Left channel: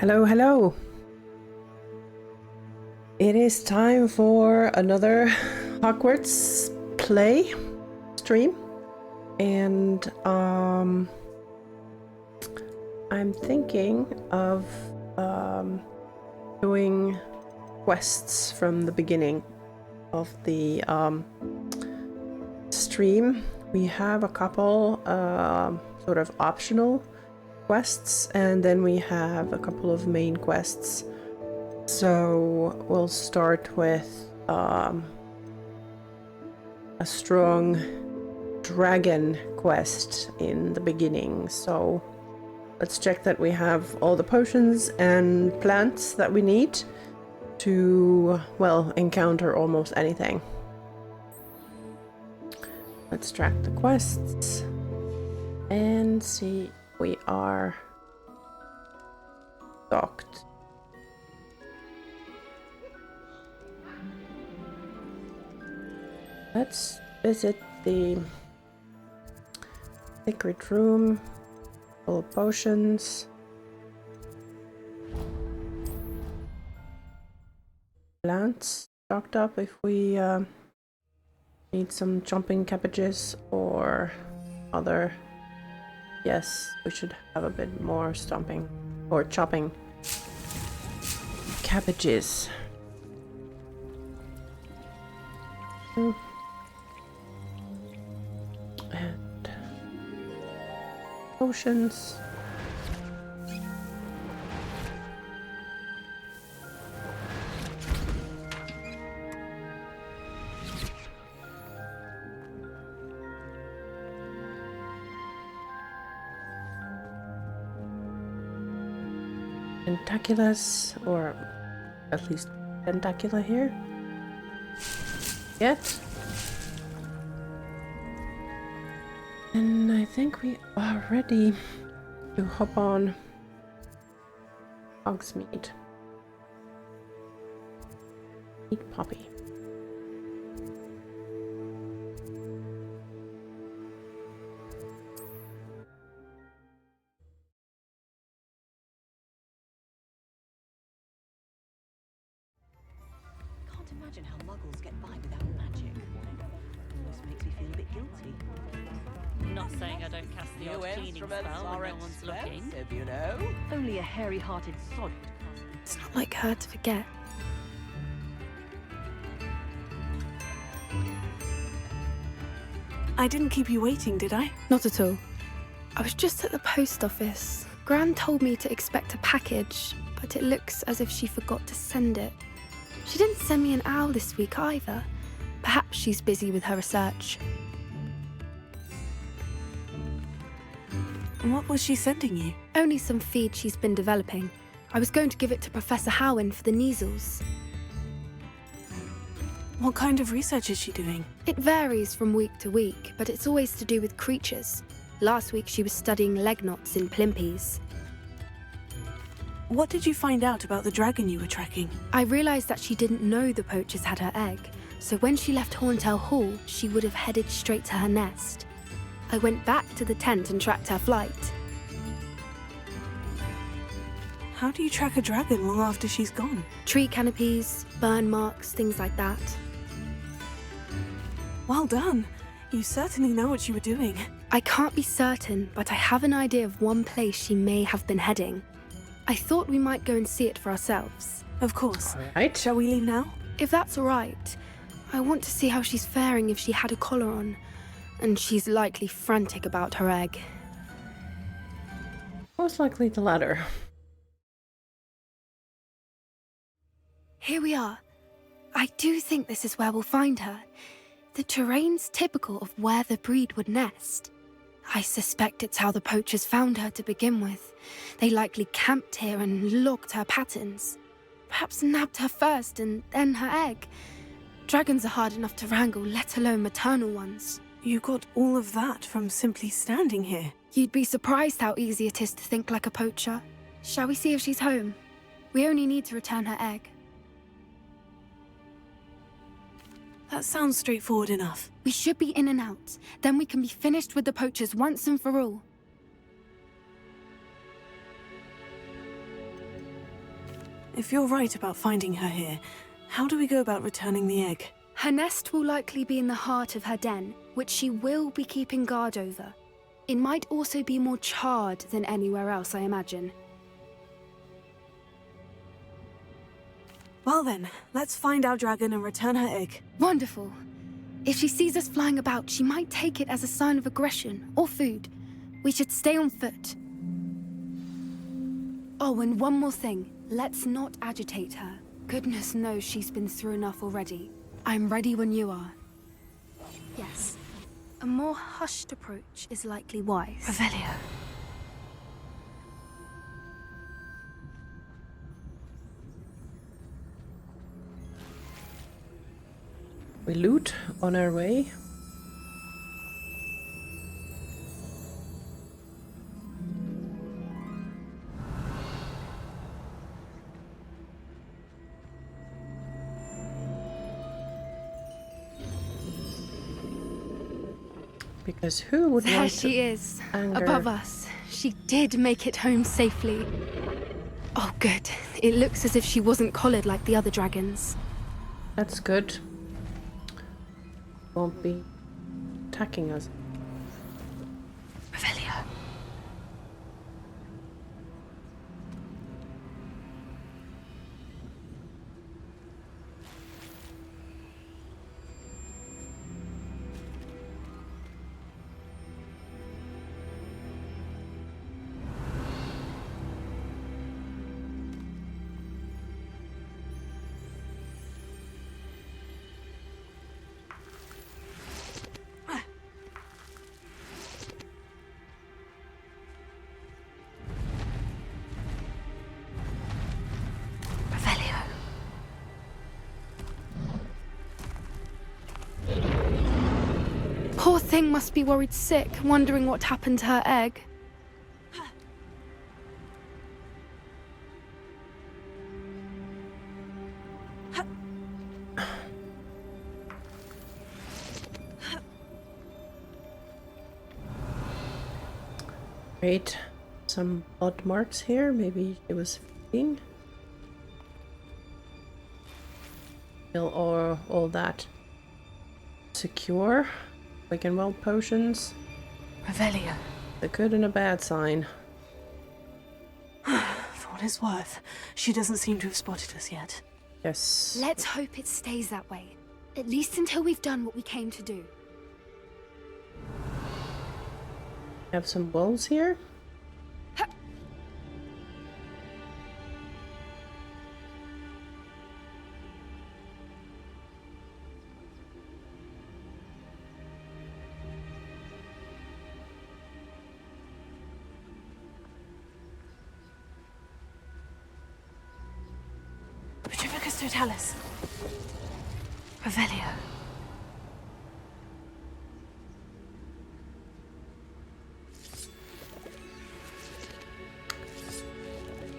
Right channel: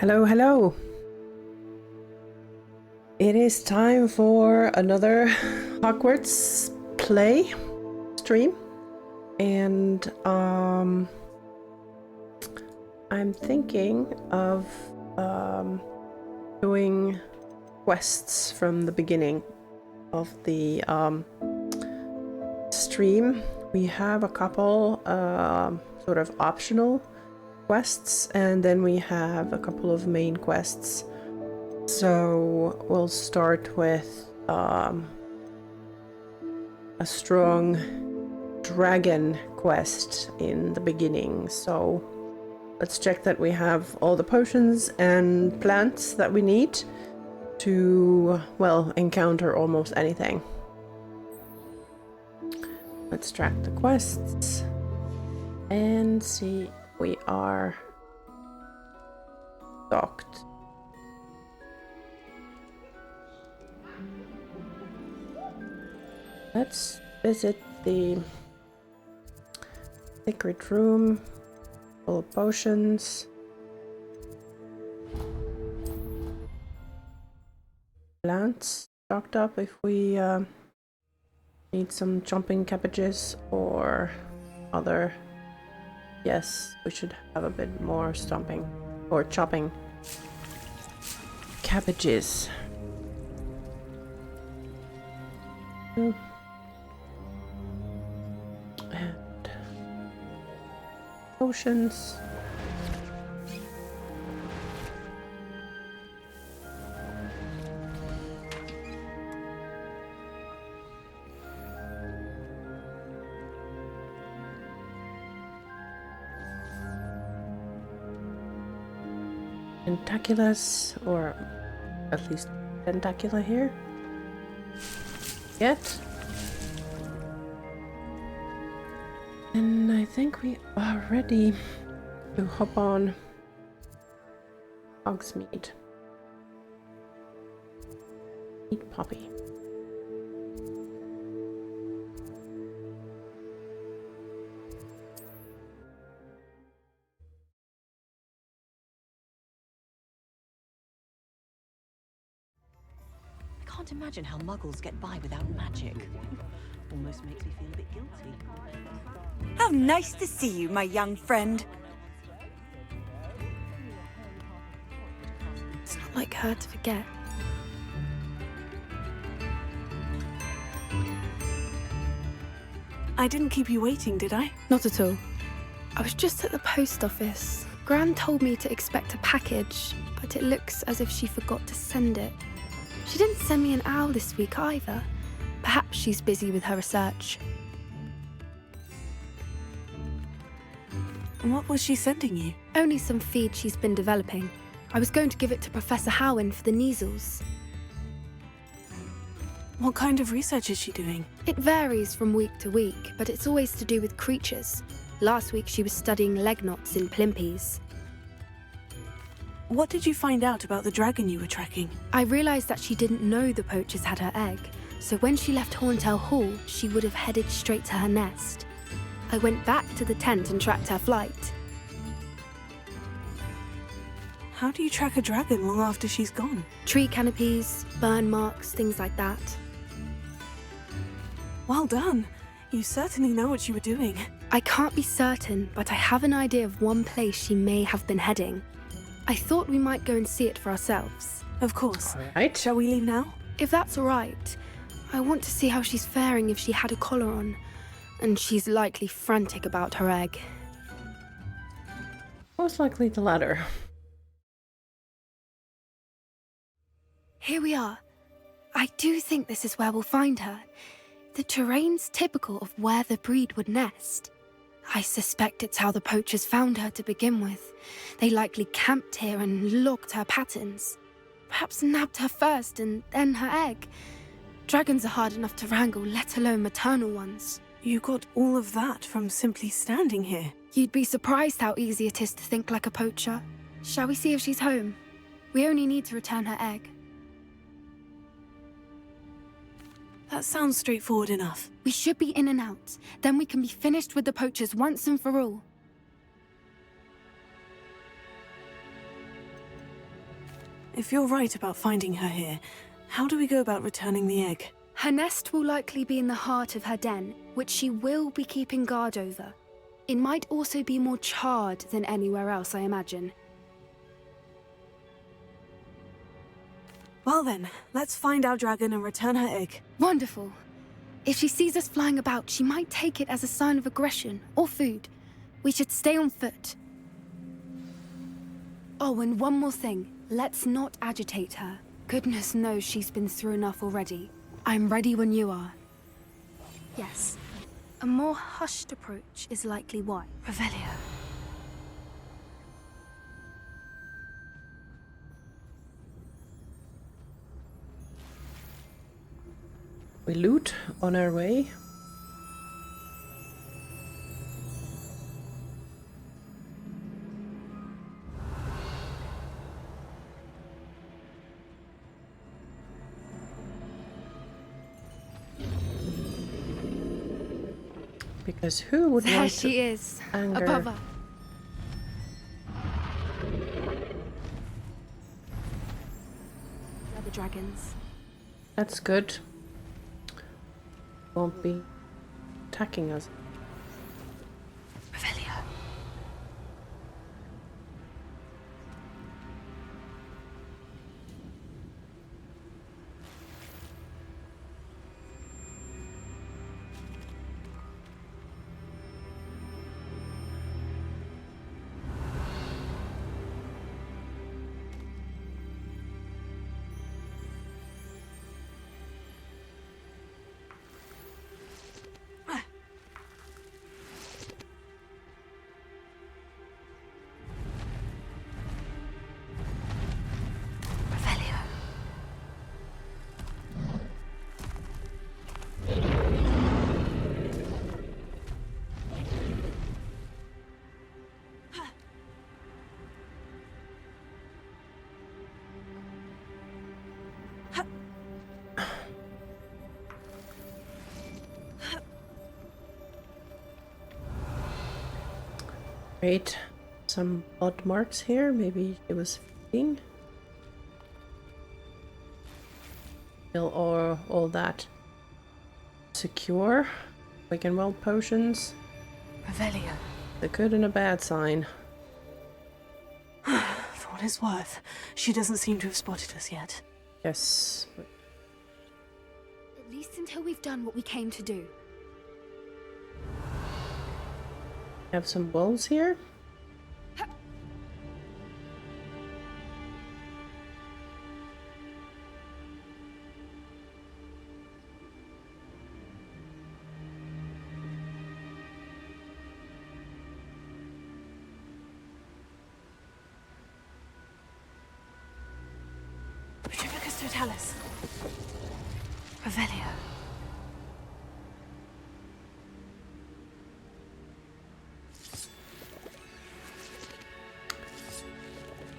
Hello, hello. It is time for another Hogwarts play stream. And I'm thinking of doing quests from the beginning of the stream. We have a couple sort of optional quests, and then we have a couple of main quests. So we'll start with a strong dragon quest in the beginning. So let's check that we have all the potions and plants that we need to, well, encounter almost anything. Let's track the quests and see. We are docked. Let's visit the secret room full of potions. Plants stocked up if we need some chomping cabbages or other. Yes, we should have a bit more stomping or chopping cabbages. And potions. Tentaculus, or at least tentacula here. Yet. And I think we are ready to hop on Hogsmeade. Eat Poppy. I can't imagine how muggles get by without magic. Almost makes me feel a bit guilty. How nice to see you, my young friend. Only a hairy-hearted sod would cast it. It's not like her to forget. I didn't keep you waiting, did I? Not at all. I was just at the post office. Gran told me to expect a package, but it looks as if she forgot to send it. She didn't send me an owl this week either. Perhaps she's busy with her research. What was she sending you? Only some feed she's been developing. I was going to give it to Professor Howin for the measles. What kind of research is she doing? It varies from week to week, but it's always to do with creatures. Last week she was studying leg knots in plimpies. What did you find out about the dragon you were tracking? I realised that she didn't know the poachers had her egg, so when she left Horntail Hall, she would have headed straight to her nest. I went back to the tent and tracked her flight. How do you track a dragon long after she's gone? Tree canopies, burn marks, things like that. Well done. You certainly know what you were doing. I can't be certain, but I have an idea of one place she may have been heading. I thought we might go and see it for ourselves. Of course. All right. Shall we leave now? If that's all right, I want to see how she's faring if she had a collar on. And she's likely frantic about her egg. Most likely the latter. Here we are. I do think this is where we'll find her. The terrain's typical of where the breed would nest. I suspect it's how the poachers found her to begin with. They likely camped here and logged her patterns. Perhaps nabbed her first and then her egg. Dragons are hard enough to wrangle, let alone maternal ones. You got all of that from simply standing here. You'd be surprised how easy it is to think like a poacher. Shall we see if she's home? We only need to return her egg. That sounds straightforward enough. We should be in and out. Then we can be finished with the poachers once and for all. if you're right about finding her here, how do we go about returning the egg? Her nest will likely be in the heart of her den, which she will be keeping guard over. It might also be more charred than anywhere else, I imagine. Well then, let's find our dragon and return her egg. Wonderful. If she sees us flying about, she might take it as a sign of aggression or food. We should stay on foot. Oh, and one more thing. Let's not agitate her. Goodness knows she's been through enough already. I'm ready when you are. Yes. A more hushed approach is likely wise. Revelio. We loot on our way. Because who would There want she to is, anger? above us. She did make it home safely. Oh, good. It looks as if she wasn't collared like the other dragons. That's good. Won't be attacking us. Revelio. Poor thing must be worried sick, wondering what happened to her egg. Great. Some odd marks here. Maybe it was feeding. Still all that secure. Quick and well potions. Revelio. A good and a bad sign. For what it's worth, she doesn't seem to have spotted us yet. Yes. Let's hope it stays that way. At least until we've done what we came to do. Have some wolves here. Petrificus totalis. Revelio.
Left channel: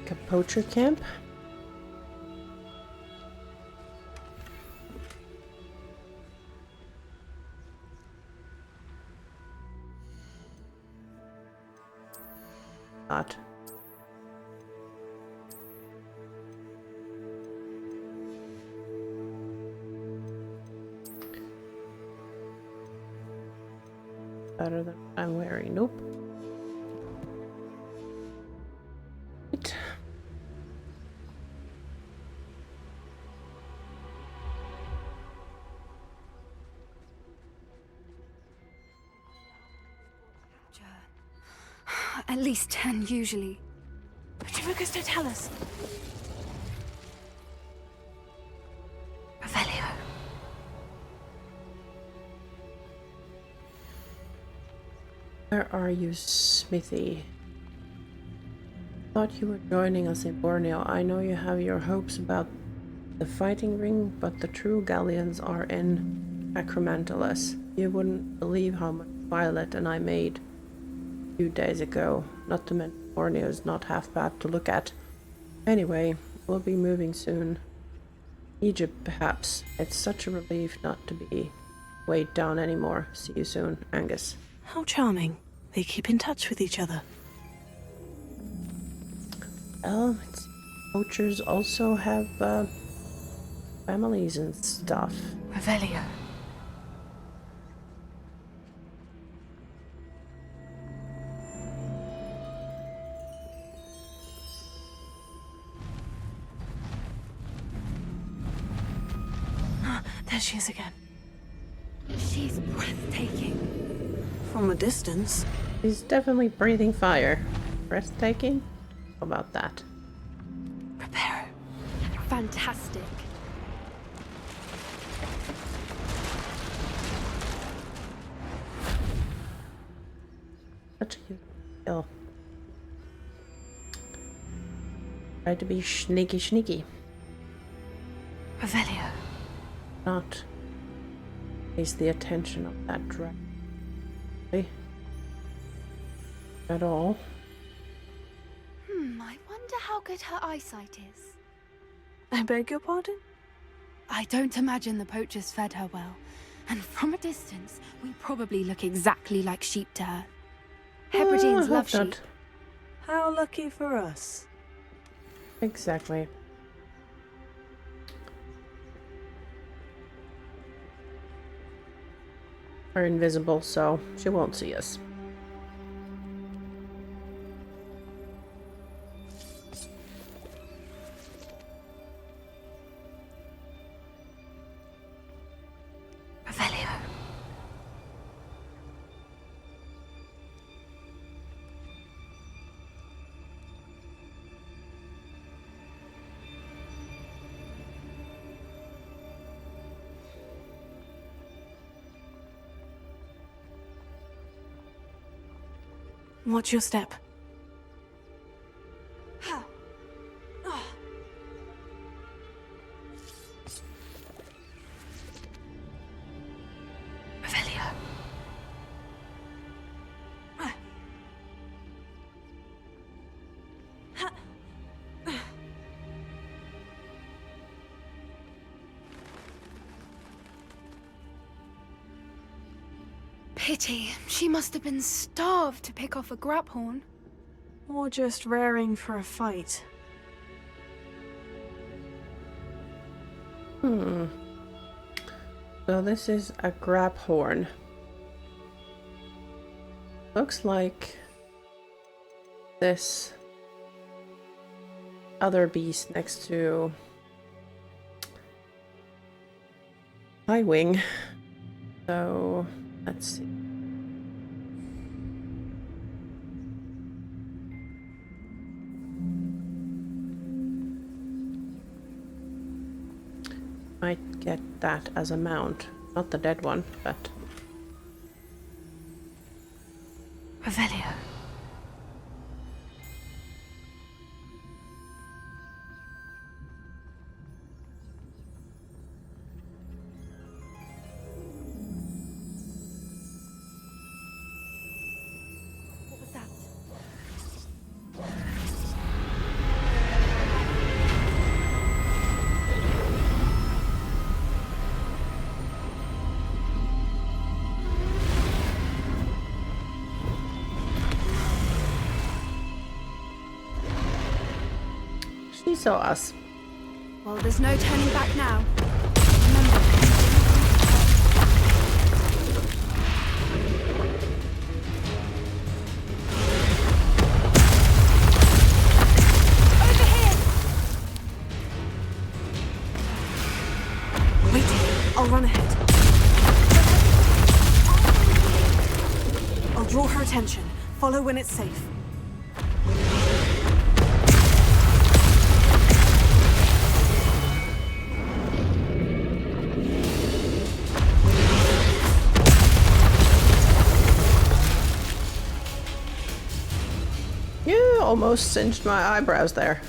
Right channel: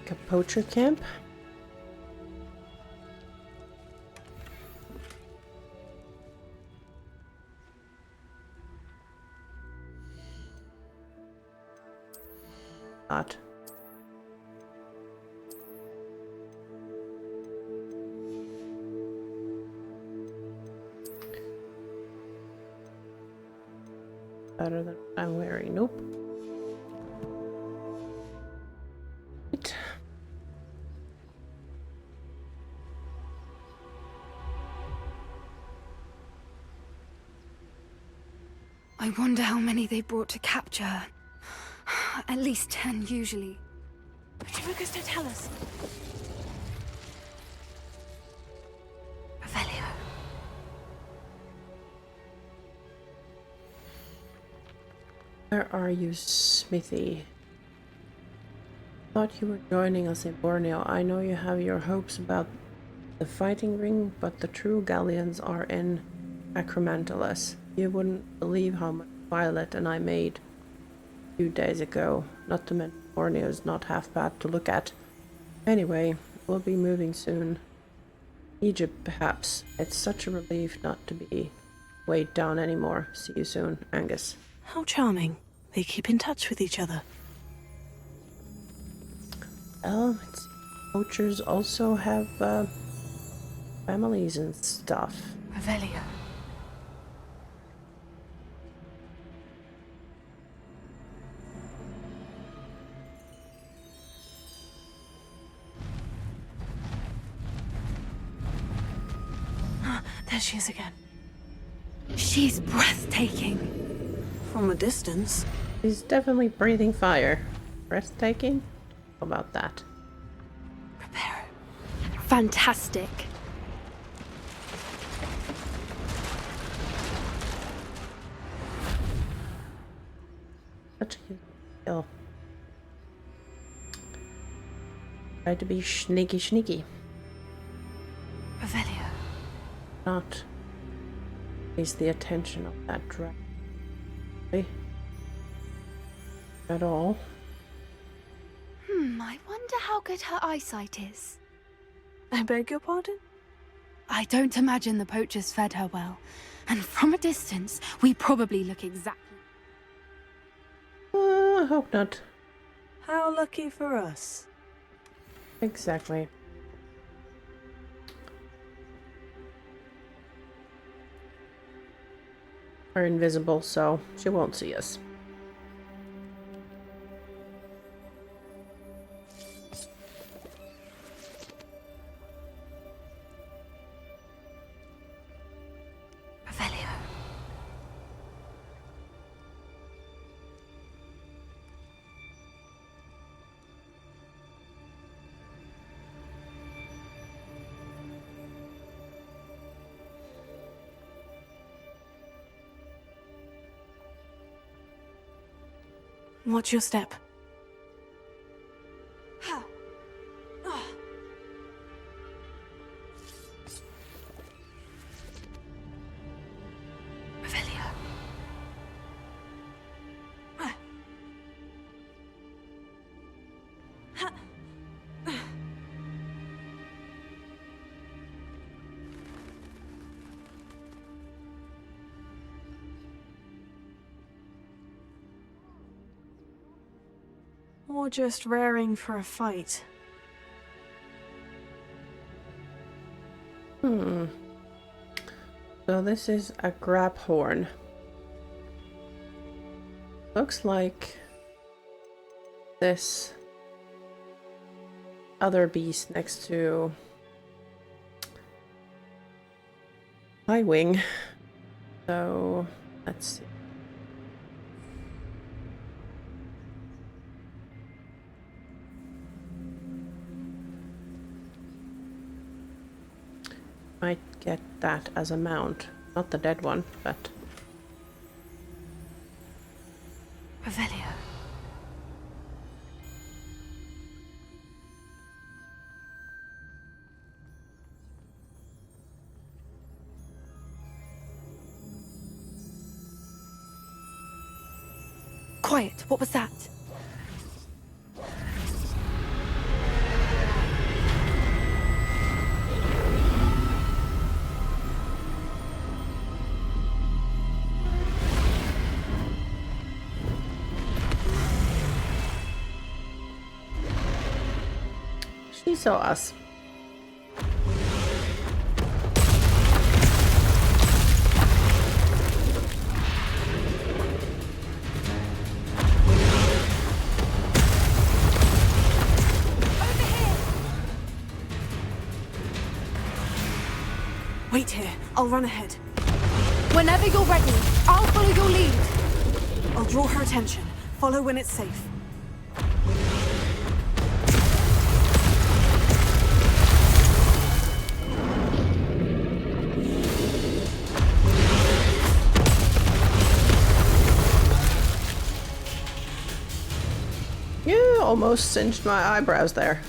A poacher camp. Not. Better than what I'm wearing. Nope. Right. I wonder how many they brought to capture her. At least 10 usually. Petrificus totalis. Revelio. Where are you, Smithy? Thought you were joining us in Borneo. I know you have your hopes about the fighting ring, but the true galleons are in Acromantolas. You wouldn't believe how much Violet and I made a few days ago. Not to mention Borneo is not half bad to look at. Anyway, we'll be moving soon. Egypt, perhaps. It's such a relief not to be weighed down anymore. See you soon, Angus. How charming. They keep in touch with each other. Well, it's Poachers also have families and stuff. Revelio. There she is again. She's breathtaking. From a distance. He's definitely breathing fire. Breathtaking? How about that? Prepare. Fantastic. Such a kill. Try to be sneaky. Revelio. Not face the attention of that dragon at all. I wonder how good her eyesight is. I beg your pardon? I don't imagine the poachers fed her well. And from a distance, we probably look exactly like sheep to her. I Hebrideans love hope not. sheep. How lucky for us. Exactly. We're invisible, so she won't see us. Revelio. Watch your step. Revelio. Pity. She must have been starved to pick off a graphorn. Or just raring for a fight. So this is a graphorn. Looks like this other beast next to High Wing. So let's see. Might get that as a mount. Not the dead one, but... Revelio. Quiet. What was that? She saw us. Well, there's no turning back now. Over here! Wait here. I'll run ahead. Whenever you're ready, I'll follow your lead. I'll draw her attention. Follow when it's safe. Yeah, almost singed my eyebrows there.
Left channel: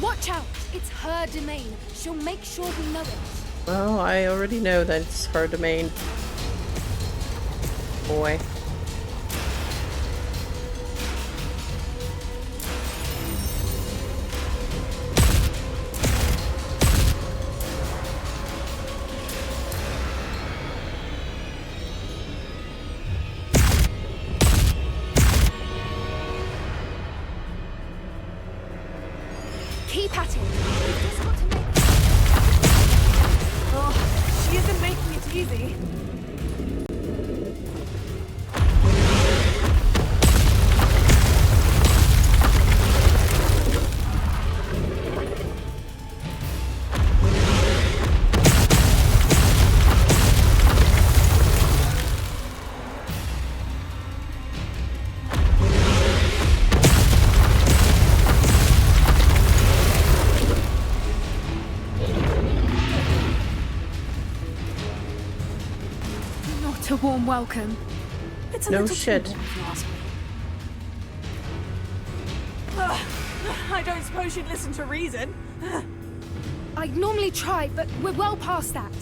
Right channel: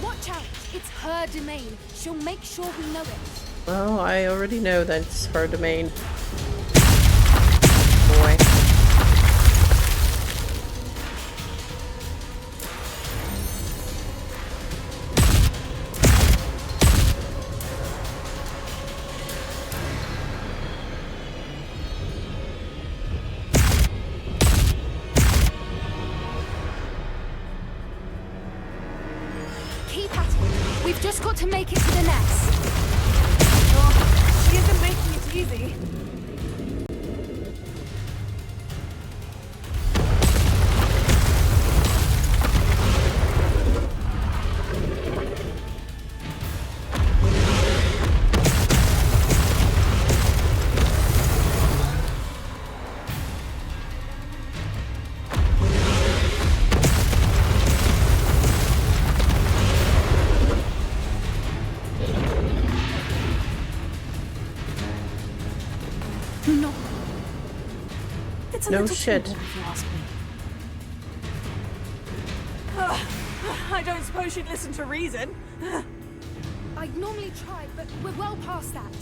Watch out! It's her domain. She'll make sure we know it. Well, I already know that it's her domain. Boy. easy. Not a warm welcome. It's a No little shit. too warm, if you ask me. Ugh, I don't suppose you'd listen to reason. I'd normally try, but we're well past that.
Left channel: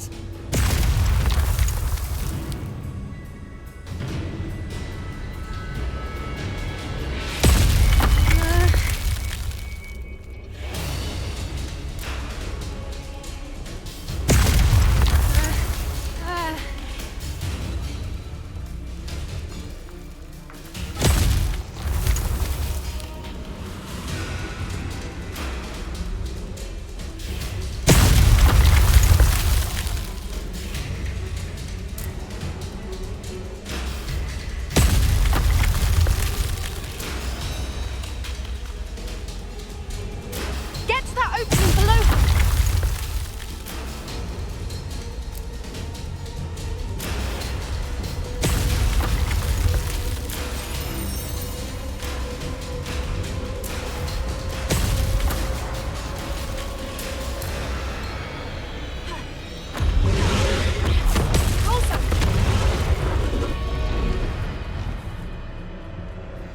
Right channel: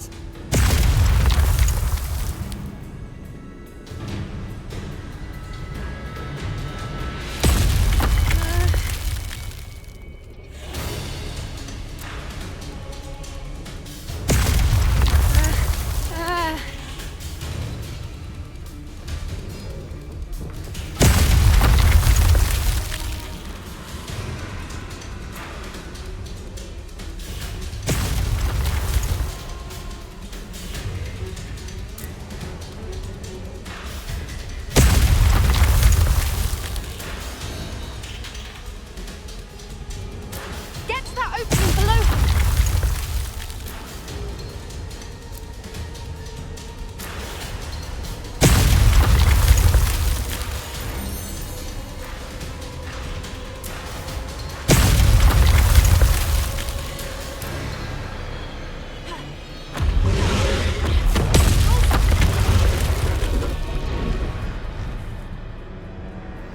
Get to that opening below her.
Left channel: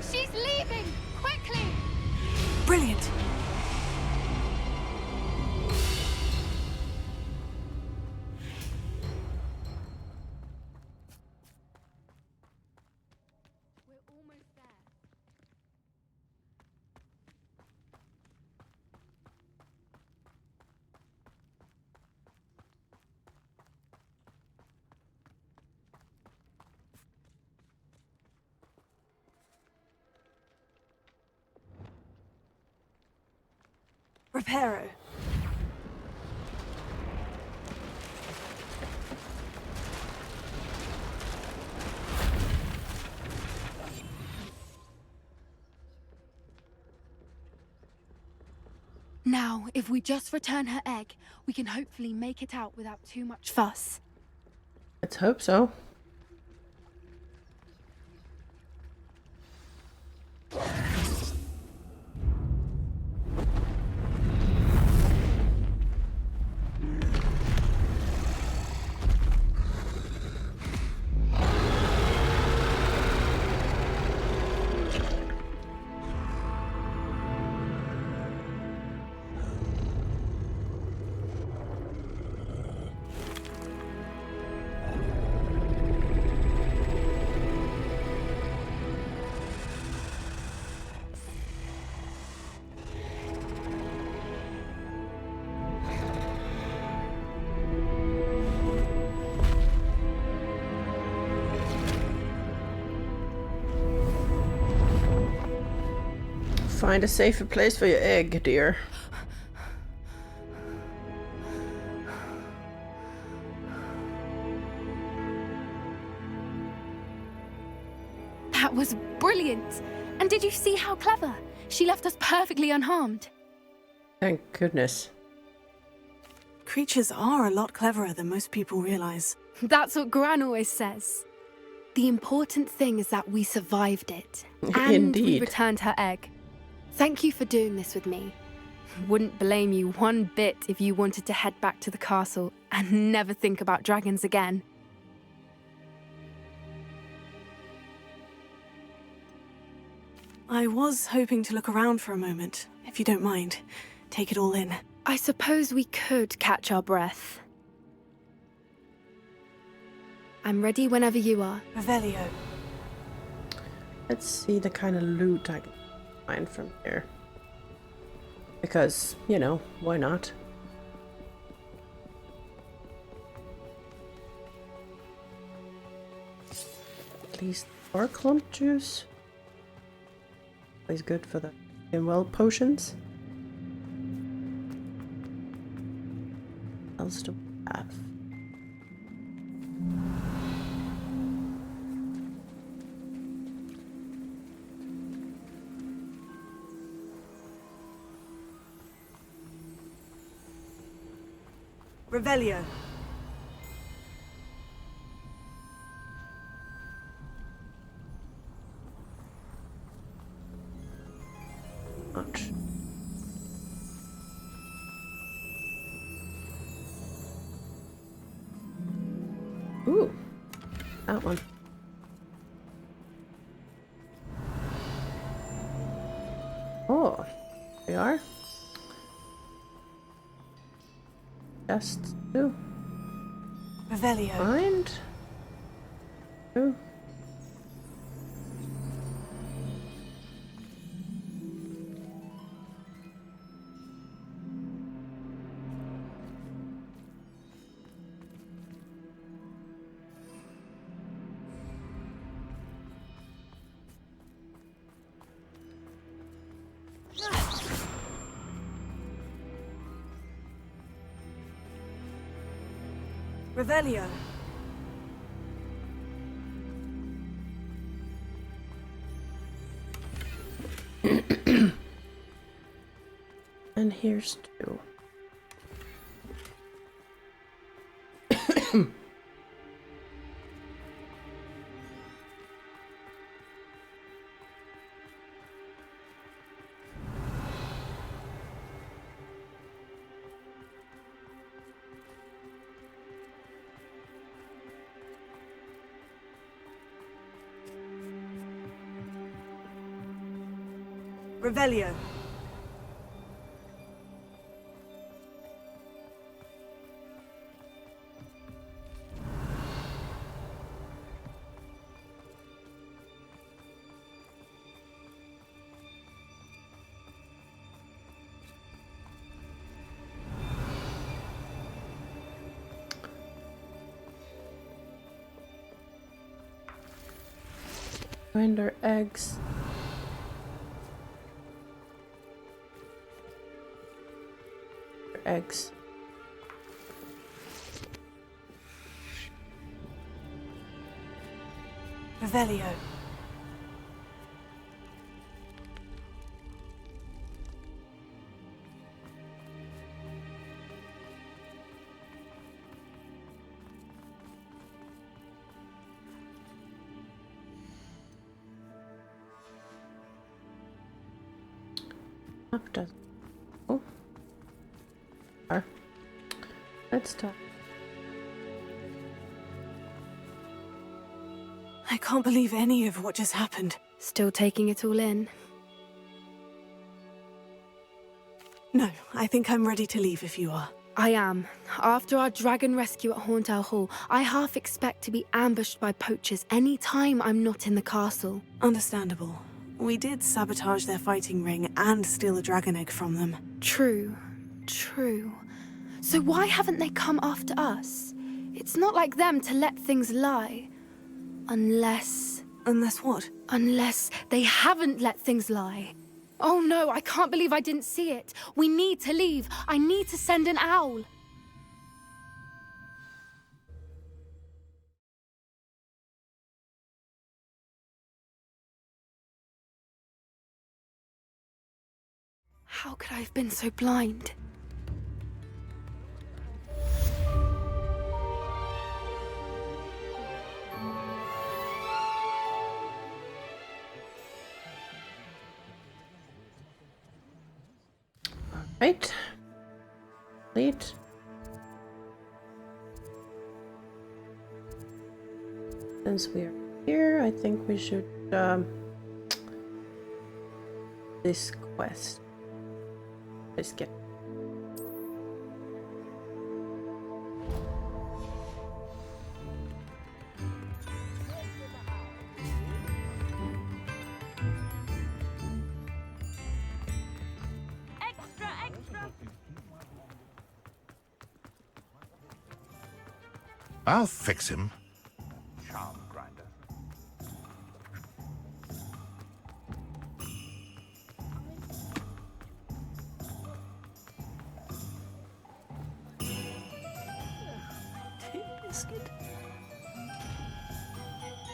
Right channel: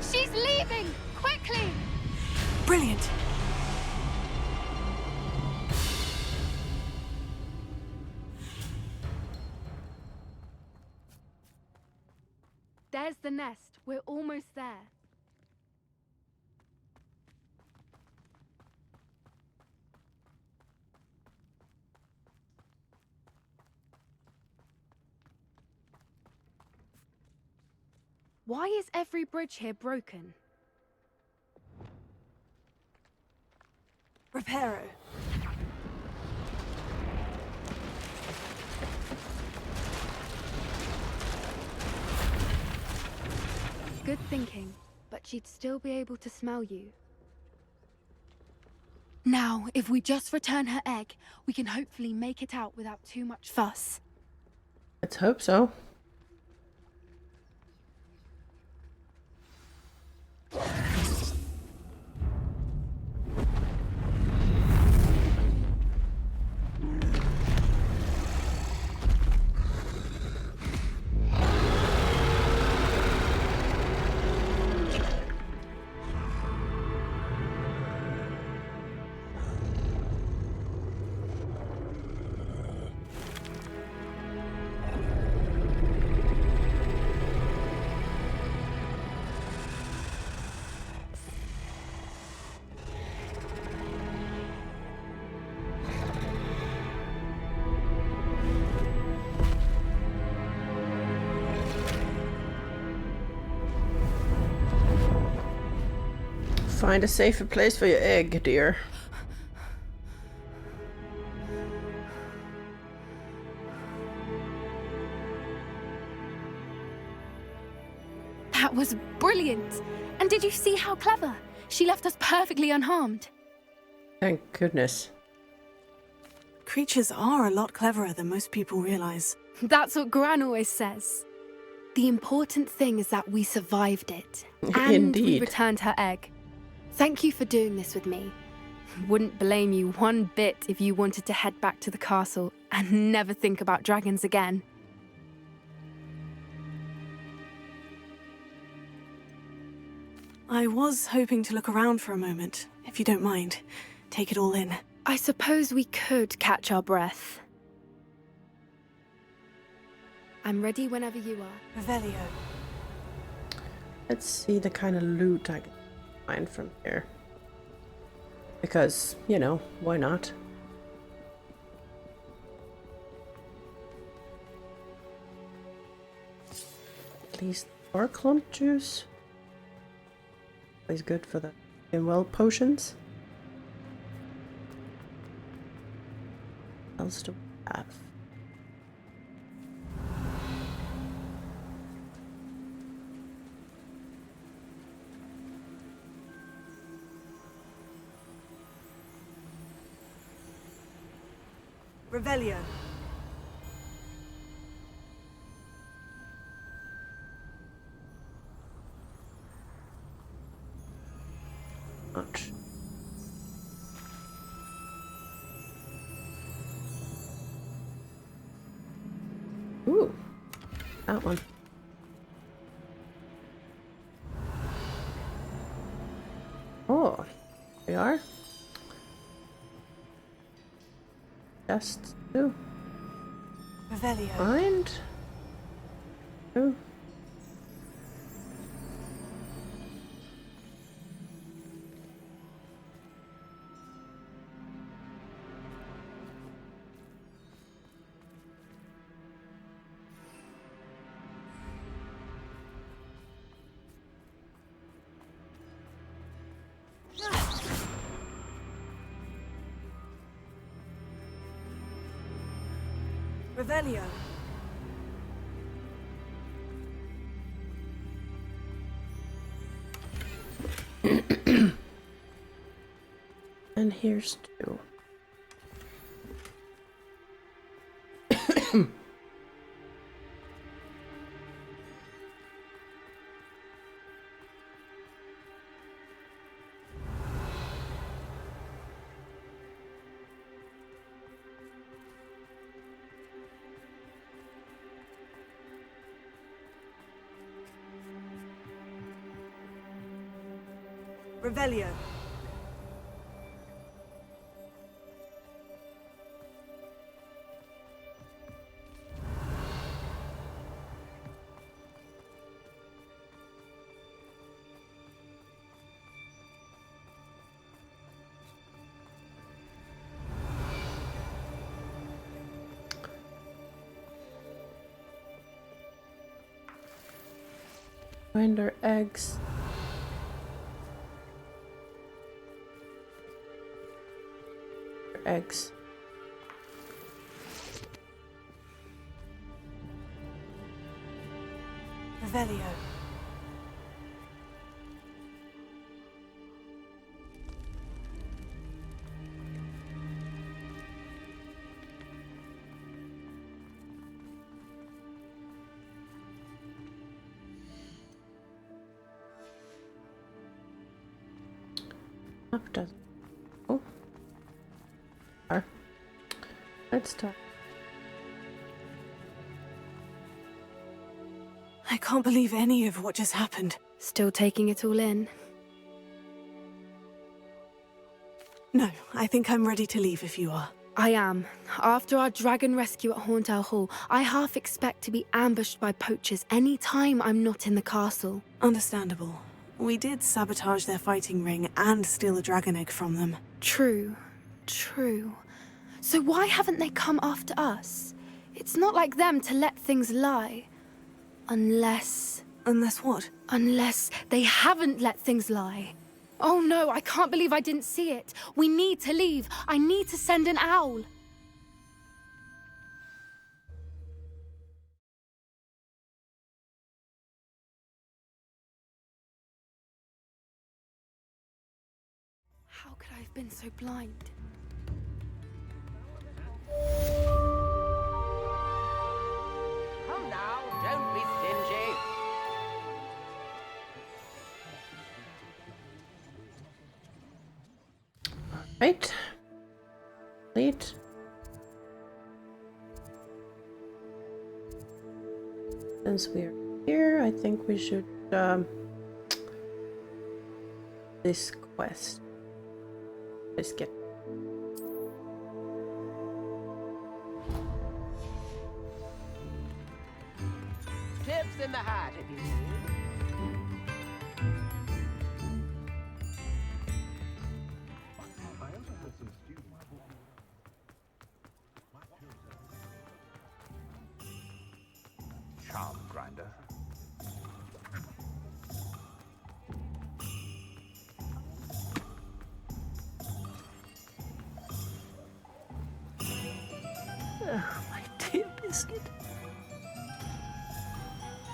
She's leaving! Quickly! Brilliant. There's the nest. We're almost there. Why is every bridge here broken? Reparo. Good thinking, but she'd still be able to smell you. Now, if we just return her egg, we can hopefully make it out without too much fuss. Let's hope so. Find a safer place for your egg, dear. That was brilliant! And did you see how clever? She left us perfectly unharmed. Thank goodness. Creatures are a lot cleverer than most people realize. That's what Gran always says. The important thing is that we survived it. And we Indeed. returned her egg. Thank you for doing this with me. Wouldn't blame you one bit if you wanted to head back to the castle and never think about dragons again. I was hoping to look around for a moment, if you don't mind. Take it all in. I suppose we could catch our breath. I'm ready whenever you are. Revelio. Let's see the kind of loot I can find from here. Because, you know, why not? At least more clump juice. Always good for the well potions. What else do we have? Revelio. Much. Ooh, that one. Oh, we are. Just two. Revelio. Find. Two. Revelio. And here's two. Revelio. Find our eggs. Eggs. Revelio. Up does. Oh. Let's talk. I can't believe any of what just happened. Still taking it all in. No, I think I'm ready to leave if you are. I am. After our dragon rescue at Hauntow Hall, I half expect to be ambushed by poachers any time I'm not in the castle. Understandable. We did sabotage their fighting ring and steal a dragon egg from them. True. So why haven't they come after us? It's not like them to let things lie. Unless what? Unless they haven't let things lie. Oh no, I can't believe I didn't see it. We need to leave. I need to send an owl. How could I have been so blind? Right. Complete. Since we are here, I think we should this quest. Biscuit. Tips in the hat. I'll fix him. Charm grinder. My dear biscuit.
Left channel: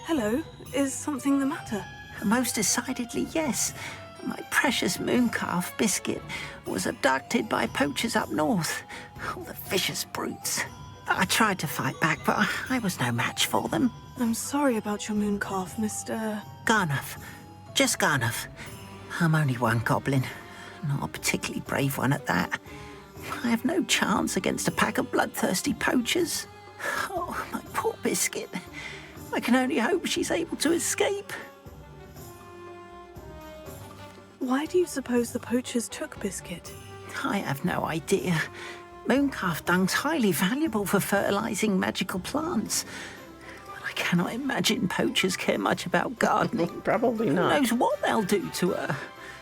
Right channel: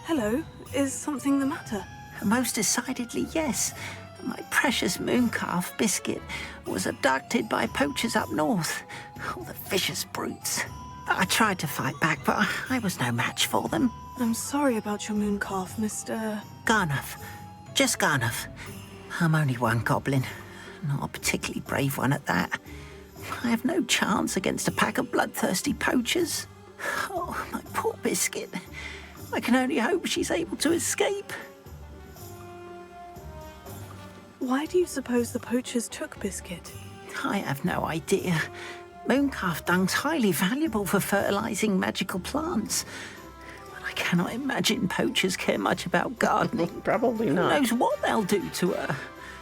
Hello, is something the matter? Most decidedly, yes. My precious mooncalf, Biscuit, was abducted by poachers up north. Oh, the vicious brutes. I tried to fight back, but I was no match for them. I'm sorry about your mooncalf, Mr. Garnuff. Just Garnuff. I'm only one goblin. Not a particularly brave one at that. I have no chance against a pack of bloodthirsty poachers. Oh, my poor biscuit. I can only hope she's able to escape. Why do you suppose the poachers took Biscuit? I have no idea. Mooncalf dung's highly valuable for fertilizing magical plants. But I cannot imagine poachers care much about gardening. Probably Who not. knows what they'll do to her?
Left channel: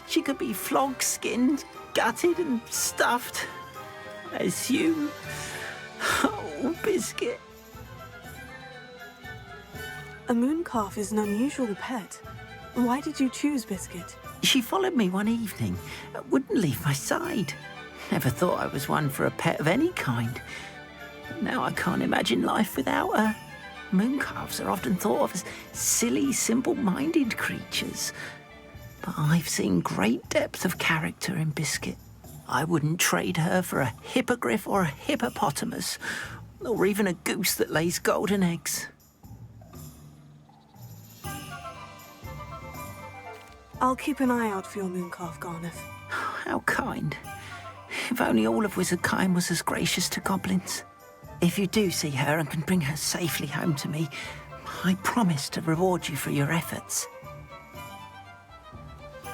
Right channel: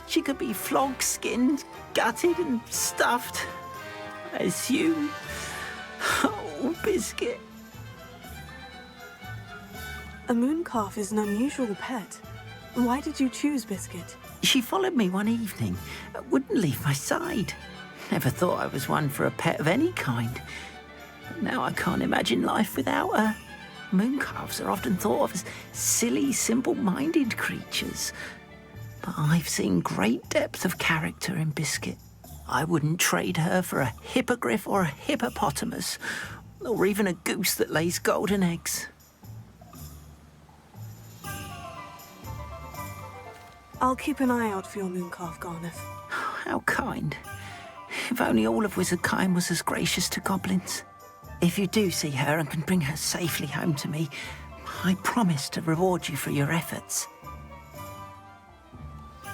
She could be flogged, skinned, gutted and stuffed. I assume. Oh, Biscuit. A mooncalf is an unusual pet. Why did you choose Biscuit? She followed me one evening, wouldn't leave my side. Never thought I was one for a pet of any kind. But now I can't imagine life without her. Mooncalves are often thought of as silly, simple-minded creatures. But I've seen great depth of character in Biscuit. I wouldn't trade her for a hippogriff or a hippopotamus, or even a goose that lays golden eggs. I'll keep an eye out for your mooncalf, Garnuff. How kind. If only all of Wizardkind was as gracious to goblins. If you do see her and can bring her safely home to me, I promise to reward you for your efforts.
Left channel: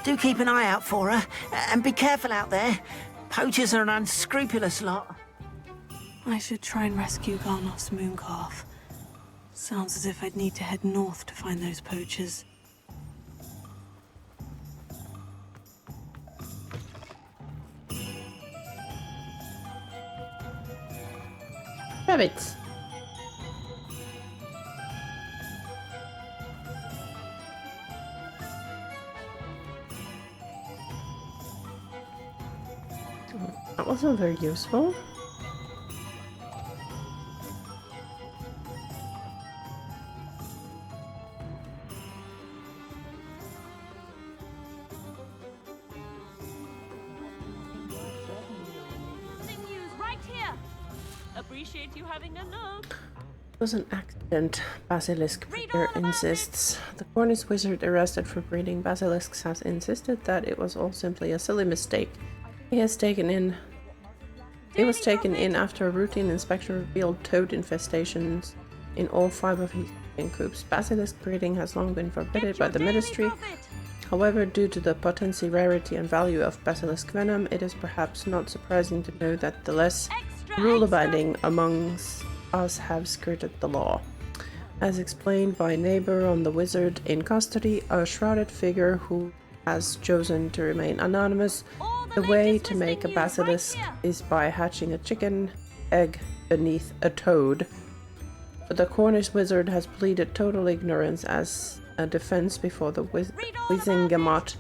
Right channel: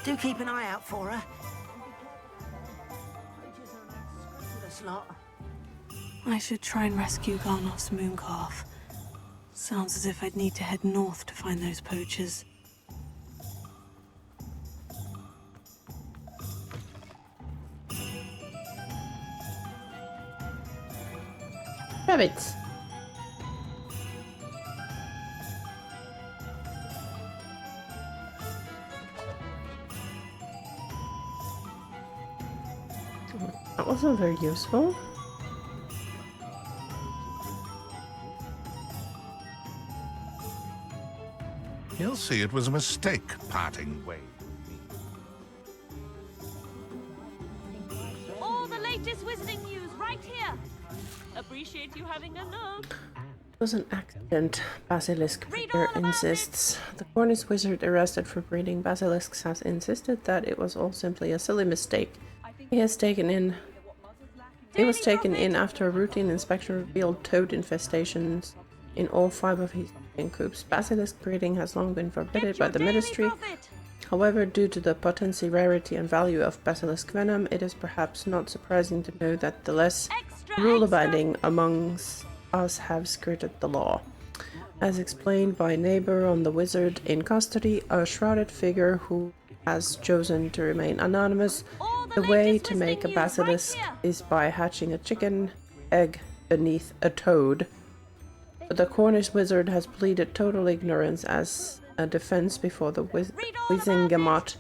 Do keep an eye out for her, and be careful out there. Poachers are an unscrupulous lot. I should try and rescue Garnuff's mooncalf. Sounds as if I'd need to head north to find those poachers. Rabbits. That wasn't very useful. You'll see it was a mistake parting ways. All the latest wizarding news right here. Appreciate you having a look. It was an accident, Basilisk Read Breeder all about insists. The Cornish wizard arrested for breeding basilisks has insisted that it was all simply a silly mistake. He was taken in after a routine inspection revealed toad infestations in all 5 of his chicken coops. Basilisk breeding has long been forbidden by the ministry. However, due to the potency, rarity and value of basilisk venom, it is perhaps not surprising to know that the less rule-abiding amongst us have skirted the law. As explained by a neighbor on the wizard in custody, a shrouded figure who has chosen to remain anonymous, the way to make a basilisk is by hatching a chicken egg beneath a toad. But the Cornish wizard has pleaded total ignorance as a defense before the Wizengamot,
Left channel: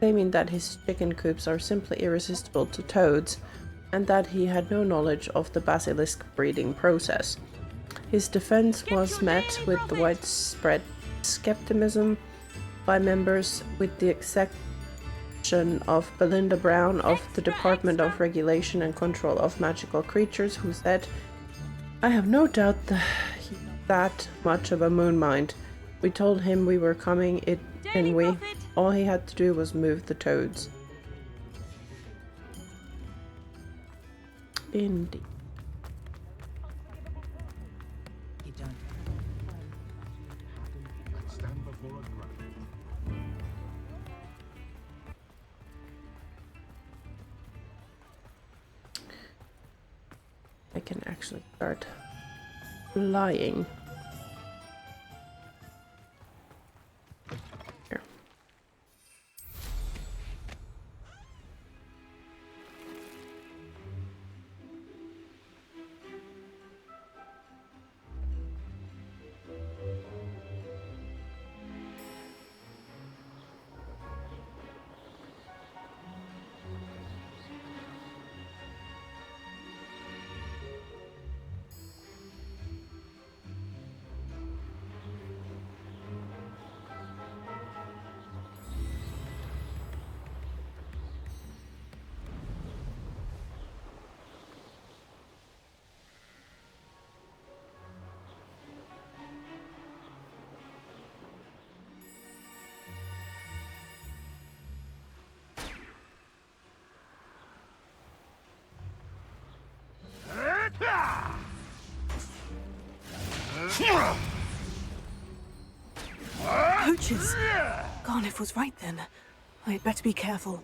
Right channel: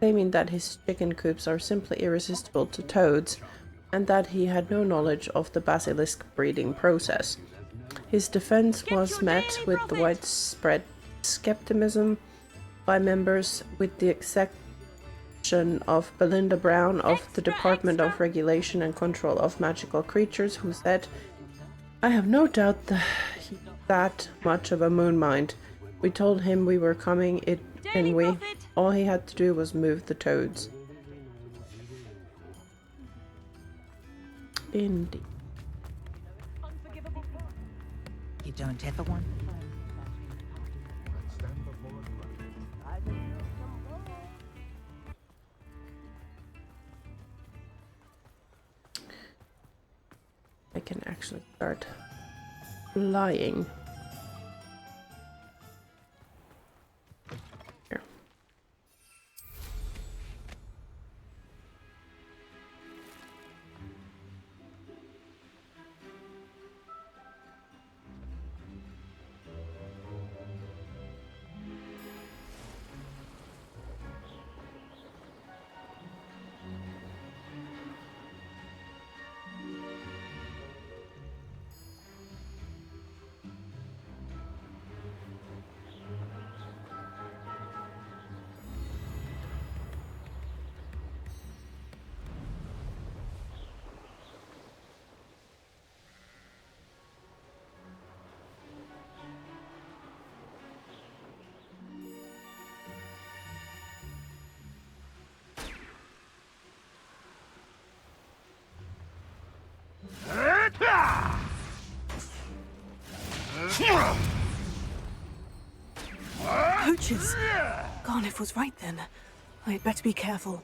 claiming that his chicken coops are simply irresistible to toads, and that he had no knowledge of the basilisk breeding process. His defense was met with the widespread skepticism by members, with the exception of Belinda Brown of the Department of Regulation and Control of Magical Creatures, who said, "I have no doubt that he's that much of a moon mind. We told him we were coming, didn't we? All he had to do was move the toads." Indeed. You don't ever want to play. Let's stand before the light. I can actually start flying. Here. Poachers! Garniff was right then. I'd better be careful.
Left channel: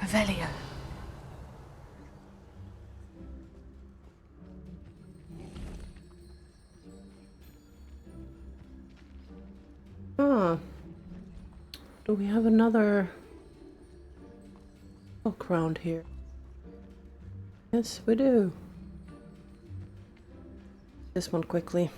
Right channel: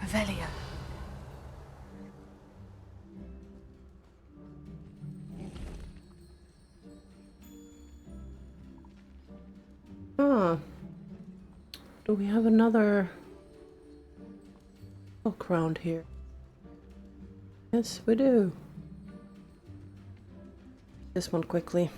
Revelio. Ah. Do we have another book round here? Yes, we do. This one quickly.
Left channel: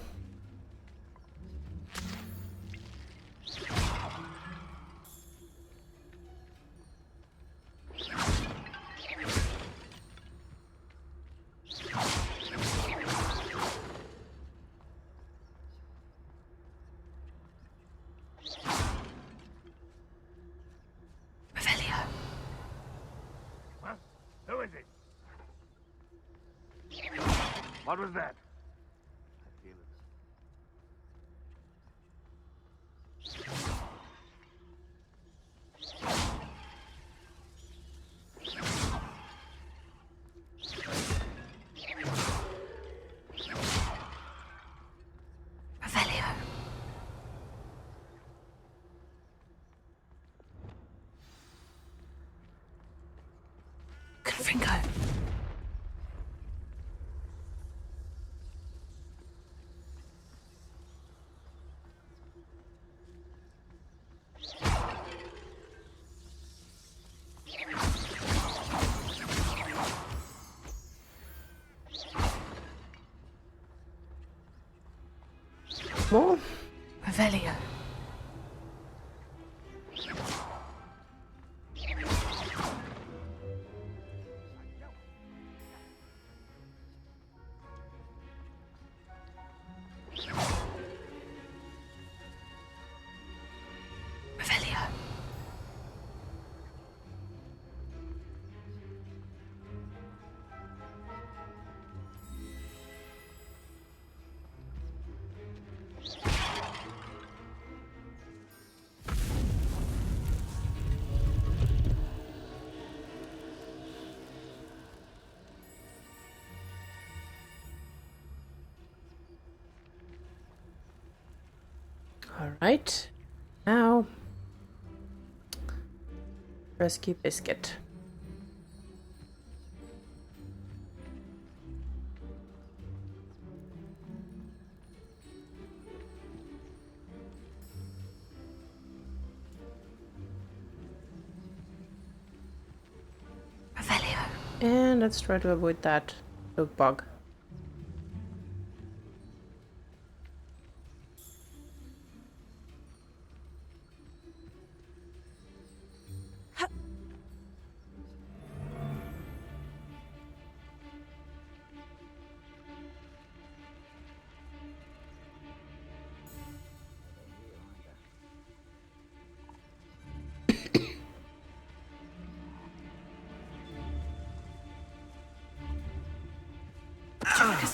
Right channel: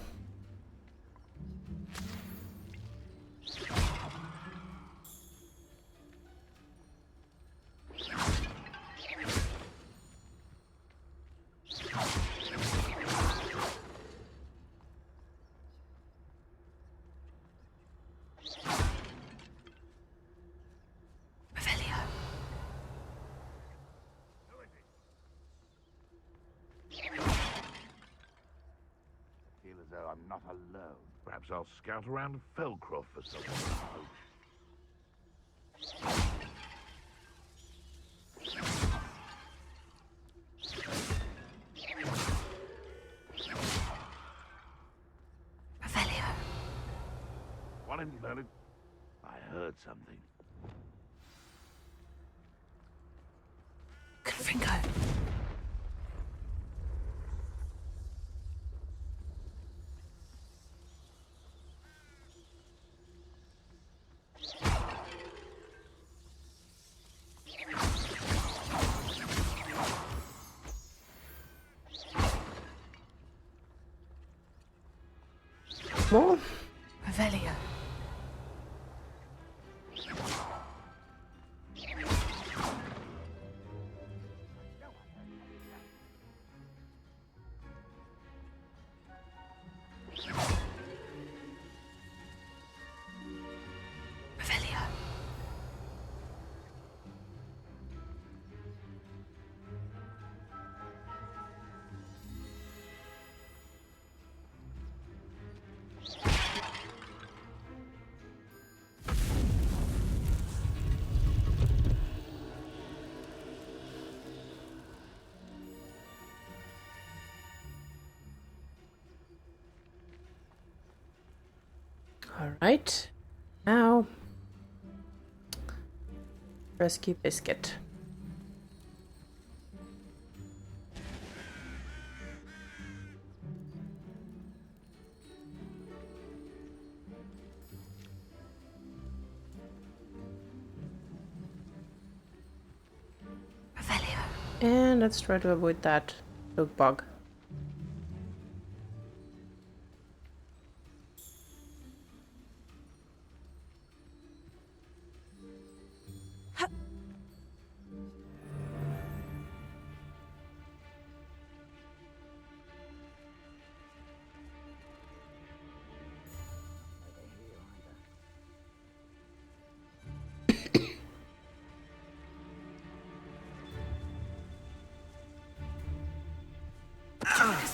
What was that? I feel as though I'm not alone. Perhaps I'll scout around Felcroft for some. Revelio. What have you heard? I heard something. Confringo. More? Revelio. Revelio. All right. Now, rescue biscuit. Revelio. And let's try to avoid that oak bug.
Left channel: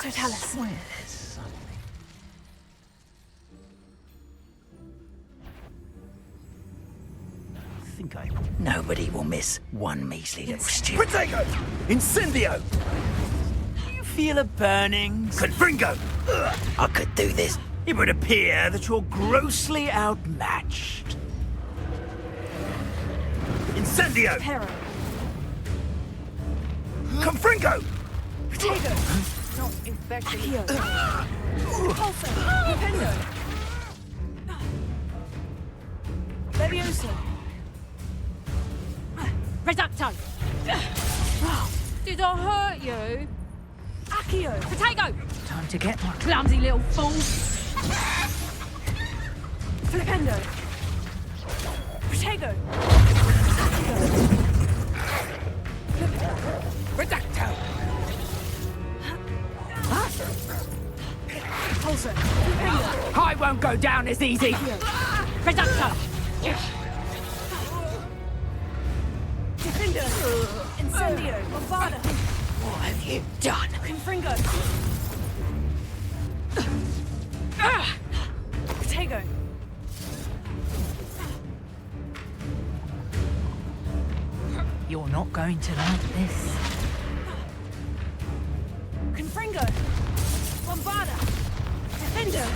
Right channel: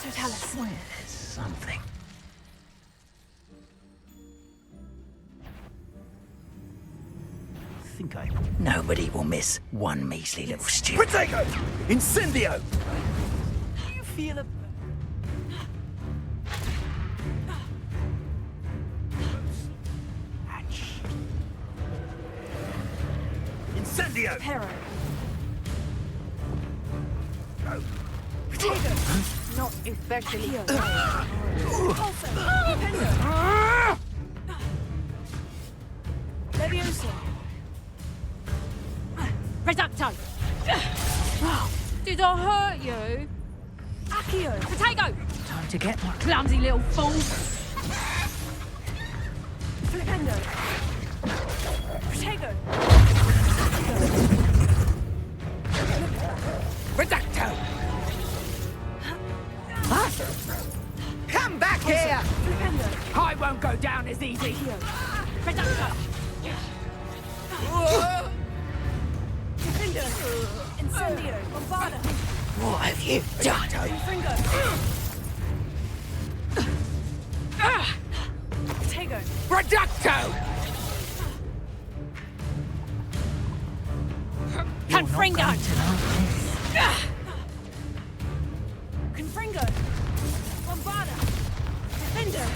Totalis. Where's something? Nobody will miss one measly little stew. Potato! Incendio! Do you feel a burning? Confringo! I could do this. It would appear that you're grossly outmatched. Incendio! Hero. Confringo! Potato. Not especially. Pulsar. Pendo. Levioso. Reducto! Did I hurt you? Accio. Potato! Time to get one. Clumsy little fool! Flipendo. Potato. Reducto! Come back here! I won't go down as easy! Reducto! Defender! Incendio! Bombarda! What have you done? Confringo! Tego! Reducto! You're not going to like this. Confringo! Bombarda! Defender!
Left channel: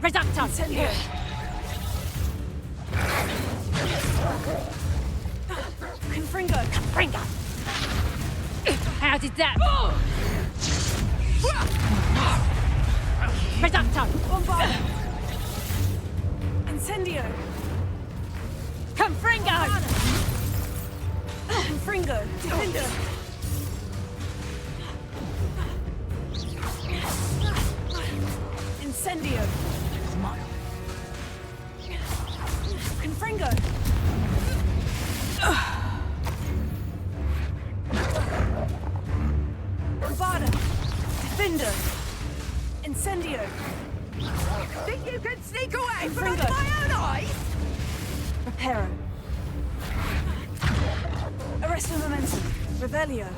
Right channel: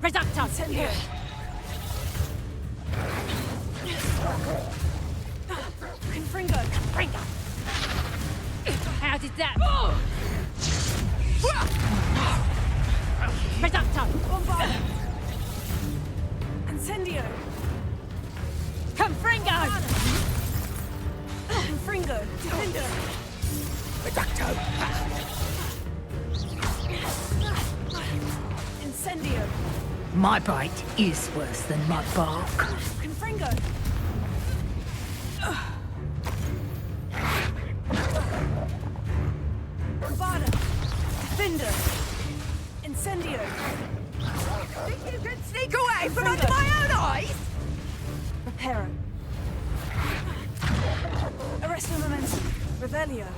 Reducto! Incendio! Confringo! Ringo! How did that? Reducto! Bombarda! Incendio! Confringo! Confringo! Defender! Incendio! My bite is worse than my bark. Confringo! Bombarda! Defender! Incendio! Think you can sneak away from Confringo. under my own eyes? Reparo! Arresto momentum! Revelio!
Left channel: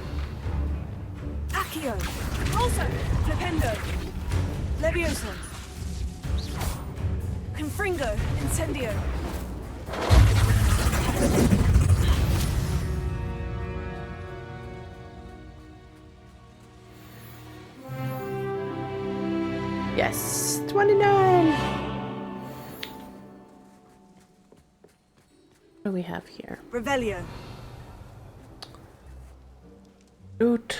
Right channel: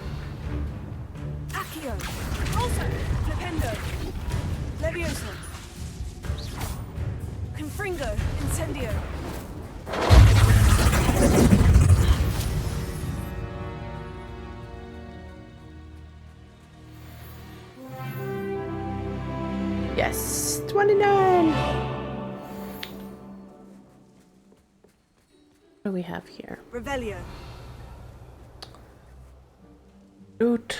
Accio! Also! Flipendo! Levioso! Confringo! Incendio! Yes, 29. What do we have here? Revelio! Loot.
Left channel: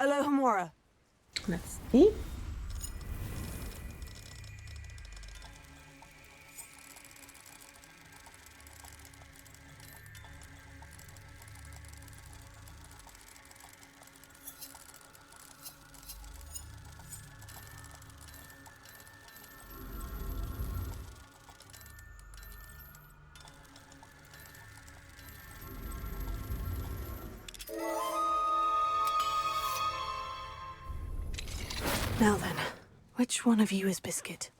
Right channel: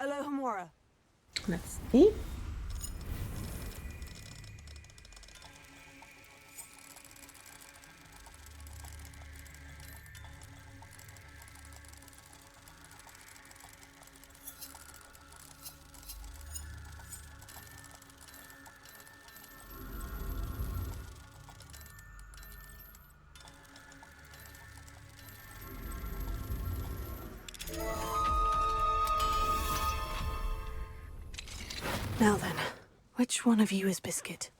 Alohomora! Let's see. Now then, which one of you is Biscuit?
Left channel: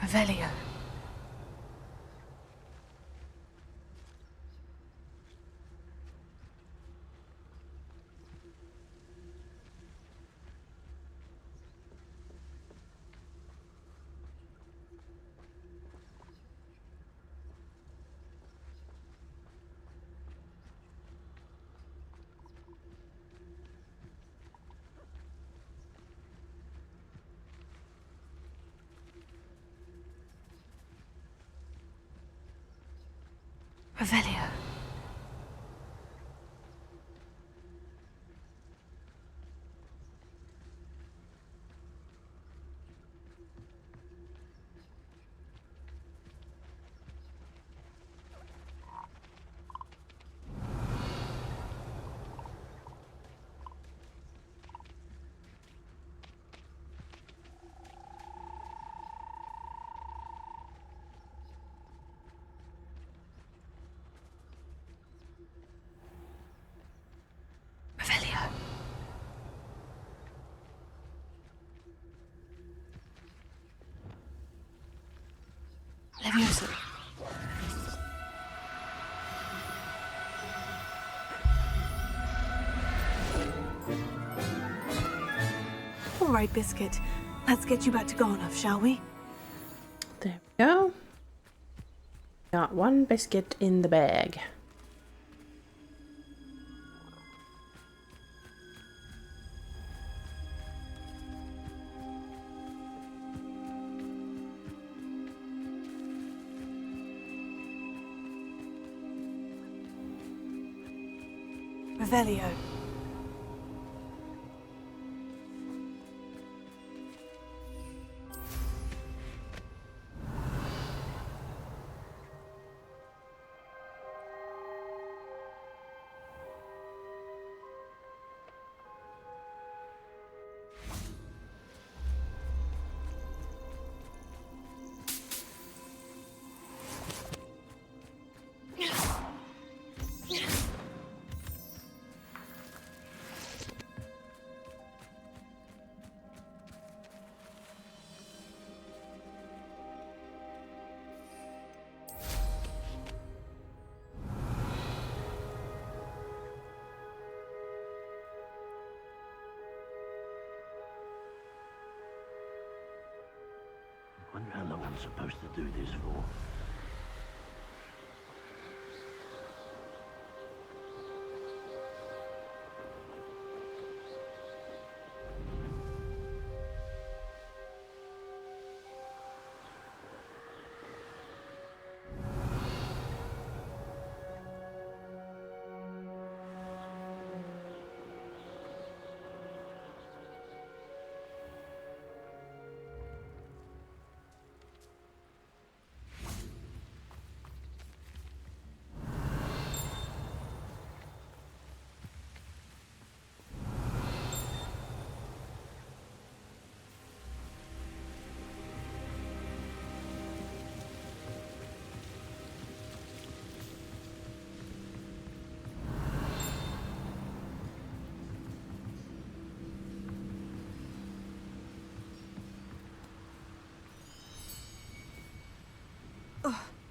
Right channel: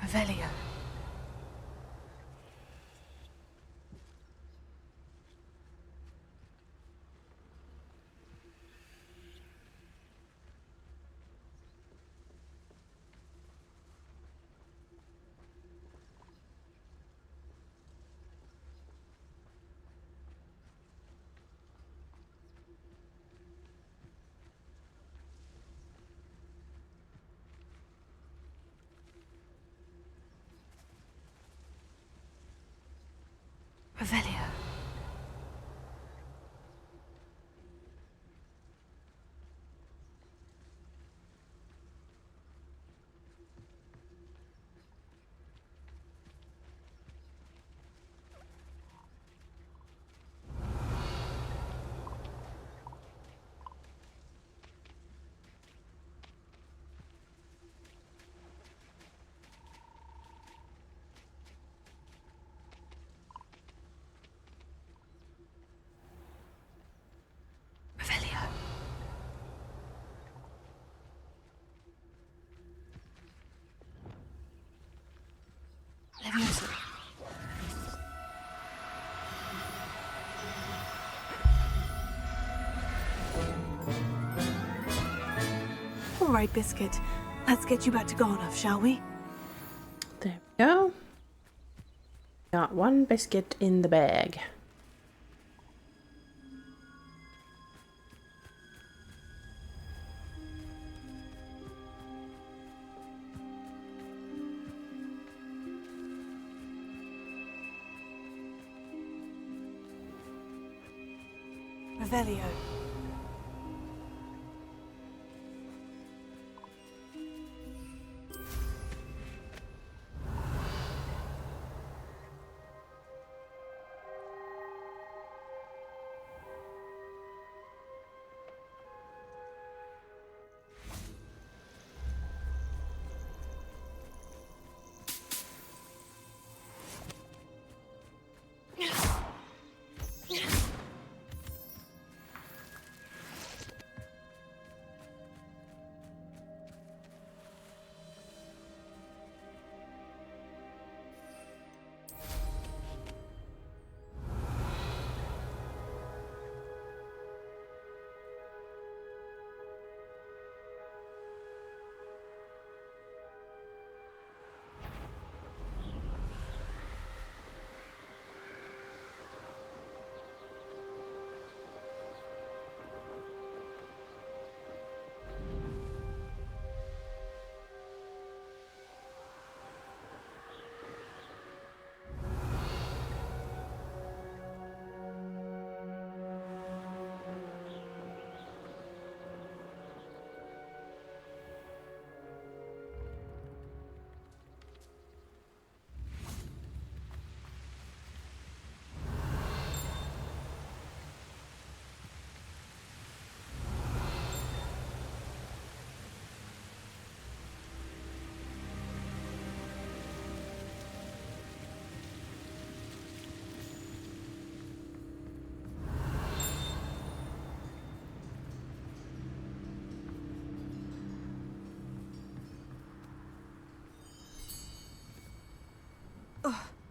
Revelio. Revelio. Revelio. Levioso. All right, Biscuit. Let's get you back to Garnoff, shall we? There we go. Got one biscuit in the bag. Revelio. I wonder how long I'm supposed to do this for.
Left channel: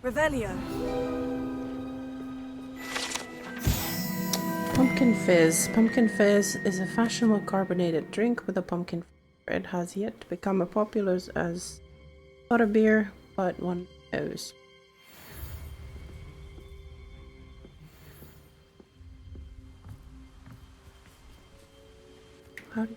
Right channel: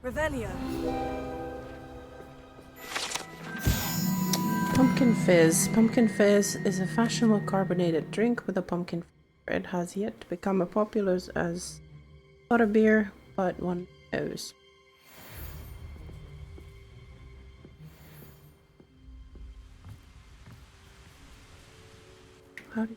Revelio. Pumpkin fizz. Pumpkin fizz is a fashionable carbonated drink with a pumpkin flavor. It has yet to become as popular as Butterbeer, but one knows. How do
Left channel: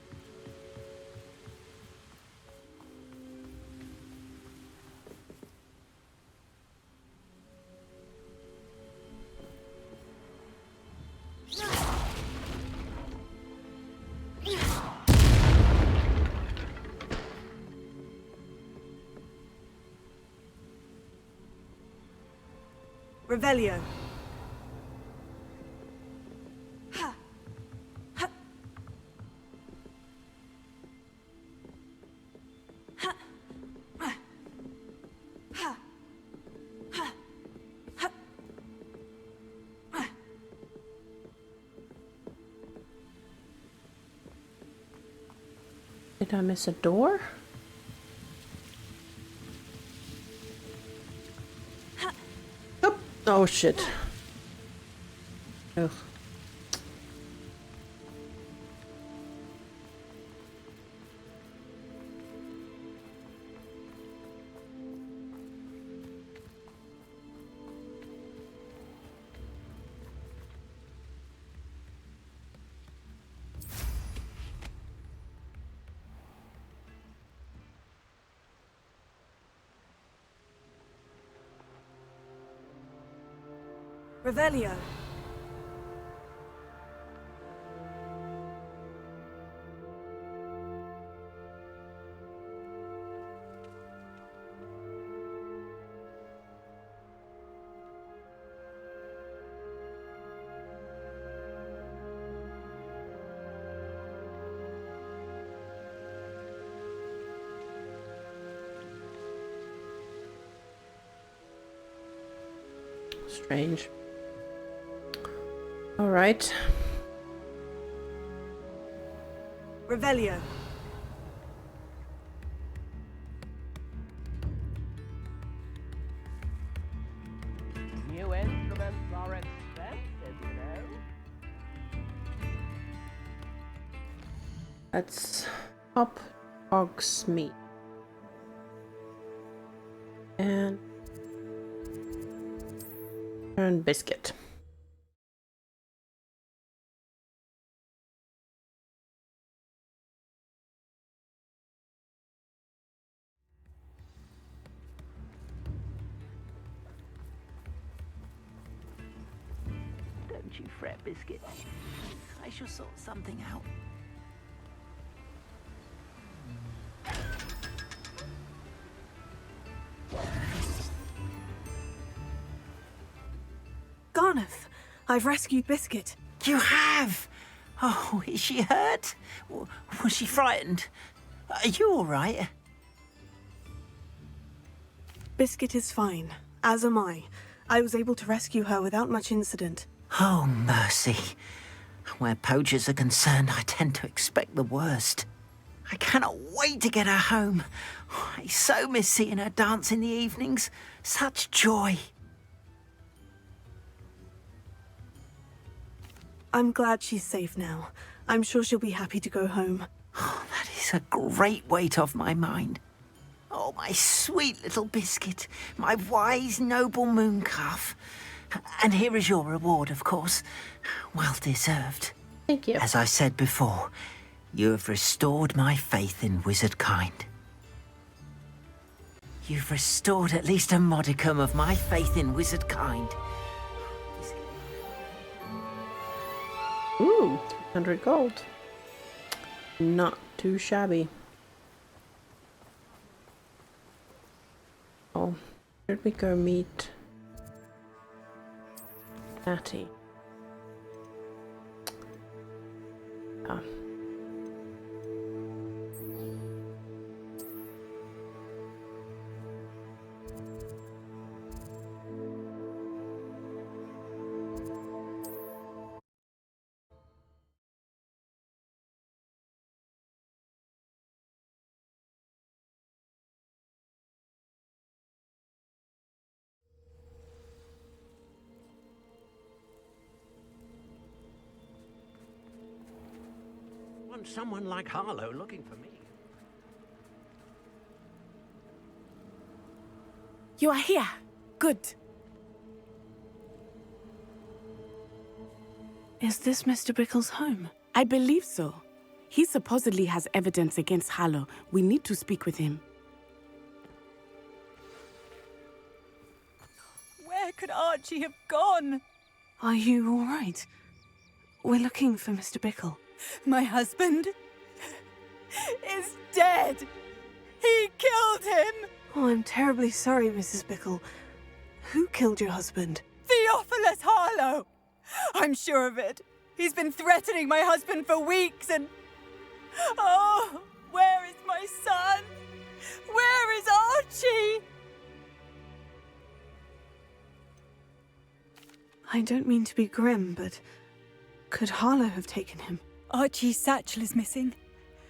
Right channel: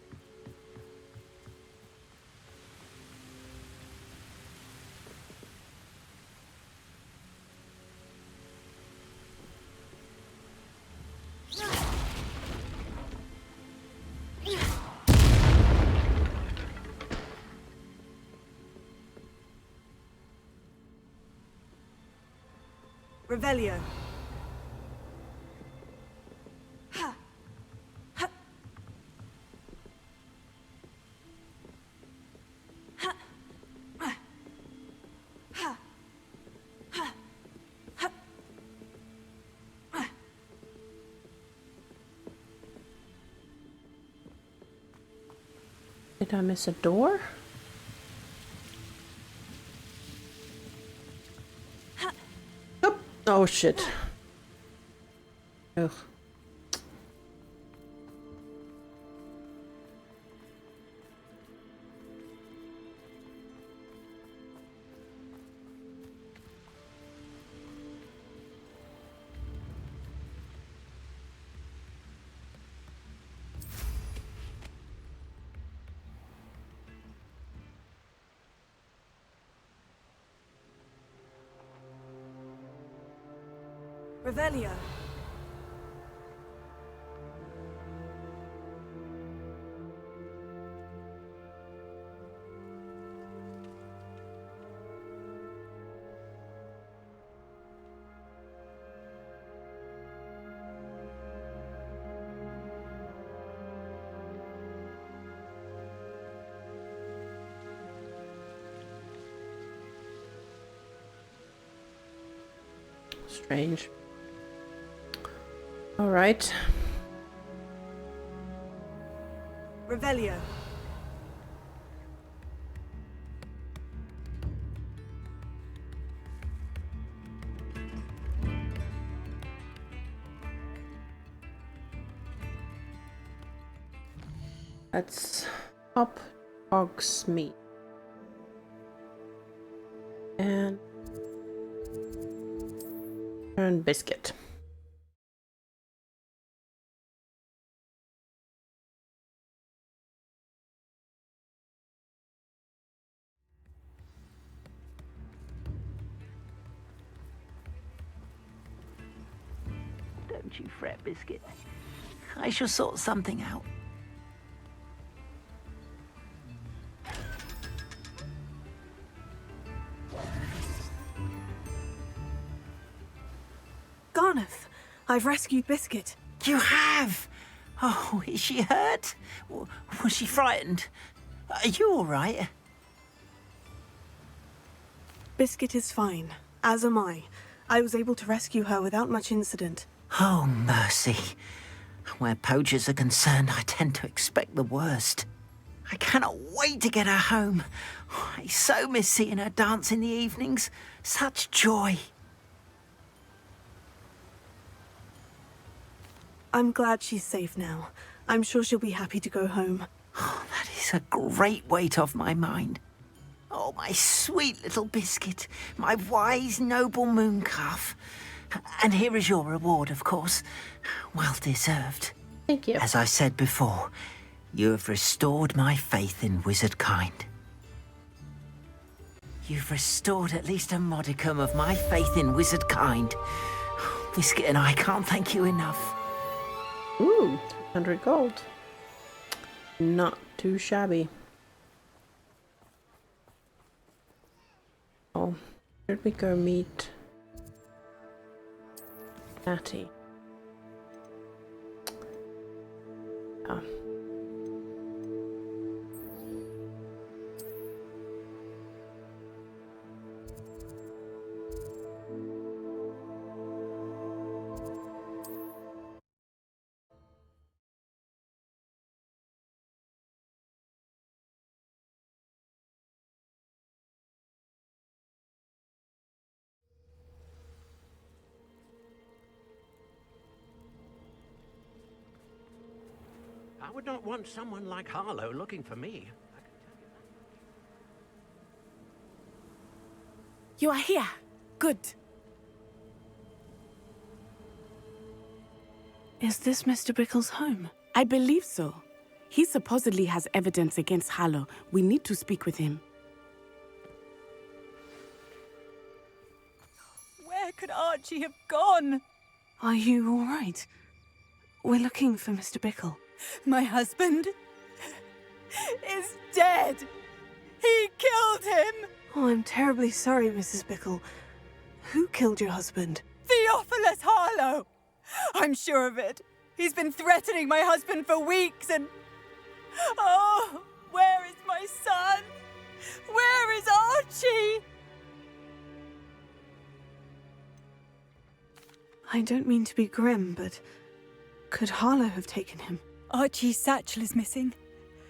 Revelio. Did I miss a door? Oh, oh shit. Ugh. Revelio. Strange. All right. Revelio. New instruments are expensive, you know. Let's pop hog's meat. And biscuit. Don't you fret, biscuit. I shall sort something out. Garnoth, I've rescued Biscuit. You have? Oh, is she hurt? Was she frightened? Are you all right? Biscuit is fine, as am I. I was able to rescue her without much incident. Oh, mercy. Where poachers are concerned, I tend to expect the worst. I cannot wait to get her home. I so miss seeing her dance in the evenings. Such joy. I'm glad she's safe now. I'm sure she'll be happy to go home. Oh, that is a great weight off my mind. Oh, my sweet little Biscuit, my wise, noble mooncalf. And here is your reward, of course. Well deserved. Thank you. As I said before, you have restored my faith in wizard kind. You've restored at least a modicum of my faith in wizard kind. Biscuit and I can't thank you enough. Ooh, 100 gold. Not too shabby. Oh, should we go meet Natty? Ah. I would not want someone like Harlow looking for me. You are here. Good. Is this Mr. Bickle's home? I believe so. He supposedly has evidence against Harlow. We need to speak with him. Where could Archie have gone? Are you all right? We're looking for Mr. Bickle. My husband is dead. He killed him. Oh, I'm terribly sorry, Mrs. Bickle. Who killed your husband? Theophilus Harlow. I'm sure of it. He's been threatening my husband for weeks and... Oh, where is my son? Where is Archie? I don't mean to be grim, but could Harlow have taken him? Archie's satchel is missing,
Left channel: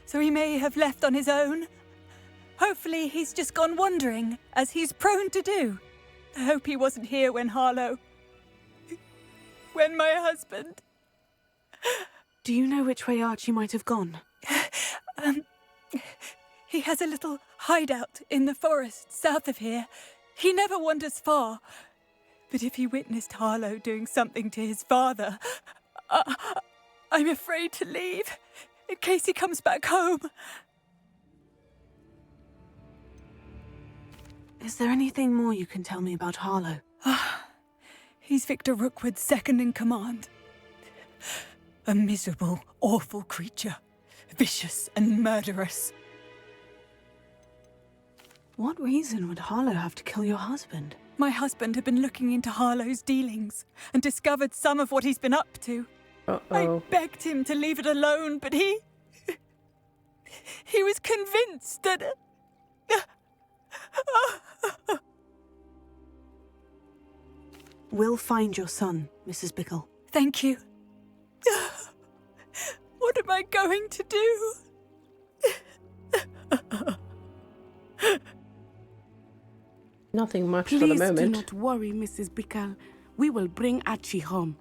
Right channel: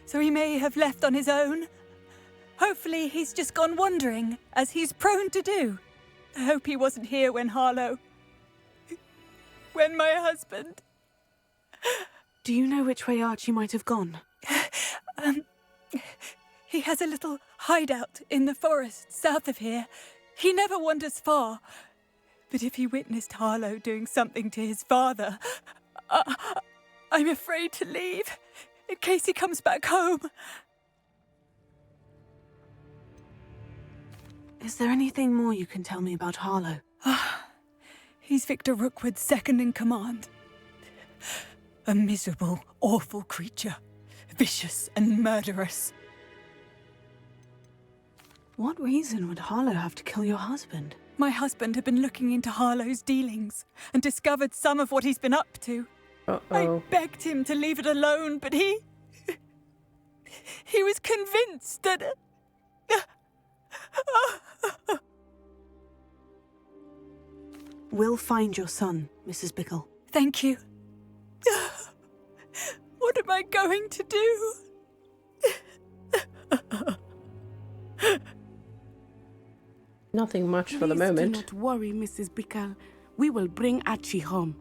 so he may have left on his own. Hopefully he's just gone wandering, as he's prone to do. I hope he wasn't here when Harlow... when my husband... Do you know which way Archie might have gone? He has a little hideout in the forest south of here. He never wanders far. But if he witnessed Harlow doing something to his father, I'm afraid to leave, in case he comes back home. Is there anything more you can tell me about Harlow? He's Victor Rookwood's second in command. A miserable, awful creature. Vicious and murderous. What reason would Harlow have to kill your husband? My husband had been looking into Harlow's dealings and discovered some of what he's been up to. I begged him to leave it alone, but he was convinced that... We'll find your son, Mrs. Bickle. Thank you. What am I going to do? Nothing much for the Please moment. do not worry, Mrs. Bickle. We will bring Archie home.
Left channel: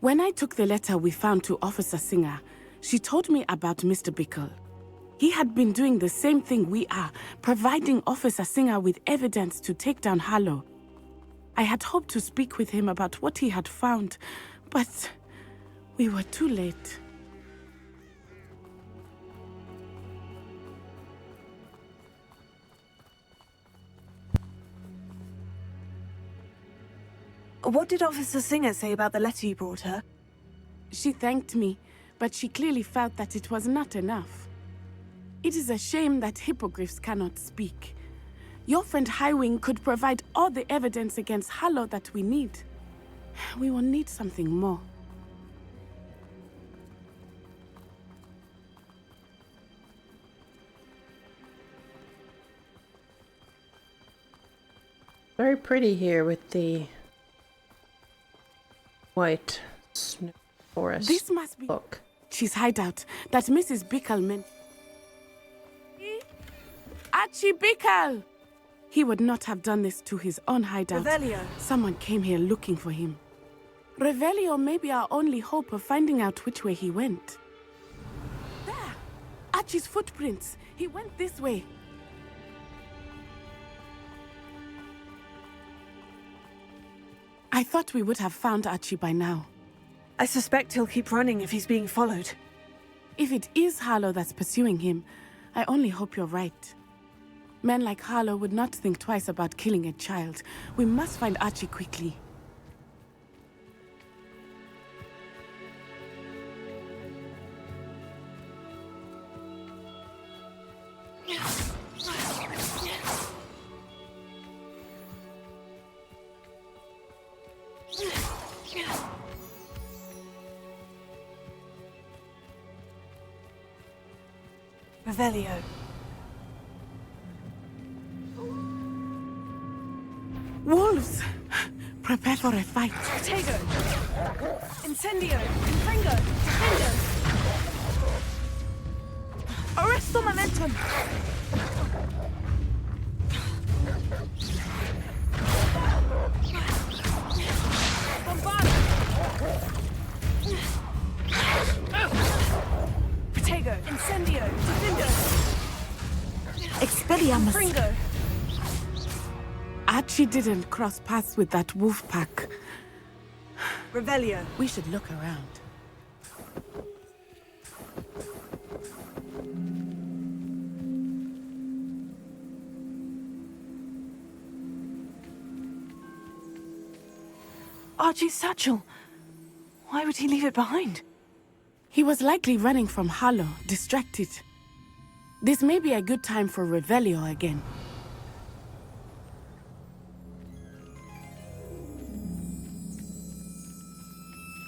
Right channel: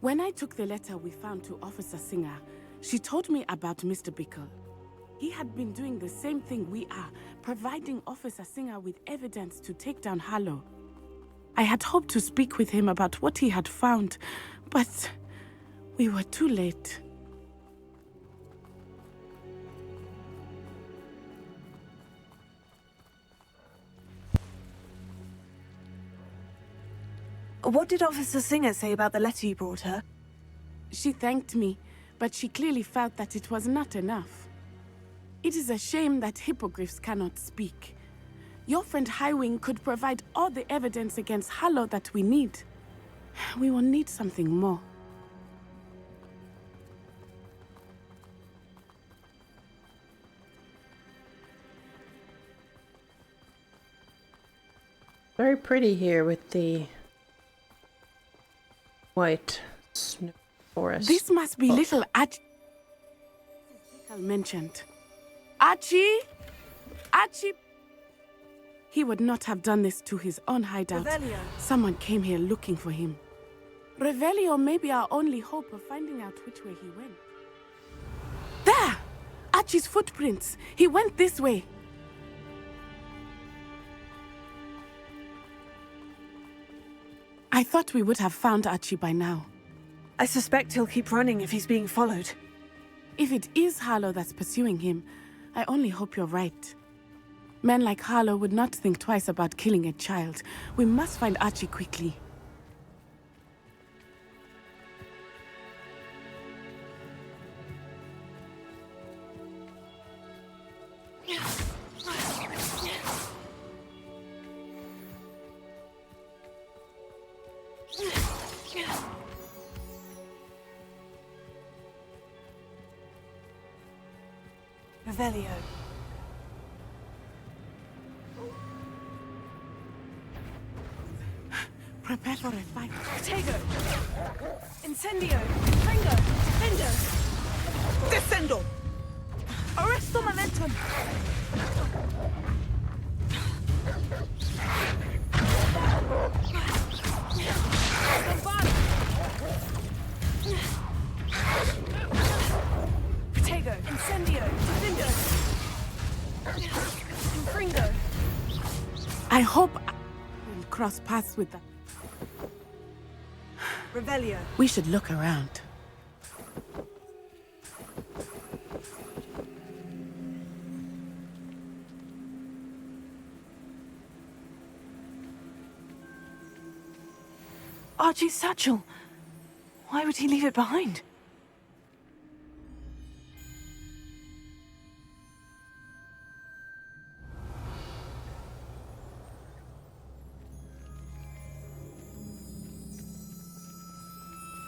When I took the letter we found to Officer Singer, she told me about Mr. Bickle. He had been doing the same thing we are, providing Officer Singer with evidence to take down Harlow. I had hoped to speak with him about what he had found, but we were too late. What did Officer Singer say about the letter you brought her? She thanked me, but she clearly felt that it was not enough. It is a shame that hippogriffs cannot speak. Your friend Highwing could provide all the evidence against Harlow that we need. We will need something more. Very pretty here with the white snow forest. This must be little Archie's hideout that Mrs. Bickle mentioned. Archie? Archie Bickle! He would not have done this to his own hideout. Revelio. Someone came here looking for him. Revelio may be our only hope of finding out which way he went. There! Archie's footprints. He went this way. I thought we would have found Archie by now. I suspect he'll keep running if he's being followed. If it is Harlow that's pursuing him, I only hope you're right. Men like Harlow would not think twice about killing a child. We must find Archie quickly. Revelio. Wolves! Prepare for a fight. Protego! Incendio! Fringo! Defendo! Descendo! Arresto momentum! Protego! Incendio! Defendo! Expelliarmus! Fringo! I hope Archie didn't cross paths with that wolf pack. Revelio. We should look around. Archie's satchel. Why would he leave it behind? He was likely running from Harlow, distracted. This may be a good time for Revelio again.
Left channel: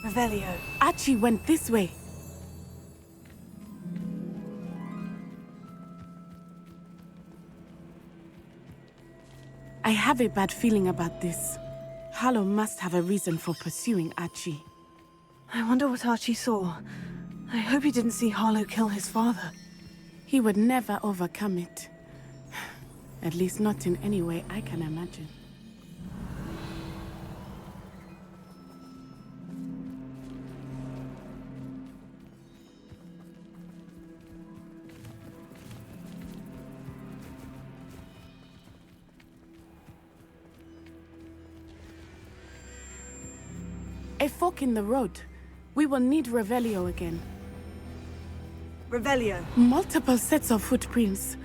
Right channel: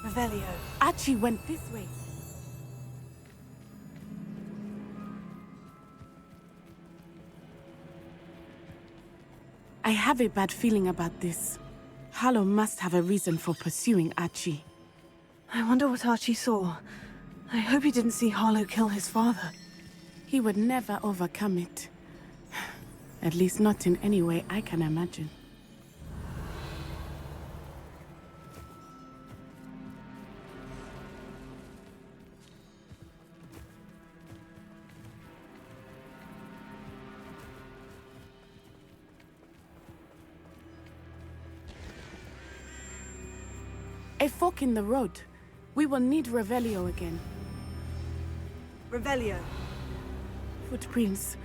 Revelio. Archie went this way. I have a bad feeling about this. Harlow must have a reason for pursuing Archie. I wonder what Archie saw. I hope he didn't see Harlow kill his father. He would never overcome it. At least not in any way I can imagine. A fork in the road. We will need Revelio again. Revelio. Multiple sets of footprints.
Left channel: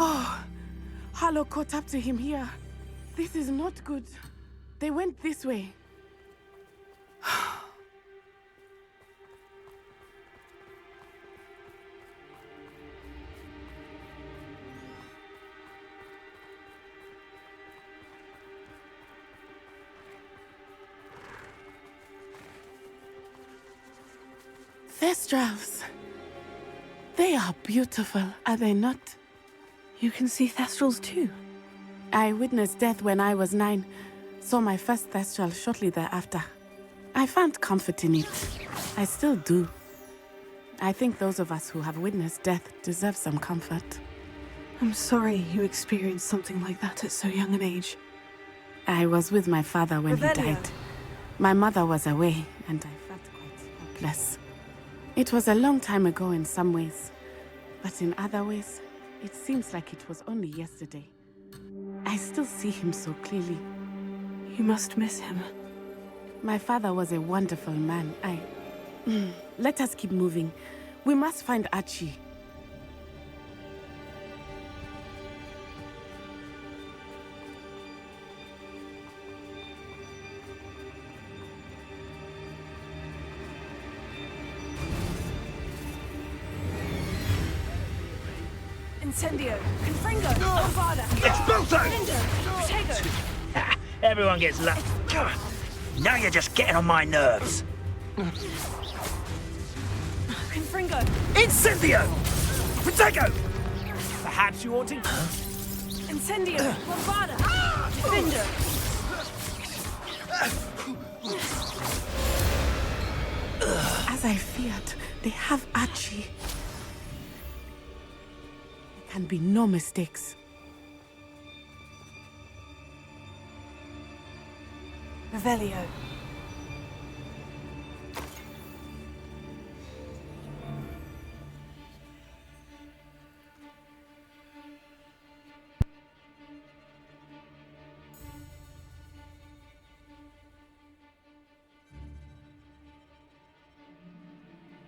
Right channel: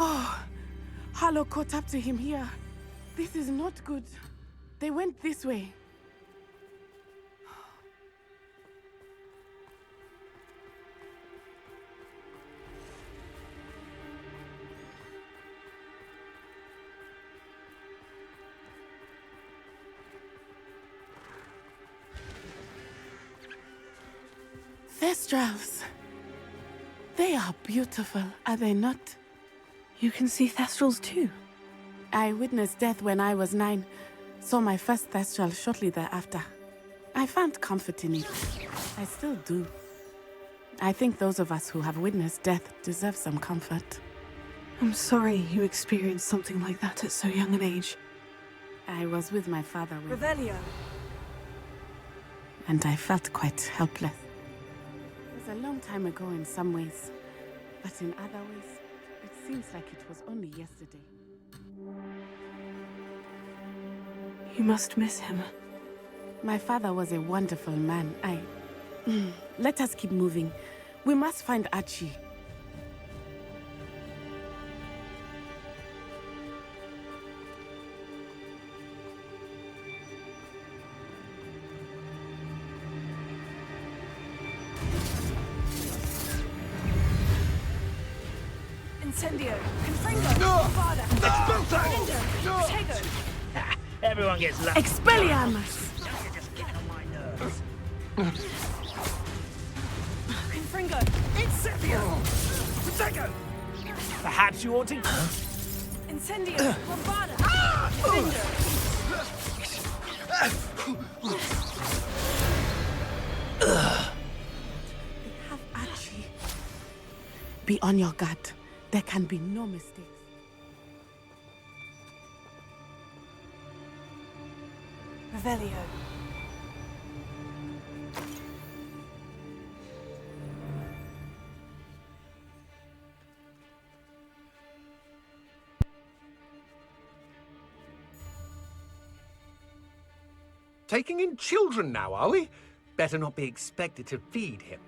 Oh, Harlow caught up to him here. This is not good. They went this way. Thestrals. They are beautiful, are they not? You can see Thestrals too. I witnessed death when I was 9. Saw my first Thestral shortly thereafter. I found comfort in it. I still do. I think those of us who have witnessed death deserve some comfort. I'm sorry you experienced something like that at so young an age. I was with my father when Revelio. he died. My mother was away, and I felt quite helpless. It was a long time ago in some ways, but in other ways, it seems like it was only yesterday. I still see him so clearly. You must miss him. My father was a wonderful man. Let us keep moving. We must find Archie. Incendio. Confringo. Bombarda. Expulso! Protego. Everyone gets lucky. Expelliarmus. Now you're just getting on my nerves. Confringo. Incendio! Protego! Perhaps you ought to... Incendio. Bombarda. Defender. As I feared, they have Archie. Be on your guard. There can be no mistakes. Revelio. Taking in children now, are we? Better not be expected to feed him.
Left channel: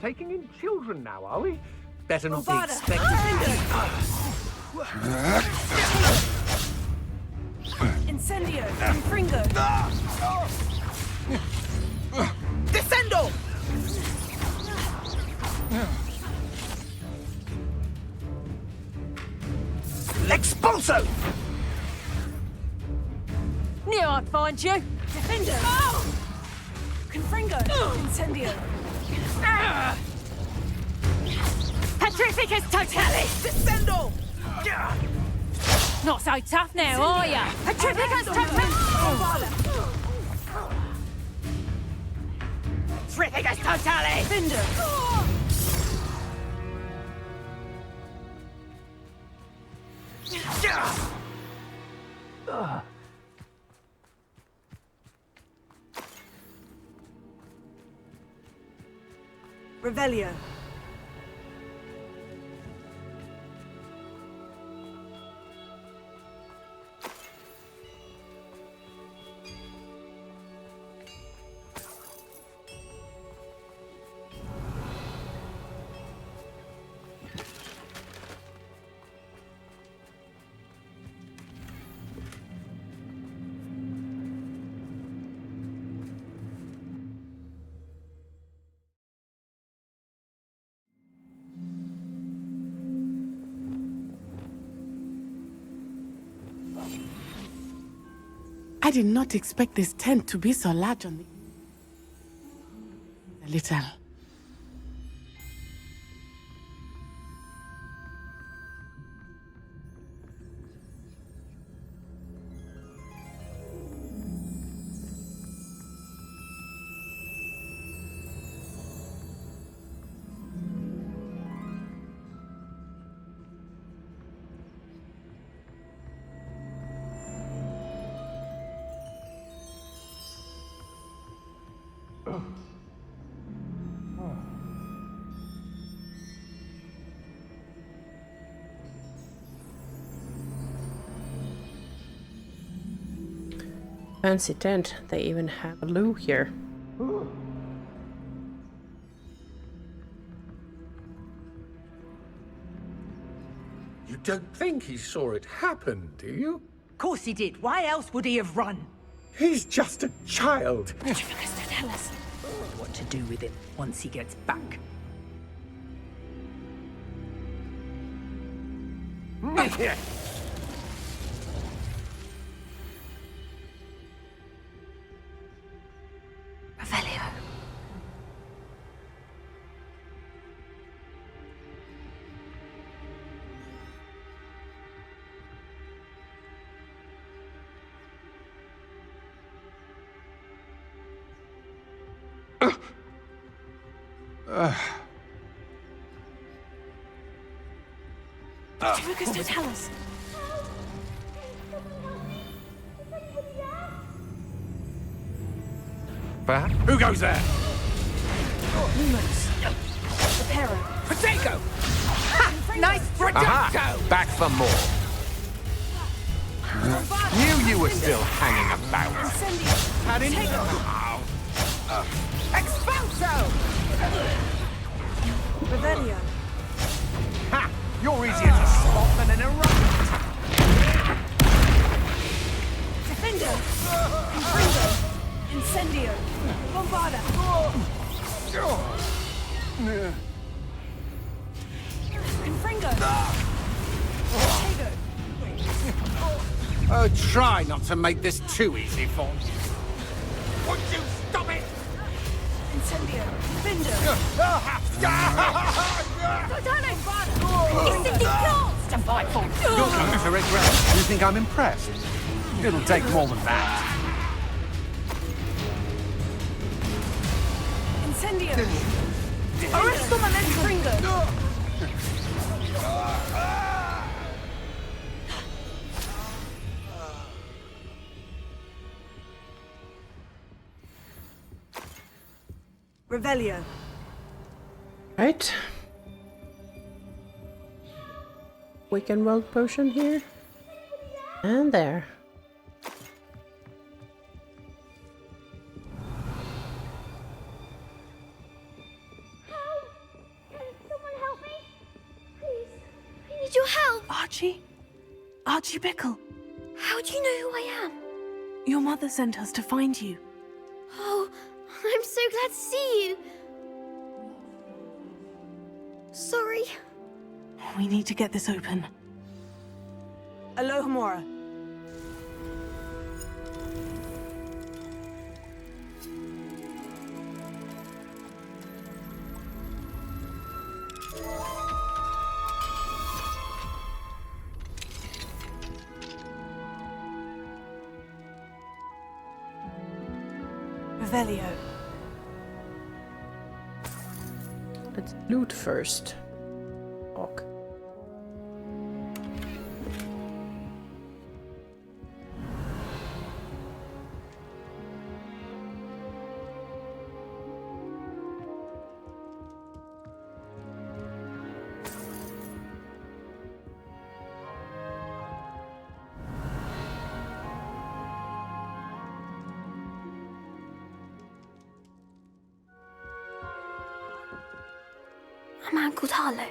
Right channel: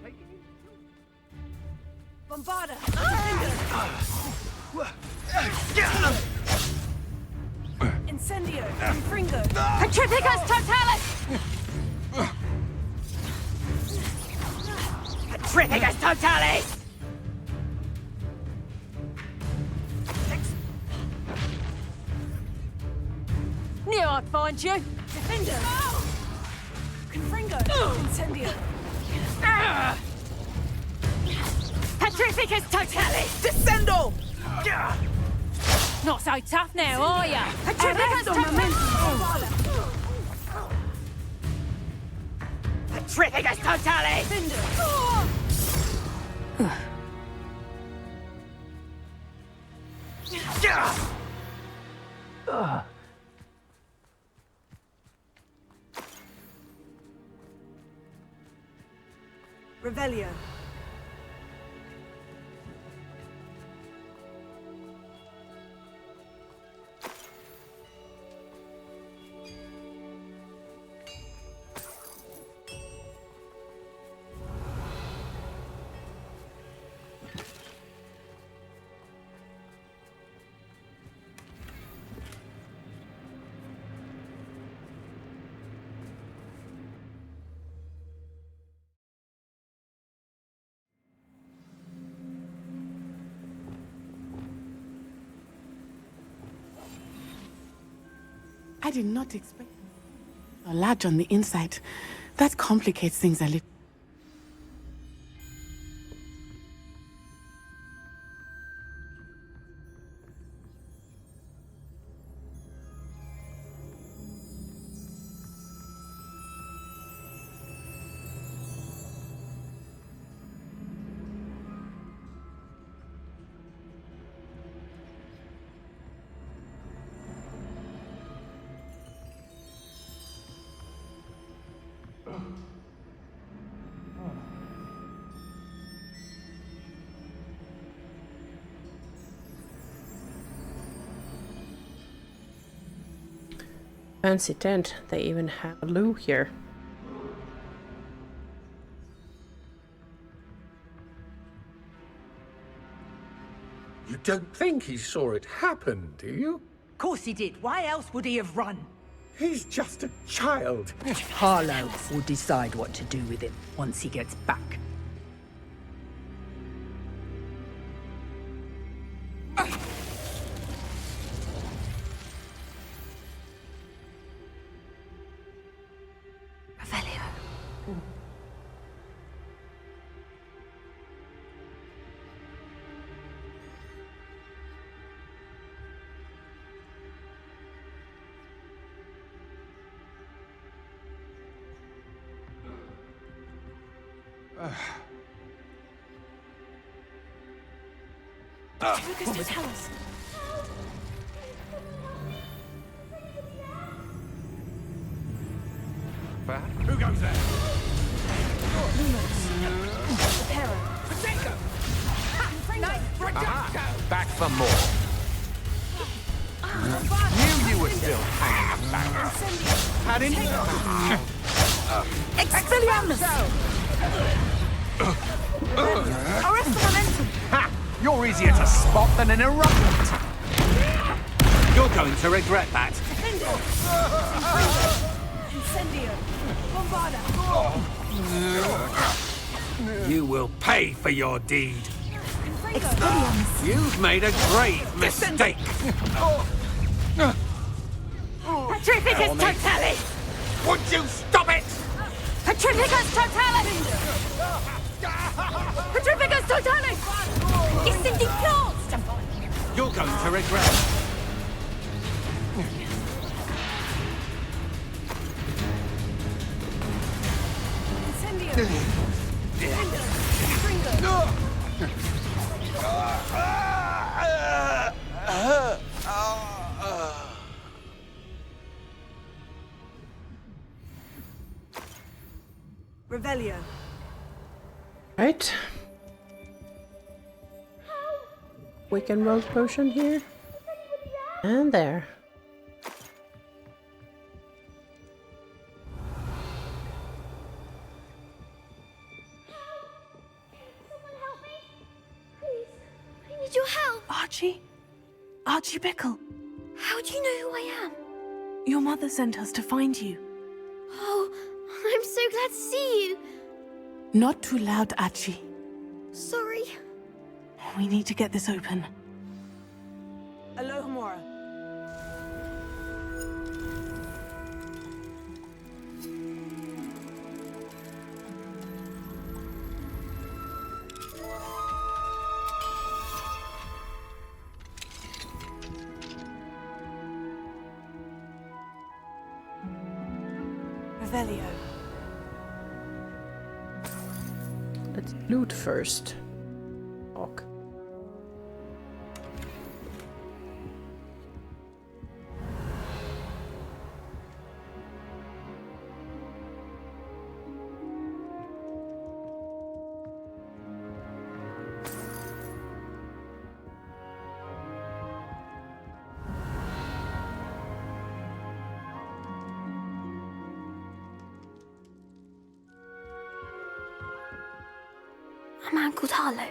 Taking in children now, are we? Better not Bombarda. be expected. Incendio. Confringo. Petrificus totalis! Descendo! Petrificus totalis! Expulso! Knew I'd find you! Defender. Confringo. Incendio. Petrificus totalis! Descendo! Not so tough now, are ya? Petrificus totalis! Petrificus totalis! Revelio. I did not expect this tent to be so large on the inside. That complicates things a little. Fancy tent. They even have a loo here. You don't think he saw it happen, do you? Of course he did. Why else would he have run? He's just a child. Harlow will decide what to do with him once he gets back. Revelio. Lucas, do tell us. Who goes there? Lumos. Reparo. Potato! Nice Aha! Back for more. Knew you were still hanging about. Had enough. Revelio. Ha! You're than an eruption. You're going to regret that. Defender! Infringo! Incendio! Bombarda! You will pay for your deed. Infringo! You've made a grave mistake. Try not to make this too easy for Petrificus me. Totalis! Would you stop it? Petrificus Totalis! Petrificus Totalis! Incendiplants to fight for! You're going to regret it. You think I'm impressed? It'll take more than that. Incendio! Infringo! Revelio. Right. Weekend world potion here. And there. Your help! Archie? Archie Bickle. How do you know who I am? Your mother sent us to find you. Oh, I'm so glad to see you. Not too loud, Archie. Sorry. We need to get this open. Alohomora. Revelio. Let's loot first. Ok. A man called Harlow.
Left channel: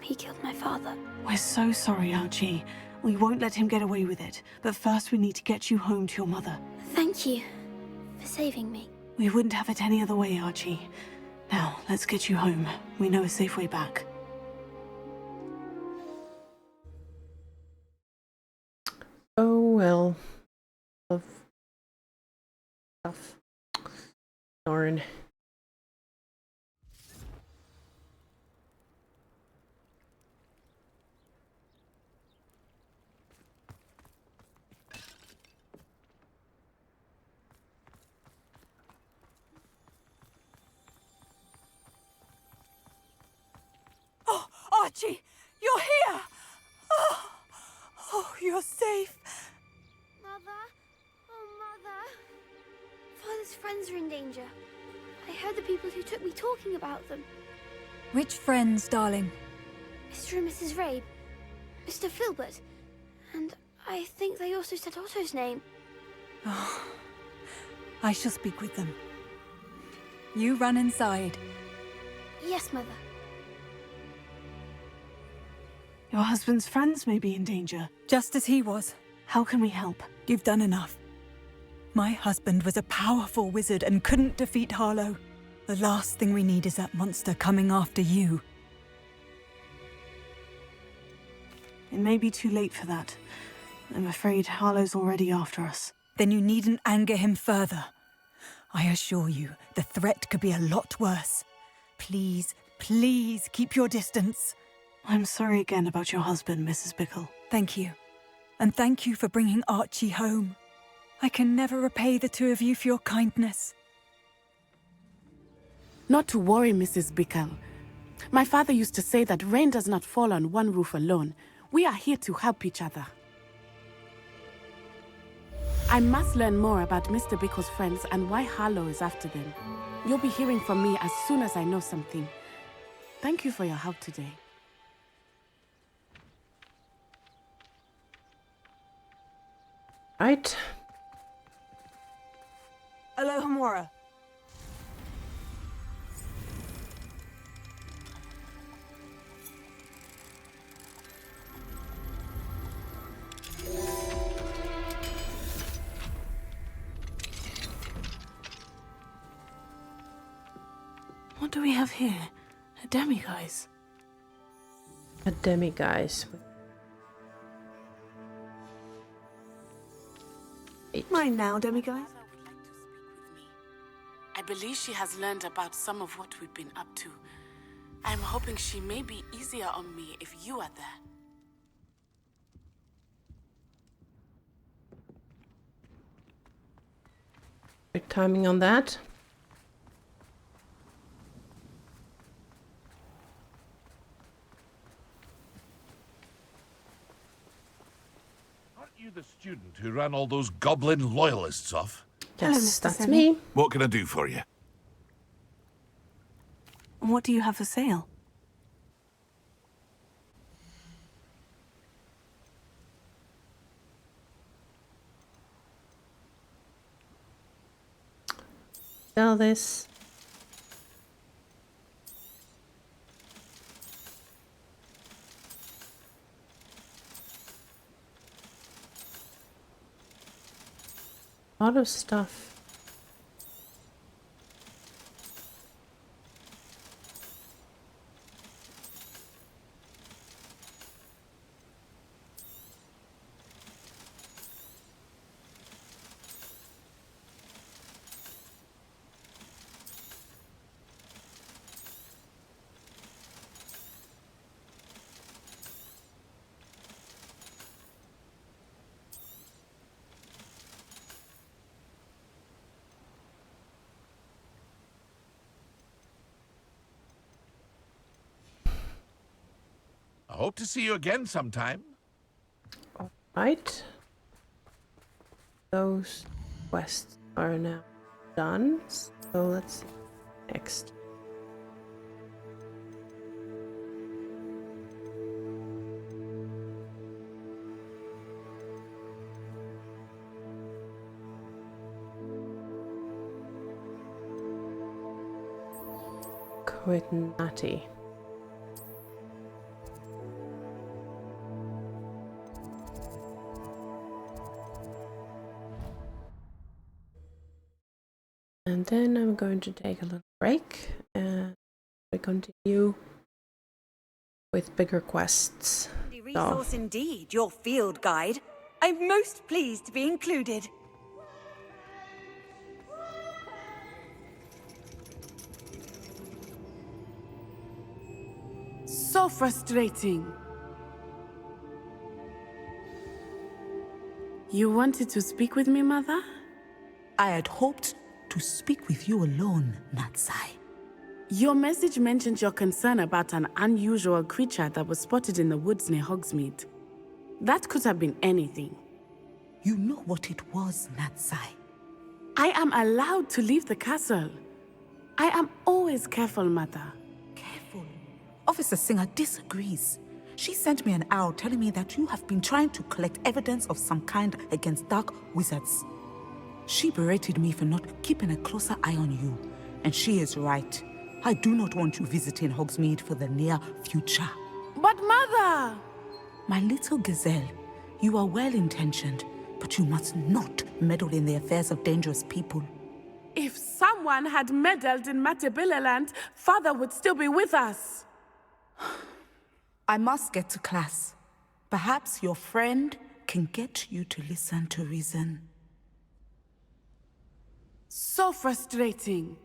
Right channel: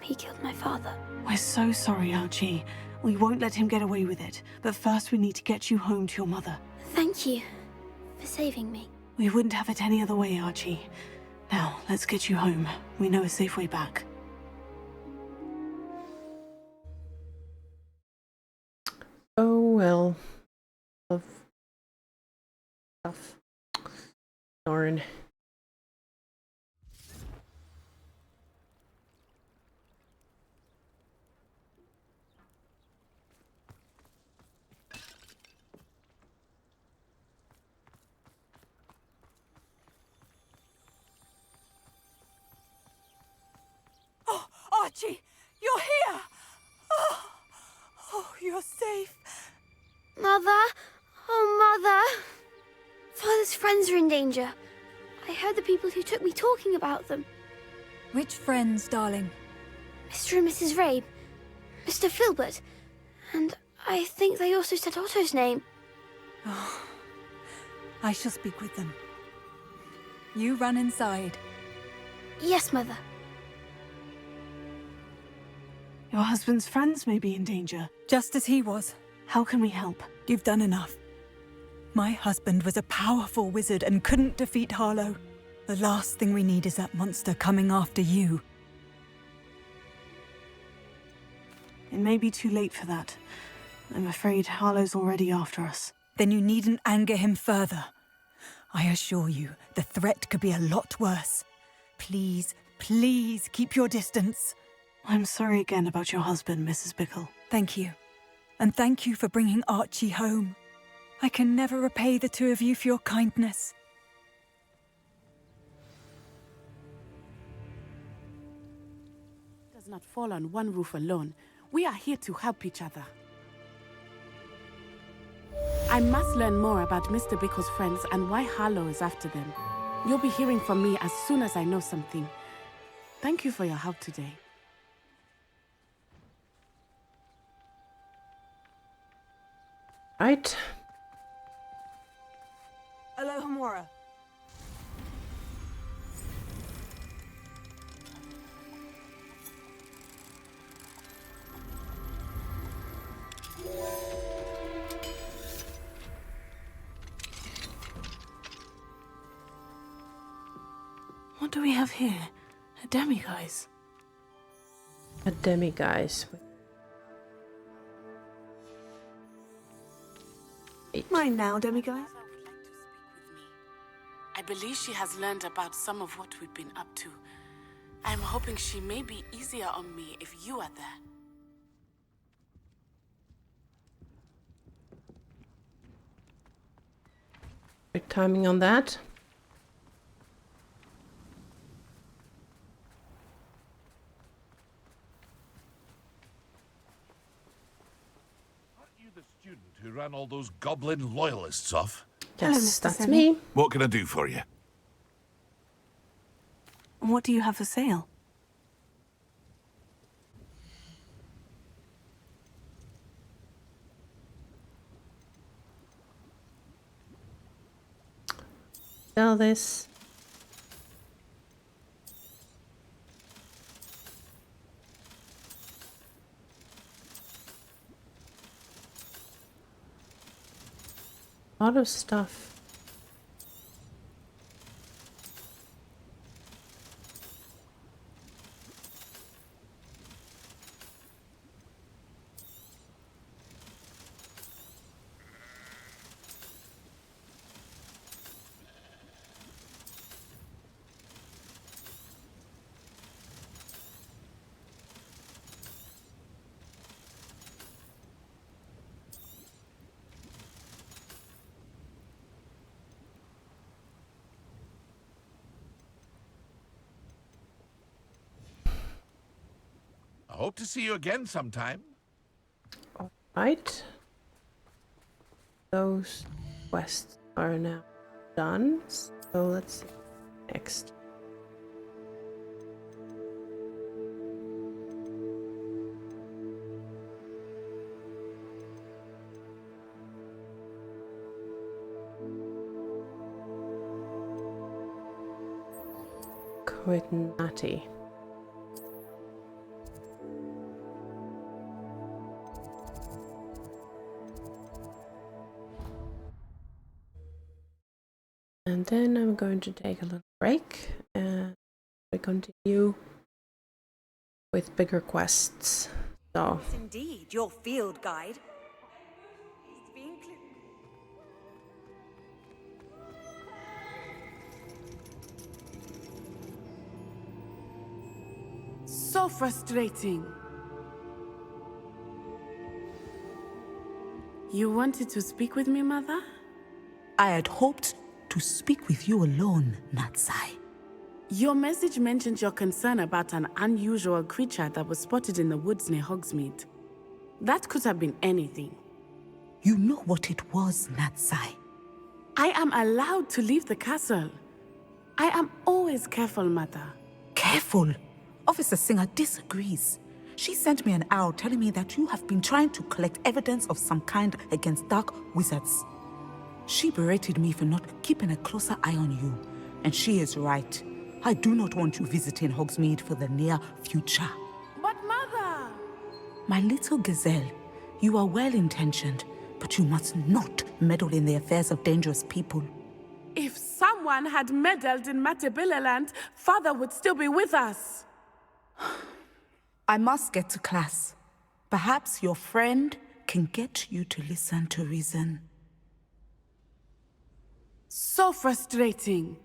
He killed my father. We're so sorry, Archie. We won't let him get away with it. But first we need to get you home to your mother. Thank you for saving me. We wouldn't have it any other way, Archie. Now, let's get you home. We know a safe way back. Oh well. Of stuff. Darn. Oh, Archie, you're here! Oh, you're safe. Mother? Oh, Mother. Father's friends are in danger. I heard the people who took me talking about them. Which friends, darling? Mr. and Mrs. Rabe, Mr. Filbert, and I think they also said Otto's name. Oh, I shall speak with them. You run inside. Yes, Mother. Your husband's friends may be in danger. Just as he was. How can we help? You've done enough. My husband was a powerful wizard and couldn't defeat Harlow. The last thing we need is that monster coming after you. It may be too late for that. I'm afraid Harlow's already after us. Then you needn't anger him further. I assure you, the threat could be a lot worse. Please, please keep your distance. I'm sorry again about your husband, Mrs. Bickle. Thank you. And thank you for bringing Archie home. I can never repay the two of you for your kindness. Not to worry, Mrs. Bickle. My father used to say that rain does not fall on one roof alone. We are here to help each other. I must learn more about Mr. Bickle's friends and why Harlow is after them. You'll be hearing from me as soon as I know something. Thank you for your help today. Right. Alohomora. What do we have here? A demiguise. A demiguise. Mine now, demiguise. I believe she has learned about some of what we've been up to. I'm hoping she may be easier on me if you are there. Good timing on that. Aren't you the student who ran all those goblin loyalists off? Yes, that's me. What can I do for you? What do you have for sale? Sell this. A lot of stuff. I hope to see you again sometime. All right. Those quests are now done. So let's see. Next. With Natty. And then I'm going to take a little break and we continue with bigger quests. Resource indeed, your field guide. I'm most pleased to be included. So frustrating. You wanted to speak with me, Mother? I had hoped to speak with you alone, Natsai. Your message mentioned your concern about an unusual creature that was spotted in the woods near Hogsmeade. That could have been anything. You know what it was, Natsai. I am allowed to leave the castle. I am always careful, Mother. Careful? Officer Singer disagrees. She sent me an owl telling me that you have been trying to collect evidence of some kind against dark wizards. She berated me for not keeping a closer eye on you, and she is right. I do not want you visiting Hogsmeade for the near future. But Mother! My little gazelle, you are well-intentioned, but you must not meddle in the affairs of dangerous people. If someone had meddled in Matabeleland, Father would still be with us. I must get to class. Perhaps your friend can get you to listen to reason. So frustrating.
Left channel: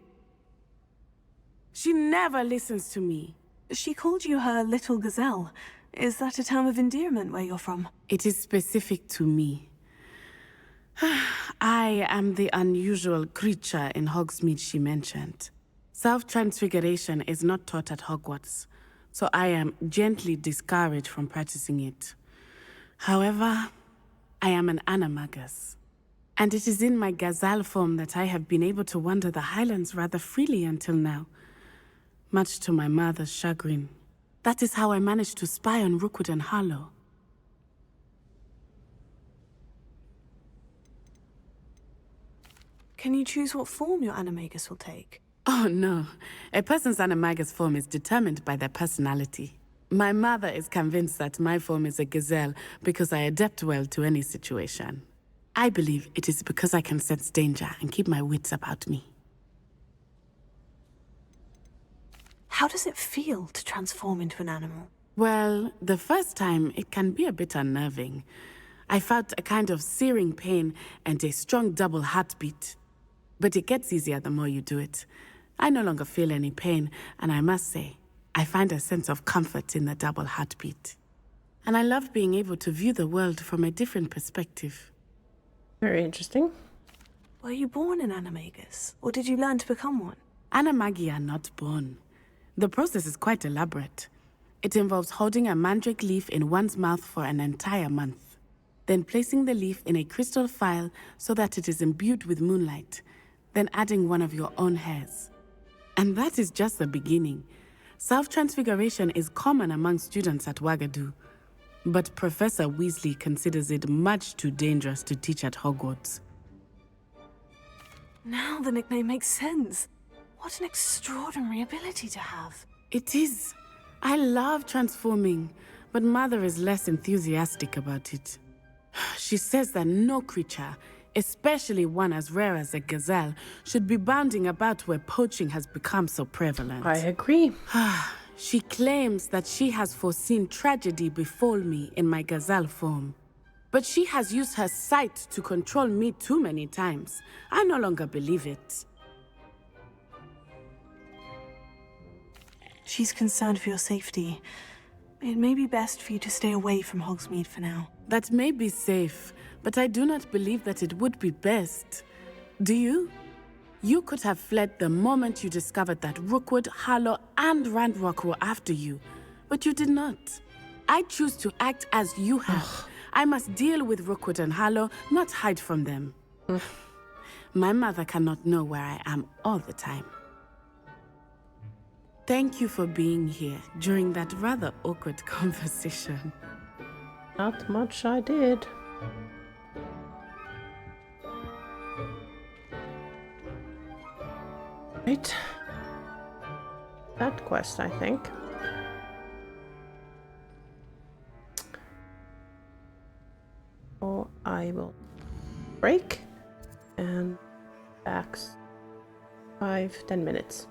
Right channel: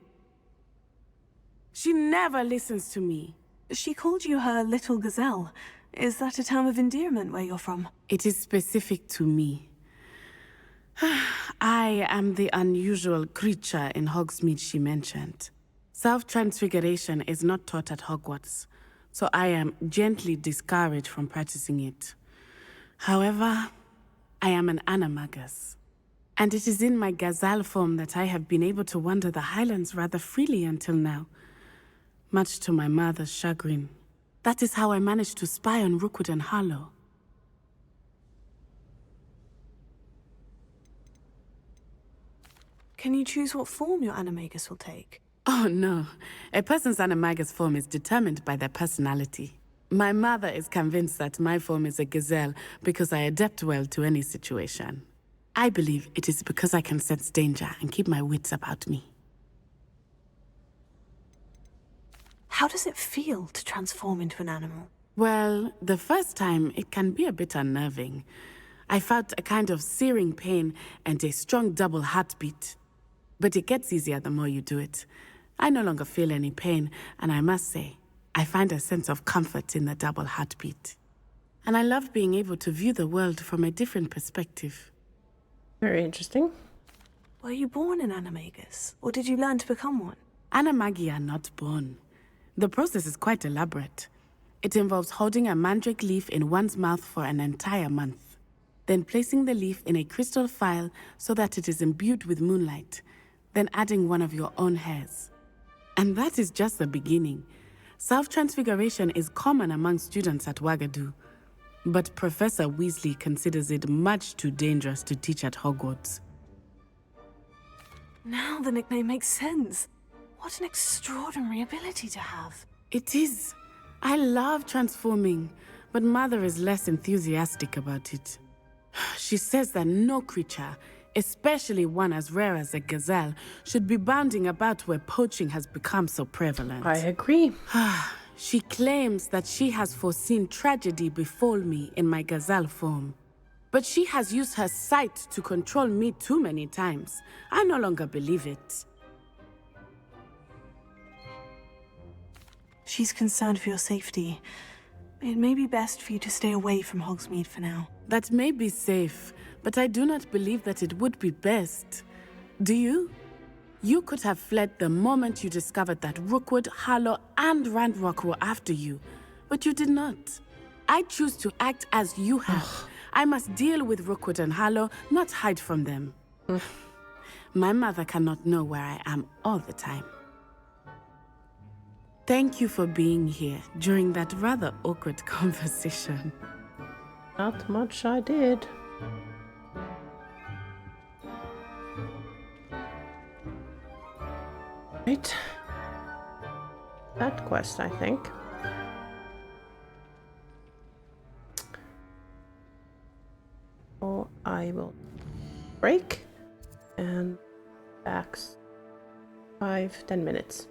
She never listens to me. She called you her little gazelle. Is that a term of endearment where you're from? It is specific to me. I am the unusual creature in Hogsmeade she mentioned. Self-transfiguration is not taught at Hogwarts, so I am gently discouraged from practicing it. However, I am an animagus, and it is in my gazelle form that I have been able to wander the Highlands rather freely until now, much to my mother's chagrin. That is how I managed to spy on Rookwood and Harlow. Can you choose what form your animagus will take? Oh no, a person's animagus form is determined by their personality. My mother is convinced that my form is a gazelle because I adapt well to any situation. I believe it is because I can sense danger and keep my wits about me. How does it feel to transform into an animal? Well, the first time, it can be a bit unnerving. I felt a kind of searing pain and a strong double heartbeat. But it gets easier the more you do it. I no longer feel any pain, and I must say, I find a sense of comfort in the double heartbeat. And I love being able to view the world from a different perspective. Very interesting. Were you born an animagus, or did you learn to become one? Animagi are not born. The process is quite elaborate. It involves holding a mandrake leaf in one's mouth for an entire month, then placing the leaf in a crystal phial so that it is imbued with moonlight, then adding one of your own hairs. And that is just the beginning. Self-transfiguration is common among students at Wagadu, but Professor Weasley considers it much too dangerous to teach at Hogwarts. Now the nickname makes sense. What an extraordinary ability to have. It is. I love transforming, but Mother is less enthusiastic about it. She says that no creature, especially one as rare as a gazelle, should be bounding about where poaching has become so prevalent. I agree. She claims that she has foreseen tragedy befall me in my gazelle form. But she has used her sight to control me too many times. I no longer believe it. She's concerned for your safety. It may be best for you to stay away from Hogsmeade for now. That may be safe, but I do not believe that it would be best. Do you? You could have fled the moment you discovered that Rookwood, Harlow, and Ranrock were after you, but you did not. I choose to act as you have. I must deal with Rookwood and Harlow, not hide from them. My mother cannot know where I am all the time. Thank you for being here during that rather awkward conversation. Not much I did. Right. That quest, I think. So I will break and back 5-10 minutes.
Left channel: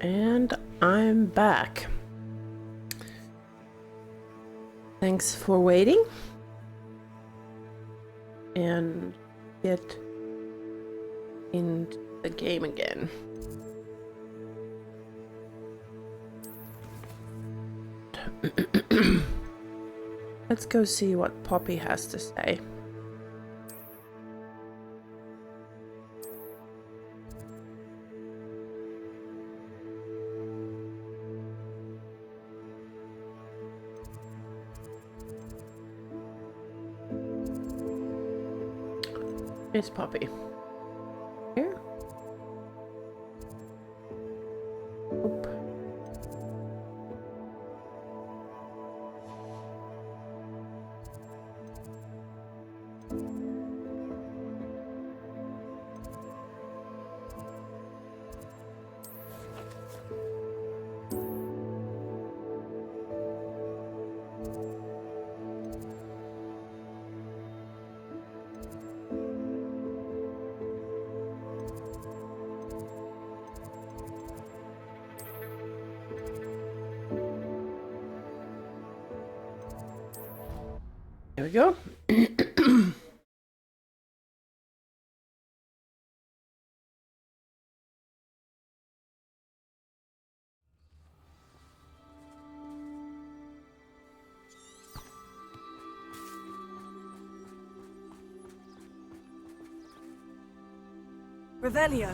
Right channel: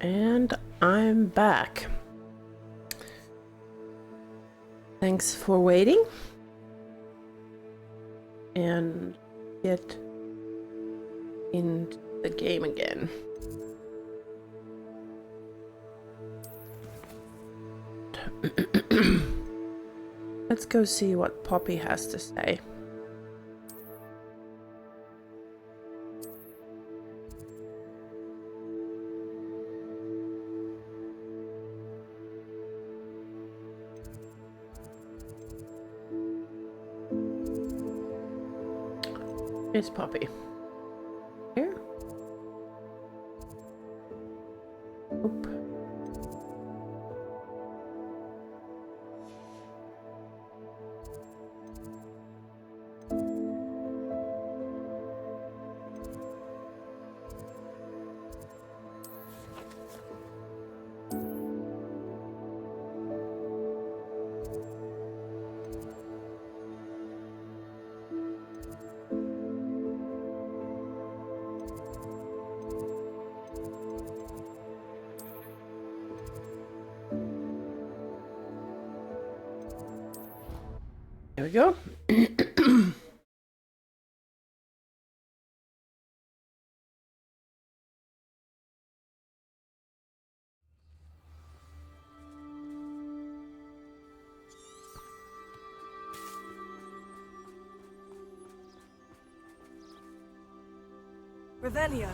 And I'm back. Thanks for waiting. And get into the game again. Let's go see what Poppy has to say. Here's Poppy. Here. Oop. There we go. Revelio.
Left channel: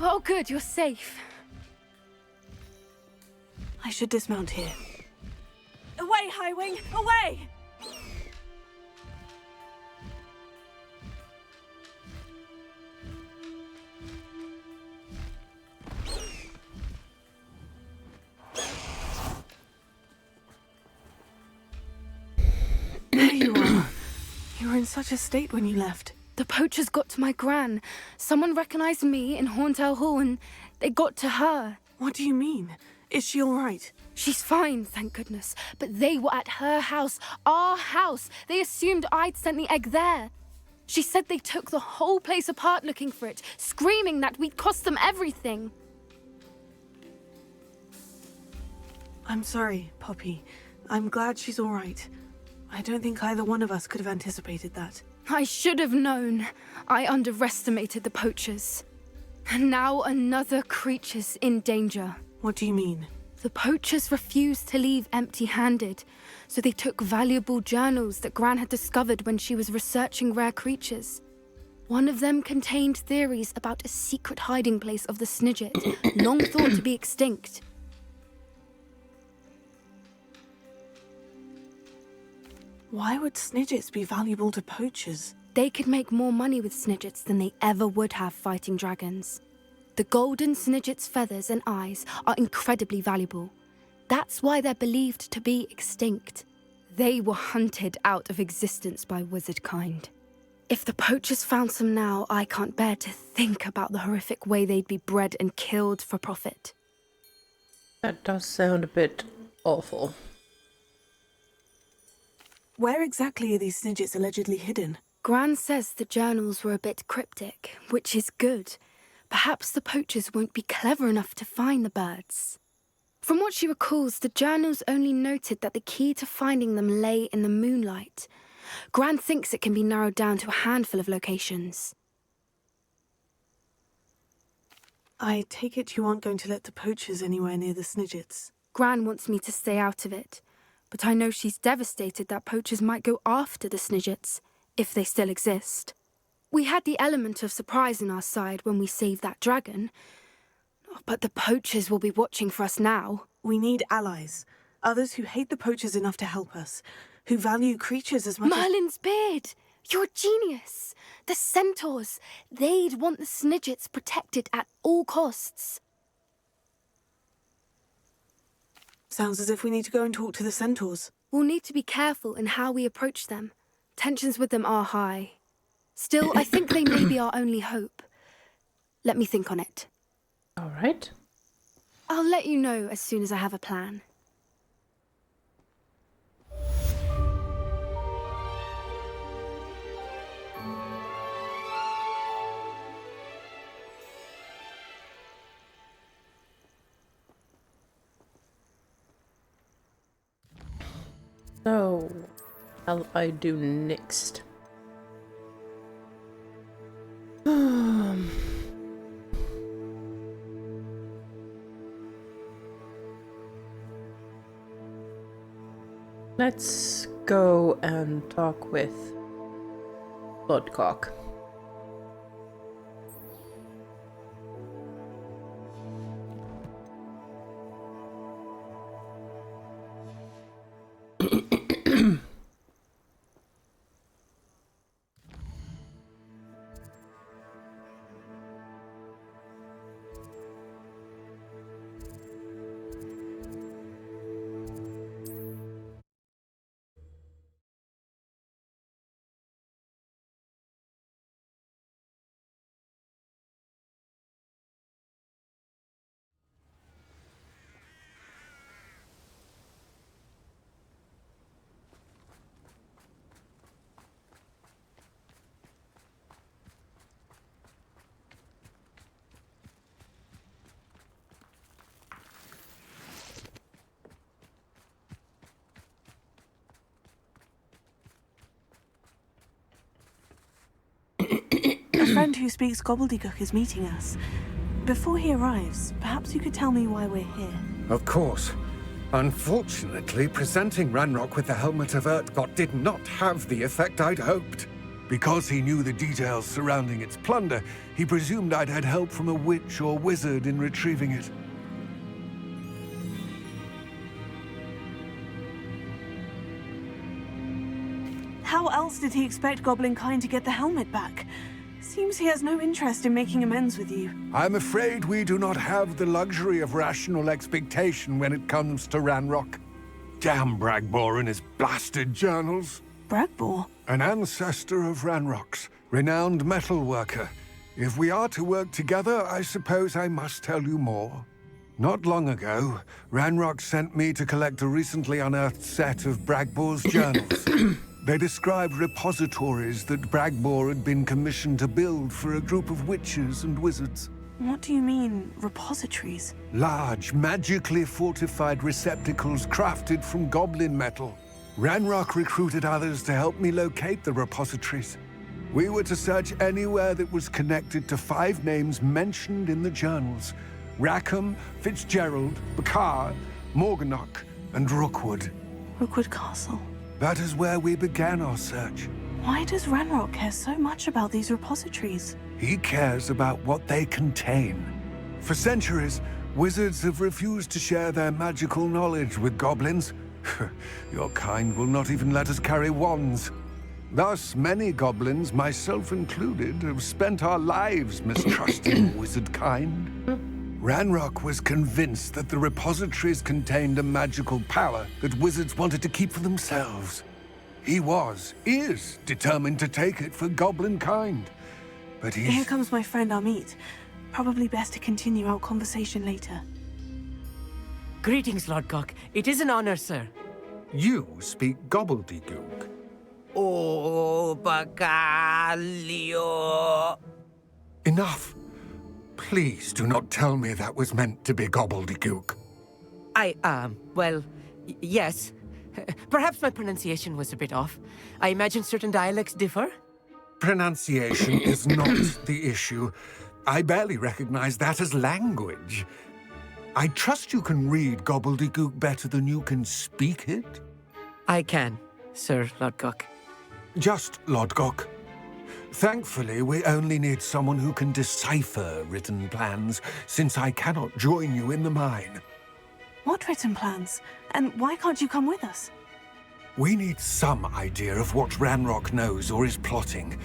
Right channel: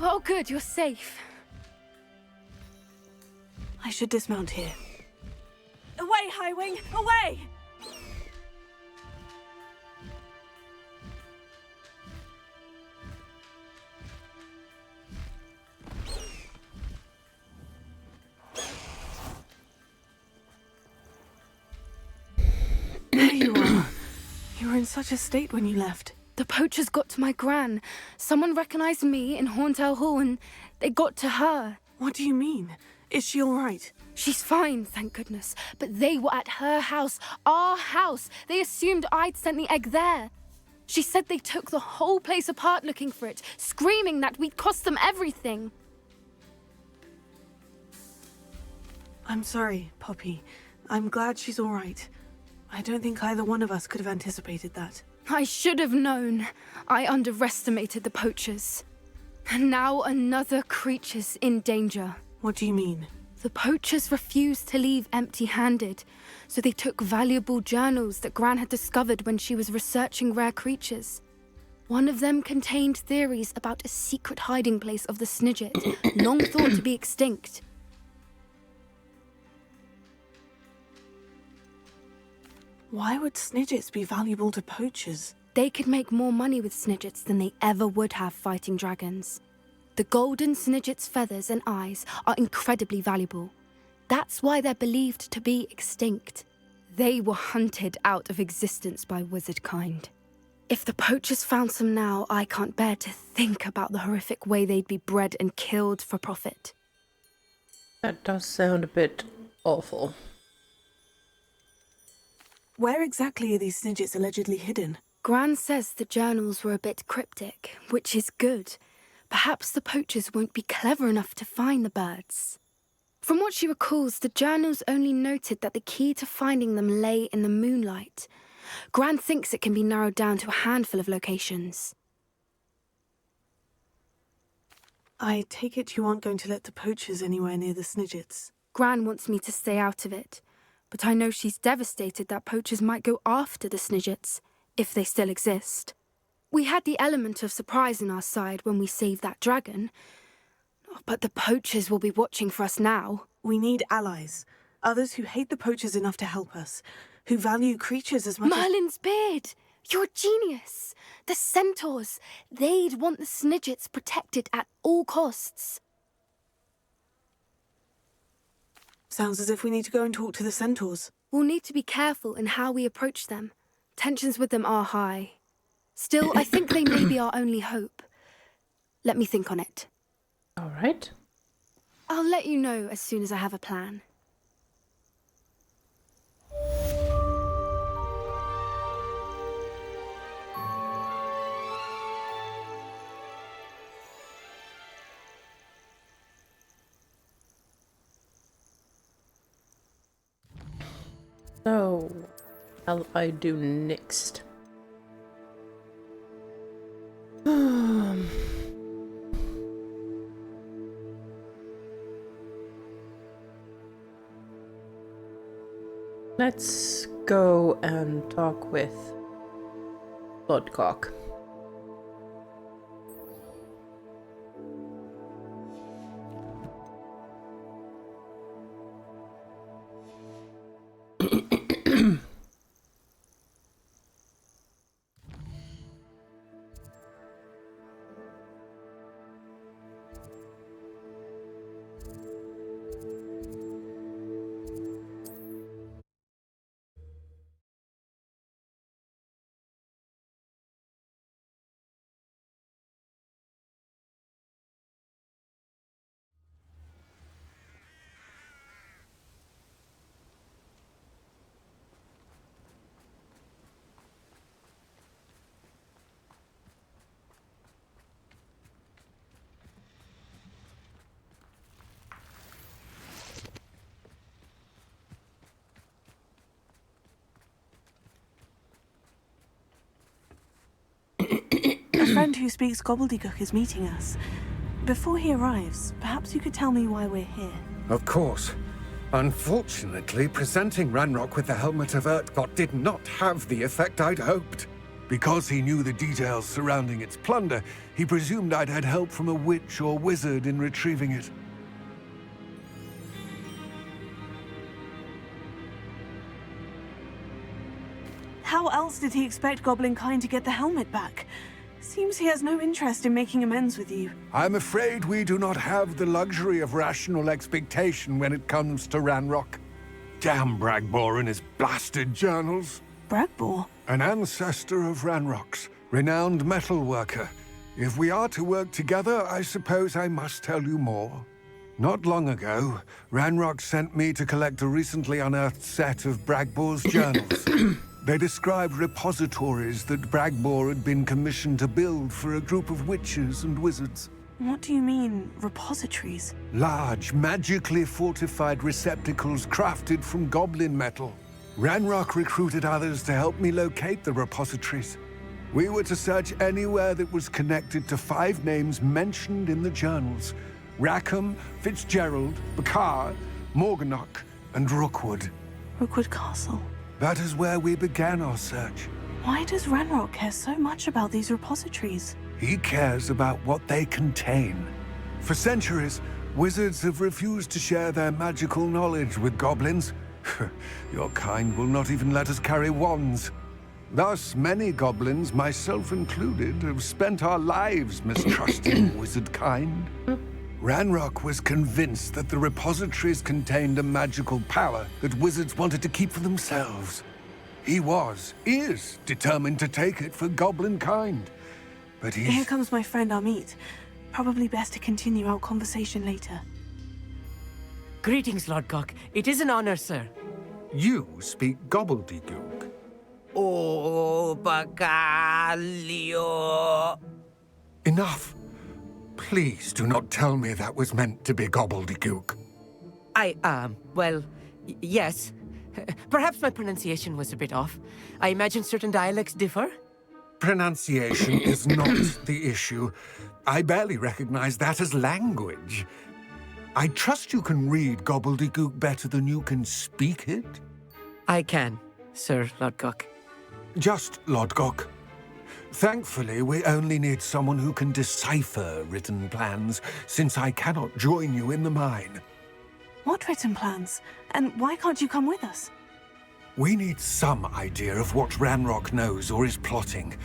Oh, good, you're safe. I should dismount here. Away, Highwing! Away! There you are. You were in such a state when you left. The poachers got to my gran. Someone recognized me in Horntail Hall and they got to her. What do you mean? Is she all right? She's fine, thank goodness. But they were at her house, our house. They assumed I'd sent the egg there. She said they took the whole place apart looking for it, screaming that we'd cost them everything. I'm sorry, Poppy. I'm glad she's all right. I don't think either one of us could have anticipated that. I should have known. I underestimated the poachers. And now another creature's in danger. What do you mean? The poachers refused to leave empty-handed, so they took valuable journals that Gran had discovered when she was researching rare creatures. One of them contained theories about a secret hiding place of the Snidget, long thought to be extinct. Why would Snidgets be valuable to poachers? They could make more money with Snidgets than they ever would have fighting dragons. The golden Snidget's feathers and eyes are incredibly valuable. That's why they're believed to be extinct. They were hunted out of existence by wizard kind. If the poachers found some now, I can't bear to think about the horrific way they'd be bred and killed for profit. That does sound a bit awful. Where exactly are these Snidgets allegedly hidden? Gran says the journals were a bit cryptic, which is good. Perhaps the poachers won't be clever enough to find the birds. From what she recalls, the journals only noted that the key to finding them lay in the moonlight. Gran thinks it can be narrowed down to a handful of locations. I take it you aren't going to let the poachers anywhere near the Snidgets. Gran wants me to stay out of it, but I know she's devastated that poachers might go after the Snidgets, if they still exist. We had the element of surprise on our side when we saved that dragon, but the poachers will be watching for us now. We need allies. Others who hate the poachers enough to help us, who value creatures as much Merlin's beard! You're a genius! The centaurs! They'd want the Snidgets protected at all costs. Sounds as if we need to go and talk to the centaurs. We'll need to be careful in how we approach them. Tensions with them are high. Still, I think they may be our only hope. Let me think on it. All right. I'll let you know as soon as I have a plan. So, what shall I do next? Let's go and talk with Lodgok. A friend who speaks gobbledygook is meeting us. Before he arrives, perhaps you could tell me why we're here. Of course. Unfortunately, presenting Ranrock with the Helmet of Urtkot did not have the effect I'd hoped. Because he knew the details surrounding its plunder, he presumed I'd had help from a witch or wizard in retrieving it. How else did he expect Goblinkind to get the helmet back? Seems he has no interest in making amends with you. I'm afraid we do not have the luxury of rational expectation when it comes to Ranrock. Damn Bragbor and his blasted journals. Bragbor? An ancestor of Ranrock's, renowned metal worker. If we are to work together, I suppose I must tell you more. Not long ago, Ranrock sent me to collect a recently unearthed set of Bragbor's journals. They described repositories that Bragbor had been commissioned to build for a group of witches and wizards. What do you mean, repositories? Large, magically fortified receptacles crafted from goblin metal. Ranrock recruited others to help me locate the repositories. We were to search anywhere that was connected to 5 names mentioned in the journals: Rackham, Fitzgerald, Bakar, Morganach, and Rookwood. Rookwood Castle. That is where we began our search. Why does Ranrock care so much about these repositories? He cares about what they contain. For centuries, wizards have refused to share their magical knowledge with goblins. Your kind will not even let us carry wands. Thus, many goblins, myself included, have spent our lives mistrusting wizard kind. Ranrock was convinced that the repositories contained a magical power that wizards wanted to keep for themselves. He is determined to take it for goblin kind. But Here comes my friend Amit. Probably best to continue our conversation later. Greetings, Lodgok. It is an honor, sir. You speak gobbledygook. Oh, Bacalio. Enough. Please do not tell me that was meant to be gobbledygook. Well, yes. Perhaps my pronunciation was a bit off. I imagine certain dialects differ. Pronunciation is not the issue. I barely recognize that as language. I trust you can read gobbledygook better than you can speak it? I can, Sir Lodgok. Just Lodgok. Thankfully, we only need someone who can decipher written plans, since I cannot join you in the mine. What written plans? And why can't you come with us? We need some idea of what Ranrock knows or is plotting.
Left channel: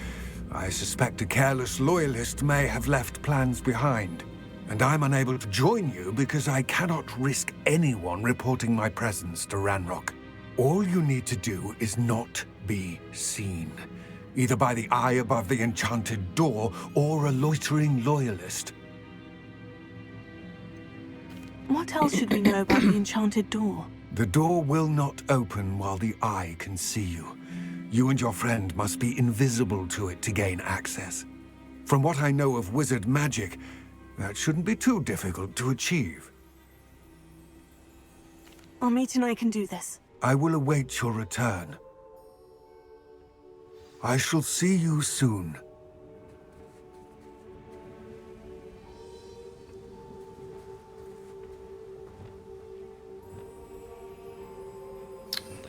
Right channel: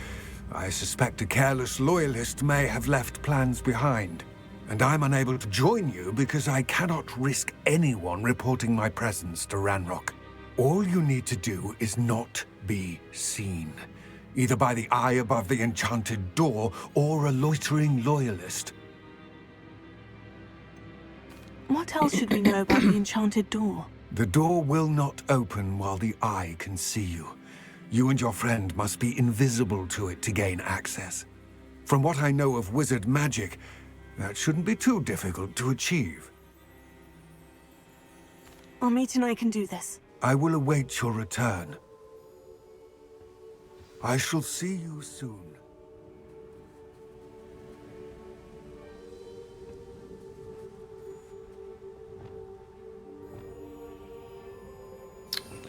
I suspect a careless loyalist may have left plans behind. And I'm unable to join you because I cannot risk anyone reporting my presence to Ranrock. All you need to do is not be seen, either by the eye above the enchanted door or a loitering loyalist. What else should we know about the enchanted door? The door will not open while the eye can see you. You and your friend must be invisible to it to gain access. From what I know of wizard magic, that shouldn't be too difficult to achieve. Amit and I can do this. I will await your return. I shall see you soon.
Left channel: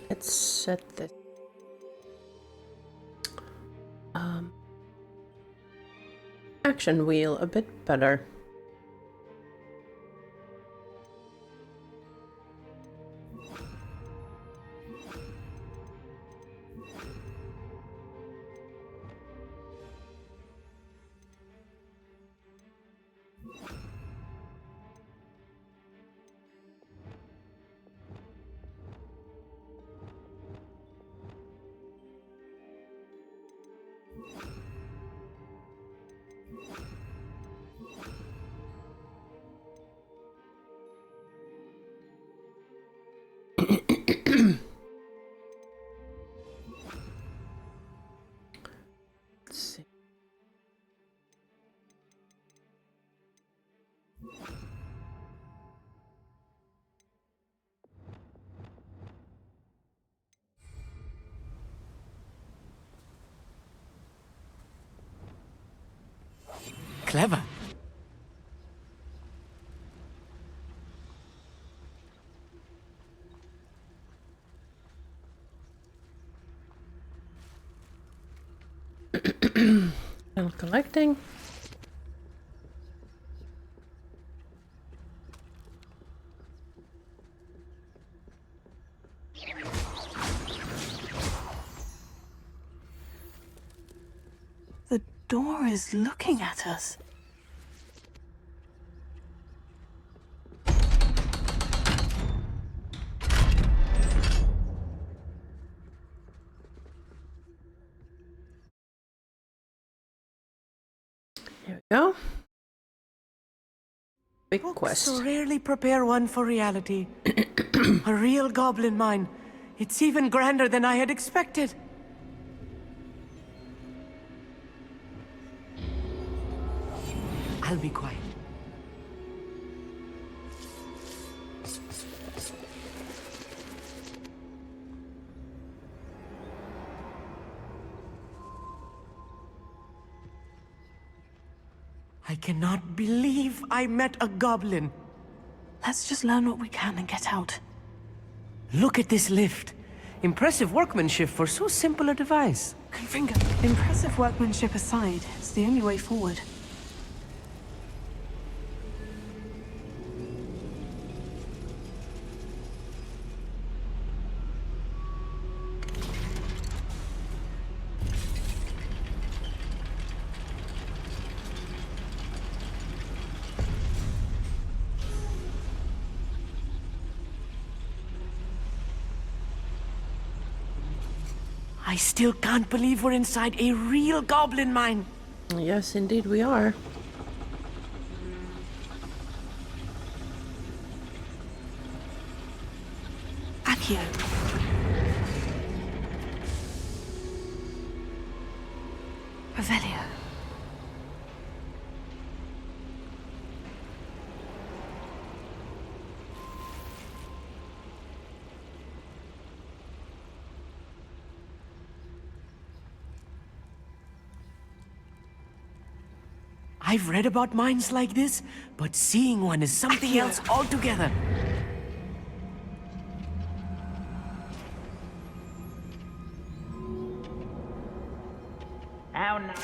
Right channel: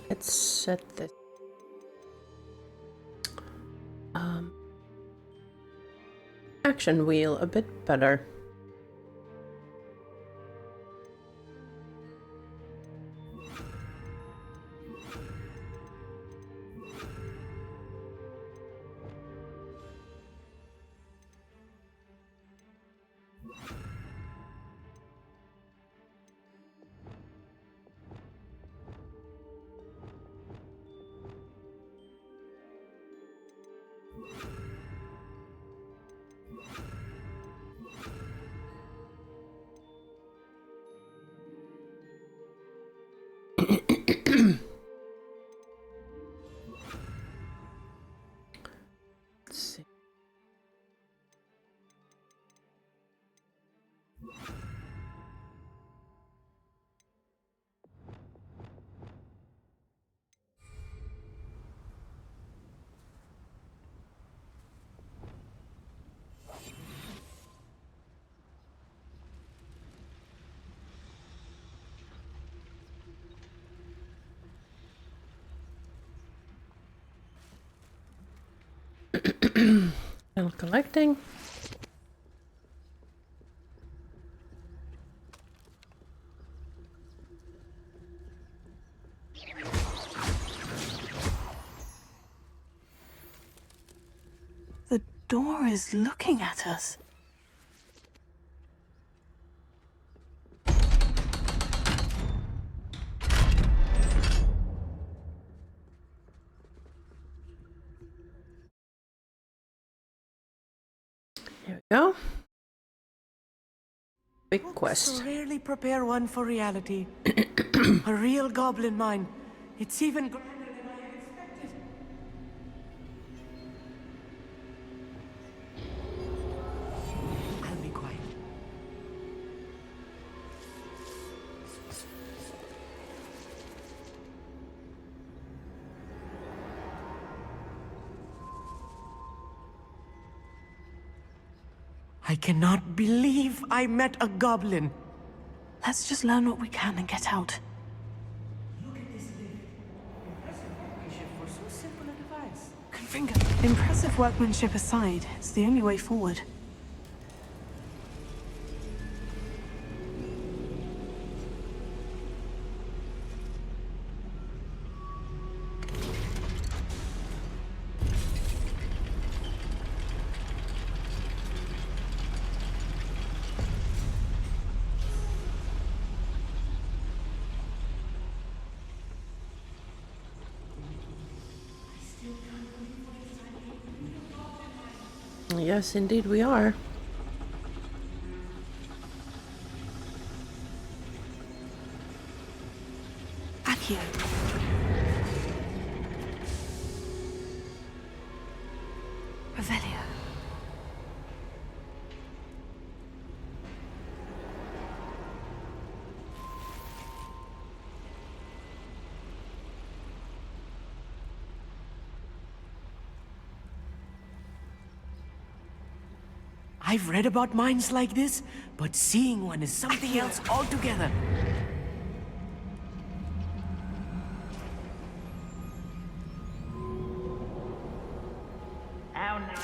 Let's set this. Action wheel a bit better. Let's see. Clever. Still collecting. The door is looking at us. Here we go. Big Books quest. so rarely prepare one for reality. A real goblin mine. It's even grander than I had expected. I'll be quiet. I cannot believe I met a goblin. Let's just learn what we can and get out. Look at this lift. Impressive workmanship for so simple a device. Confringo, impressive workmanship aside, it's the only way forward. I still can't believe we're inside a real goblin mine. Yes, indeed we are. Accio. Revelio. I've read about mines like this, but seeing one is something else altogether. How nice.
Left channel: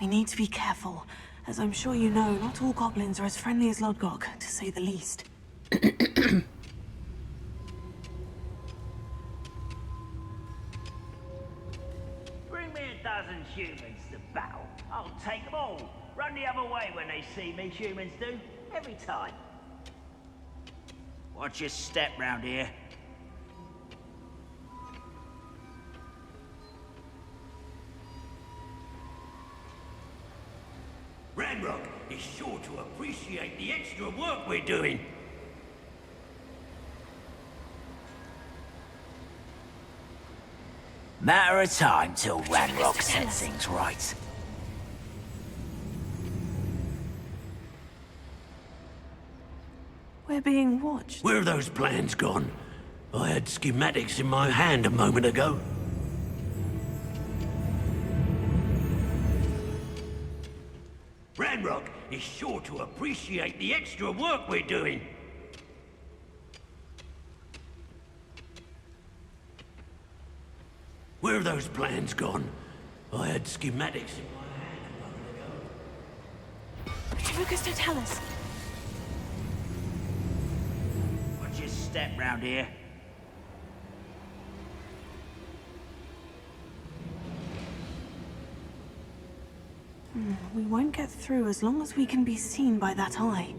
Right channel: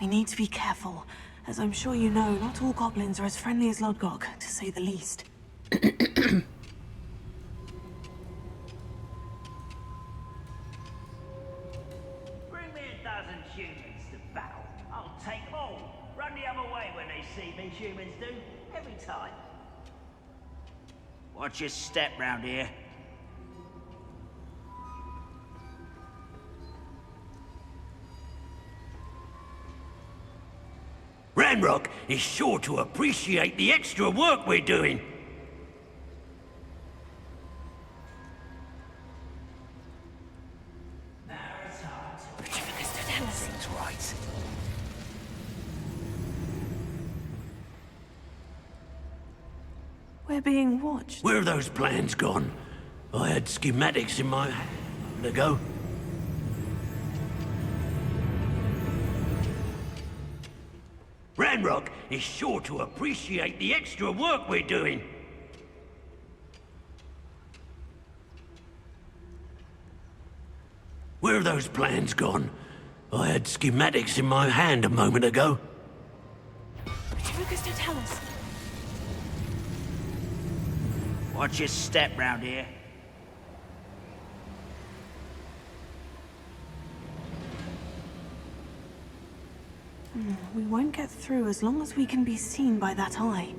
We need to be careful. As I'm sure you know, not all goblins are as friendly as Lodgok, to say the least. Bring me humans to battle. I'll take them all. Run the other way when they see me, humans do. Every time. Watch your step round here. Ranrock is sure to appreciate the extra work we're doing. Matter of time till Ranrock sets things right. We're being watched. Where are those plans gone? I had schematics in my hand a moment ago. Ranrock is sure to appreciate the extra work we're doing. Where are those plans gone? I had schematics in my hand a moment ago. Lucas, don't tell us. Watch your step round here. We won't get through as long as we can be seen by that eye.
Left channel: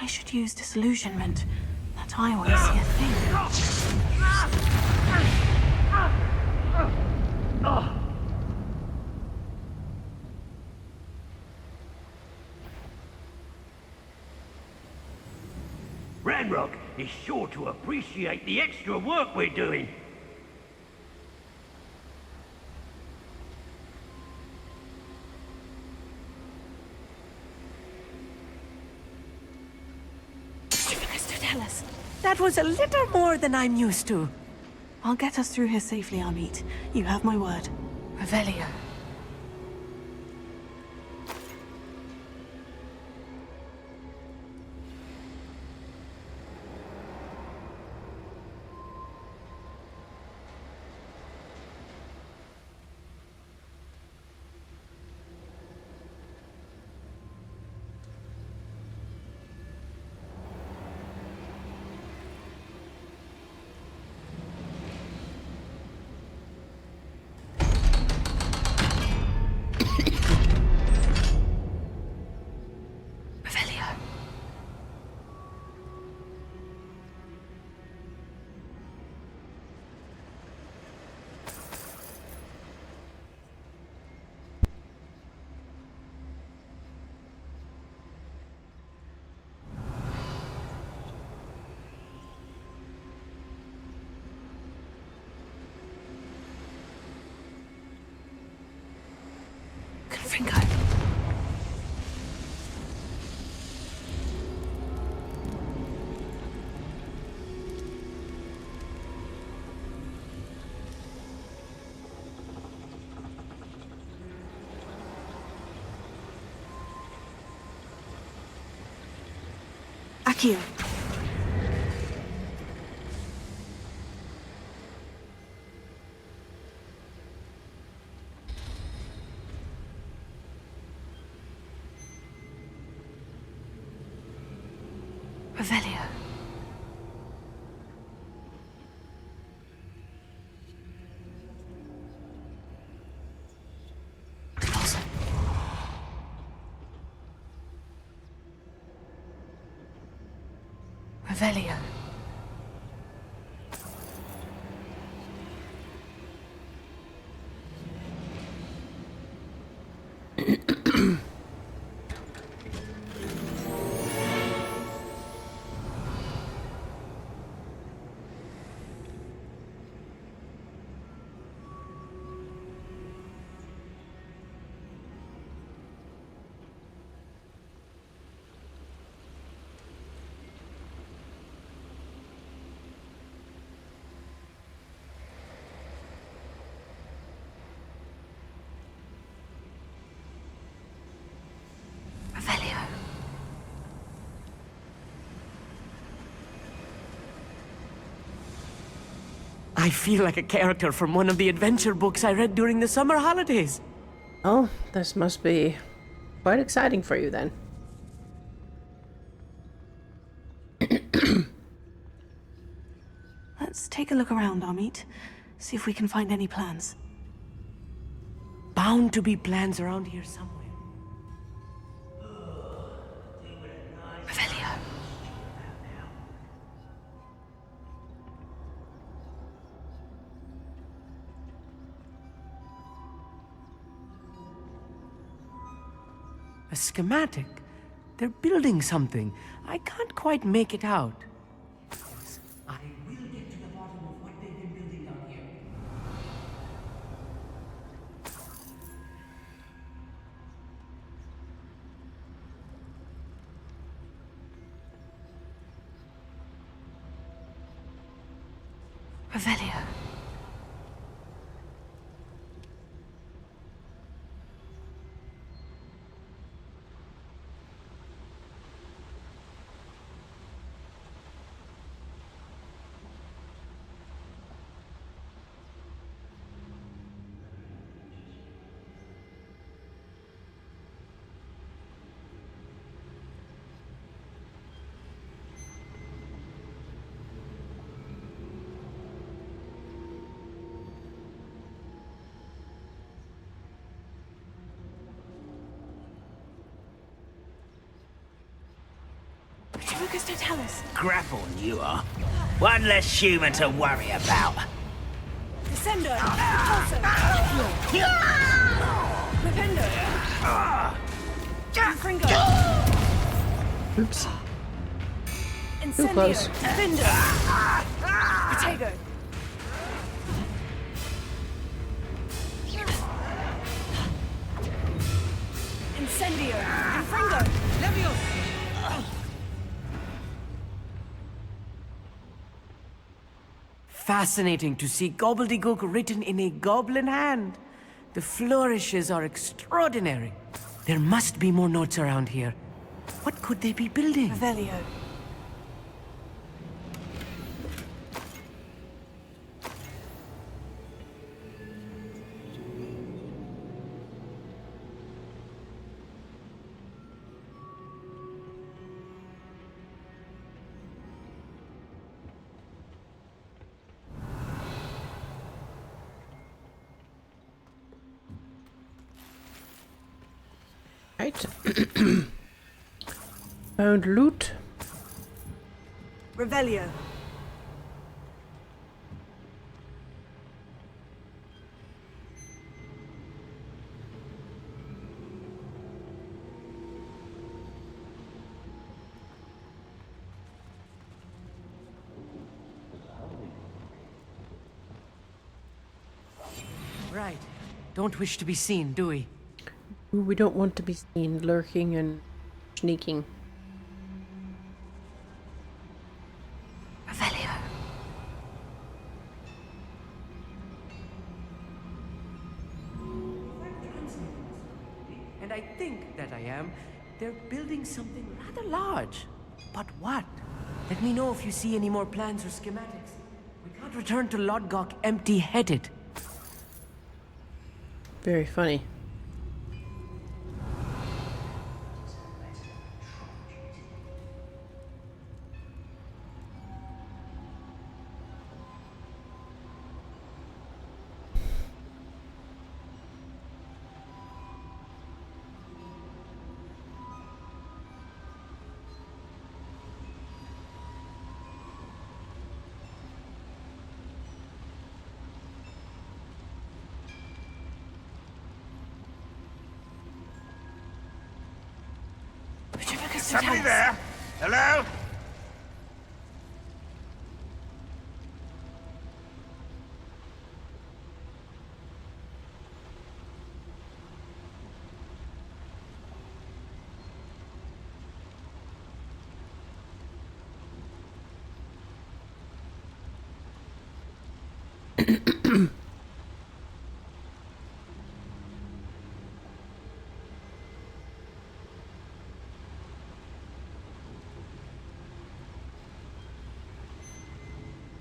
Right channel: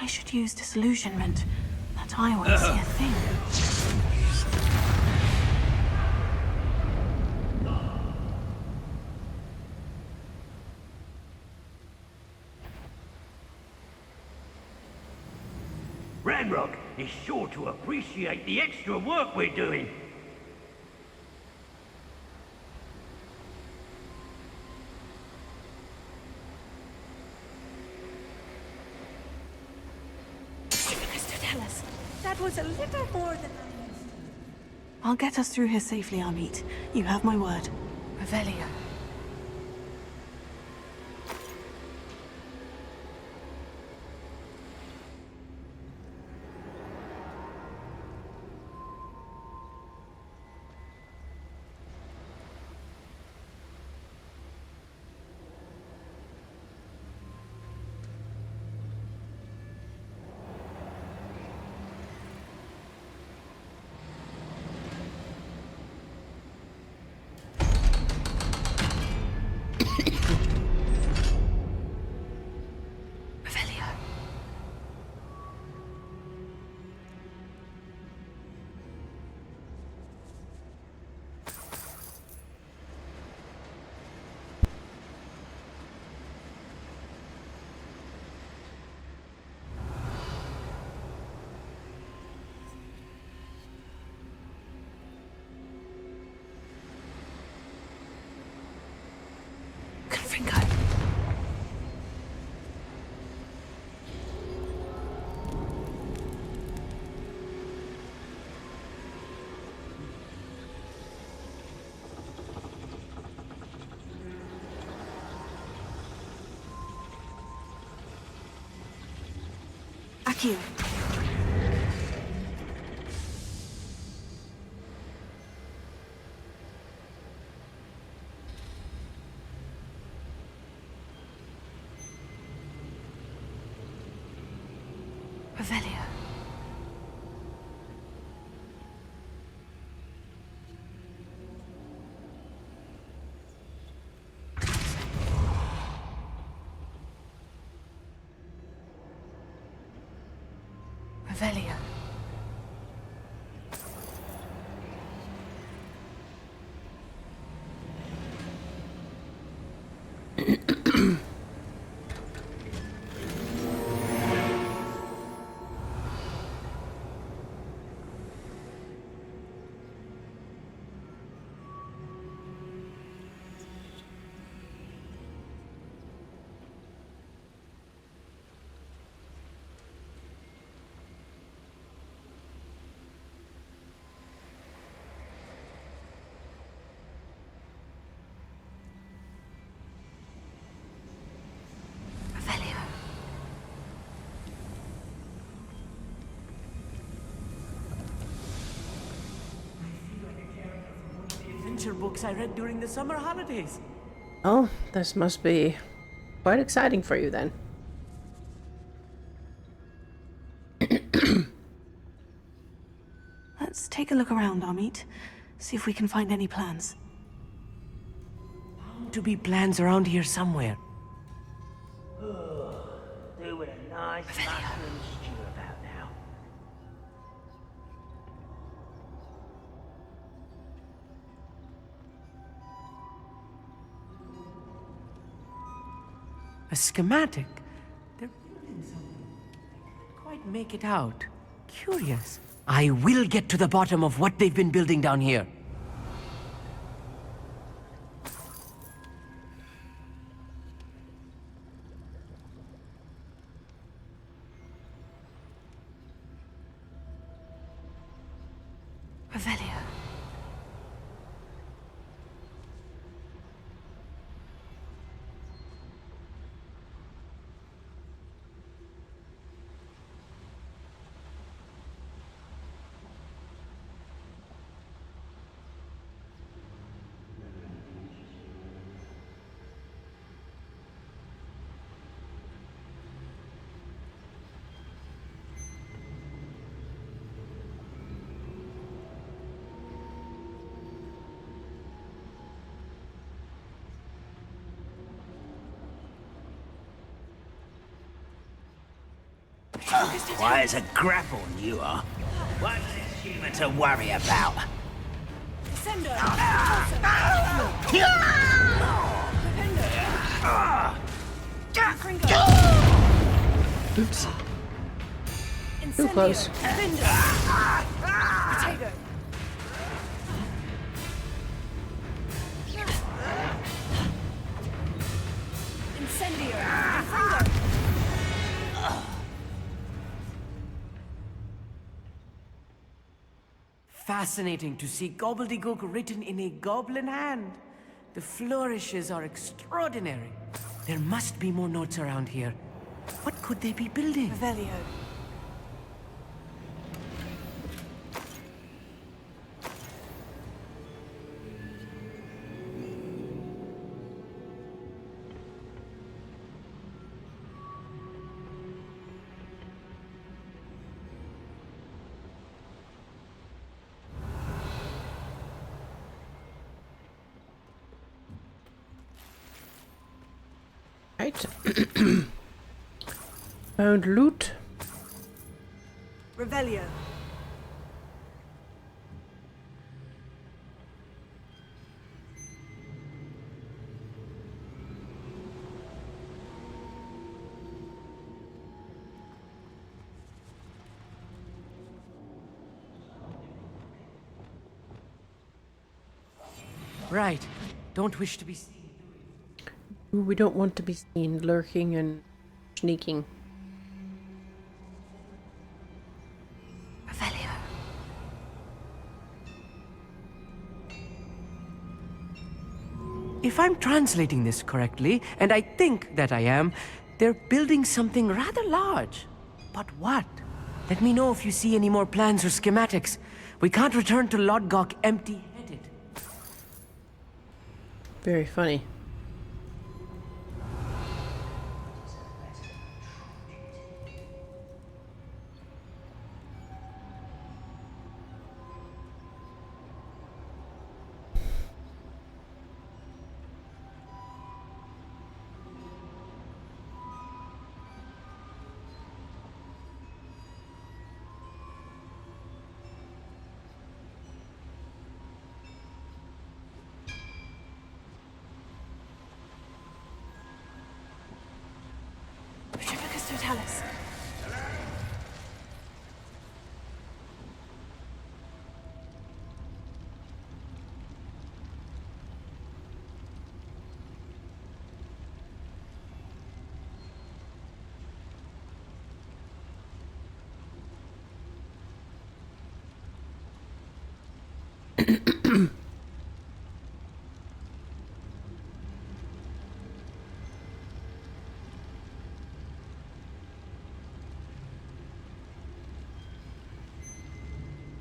I should use disillusionment. That eye won't see a thing. Ranrock is sure to appreciate the extra work we're doing. That was a little more than I'm used to. I'll get us through here safely, Amit. You have my word. Revelia. Accio. Revelia. Revelia. I feel like a character from one of the adventure books I read during the summer holidays. Oh, this must be quite exciting for you then. take a look around, Amit. See if we can find any plans. Bound to be plans around here somewhere. Doing a nice Revelio. stew about now. A schematic? They're building something. I can't quite make it out. Curious. I will get to the bottom of what they've been building down here. Revelio. Why, it's a grapple you are. One less human to worry about. Descendo! Rependo! Fringo! Oops. Incendio! Too close. Findo! Protego! Incendio! Fringo! Fascinating to see gobbledygook written in a goblin hand. The flourishes are extraordinary. There must be more notes around here. What could they be building? Revelio. Right. Found loot. Revelio. Right. Don't wish to be seen, do we? We don't want to be seen lurking and sneaking. Revelio. If I'm translating this correctly, and I think that I am, they're building something rather large. But what? Let me know if you see any more plans or schematics. We can't return to Lodgok empty-headed. Very funny. Somebody there? Hello?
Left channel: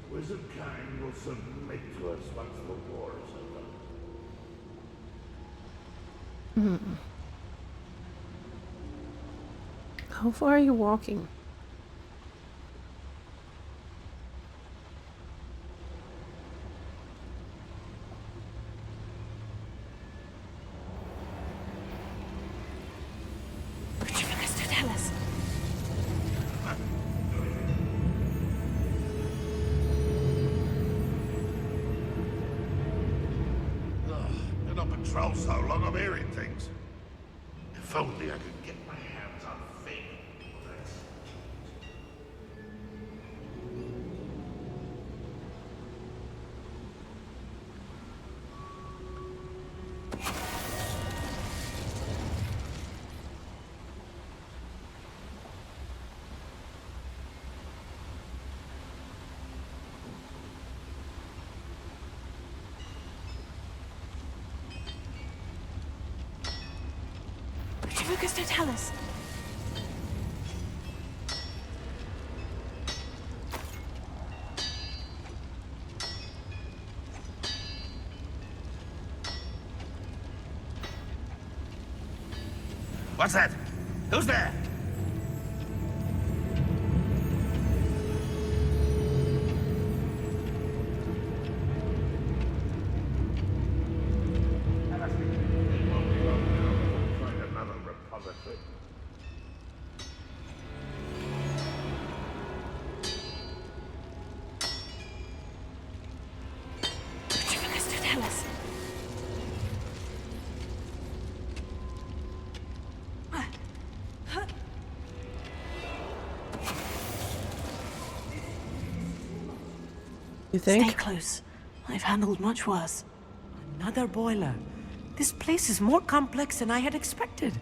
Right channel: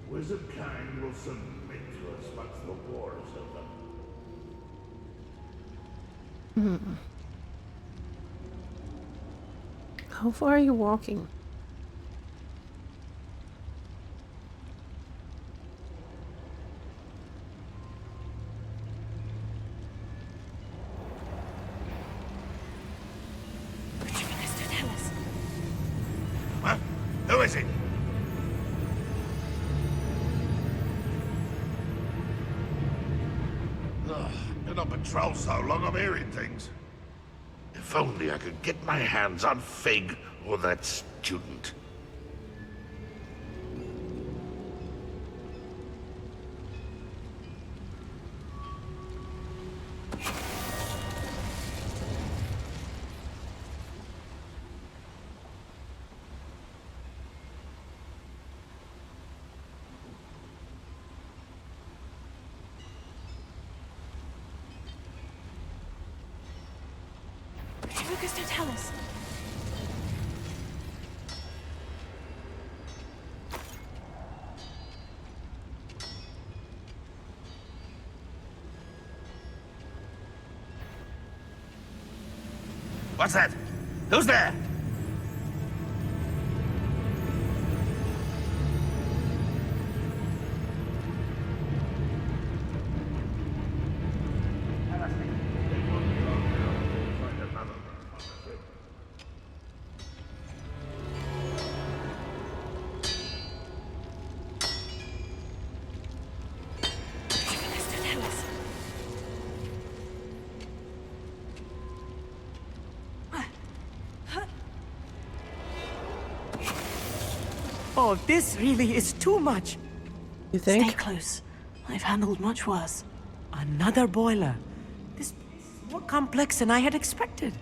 Wizard kind will submit to us once the war is over. How far are you walking? is it? Ugh, been on patrol so long I'm hearing things. If only I could get my hands on Fig or that student. Lucas, don't tell us. What's that? Who's there? Lucas, don't tell us. Oh, this really is too much. You think? Stay close. I've handled much worse. Another boiler. This place is more complex than I had expected.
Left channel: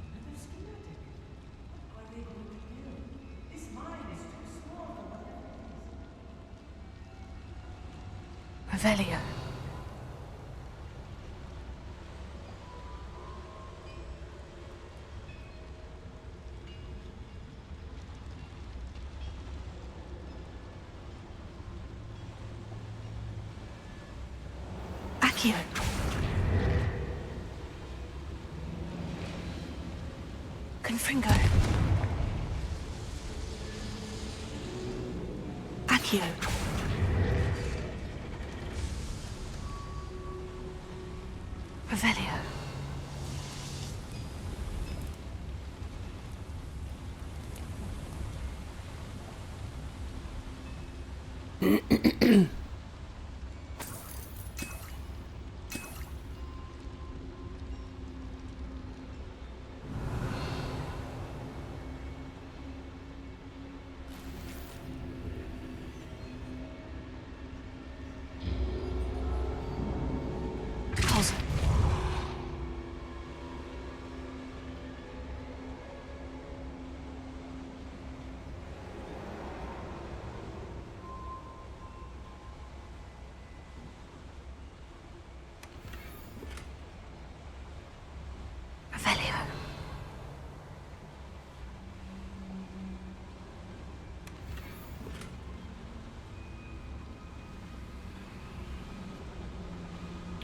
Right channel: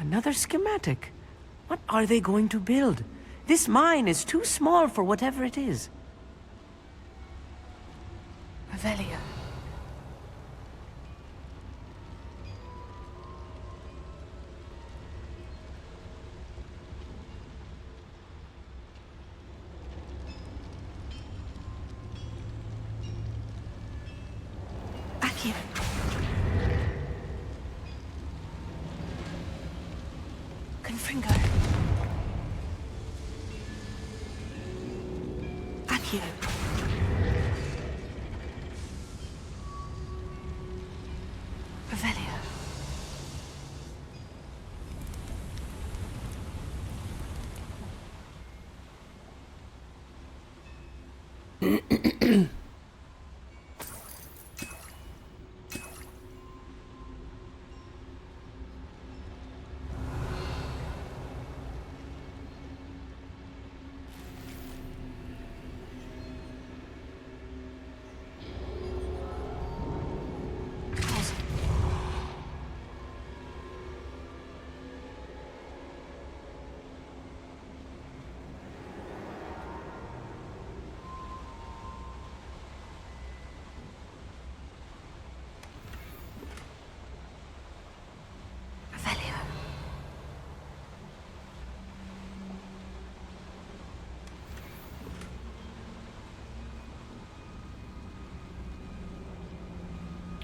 Another schematic. What are they going to build? This mine is too small for whatever it is. Revelio. Accio. Confringo. Accio. Revelio.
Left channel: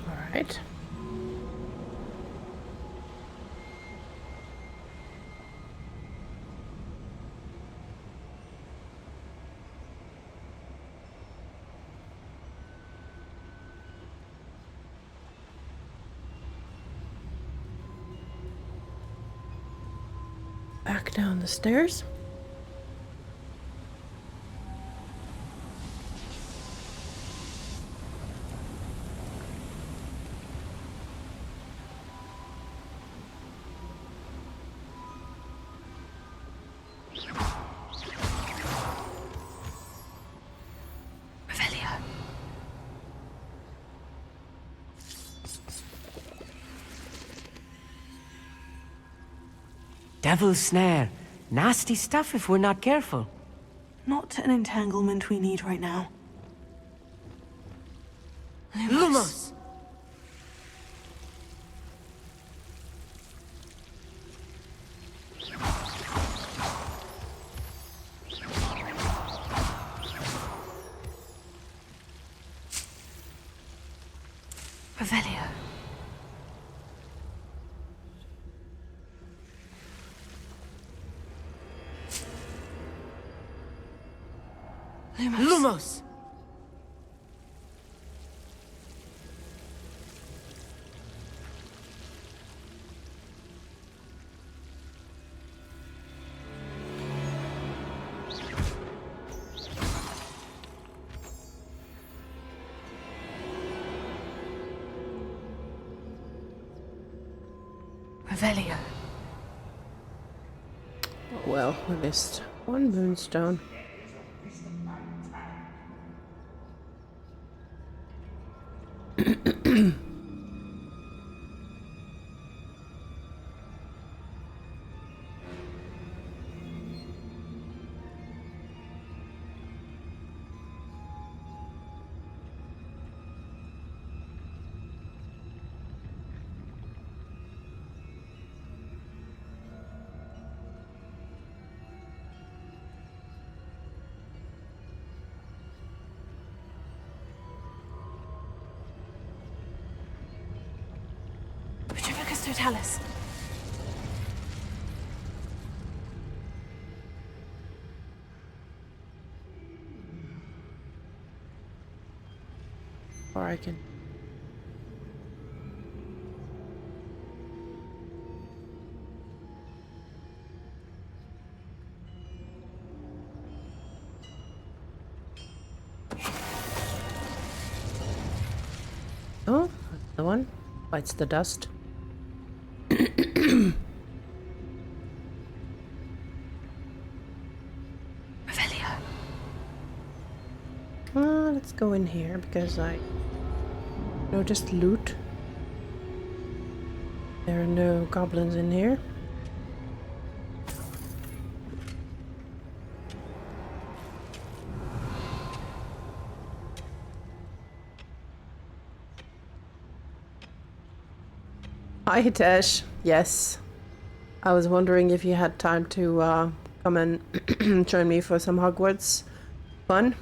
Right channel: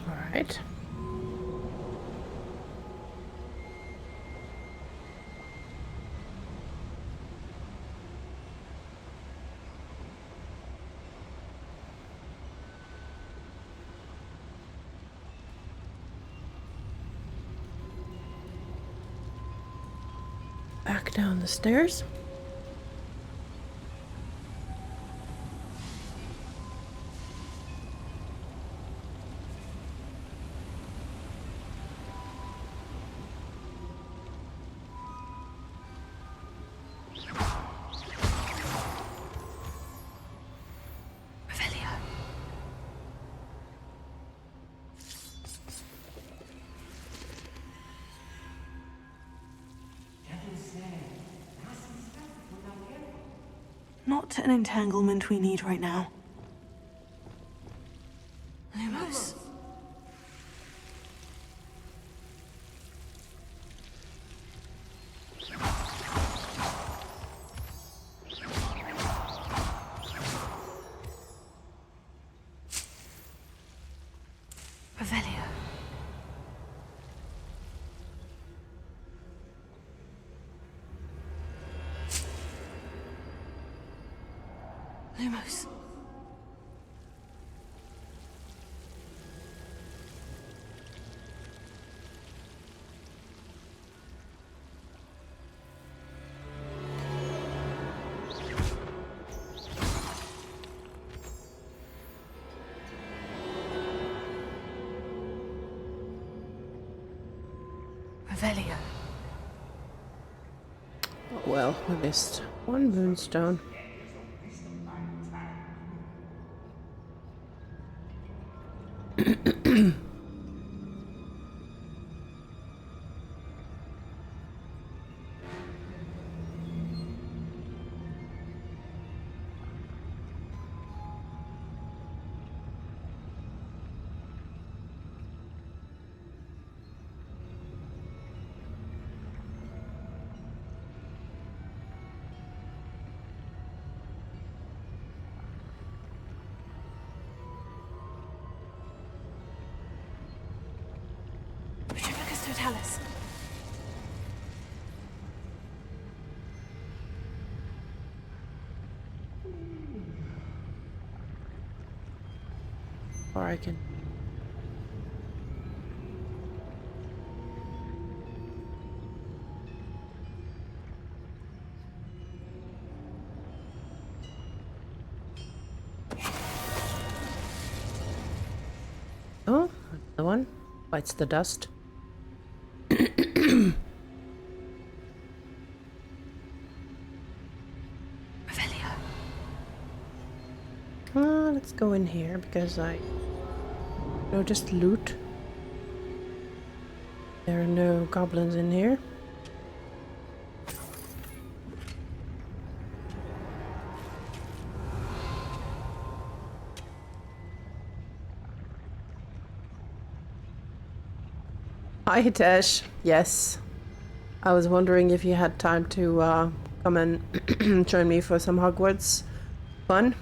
All right. Back down the stairs. Devil's snare. Nasty stuff if we're not careful. Not an entanglement we need right now. Lumos! Revelio. Lumos! Revelio. Oh, well, we missed one moonstone. Retrivicus totalis. Or I can... Oh, the one bites the dust. Revelio. Let's go in here because I noticed loot. There are no goblins in here. Hi, Hitesh. Yes. I was wondering if you had time to come and join me for some Hogwarts fun.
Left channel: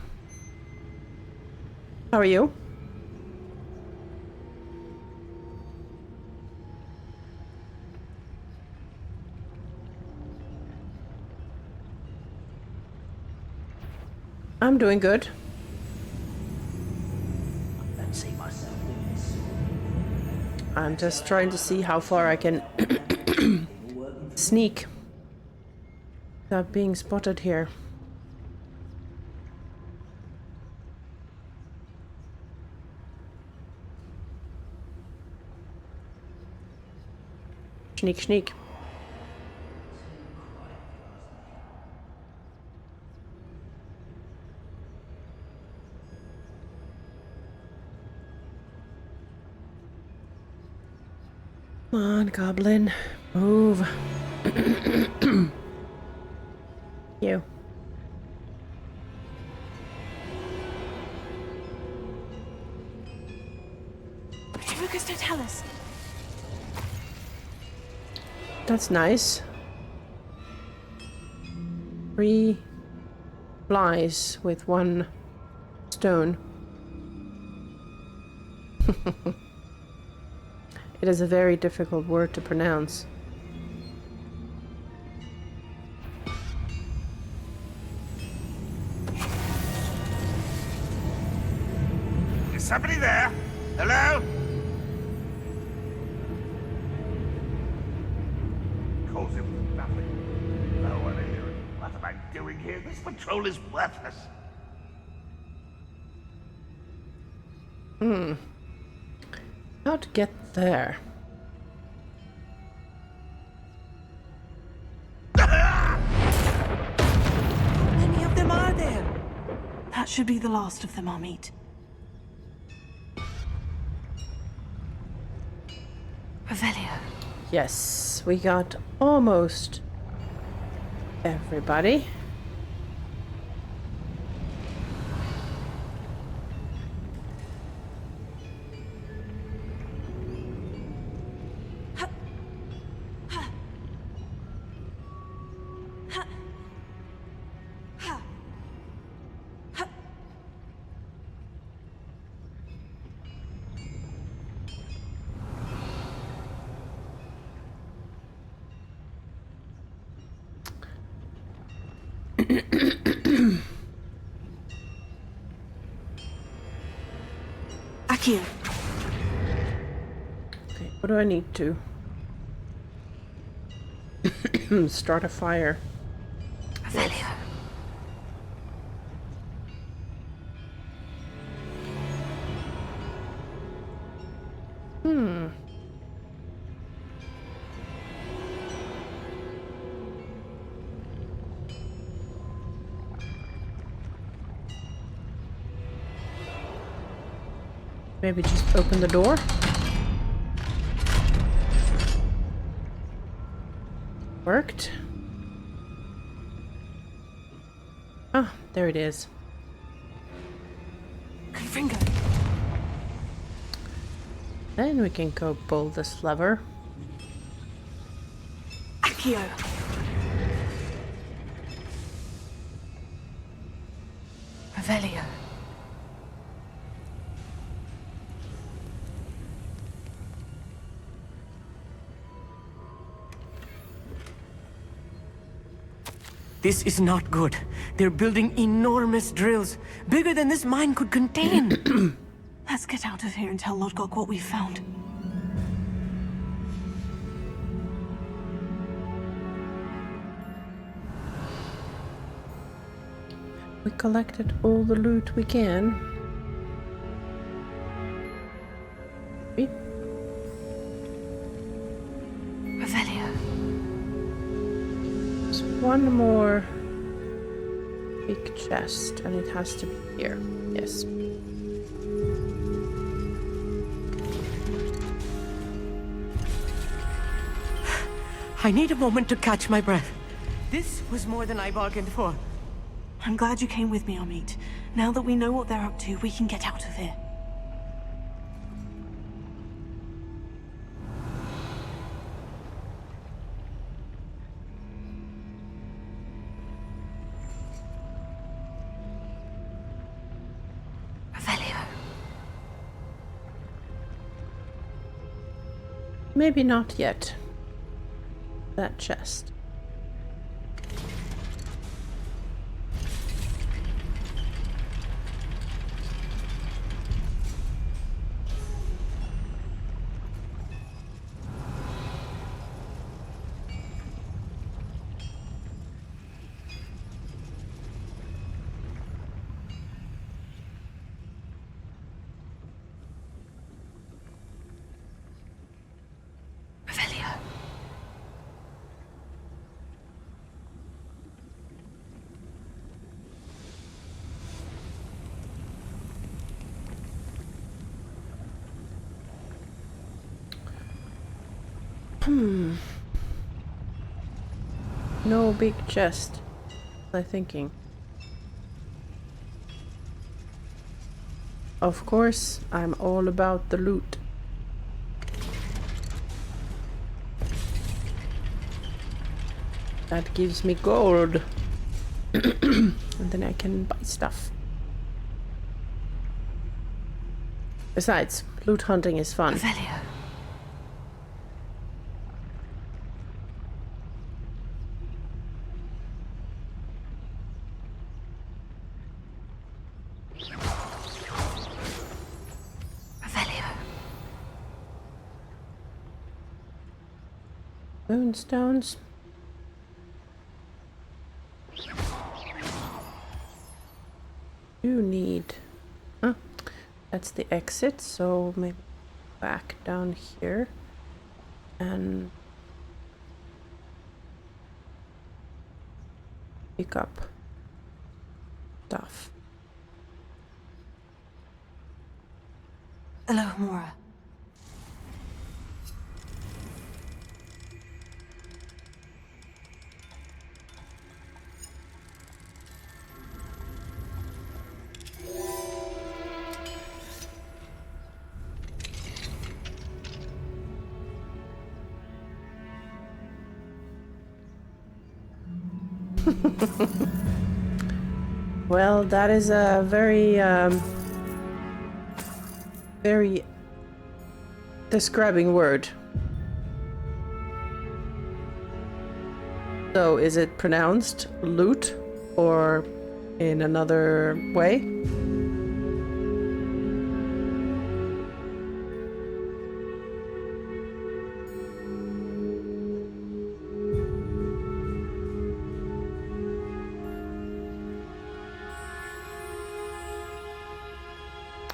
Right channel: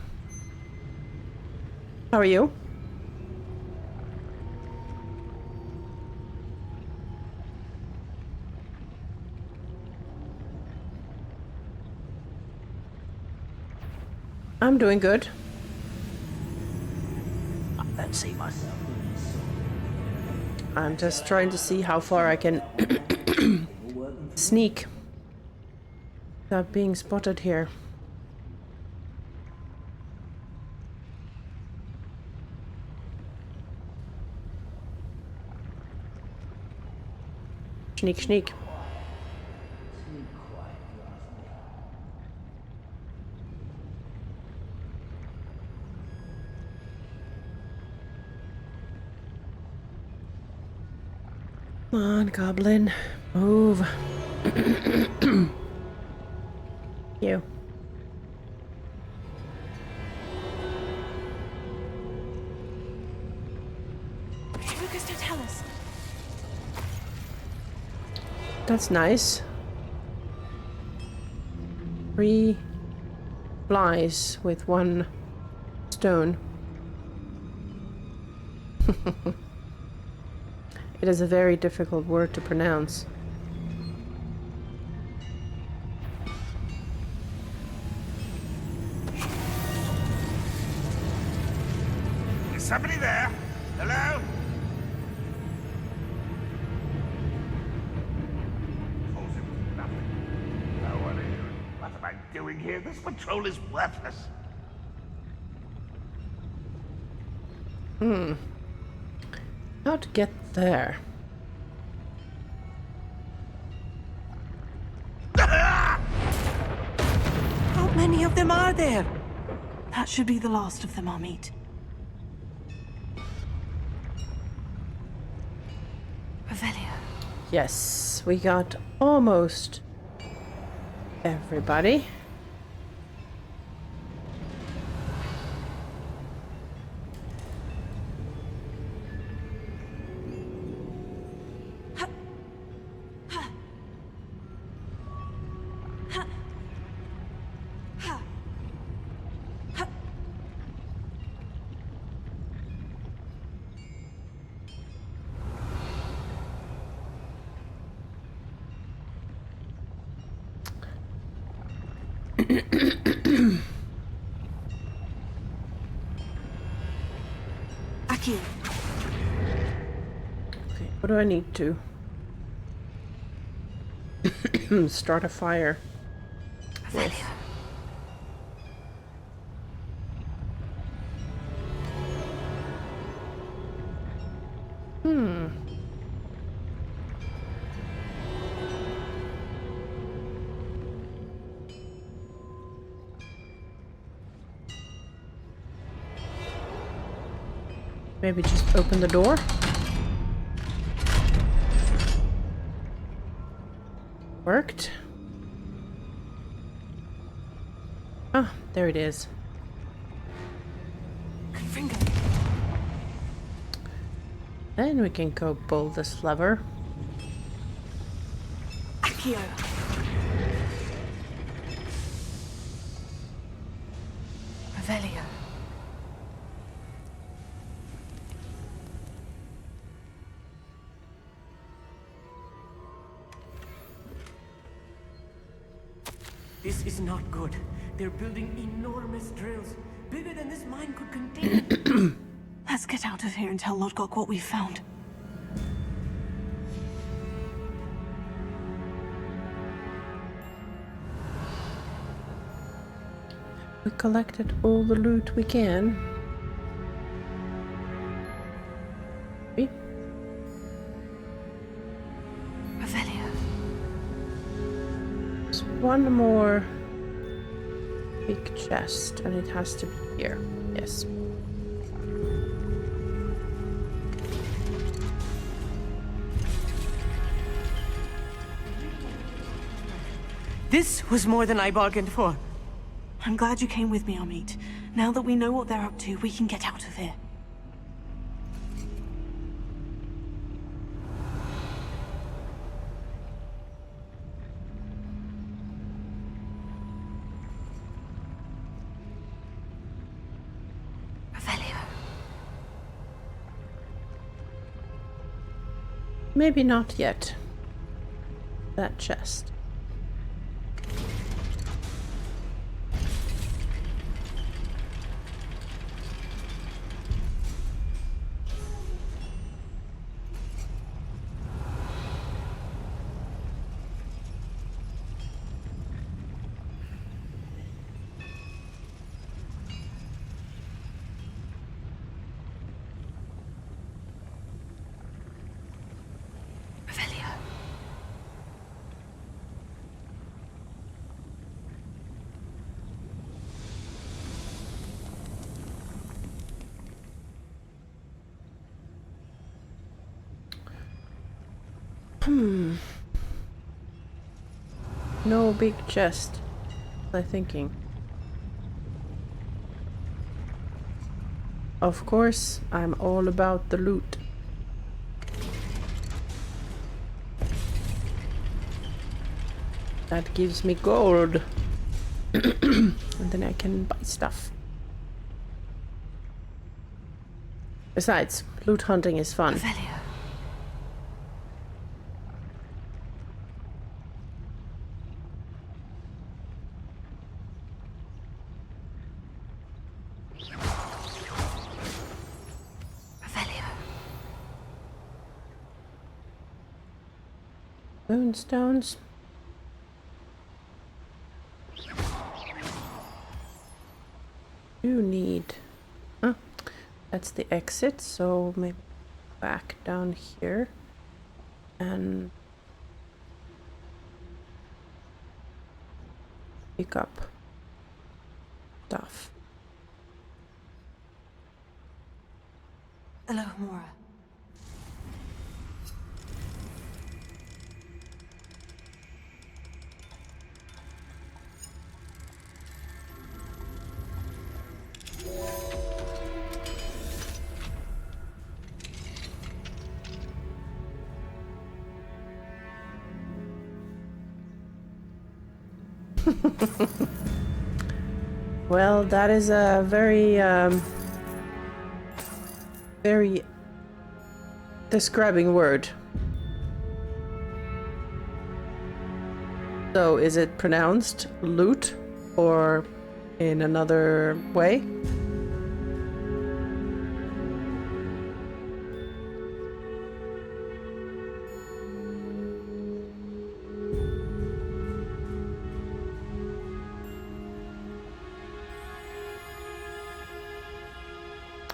How are you? I'm doing good. I don't see myself doing this sort of thing. I'm just trying to see how far I can sneak without being spotted here. Sneak, sneak. Come on, goblin. Move. You. Retrivicus totalis. That's nice. 3 flies with 1 stone. It is a very difficult word to pronounce. Is somebody there? Hello? Calls him nothing. No one here. What am I doing here? This patrol is worthless. How to get there? How many of them are there? That should be the last of them, Amit. Revelio. Yes, we got almost everybody. Akio. Okay, what do I need to? Start a fire. Revelio. Maybe just open the door? Worked. Ah, there it is. Finger. Then we can go pull this lever. Accio. Revelio. This is not good. They're building enormous drills, bigger than this mine could contain. Let's get out of here and tell Lodgok what we found. We collected all the loot we can. Revelio. There's one more big chest, and it has to be here. Yes. I need a moment to catch my breath. This was more than I bargained for. I'm glad you came with me, Amit. Now that we know what they're up to, we can get out of here. Revelio. Maybe not yet. That chest. No big chest. What was I thinking? Of course, I'm all about the loot. That gives me gold. And then I can buy stuff. Besides, loot hunting is fun. Revelio. Moonstones. You need... Huh? That's the exit, so maybe back down here. And... pick up stuff. Hello, Mora. Well, that is a very, very describing word. So, is it pronounced loot or in another way?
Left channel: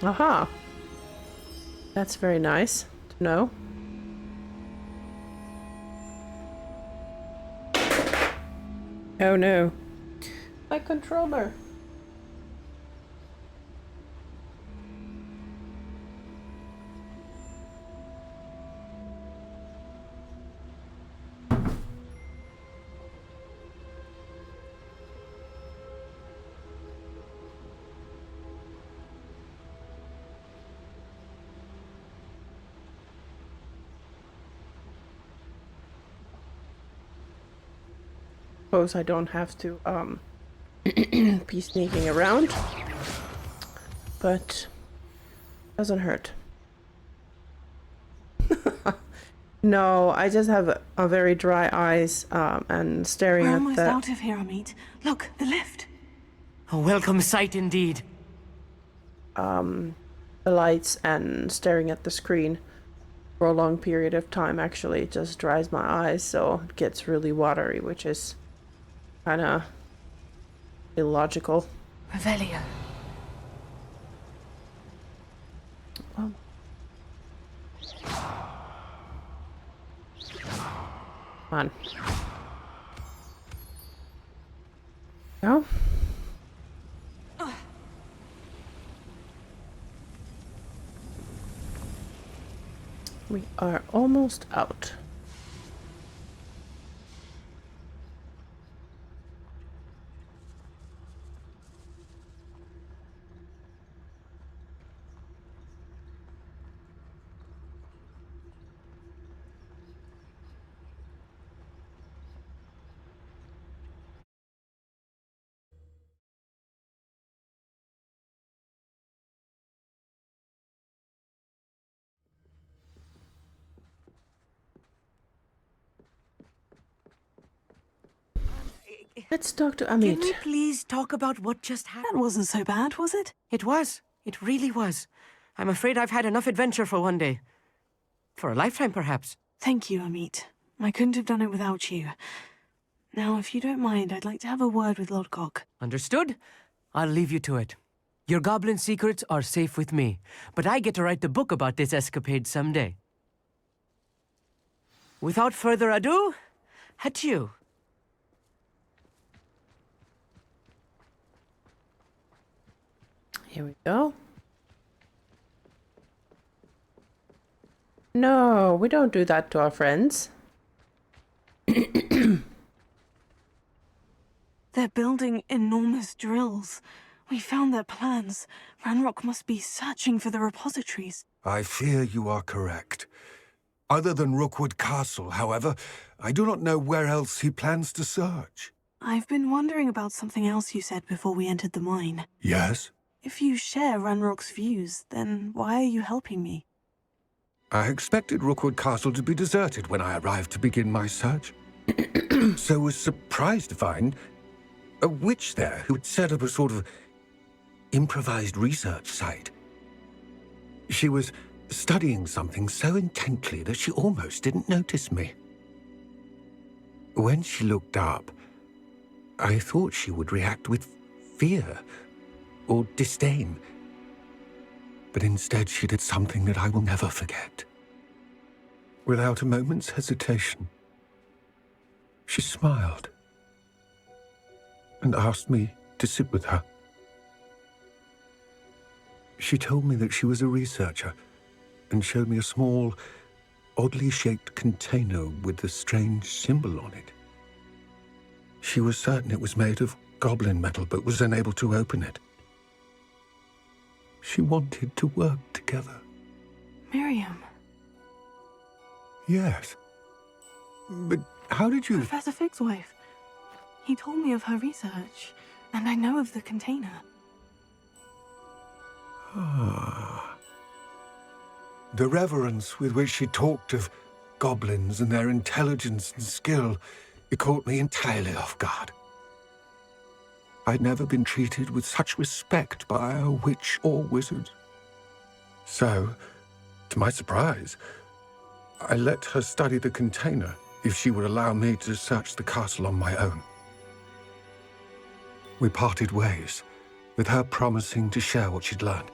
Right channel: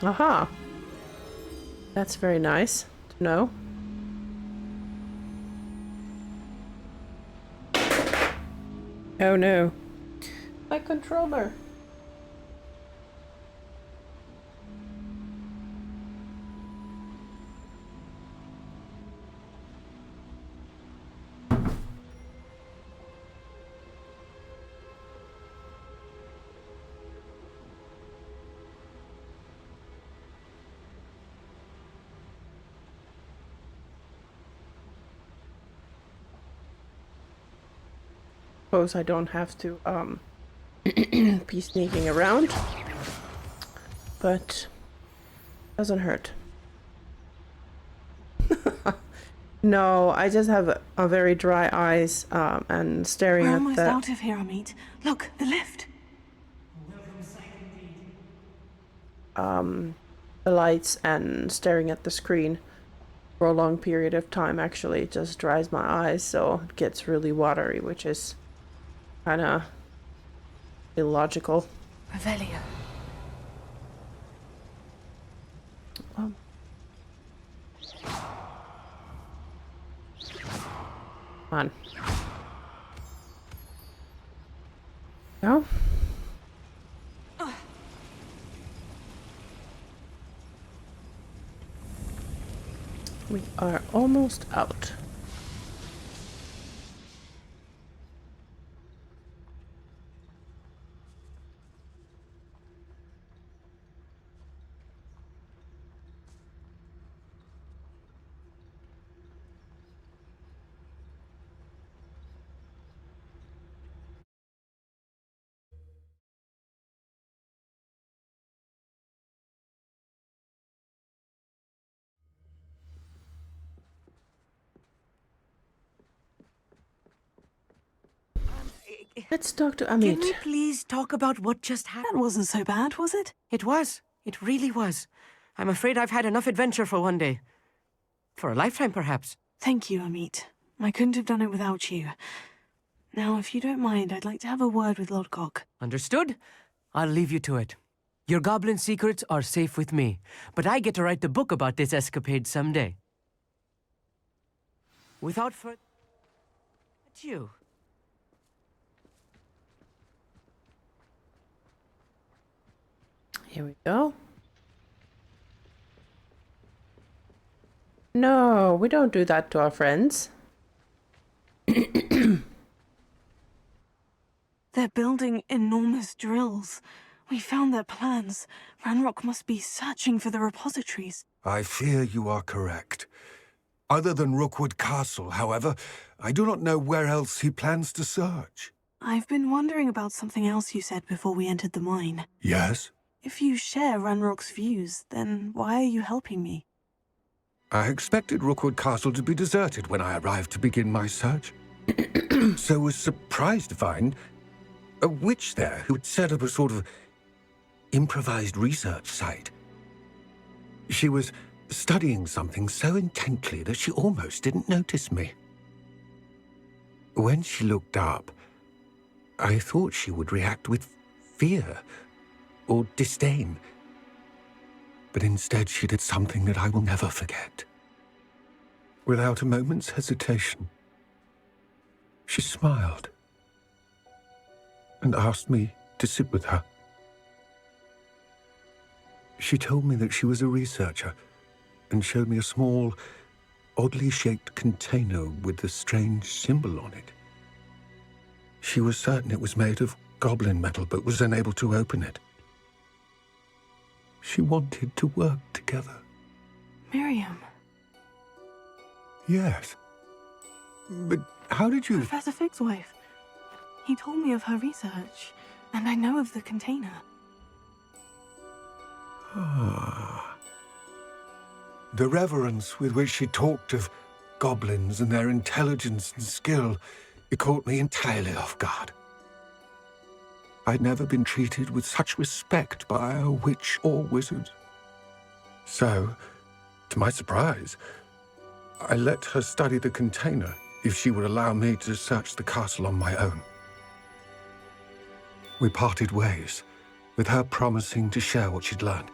Aha! That's very nice to know. Oh no. My controller. suppose I don't have to be sneaking around, but doesn't hurt. No, I just have a very dry eyes and staring We're at almost the... out of here, Amit. Look, the lift. A welcome sight indeed. The lights and staring at the screen for a long period of time actually just dries my eyes, so it gets really watery, which is kind of illogical. Revelio. Come on. No? We are almost out. Let's talk to Amit. Can we please talk about what just happened? That wasn't so bad, was it? It was. It really was. I'm afraid I've had enough adventure for one day. For a lifetime, perhaps. Thank you, Amit. I couldn't have done it without you. Now, if you don't mind, I'd like to have a word with Lodgok. Understood? I'll leave you to it. Your goblin secrets are safe with me, but I get to write the book about this escapade someday. Without further ado, adieu. Here we go. No, we don't do that to our friends. They're building enormous drills. We found their plans. Ranrock must be searching for the repositories. I fear you are correct. Other than Rookwood Castle, however, I do not know where else he plans to search. I've been wondering about something else you said before we entered the mine. Yes? If you share Ranrock's views, then why are you helping me? I expected Rookwood Castle to be deserted when I arrived to begin my search. So was surprised to find a witch there who had set up a sort of improvised research site. She was studying something so intently that she almost didn't notice me. When she looked up, I thought she would react with fear or disdain. But instead she did something that I will never forget. Without a moment's hesitation, she smiled and asked me to sit with her. She told me that she was a researcher and showed me a small, oddly shaped container with a strange symbol on it. She was certain it was made of goblin metal, but was unable to open it. She wanted to work together. Miriam. Yes. But how did you... Professor Fig's wife. He told me of her research, and I know of the container. Ah. The reverence with which she talked of goblins and their intelligence and skill, it caught me entirely off guard. I'd never been treated with such respect by a witch or wizard. So, to my surprise, I let her study the container if she would allow me to search the castle on my own. We parted ways, with her promising to share what she'd learned.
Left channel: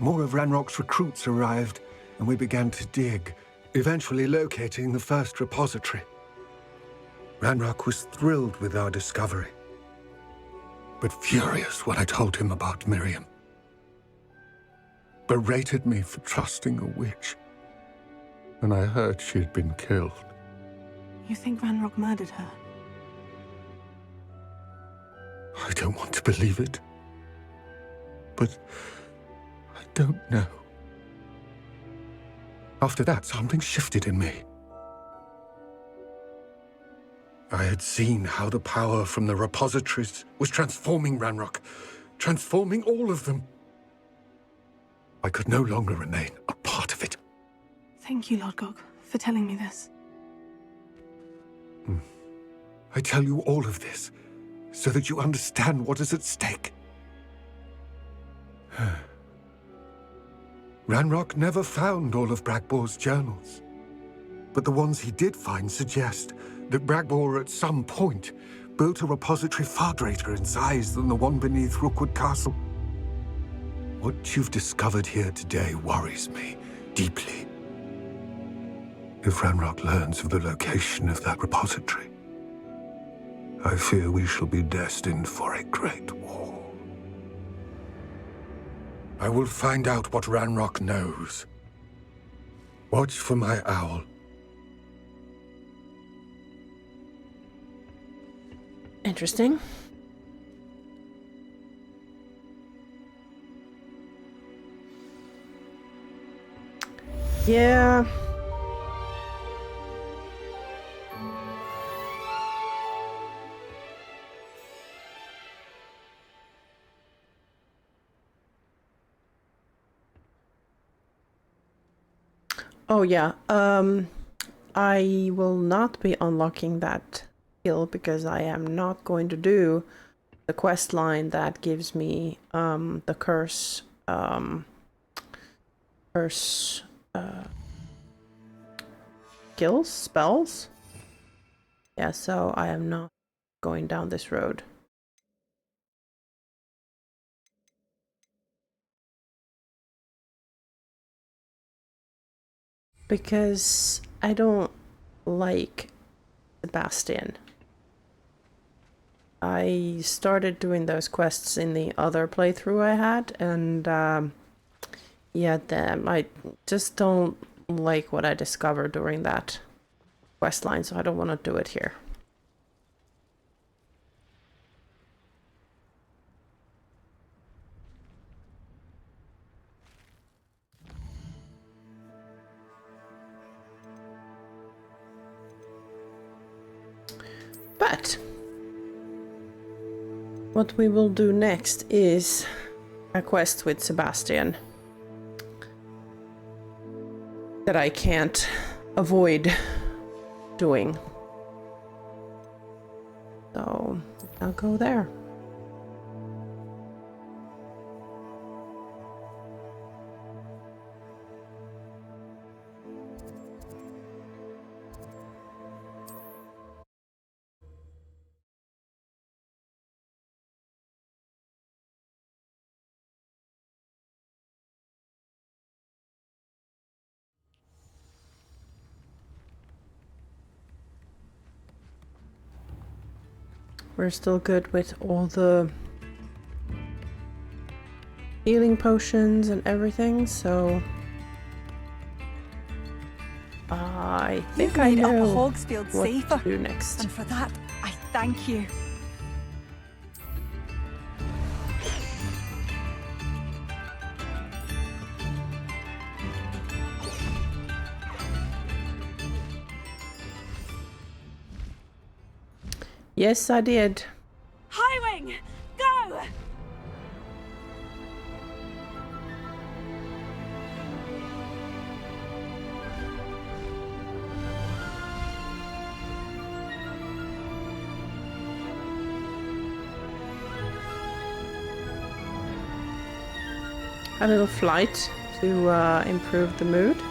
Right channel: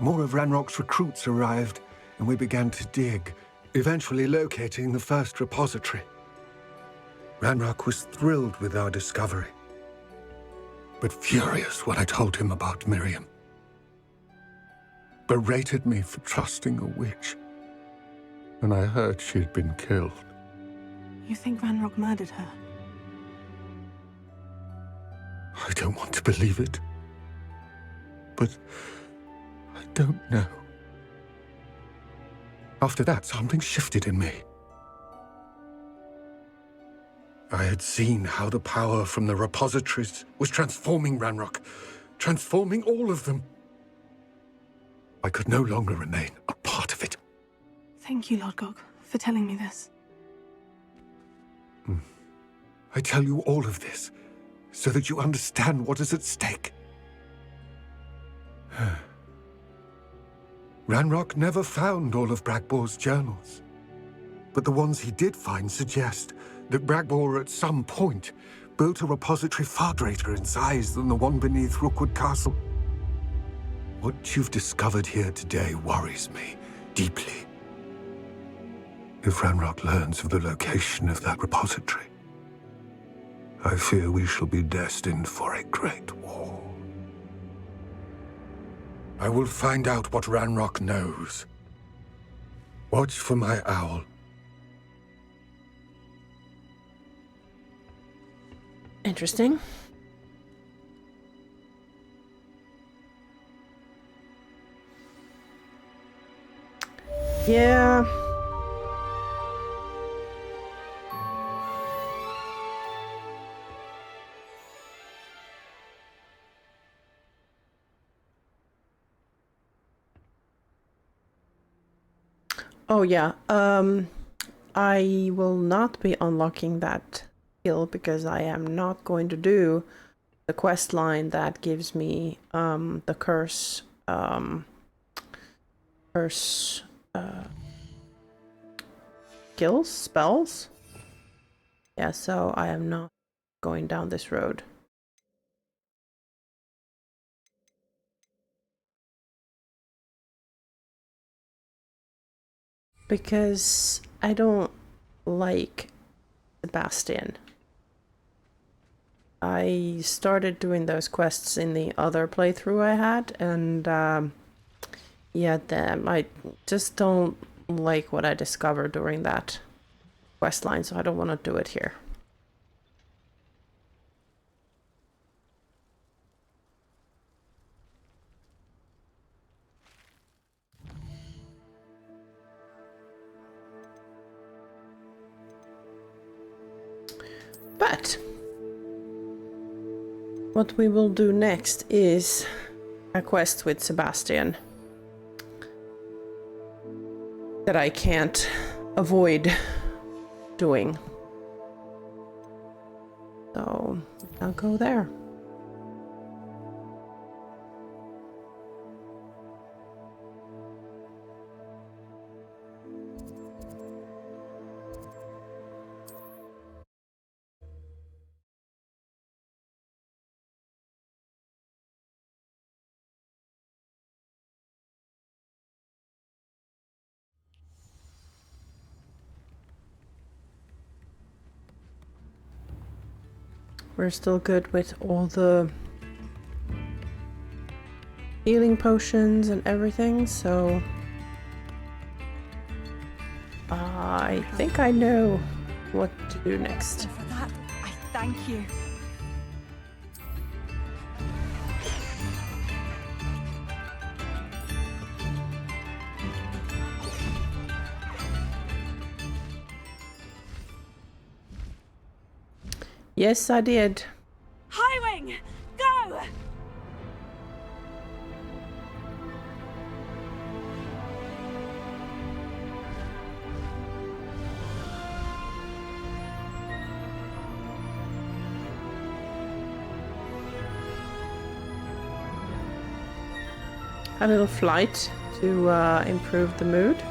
More of Ranrock's recruits arrived, and we began to dig, eventually locating the first repository. Ranrock was thrilled with our discovery, but furious when I told him about Miriam. Berated me for trusting a witch, and I heard she had been killed. You think Ranrock murdered her? I don't want to believe it, but I don't know. After that, something shifted in me. I had seen how the power from the repositories was transforming Ranrock, transforming all of them. I could no longer remain a part of it. Thank you, Lodgok, for telling me this. I tell you all of this so that you understand what is at stake. Ranrock never found all of Bragbor's journals, but the ones he did find suggest that Bragbor at some point built a repository far greater in size than the one beneath Rookwood Castle. What you've discovered here today worries me deeply. If Ranrock learns of the location of that repository, I fear we shall be destined for a great war. I will find out what Ranrock knows. Watch for my owl. Interesting. Yeah. Oh yeah. I will not be unlocking that skill because I am not going to do the quest line that gives me the curse skills, spells. Yeah, so I am not going down this road. Because I don't like Sebastian. I started doing those quests in the other playthrough I had, and yeah, I just don't like what I discovered during that quest line, so I don't want to do it here. But what we will do next is a quest with Sebastian that I can't avoid doing. So I'll go there. We're still good with all the healing potions and everything, so I think I know what to do next. And for that, I thank you. Yes, I did. Highwing, go! A little flight to improve the mood.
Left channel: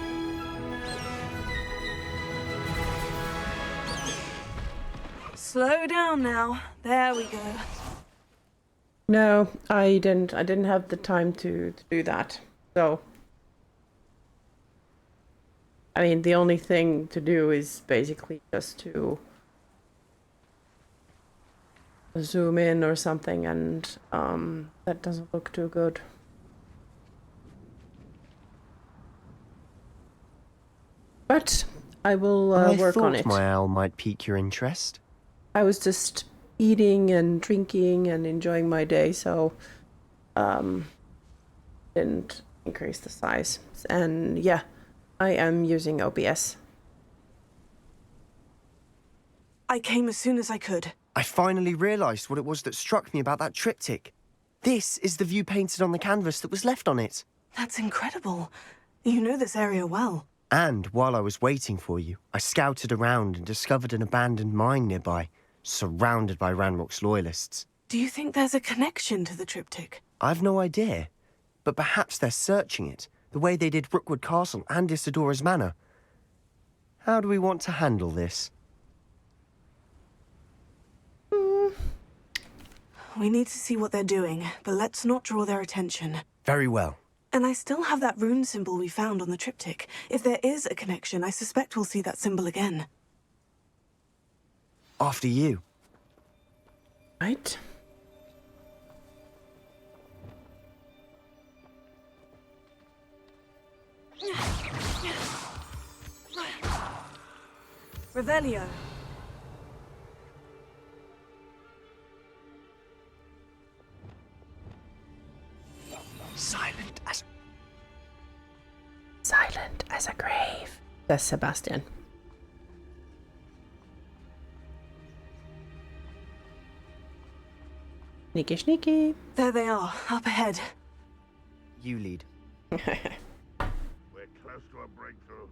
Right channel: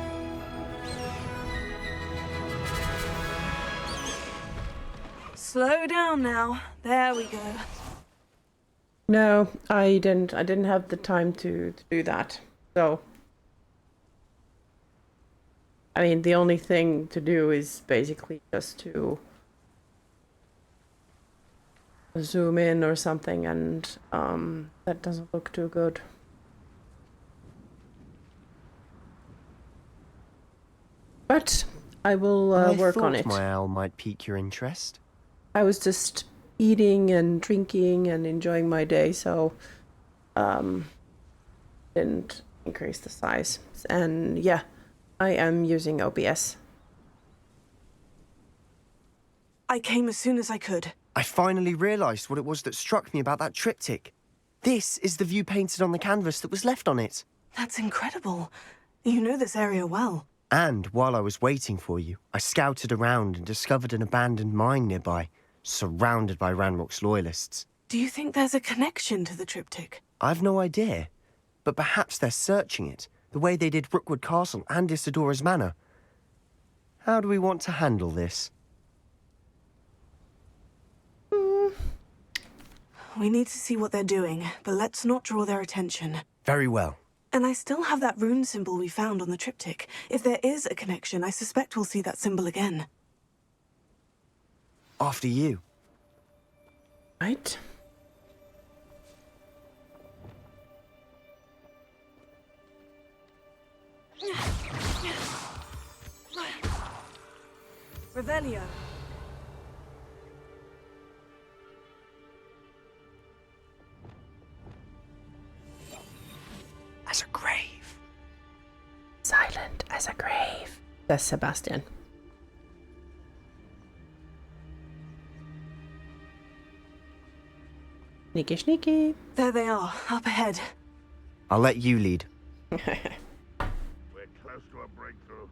Slow down now. There we go. No, I didn't have the time to do that. So I mean, the only thing to do is basically just to zoom in or something, and that doesn't look too good. But I will work on it. I thought my owl might pique your interest. I was just eating and drinking and enjoying my day, so didn't increase the size. And yeah, I am using OBS. I came as soon as I could. I finally realised what it was that struck me about that triptych. This is the view painted on the canvas that was left on it. That's incredible. You know this area well. And while I was waiting for you, I scouted around and discovered an abandoned mine nearby, surrounded by Ranrock's loyalists. Do you think there's a connection to the triptych? I've no idea, but perhaps they're searching it, the way they did Rookwood Castle and Isidora's Manor. How do we want to handle this? We need to see what they're doing, but let's not draw their attention. Very well. And I still have that rune symbol we found on the triptych. If there is a connection, I suspect we'll see that symbol again. After you. Right. Revelio. Silent as a grave. Silent as a grave. That's Sebastian. Sneaky, sneaky. There they are, up ahead. I'll let you lead. We're close to a breakthrough.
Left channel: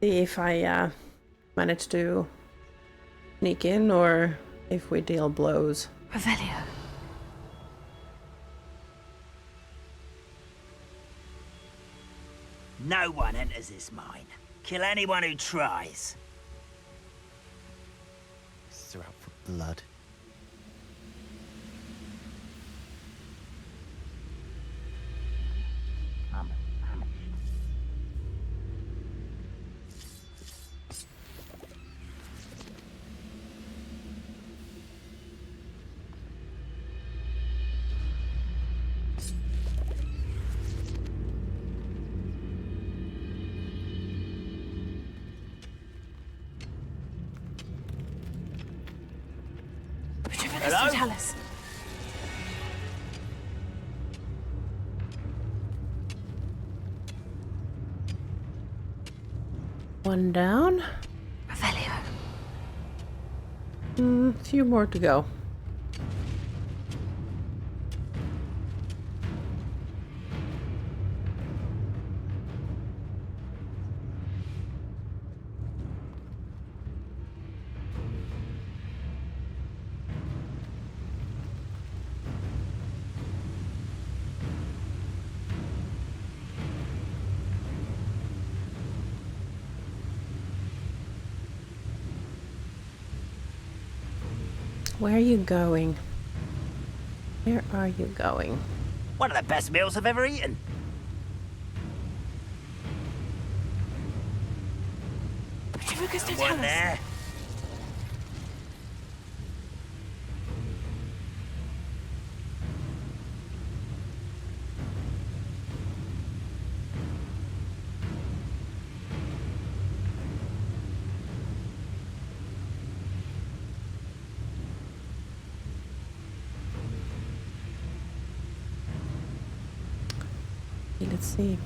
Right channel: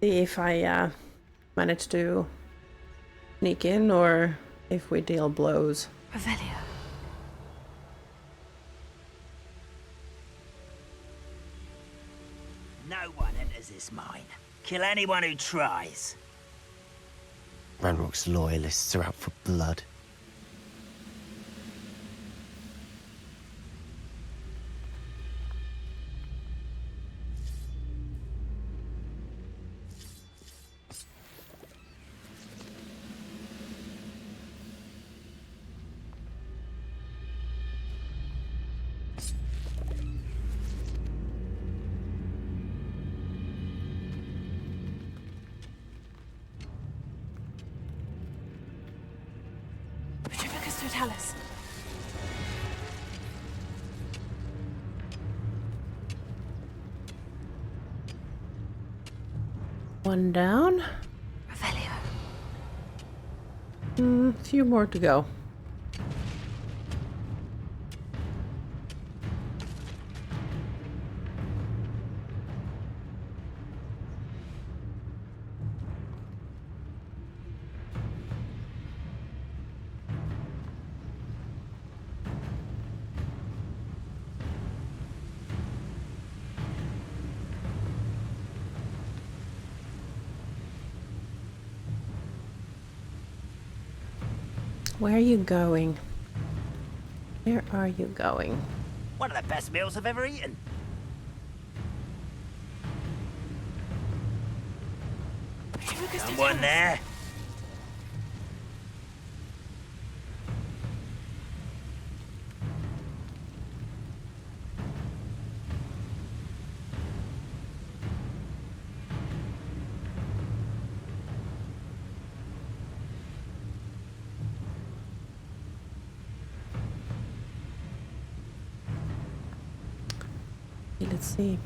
See if I manage to sneak in or if we deal blows. Revelio. No one enters this mine. Kill anyone who tries. Ranrock's loyalists are out for blood. Totalis. One down. Revelio. Few more to go. Where are you going? Where are you going? One of the best meals I've ever eaten. Someone there. Let's see.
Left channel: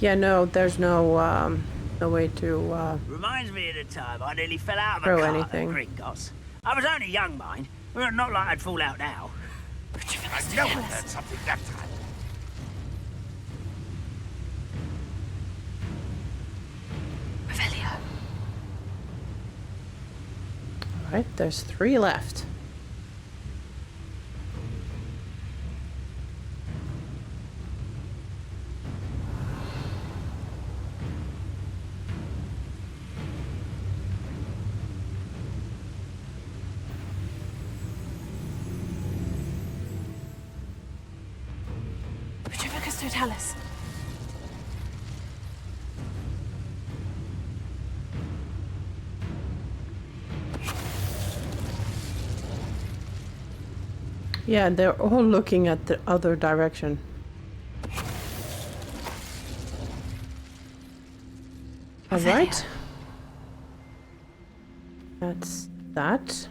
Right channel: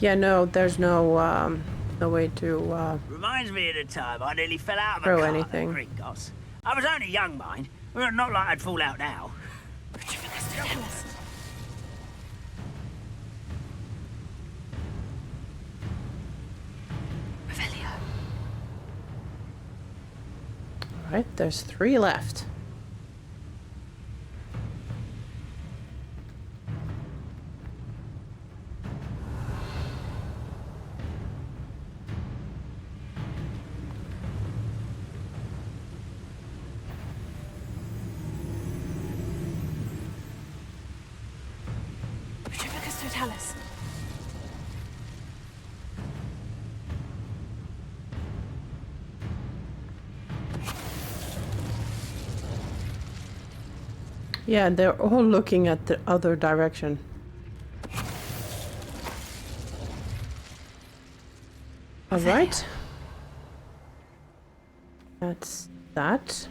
Yeah, no, there's no no way to Reminds me of the time I nearly fell out of a throw car anything. at Gringotts. I was only young, mind. Well, not like I'd fall out now. I know we heard something that time. Revelio. Alright, there's 3 left. Totalis. Yeah, they're all looking at the other direction. Alright. That's that.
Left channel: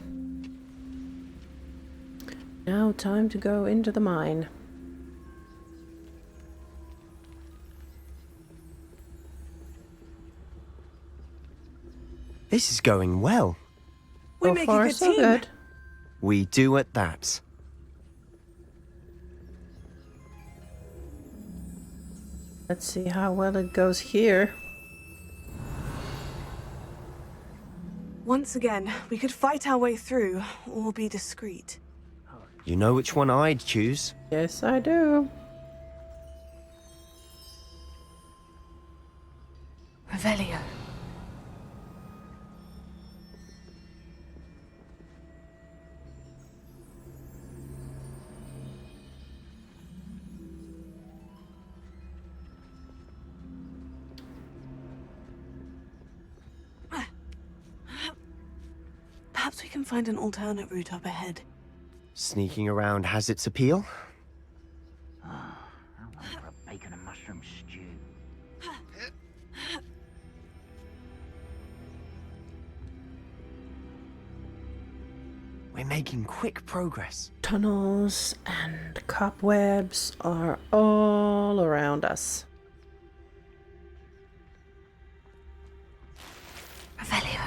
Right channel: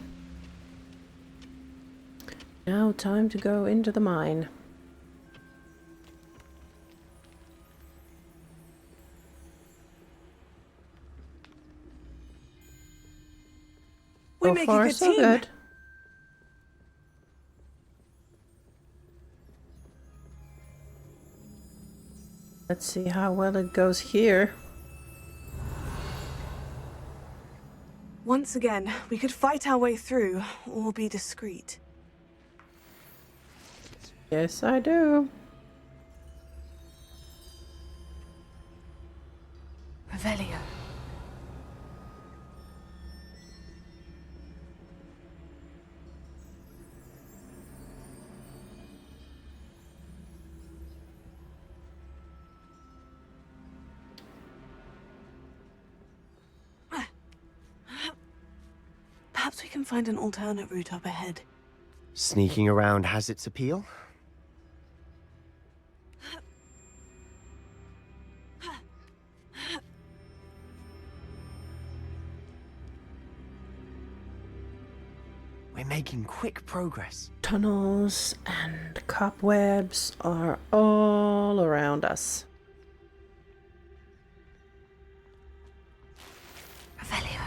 Now time to go into the mine. This is going well. We So make far, a good so team. good. We do at that. Let's see how well it goes here. Once again, we could fight our way through, or be discreet. You know which one I'd choose? Yes, I do. Revelio. Perhaps we can find an alternate route up ahead. Sneaking around has its appeal. Bacon and mushroom stew. We're making quick progress. Tunnels and cobwebs are all around us. Revelio.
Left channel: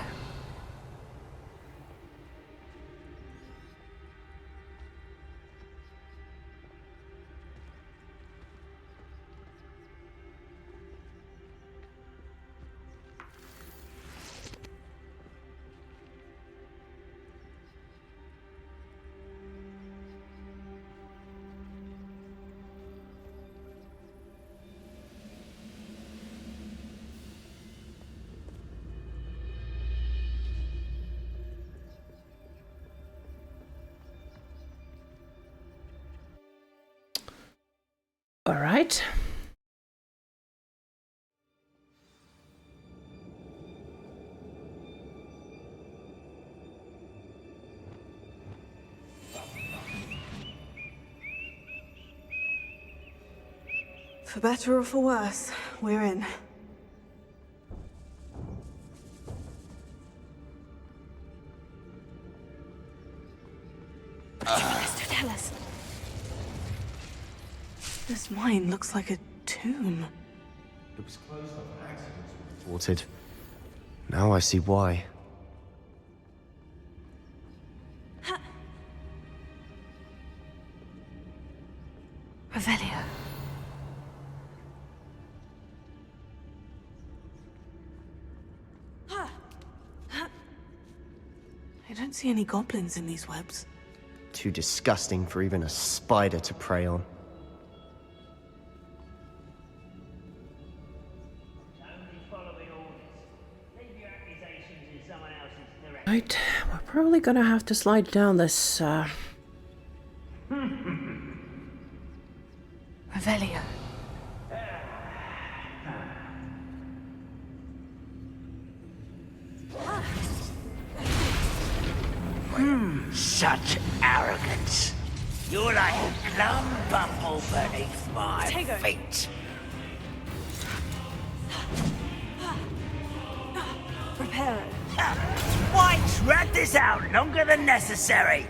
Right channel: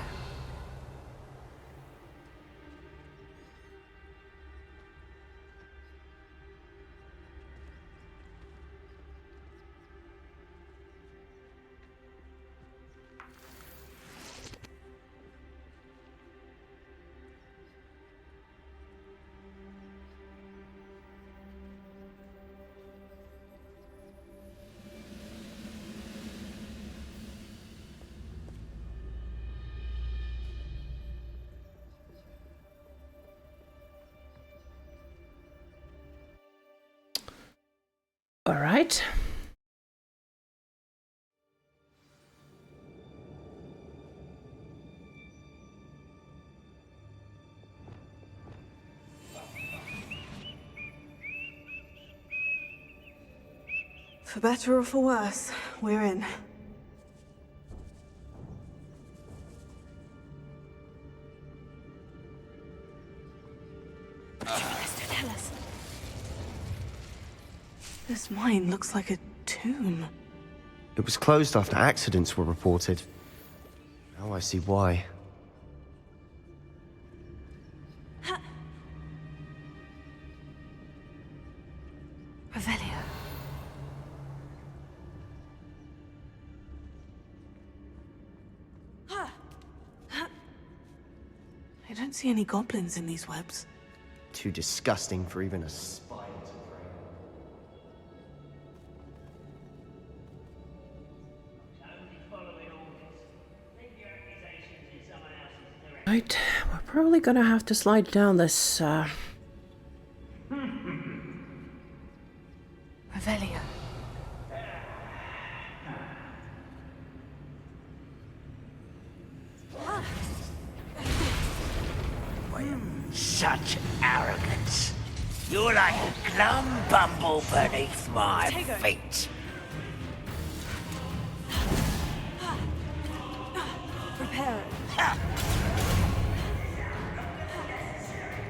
All right. For better or for worse, we're in. Tell us. This mine looks like a tomb. It was closed after accidents were reported. Now I see why. Revelio. I don't see any goblins in these webs. Too disgusting for even a spider to prey on. Right, we're probably gonna have to slide down this, Revelio. Such arrogance. You're like a glum bumble beneath my feet. Prepare it. Why drag this out longer than necessary?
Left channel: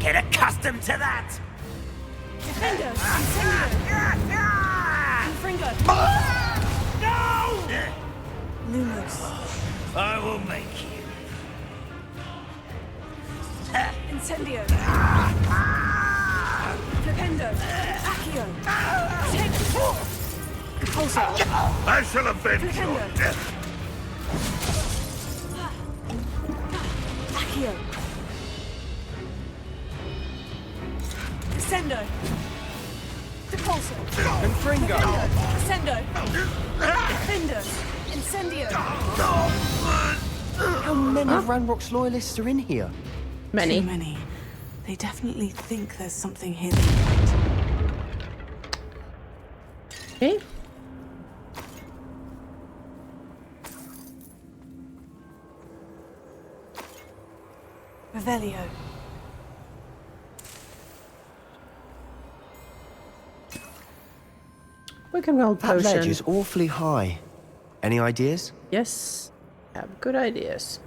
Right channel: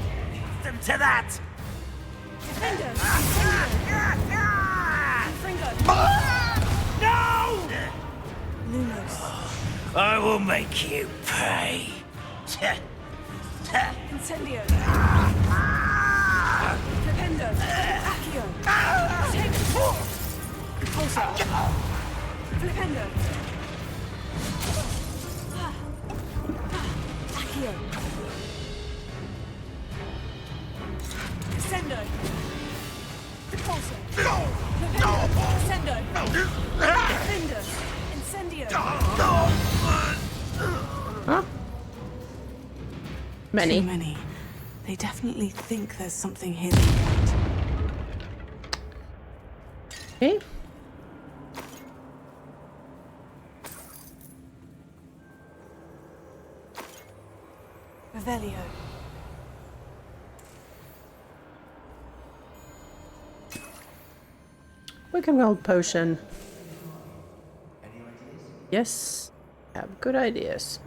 Get accustomed to that. Defender! Fringo! No! Lumos. I will make you pay. Incendio! Flipendo! Accio! Take! Pulsar! I shall have been. Flipendo! Accio! Descendo! Depulso! Descendo! Defender! Incendio! How many Ranrock's loyalists are in here? many. Too many. They definitely think there's something hidden. Okay. Revelio. We can roll That ledge potion. is awfully high. Any ideas? Yes, have good ideas.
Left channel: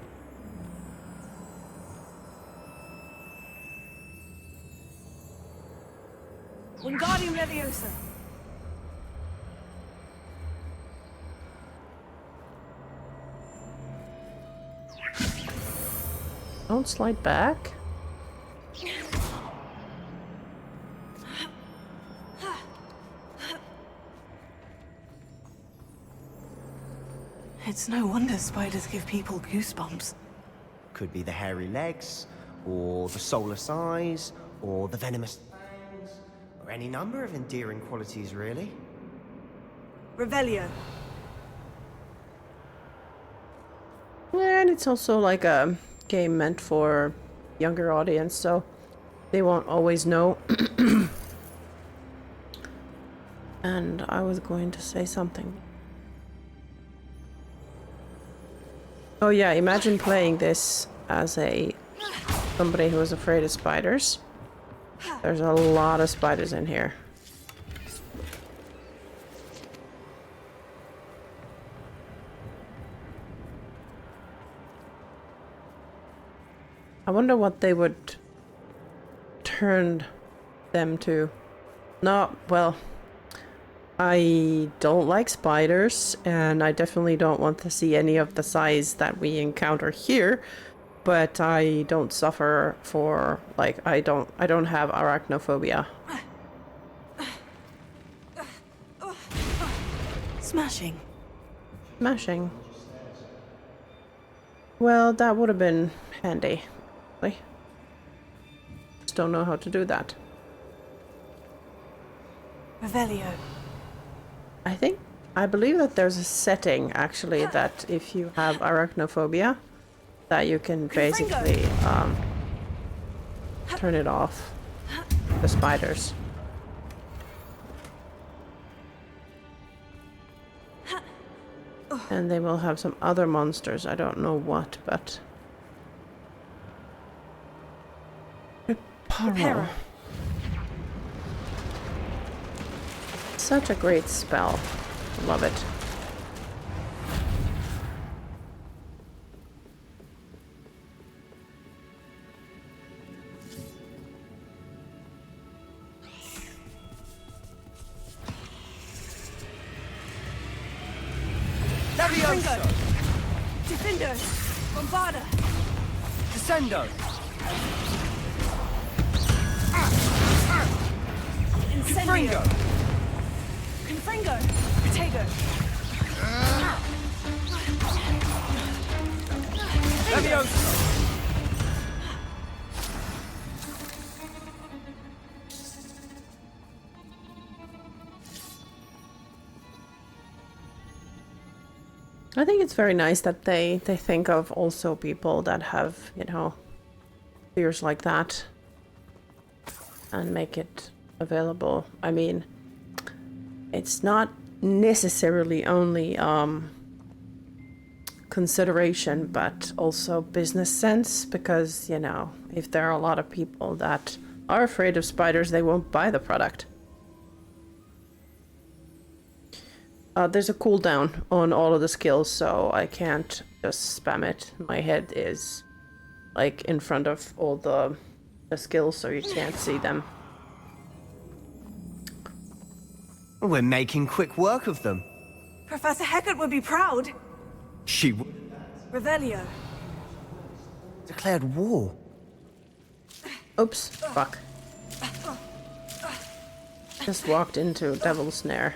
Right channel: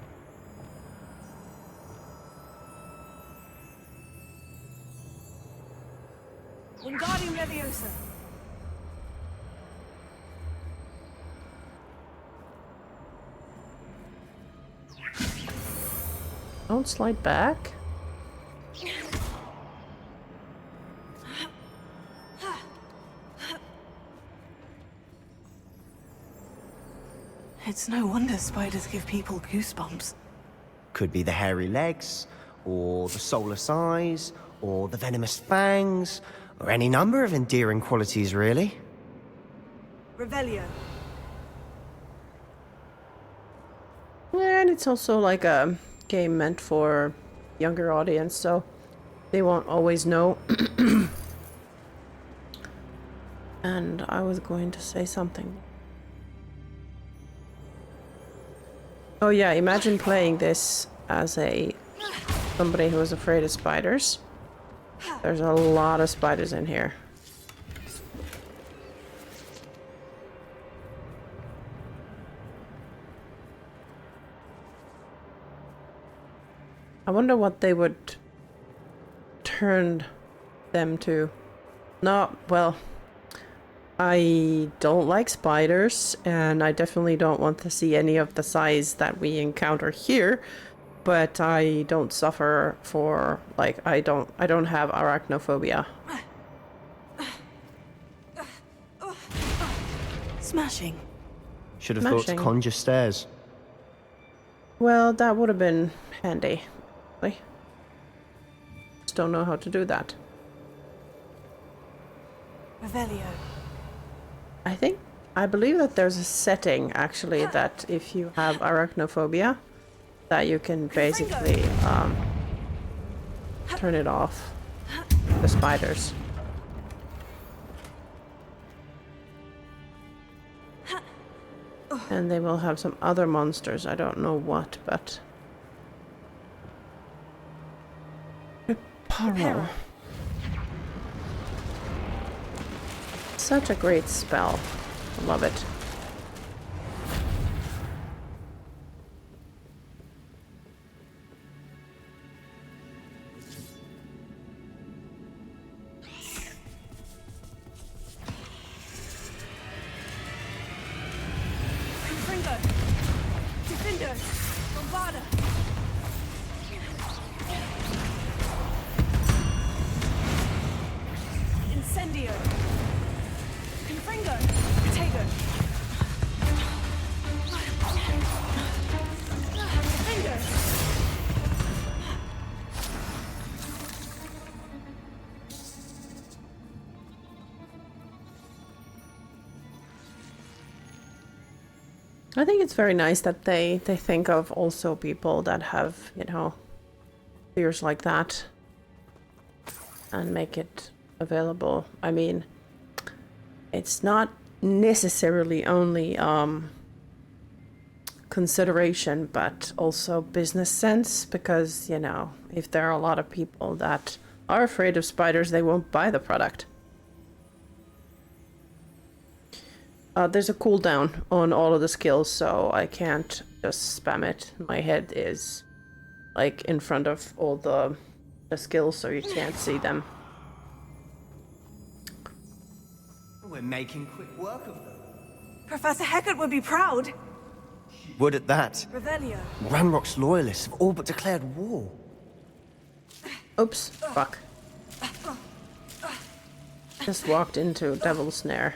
Wingardium Leviosa. Don't slide back. It's no wonder spiders give people goosebumps. Could be the hairy legs, or the soulless eyes, or the venomous fangs, or any number of endearing qualities, really. Revelio. And it's also like a game meant for younger audience, so they won't always know. And I was going to say something. Oh yeah, imagine playing this as somebody who is afraid of spiders. There's a lot of spiders in here. I wonder what they would turn them to. No, well, I don't like spiders, and I definitely don't want to see any of the size that we encounter here, but I don't suffer for, like, I don't have arachnophobia. Smashing. Should have thought to Smashing. conjure stairs. Well, that would have been handy. Just don't know how to do that. Revelio. I believe that there's a setting, actually, that if you have arachnophobia, that you can basically turn it off. The spiders. And they will have some other monsters, I don't know what, but... Reparo. Such a great spell. Love it. Ringo. Defender. Bombarda. Descendo. Incendio. Confringo. Potato. I think it's very nice that they think of also people that have, you know, fears like that and make it available. I mean, it's not necessarily only consideration, but also business sense, because, you know, if there are a lot of people that are afraid of spiders, they won't buy the product. There's a cooldown on all of the skills, so I can't just spam it. My head is like in front of all the skills, so you can't see them. We're making quick work of them. Professor Hecat would be proud. She would at that. Revelio. Ranrock's loyalists have all but declared war. Oops, fuck. Just walked into Devil's Snare.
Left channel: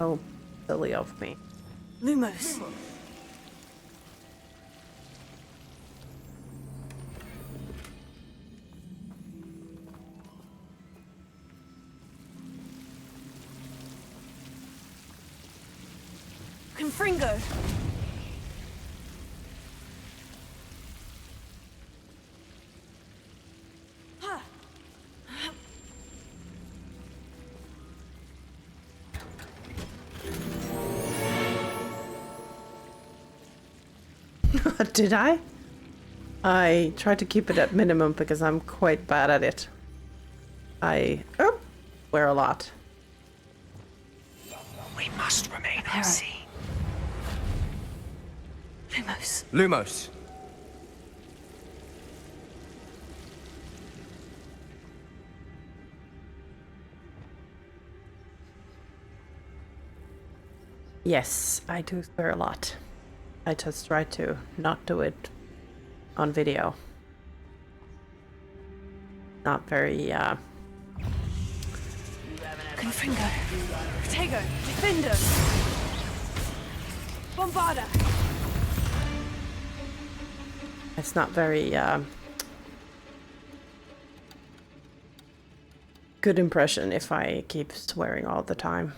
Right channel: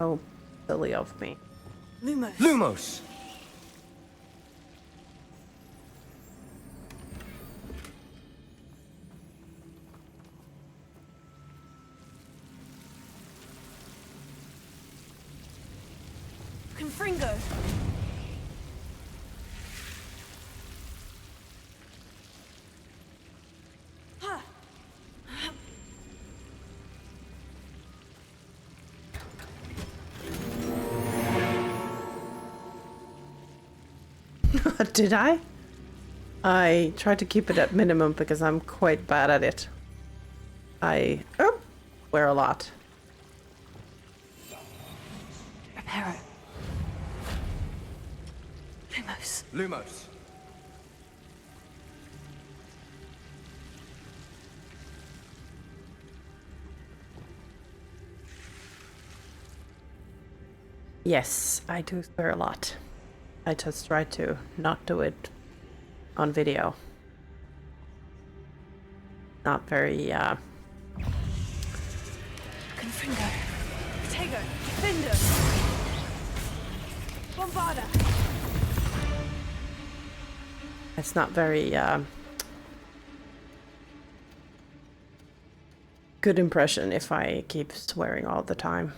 Oh, silly of me. Lumos. Lumos! Confringo. Did I? I tried to keep it at minimum because I'm quite bad at it. I wear a lot. We must remain at sea. Lumos. Lumos. Yes, I do swear a lot. I just try to not do it on video. Not very, Confringo. Protego. Defender. Bombarda. it's not very, good impression if I keep swearing all the time.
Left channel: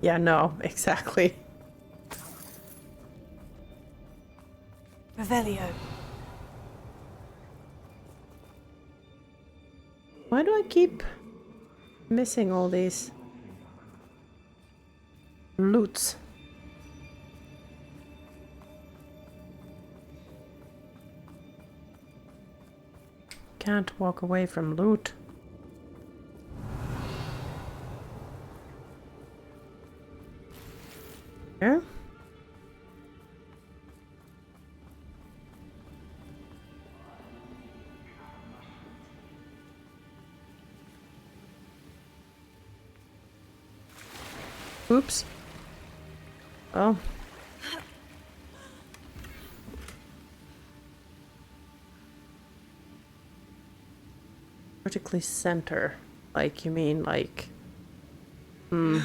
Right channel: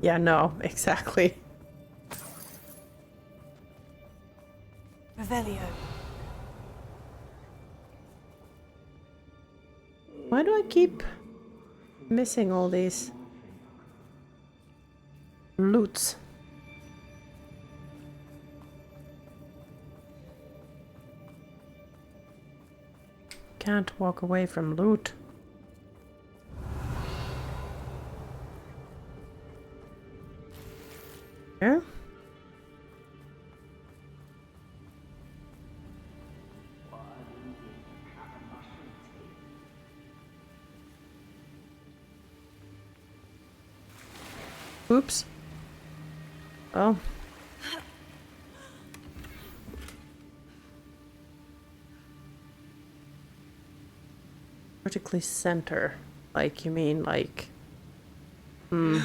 Yeah, no, exactly. Revelio. Why do I keep missing all these loots? Can't walk away from loot. Yeah? Oops. Oh. Vertically center. Like, you mean like... I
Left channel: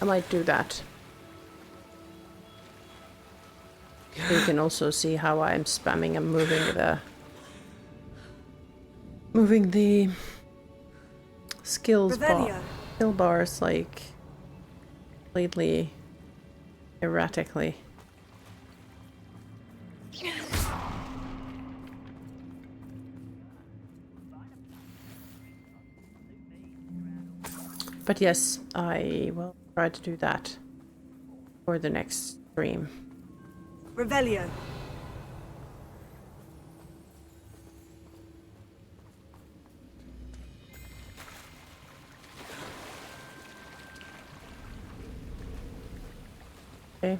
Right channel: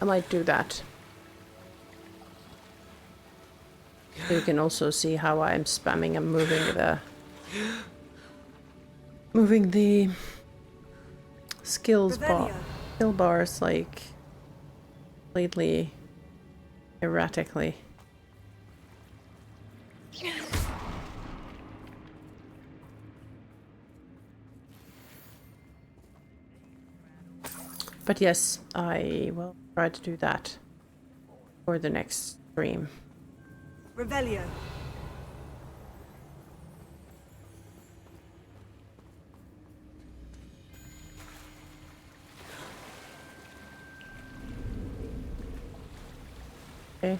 might do that. So you can also see how I'm spamming and moving the skills bar. Skill bars like completely erratically. But yes, I will try to do that for the next stream. Revelio. Okay,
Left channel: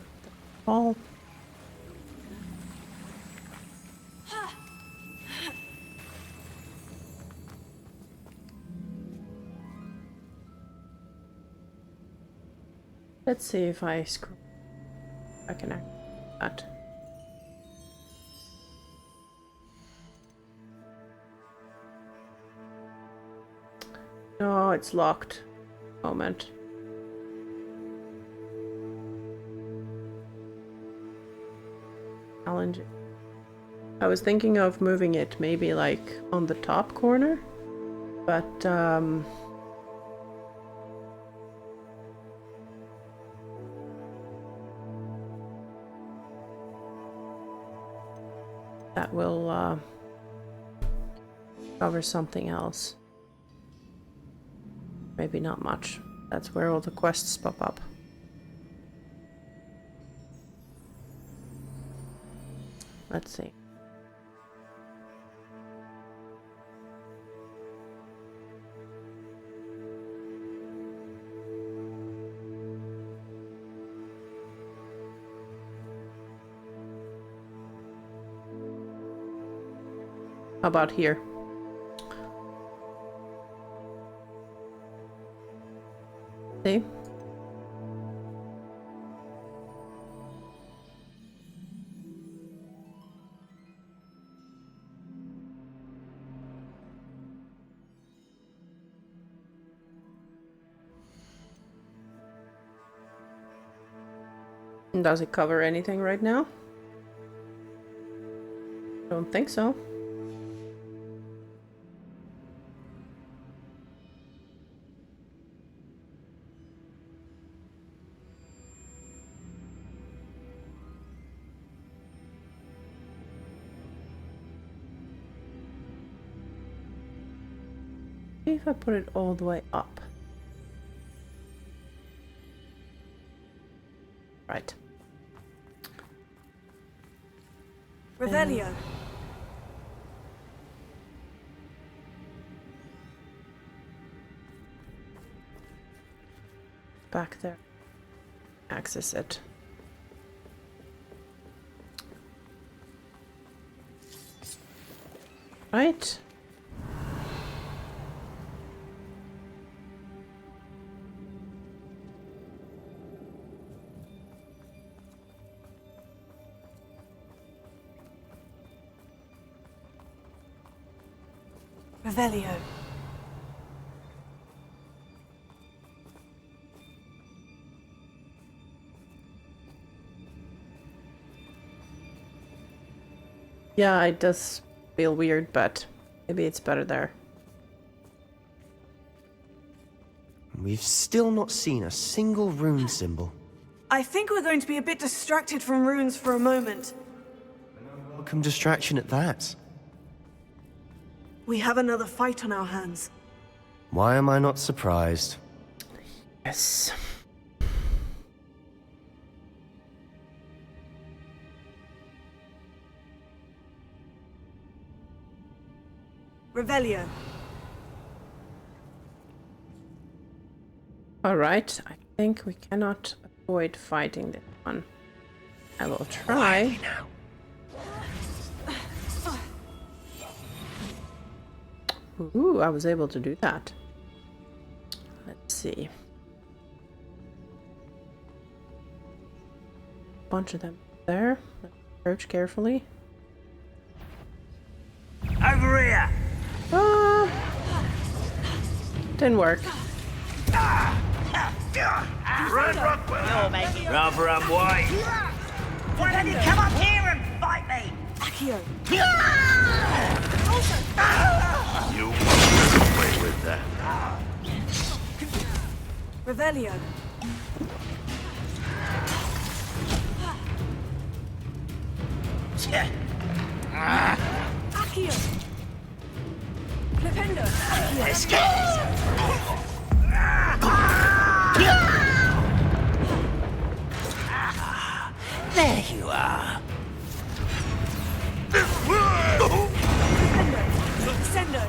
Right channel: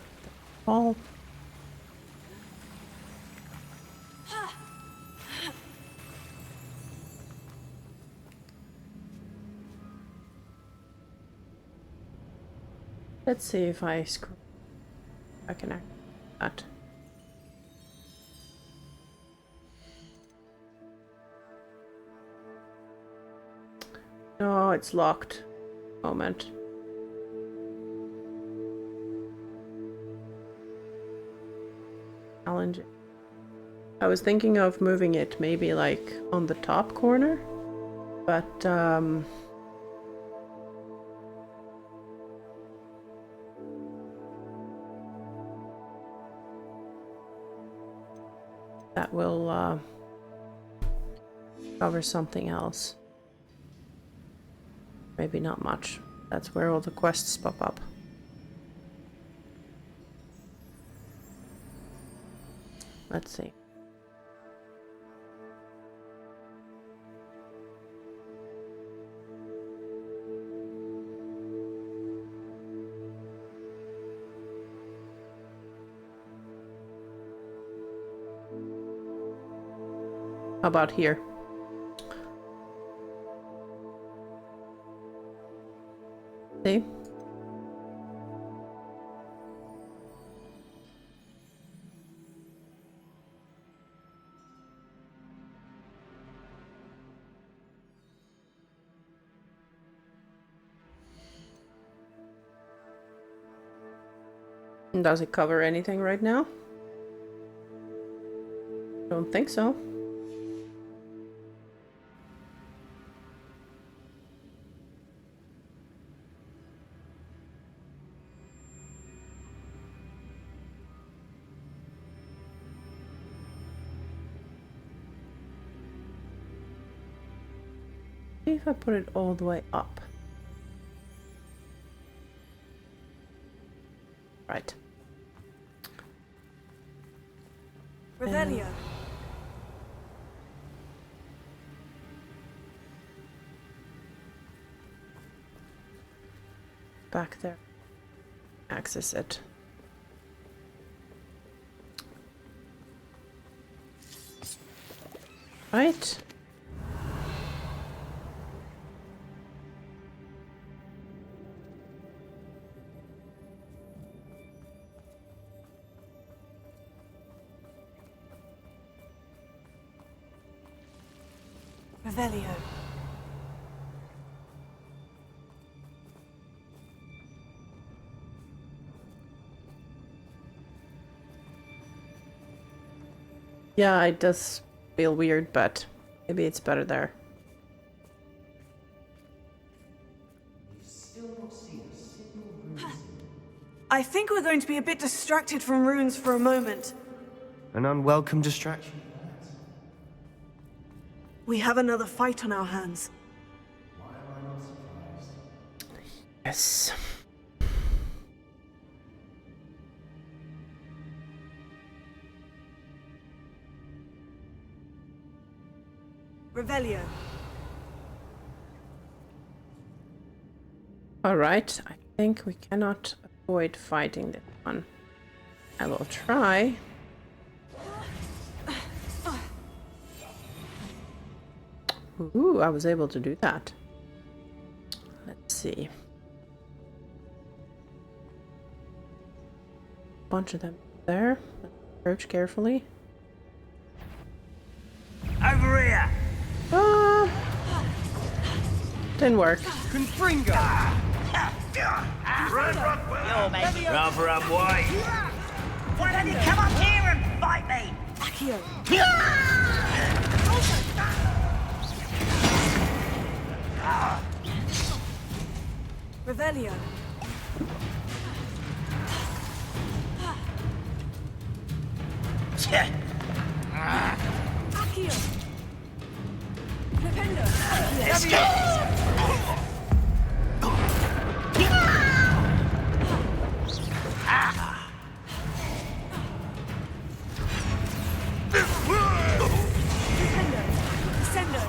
all. Let's see if I screw. I can act that. No, it's locked. Moment. Challenge. I was thinking of moving it maybe like on the top corner, but that will cover something else. Maybe not much. That's where all the quests pop up. Let's see. How about here? See? Does it cover anything right now? Don't think so. Maybe if I put it all the way up. Right. Revelio. Back there. Access it. Right. Revelio. Yeah, it does feel weird, but maybe it's better there. We've still not seen a single rune symbol. I think we're going to be a bit distracted from runes for a moment. An unwelcome distraction at that. We have another fight on our hands. Why am I not surprised? Yes. Revelio. Alright, I think we cannot avoid fighting this one. I will try. Ooh, I was able to do that. Let's see. Bunch of them there. Let's approach carefully. Over here! Didn't work. Run, Rockwell! You're making rather unwise. Why don't you come up here and fight me? Accio. You away with that. Revelio. Accio. Flipendo. There you are. Defendo. Descendo.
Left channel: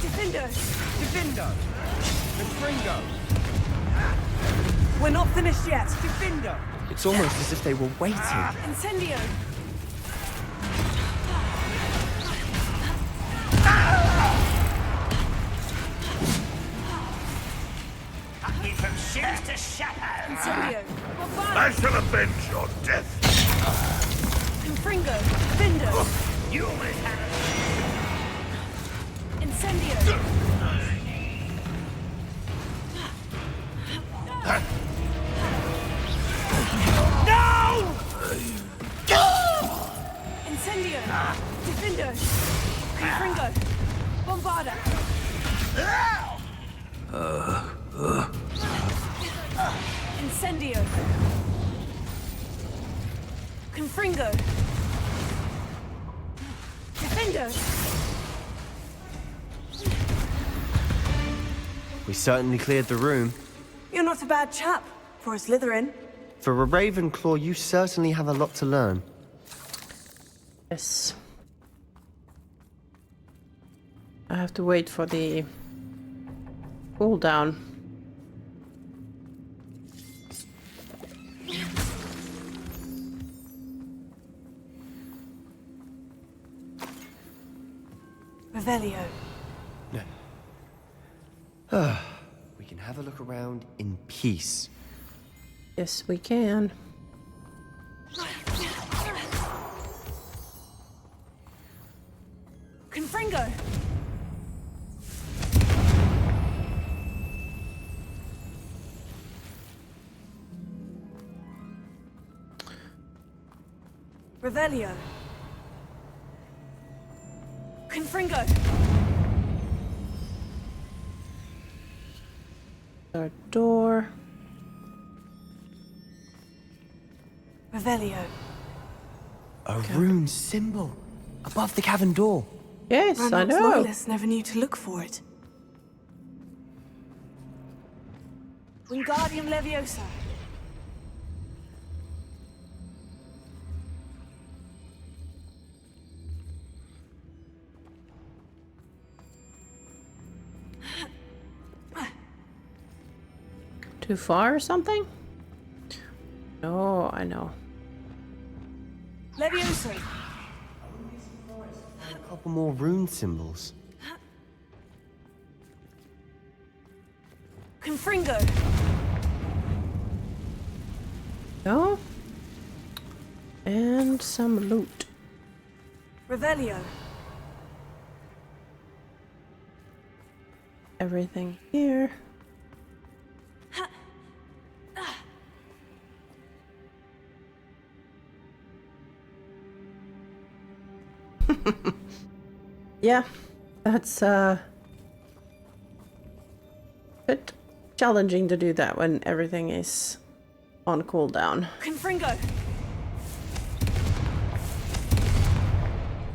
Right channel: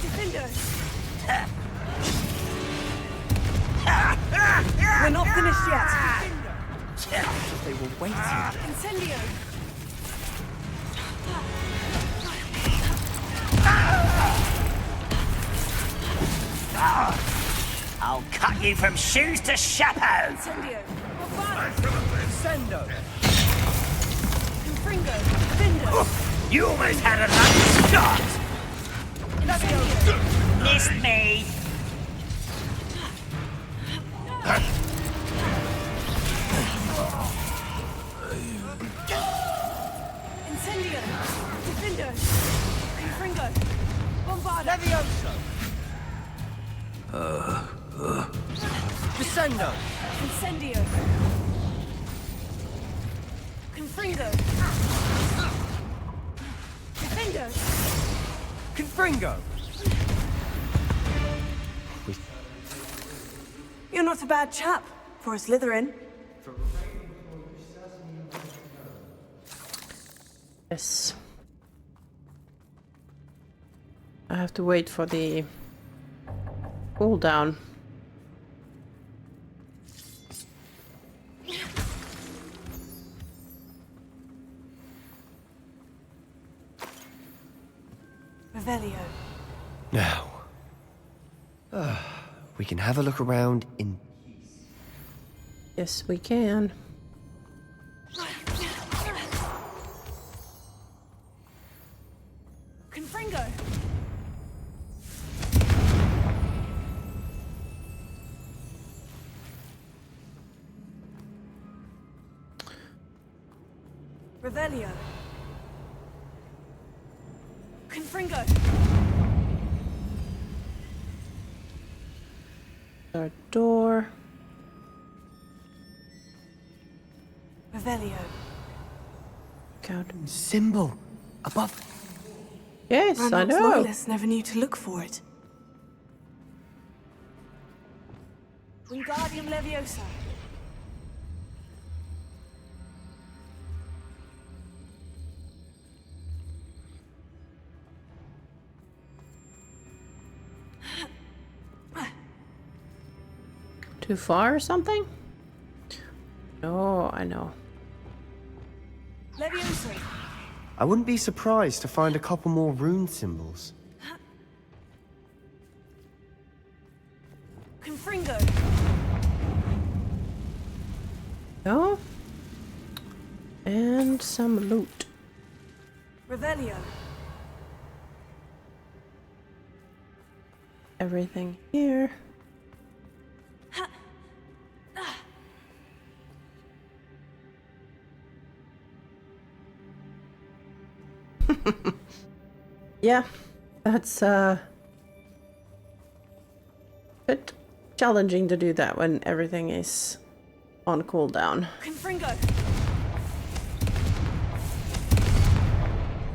Defendo. Defendo. We're not finished yet. Defendo. It's almost as if they were waiting. Incendio. I'll cut you from shoes to chapeau. Incendio. I shall have been your death. Confringo. Findo. You almost had a lucky shot. Incendio. It's me. No! Incendio. Defendo. Confringo. Bombarda. Descendo. Incendio. Confringo. Defendo. Confringo. We certainly cleared the room. You're not a bad chap for a Slytherin. For a Ravenclaw, you certainly have a lot to learn. Yes. I have to wait for the cooldown. Revelio. Now, we can have a look around in peace. Yes, we can. Confringo. Revelio. Confringo. Our door. Revelio. A rune symbol above the cavern door. Yes, I Ranulph's know. loyalists never knew to look for it. Wingardium Leviosa. Too far or something? No, I know. Leviosa. I wouldn't be surprised to find a couple more rune symbols. Confringo. No. And some loot. Revelio. everything here. Yeah, that's a bit challenging to do that when everything is on cooldown. Confringo!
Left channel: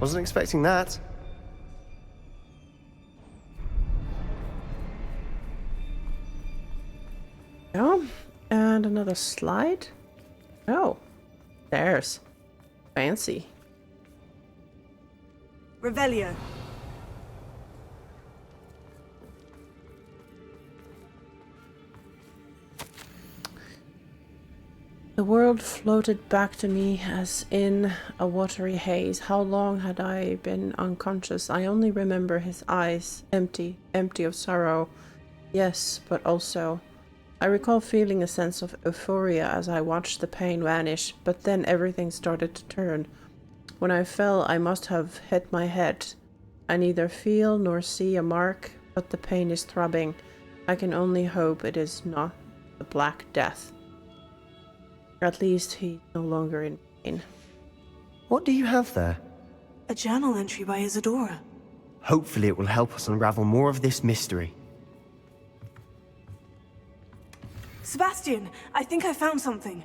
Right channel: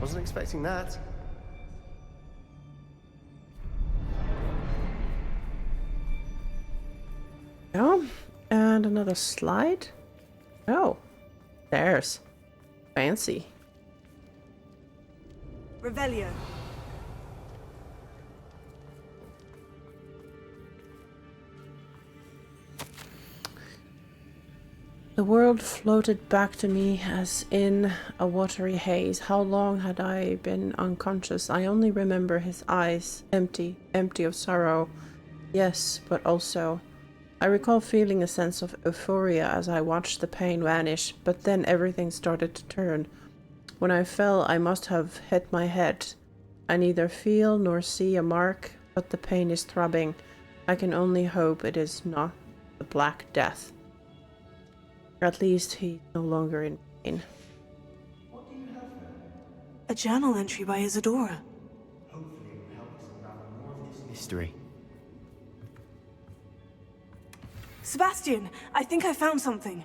Wasn't expecting that. Oh, and another slide. Oh, there's fancy. Revelio. The world floated back to me as in a watery haze. How long had I been unconscious? I only remember his eyes, empty of sorrow. Yes, but also, I recall feeling a sense of euphoria as I watched the pain vanish, but then everything started to turn. When I fell, I must have hit my head. I neither feel nor see a mark, but the pain is throbbing. I can only hope it is not the Black Death. At least he's no longer in pain. What do you have there? A journal entry by Isadora. Hopefully it will help us unravel more of this mystery. Sebastian, I think I found something.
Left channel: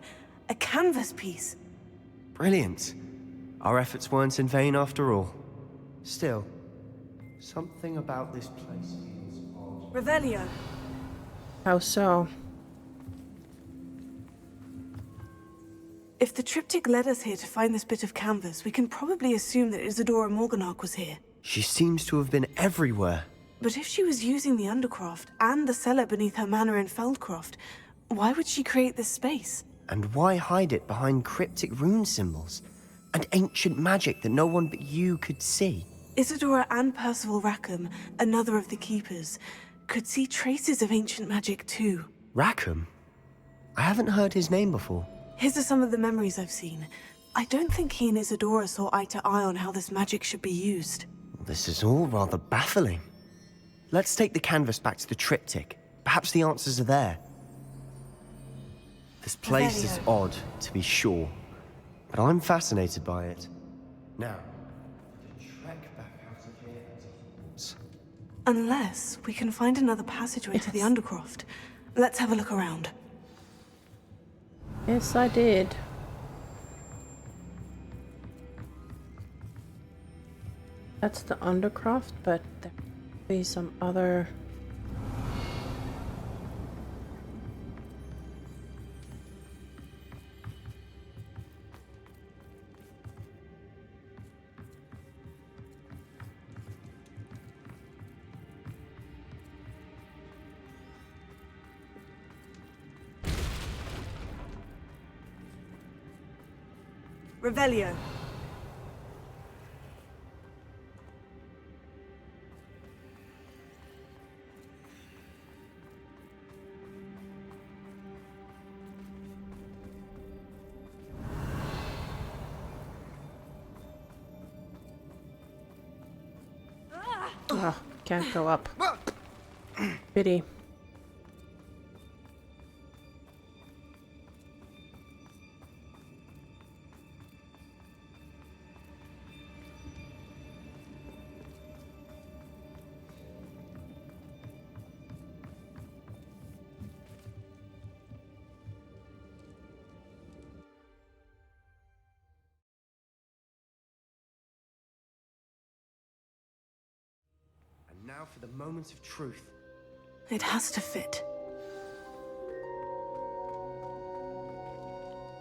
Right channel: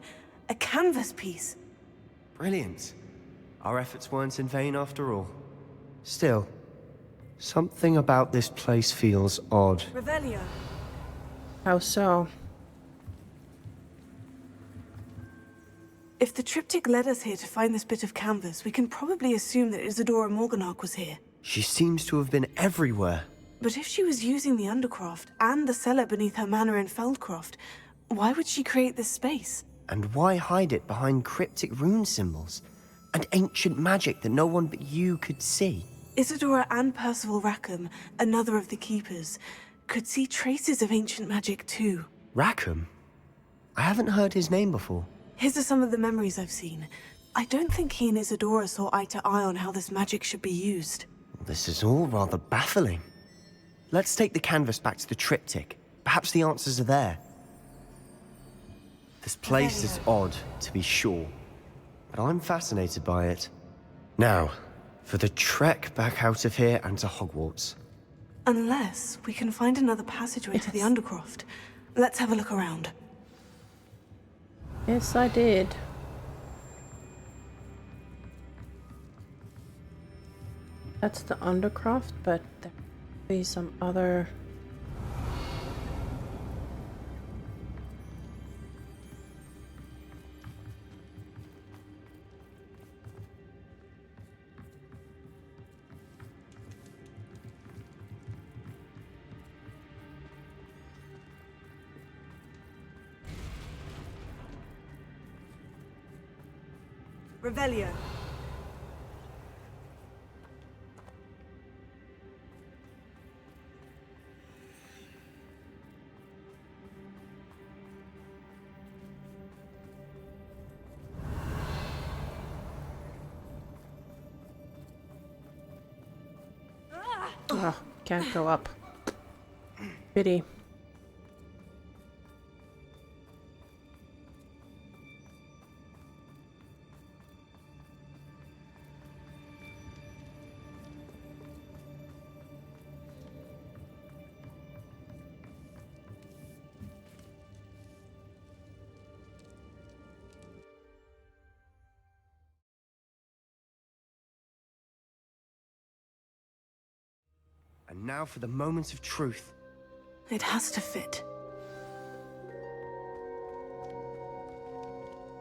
A canvas piece. Brilliant. Our efforts weren't in vain after all. Still, something about this place feels odd. Revelio. How so? If the triptych led us here to find this bit of canvas, we can probably assume that Isadora Morganach was here. She seems to have been everywhere. But if she was using the Undercroft and the cellar beneath her manor in Feldcroft, why would she create this space? And why hide it behind cryptic rune symbols? And ancient magic that no one but you could see? Isadora and Percival Rackham, another of the keepers, could see traces of ancient magic too. Rackham? I haven't heard his name before. His are some of the memories I've seen. I don't think he and Isadora saw eye to eye on how this magic should be used. This is all rather baffling. Let's take the canvas back to the triptych. Perhaps the answers are there. This place is odd, to be sure, but I'm fascinated by it. Now, for the trek back out of here and to Hogwarts. Unless we can find another passageway to the Undercroft. Let's have a look around. Yes, I did. That's the Undercroft, but there could be some other... Revelio. Oh, can't go up. Pity. And now for the moment of truth. It has to fit.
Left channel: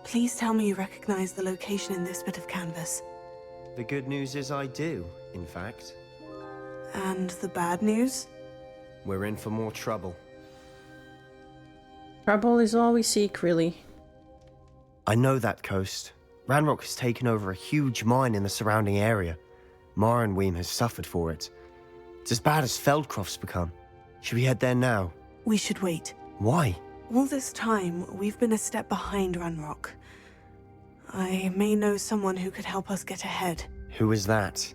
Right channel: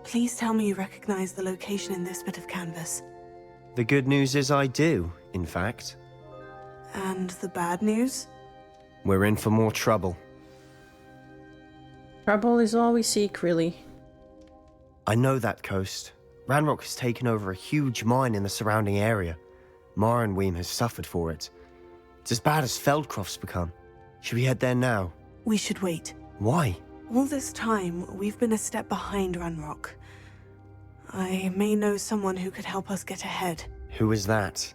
Please tell me you recognize the location in this bit of canvas. The good news is I do, in fact. And the bad news? We're in for more trouble. Trouble is all we seek, really. I know that coast. Ranrock has taken over a huge mine in the surrounding area. Marenweem has suffered for it. It's as bad as Feldcroft's become. Should we head there now? We should wait. Why? All this time, we've been a step behind Ranrock. I may know someone who could help us get ahead. Who is that?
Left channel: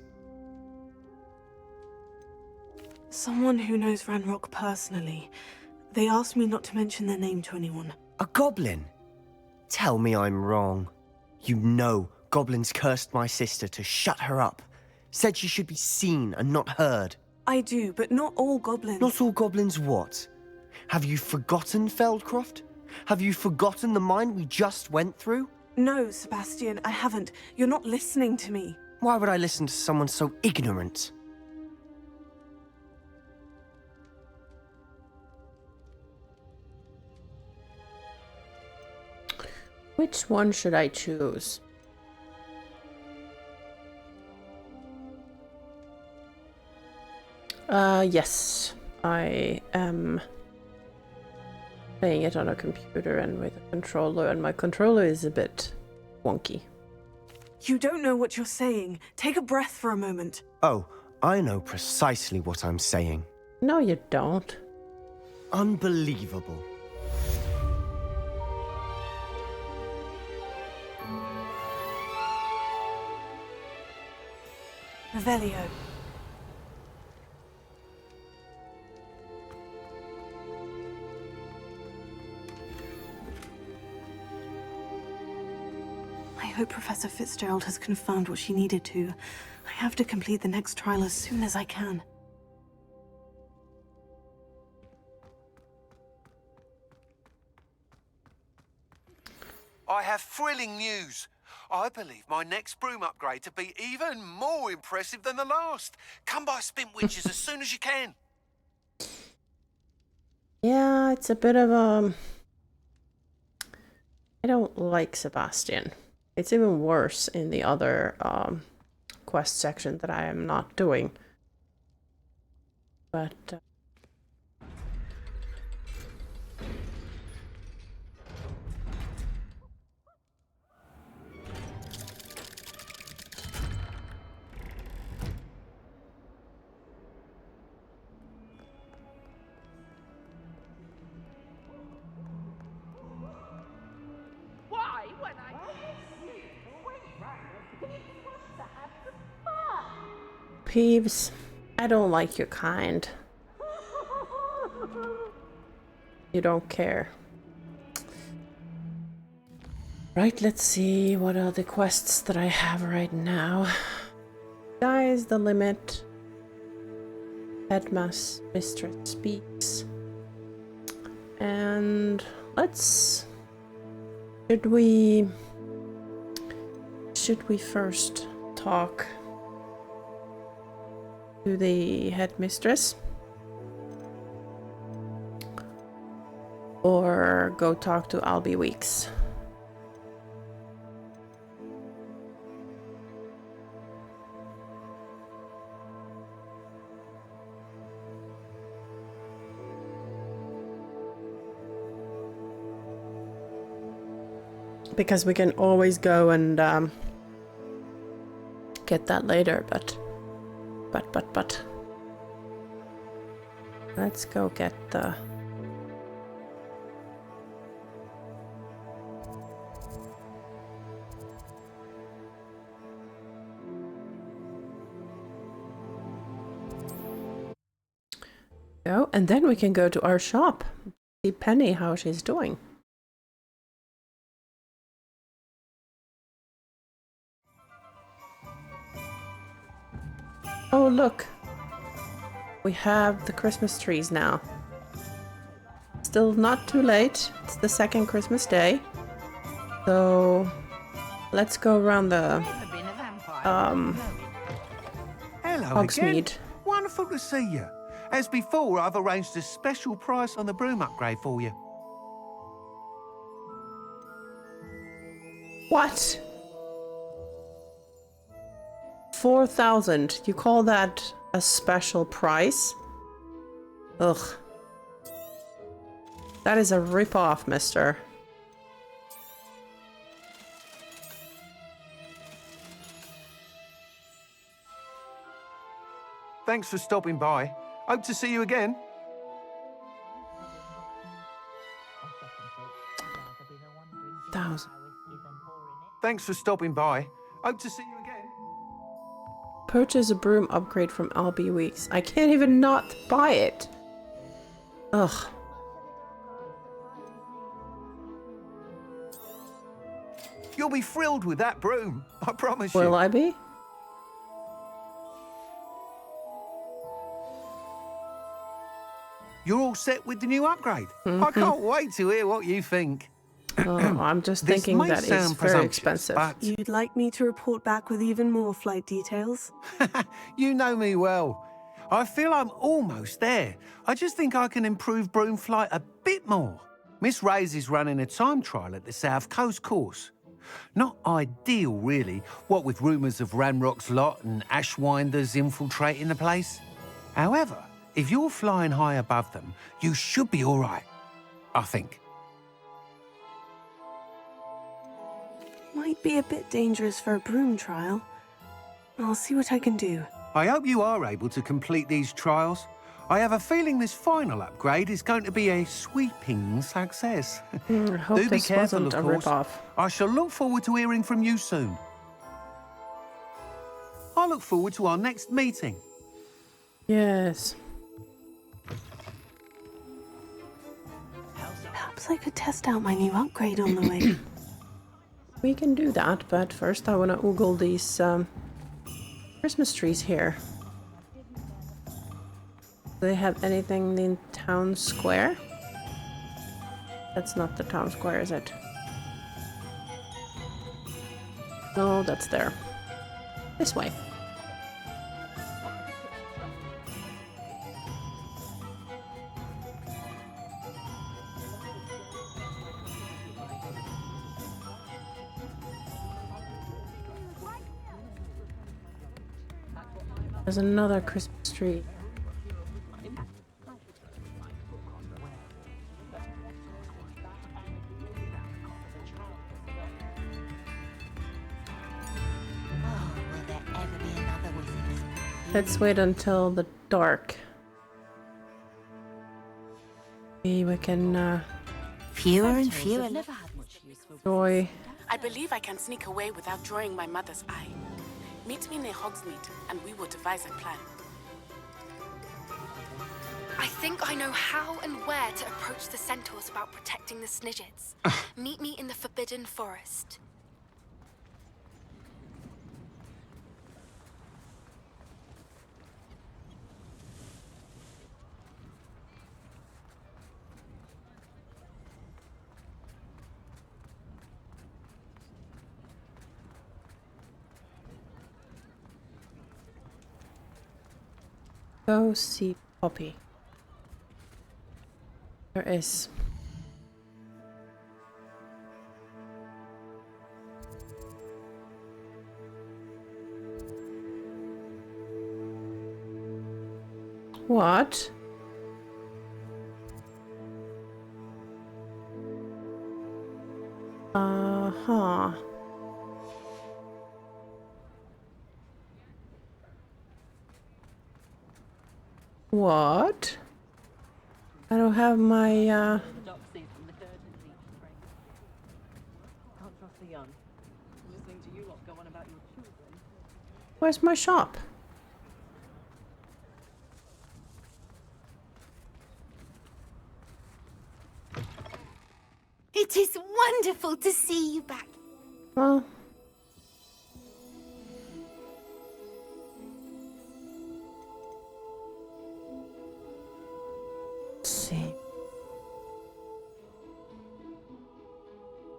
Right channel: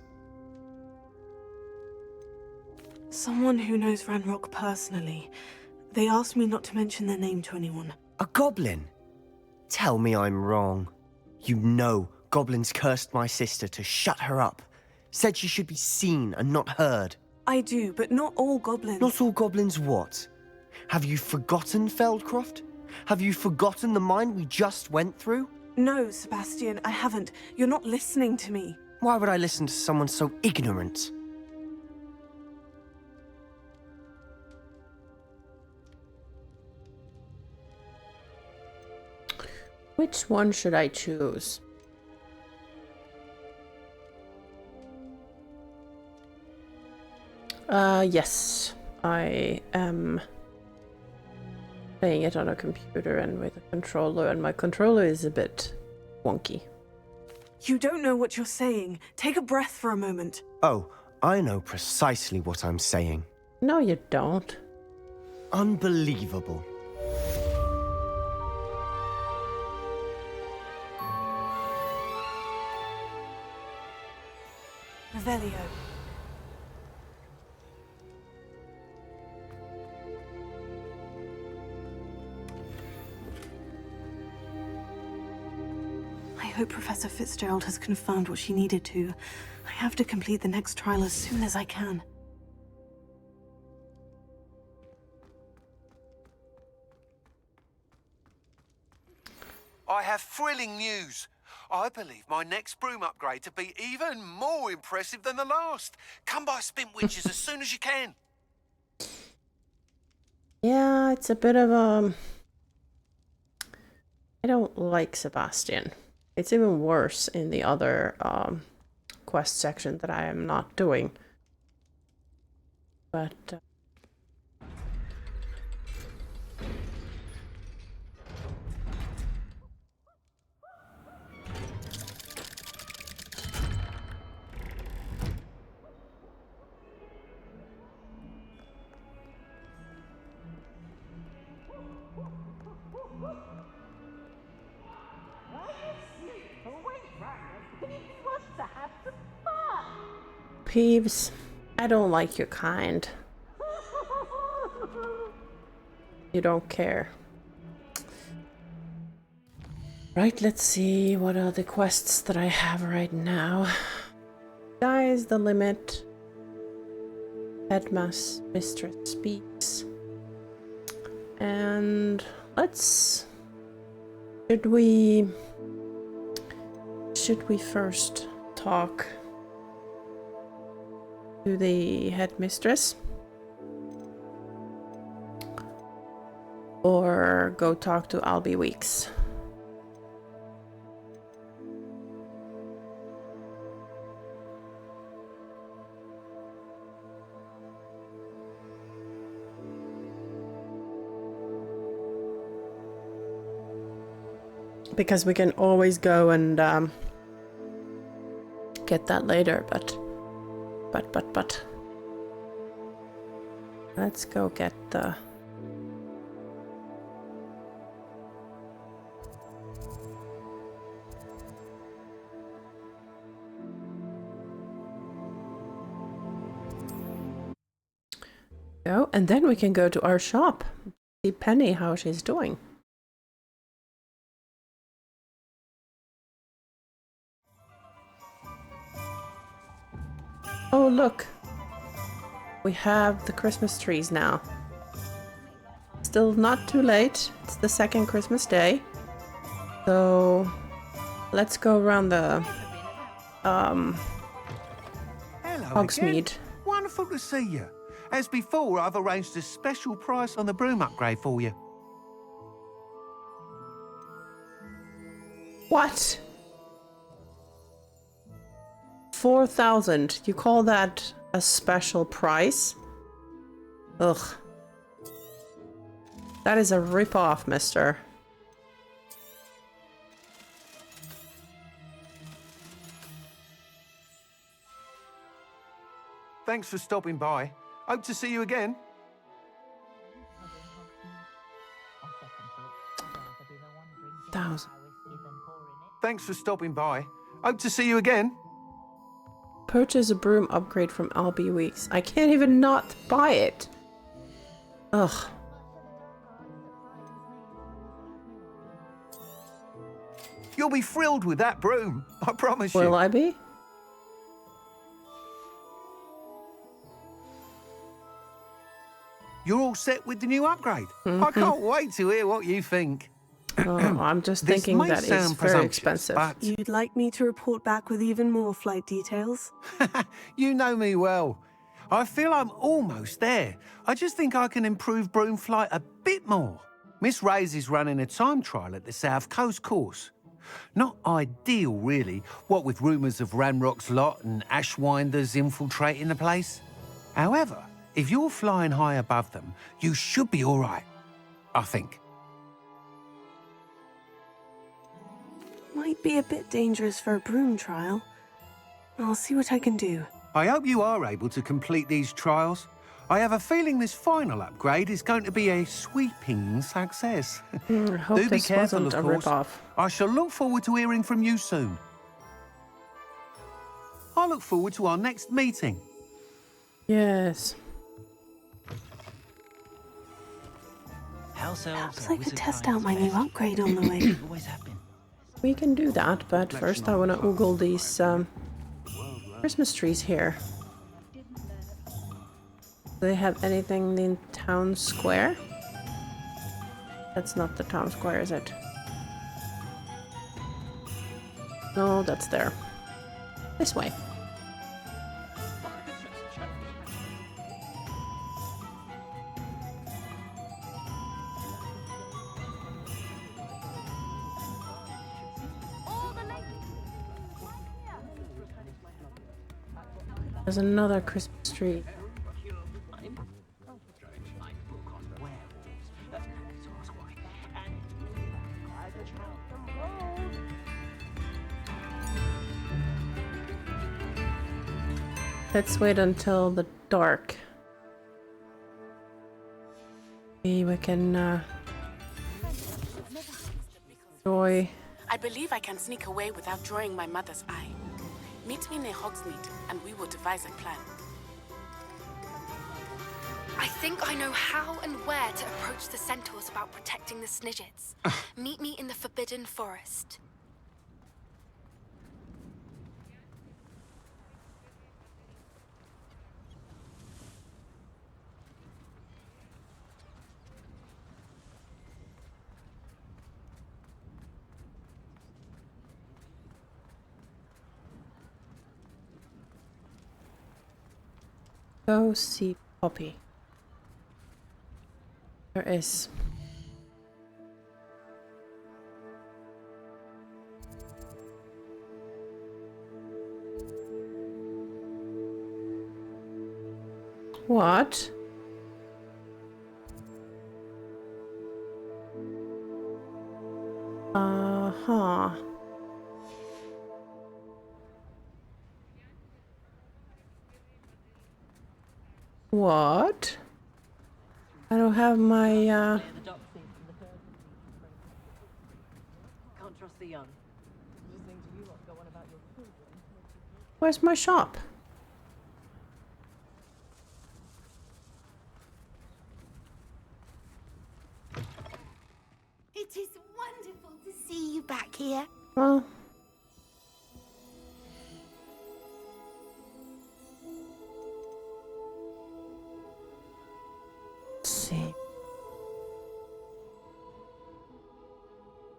Someone who knows Ranrock personally. They asked me not to mention their name to anyone. A goblin? Tell me I'm wrong. You know goblins cursed my sister to shut her up. Said she should be seen and not heard. I do, but not all goblins. Not all goblins what? Have you forgotten Feldcroft? Have you forgotten the mine we just went through? No, Sebastian, I haven't. You're not listening to me. Why would I listen to someone so ignorant? Which one should I choose? Yes. I am playing it on a computer and with a controller, and my controller is a bit wonky. You don't know what you're saying. Take a breath for a moment. Oh, I know precisely what I'm saying. No, you don't. Unbelievable. Revelio. I hope Professor Fitzgerald has confirmed what she needed to. I have to complete the next trial as soon as I can. I have thrilling news. I believe my next broom upgrade to be even more impressive than the last. Come by Spintwitches as soon as you can. Yeah, it's a bit of a... I don't like Sebastian. It's even worse in the other quest section that I am not doing. But... Peeves, I don't like your kind. You don't care. Right, let's see what are the quests that I have right now. Sky is the limit. Headmaster Mistress speaks. And let's... Should we first talk to the headmistress? Or go talk to Albie Weeks? Because we can always go and get that later, but let's go get the... Oh, and then we can go to our shop, see Penny how she's doing. Oh, look. We have the Christmas trees now. Still not too late. It's the second Christmas day. So let's go around the Hello Hogsmeade. again. Wonderful to see you. As before, I've arranged a special price on the broom upgrade for you. What? 4,000. You call that a special price? Ugh. That is a rip-off, mister. Thanks for stopping by. Hope to see you again. Thousand. Thanks for stopping by. Hope to see you again. Purchase a broom upgrade from Albie Weeks. I can't even not buy it. Ugh. You'll be thrilled with that broom, I promise you. Will I be? You're all set with the new upgrade. I can't wait to hear what you think. Oh, I'm just thinking that it's very expensive. But You'd like me to report back with even more flight details? you know me well. I feel I'm almost there. I just think I can improve broom flight a bit more. Miss Ray's is running a time trial at the South Coast course. Not ideal, really, what with rumours of Ranrock's lot and Ashwinders infiltrating the place. However, if you're flying high above them, you should be all right, I think. Might be a bit dangerous for a broom trial. I'll see what I can do. I hope you are able to complete these trials. I have a feeling this final upgrade is going to be a sweeping success. I hope Do be this careful, wasn't of a course. rip-off. I shall look forward to hearing from you soon. I look forward to our next meeting. Yes. Perhaps I could test out my new upgrade on the way. We can do that, but first I want to oogle these Christmas trees here. Do they have anything in town square? That's not the town square, is it? No, that's there. This way. There's another Christmas tree. Let's wait until the dark. Maybe we can Fewer and fewer. enjoy. I believe I can sneak away without drawing my mother's eye. Meet me near Hogsmeade, and we will devise a plan. I think I know how and where to approach the centaurs about protecting the Snidgets. Meet me in the Forbidden Forest. Go see Poppy. There is. What? Uh-huh. What? I don't have my, Can't trust the young. Listening to you lot go on about your children. Where's my shop? It is wonderful to see you back here. Well... see.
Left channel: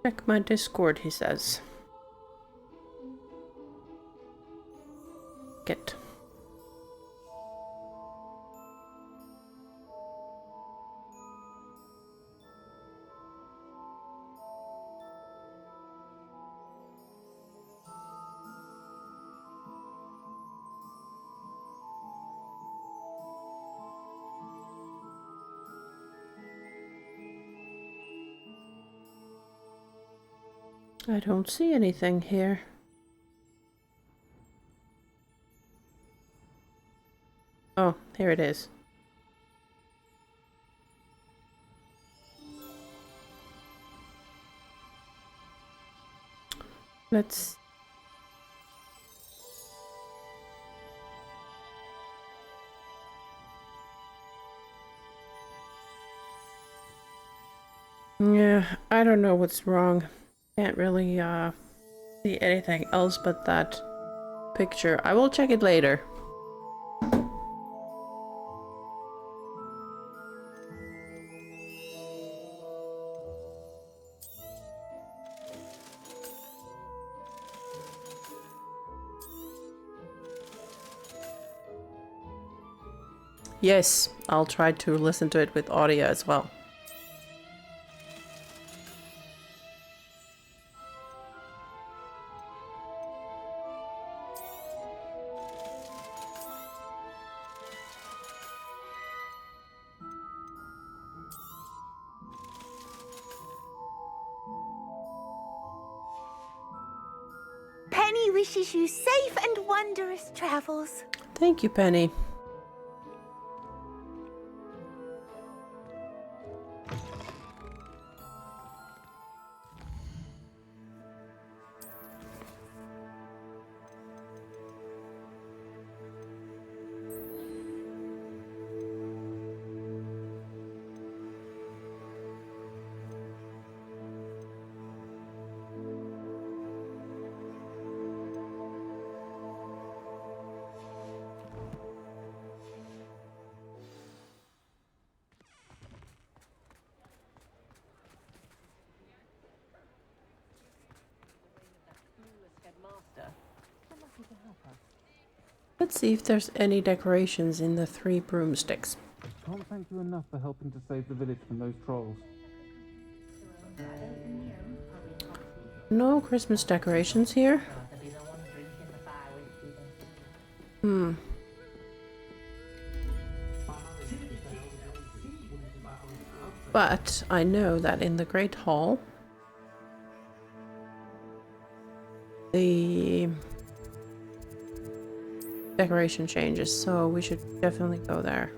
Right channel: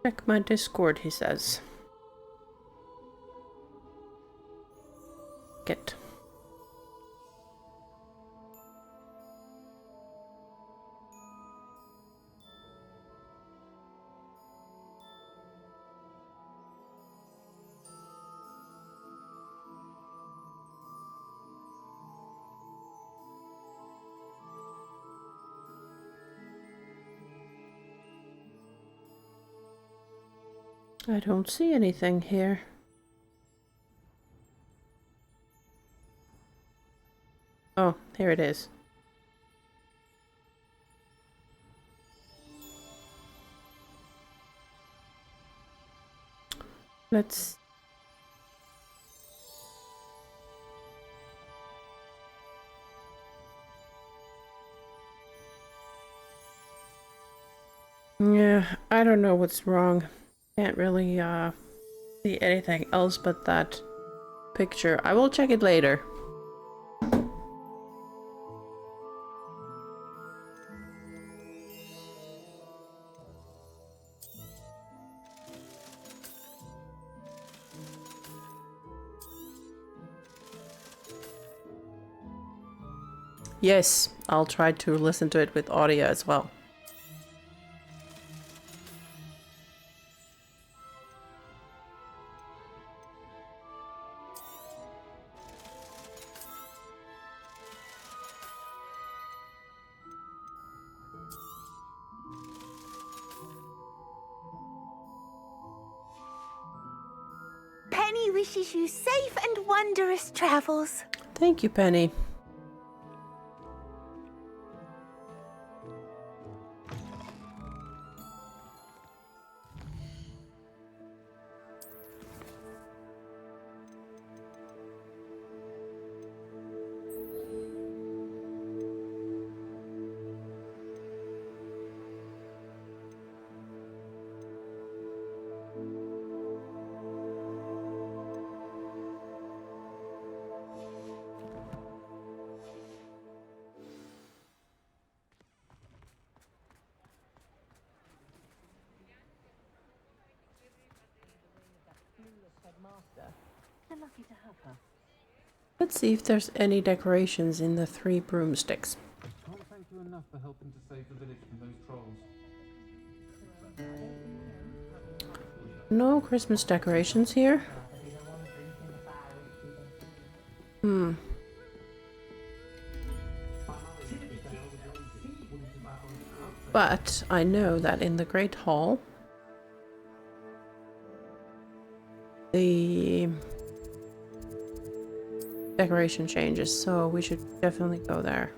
Check my Discord, he says. Get. I don't see anything here. Oh, here it is. Yeah, I don't know what's wrong. Can't really see anything else but that picture. I will check it later. Yes, I'll try to listen to it with audio as well. Penny wishes you safe and wondrous travels. Thank you, Penny. You're lucky to have her. Let's see if there's any decorations in the 3 broomsticks. Can't thank you enough for helping to save the village from those trolls. No Christmas decorations here. But I know that in the Great Hall, the decoration changes, so we should definitely go there.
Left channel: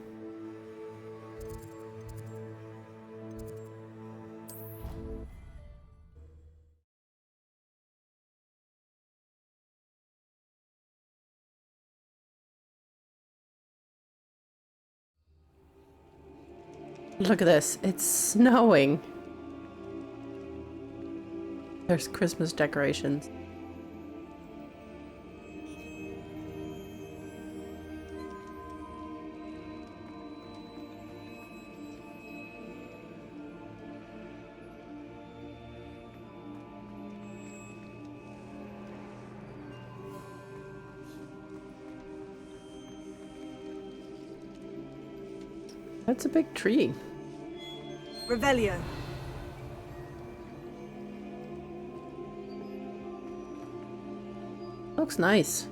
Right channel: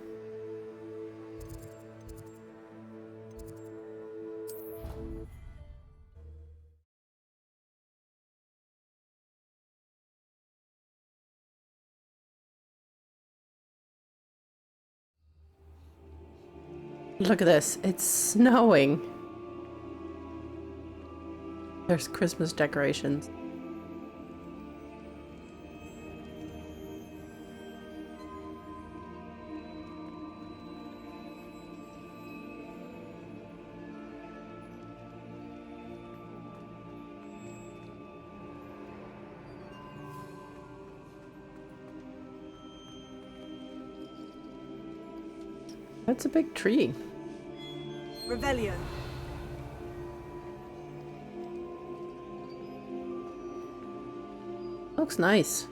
Look at this, it's snowing. There's Christmas decorations. That's a big tree. Revelio. Looks nice.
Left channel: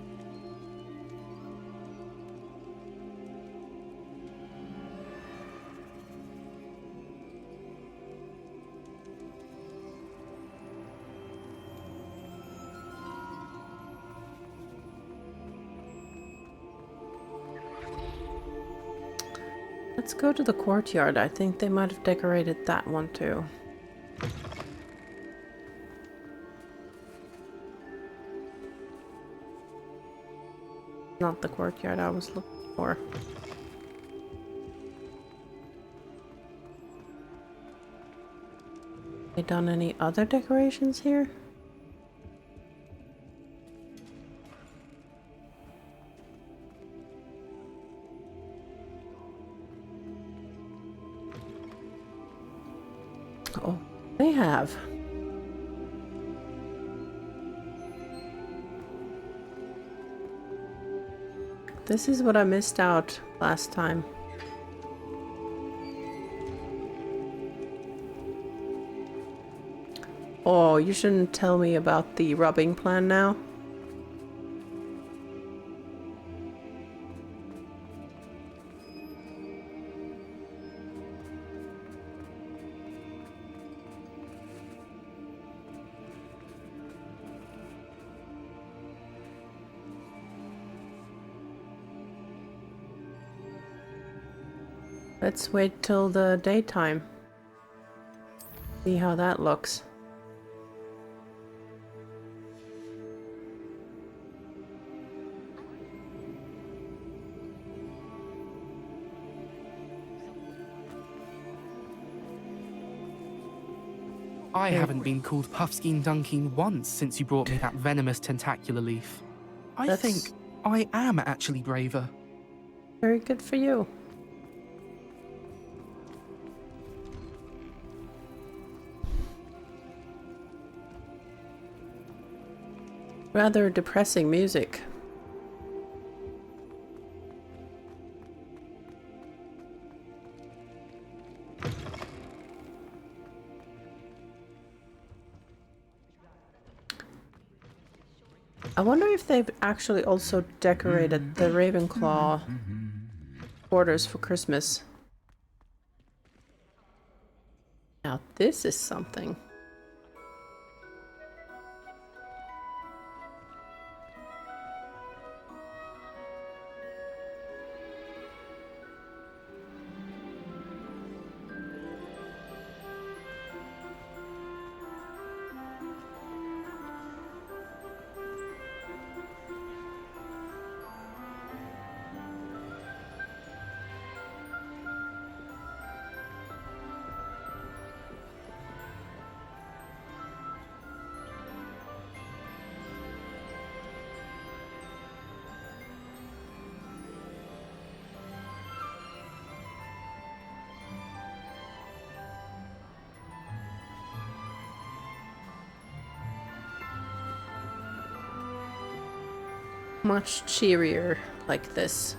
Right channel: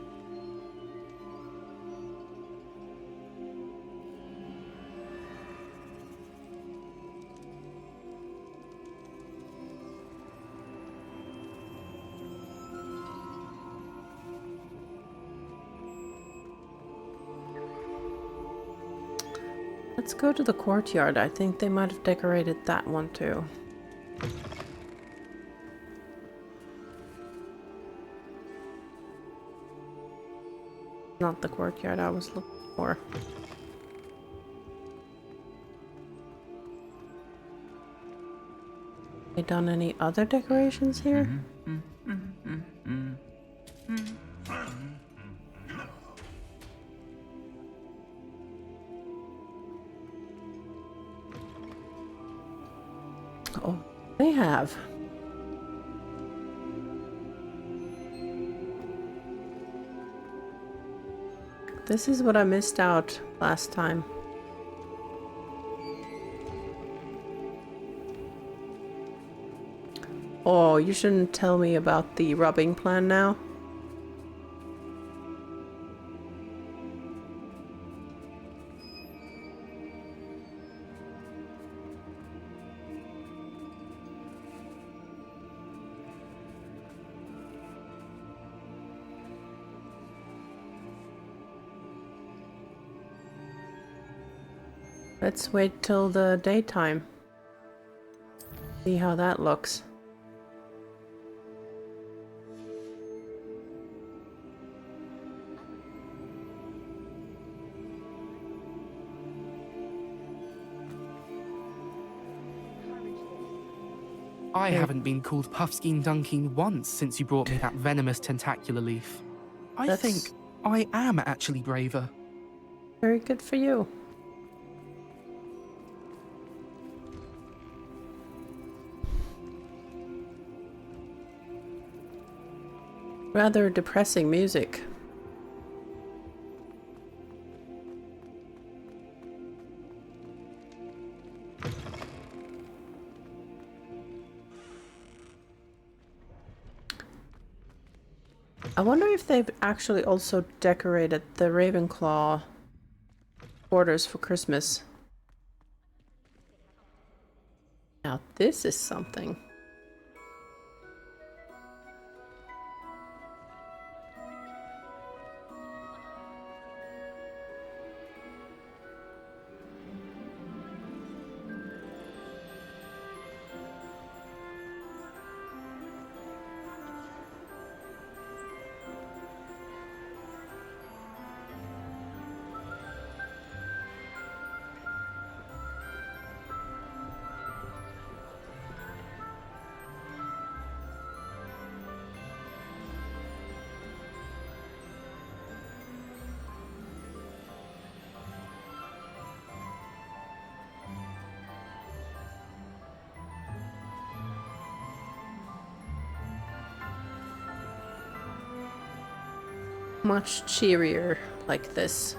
Let's go to the courtyard. I think they might have decorated that one too. Not the courtyard I was looking for. They done any other decorations here? Oh, they have. This is what I missed out last time. Oh, you shouldn't tell me about the rubbing plan now. Let's wait till the daytime. See how that looks. I haven't been called Puffskein Dunkeen once since you brought me that venomous tentacular leaf. I think I am actually braver. Very good for you. Rather depressing music. I wonder if they've actually also decorated the Ravenclaw quarters for Christmas. Now this is something. Much cheerier like this.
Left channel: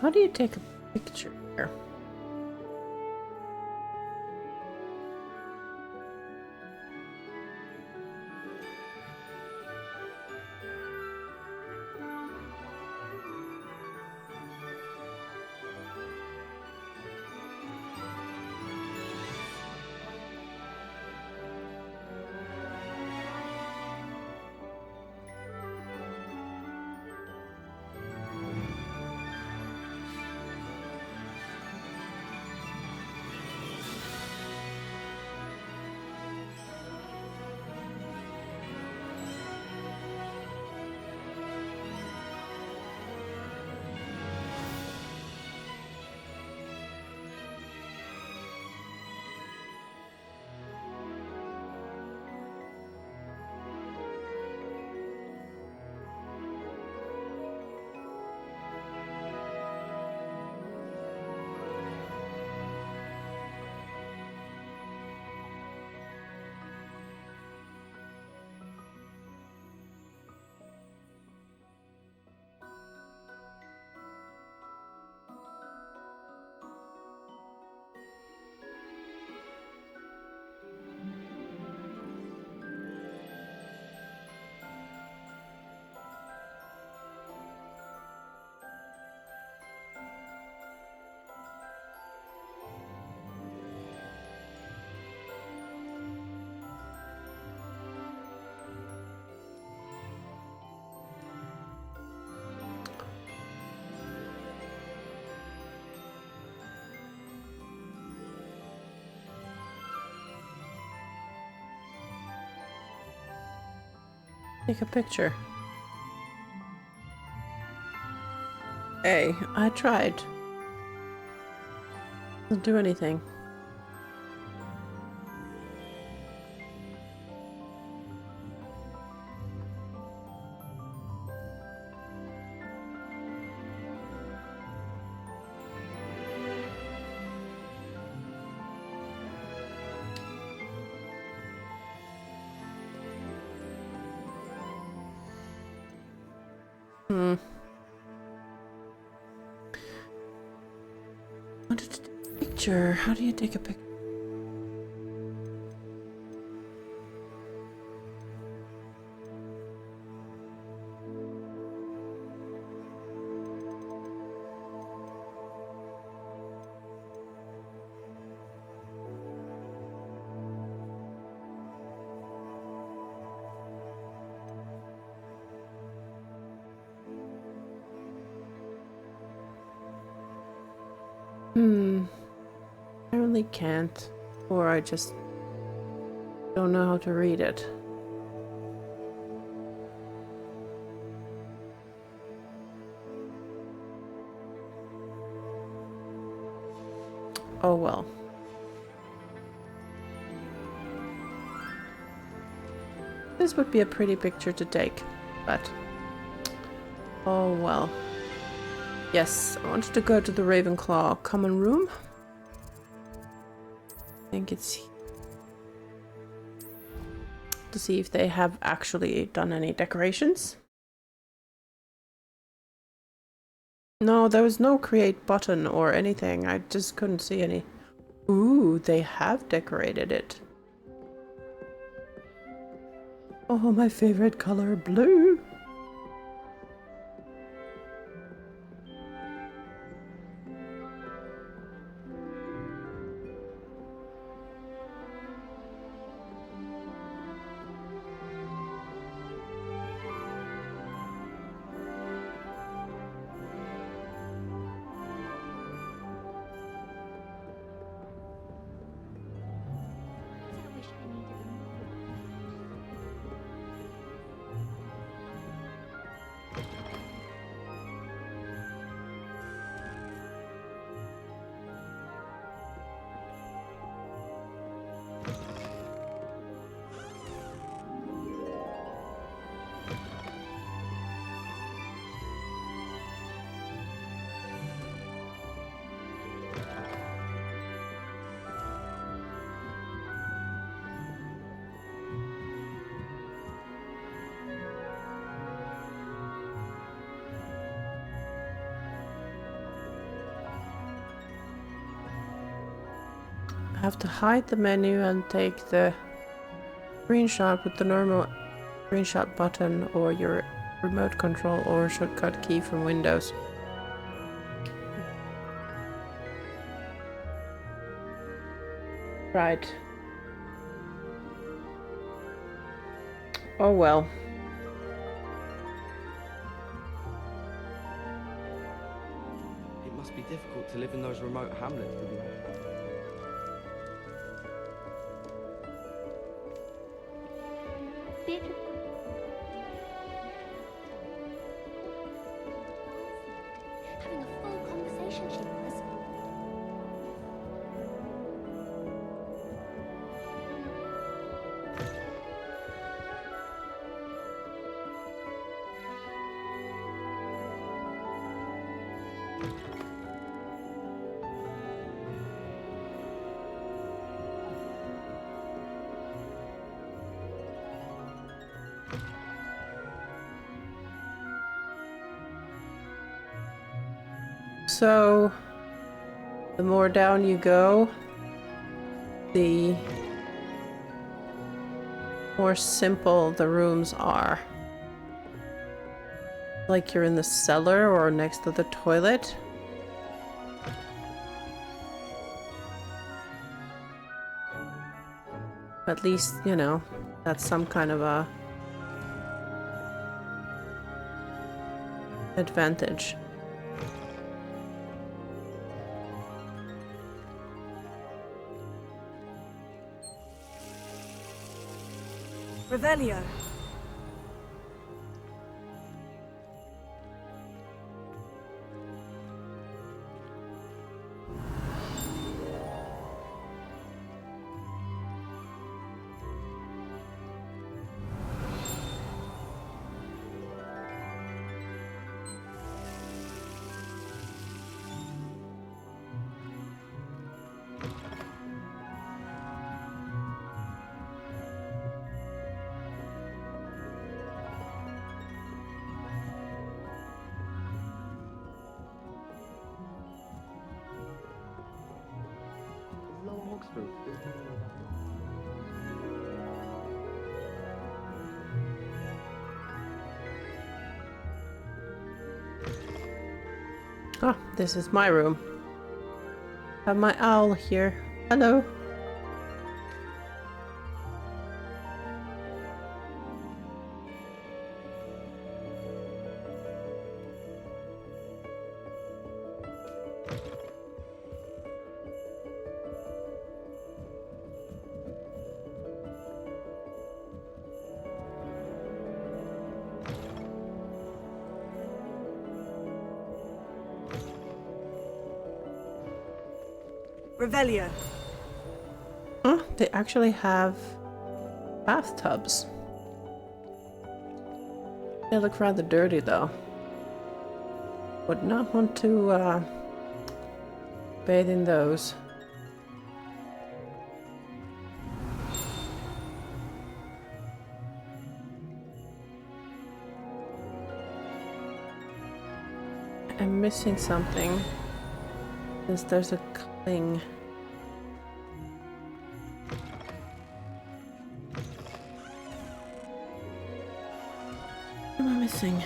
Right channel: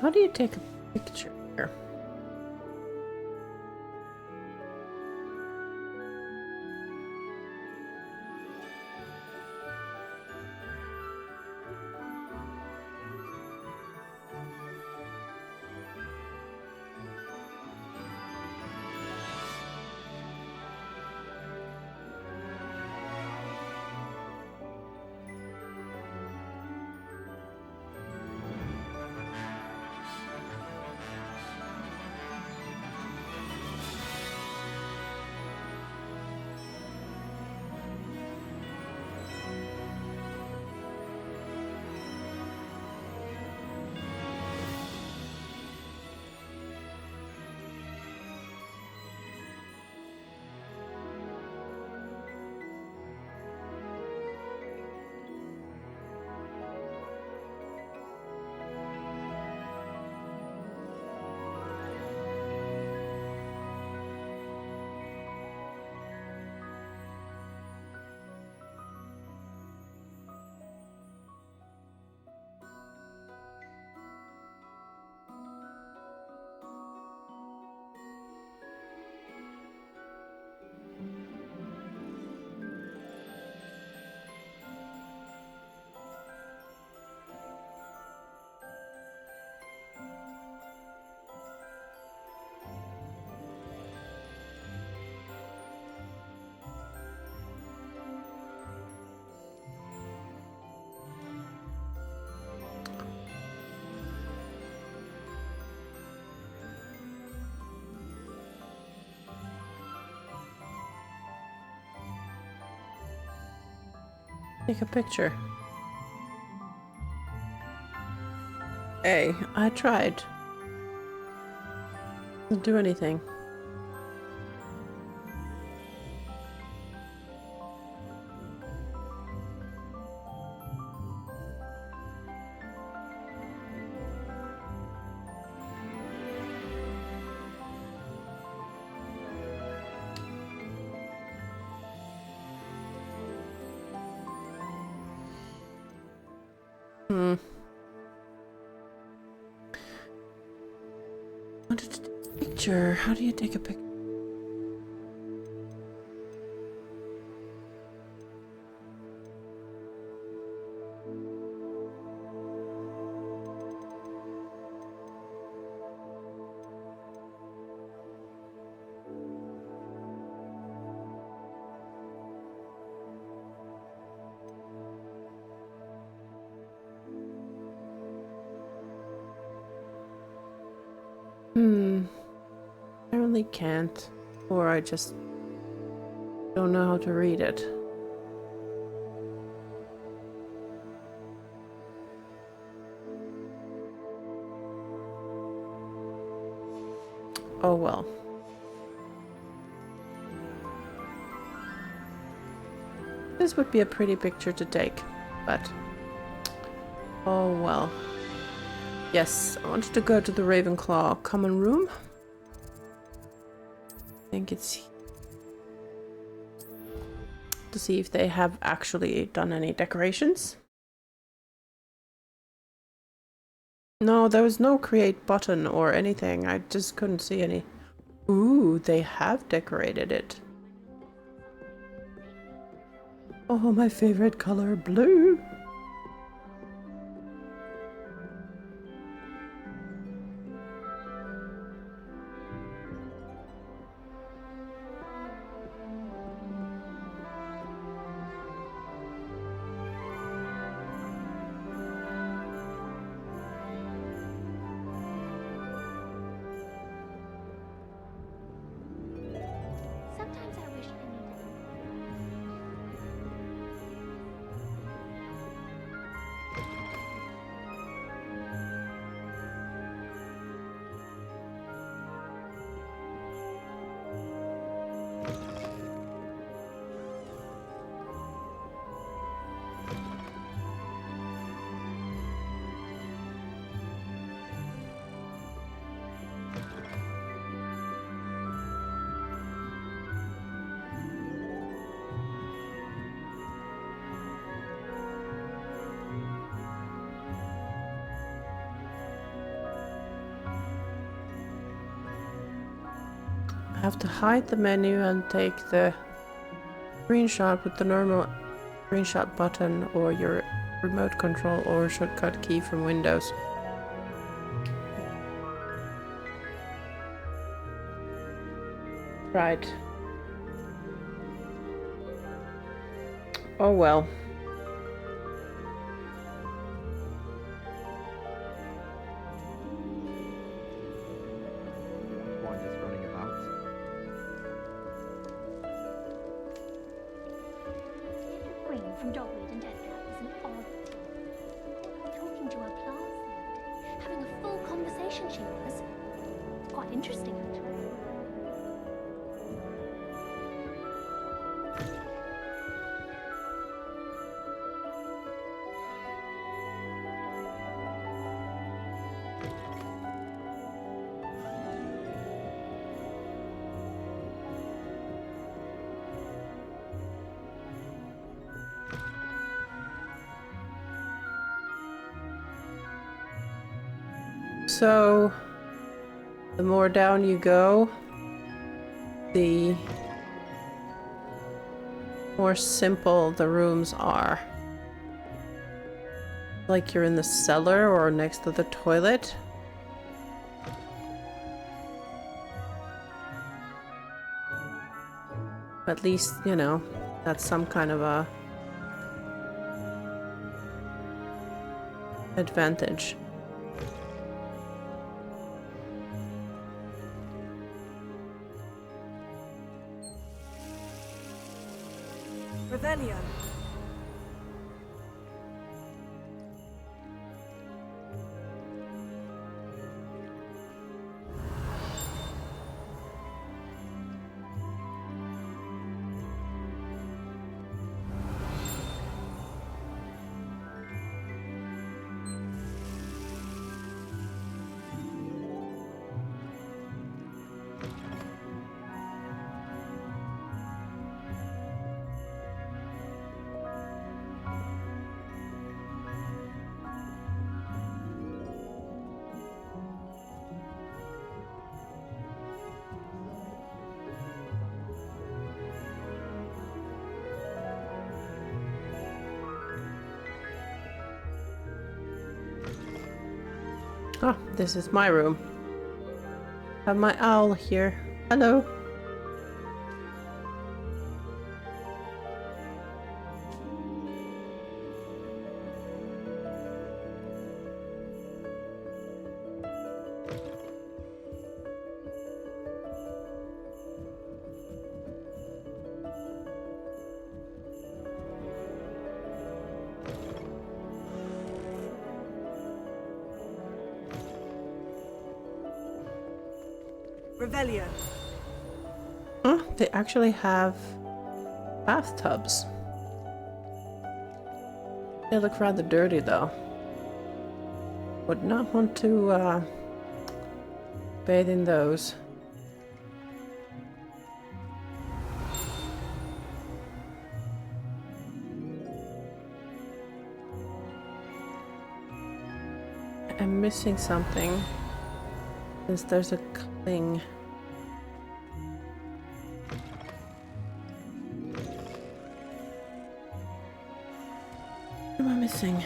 How do you take a picture here? Take a picture. Hey, I tried. Doesn't do anything. Hmm. I wanted to take a picture. How do you take a picture? Apparently can't, or I just don't know how to read it. Oh well. This would be a pretty picture to take, but oh well. Yes, I wanted to go to the Ravenclaw common room. I think it's to see if they have actually done any decorations. No, there was no create button or anything. I just couldn't see any. Ooh, they have decorated it. Oh, my favorite color, blue. I have to hide the menu and take the screenshot with the normal screenshot button or your remote control or shortcut key from Windows. Right. Oh well. It must be difficult to live in those remote hamlets with young winders running about. Beatrice Green from Dortmund and Edinburgh was an odd type. Caught her talking to her class the other day, having a full conversation. She was quite interesting, actually. So, the more down you go, the more simple the rooms are. Like you're in the cellar or next to the toilet. At least, you know, that's some kind of a advantage. Revelio. Ah, this is my room. Have my owl here. Hello. Revelio. Oh, they actually have bathtubs. They look rather dirty though. Would not want to bathe in those. I'm missing something. Since there's a cling. What am I missing?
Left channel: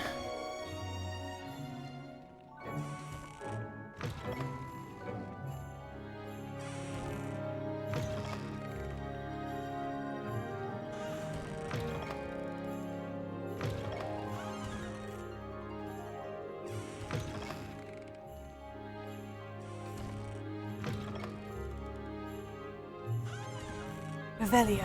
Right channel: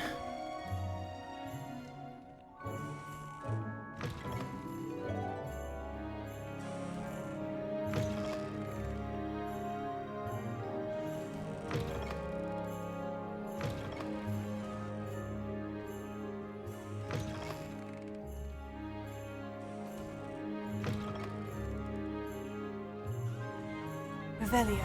Revelio.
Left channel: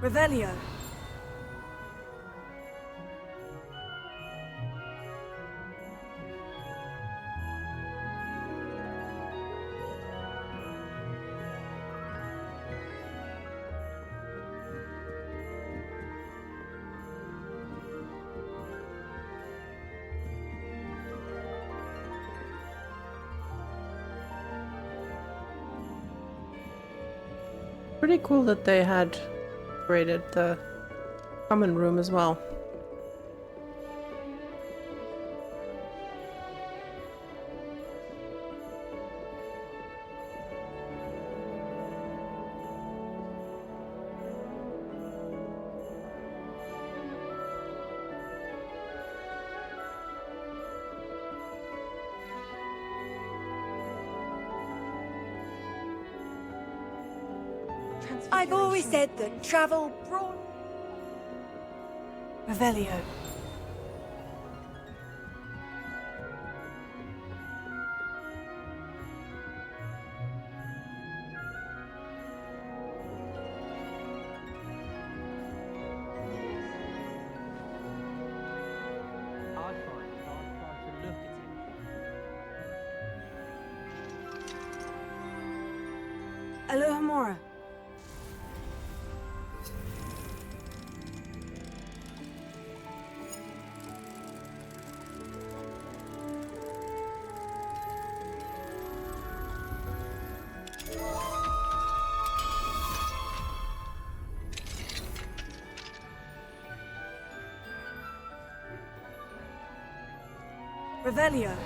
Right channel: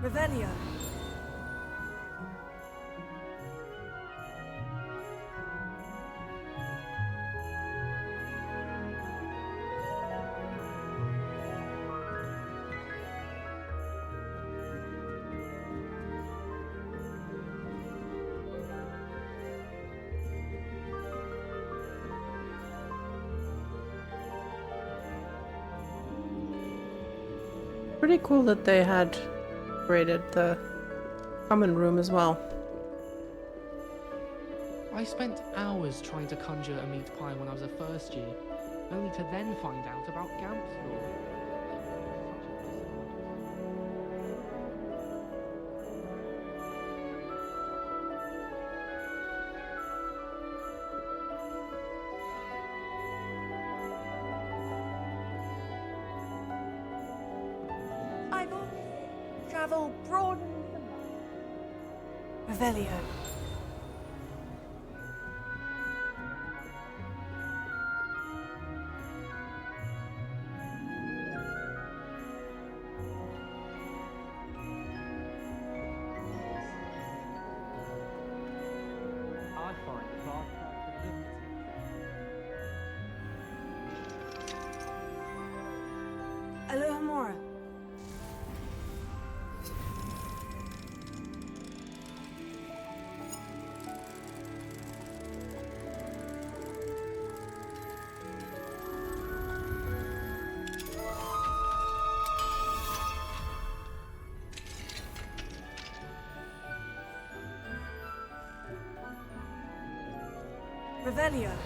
Revelio. Pretty cool that they had raided the common room as well. I spent hours trying to conjure a meat pie when I was a first year, only to then find out about Gamps. I've always said that travel broad. Revelio. I'd find if I tried to look at it. Alohomora. Revelio.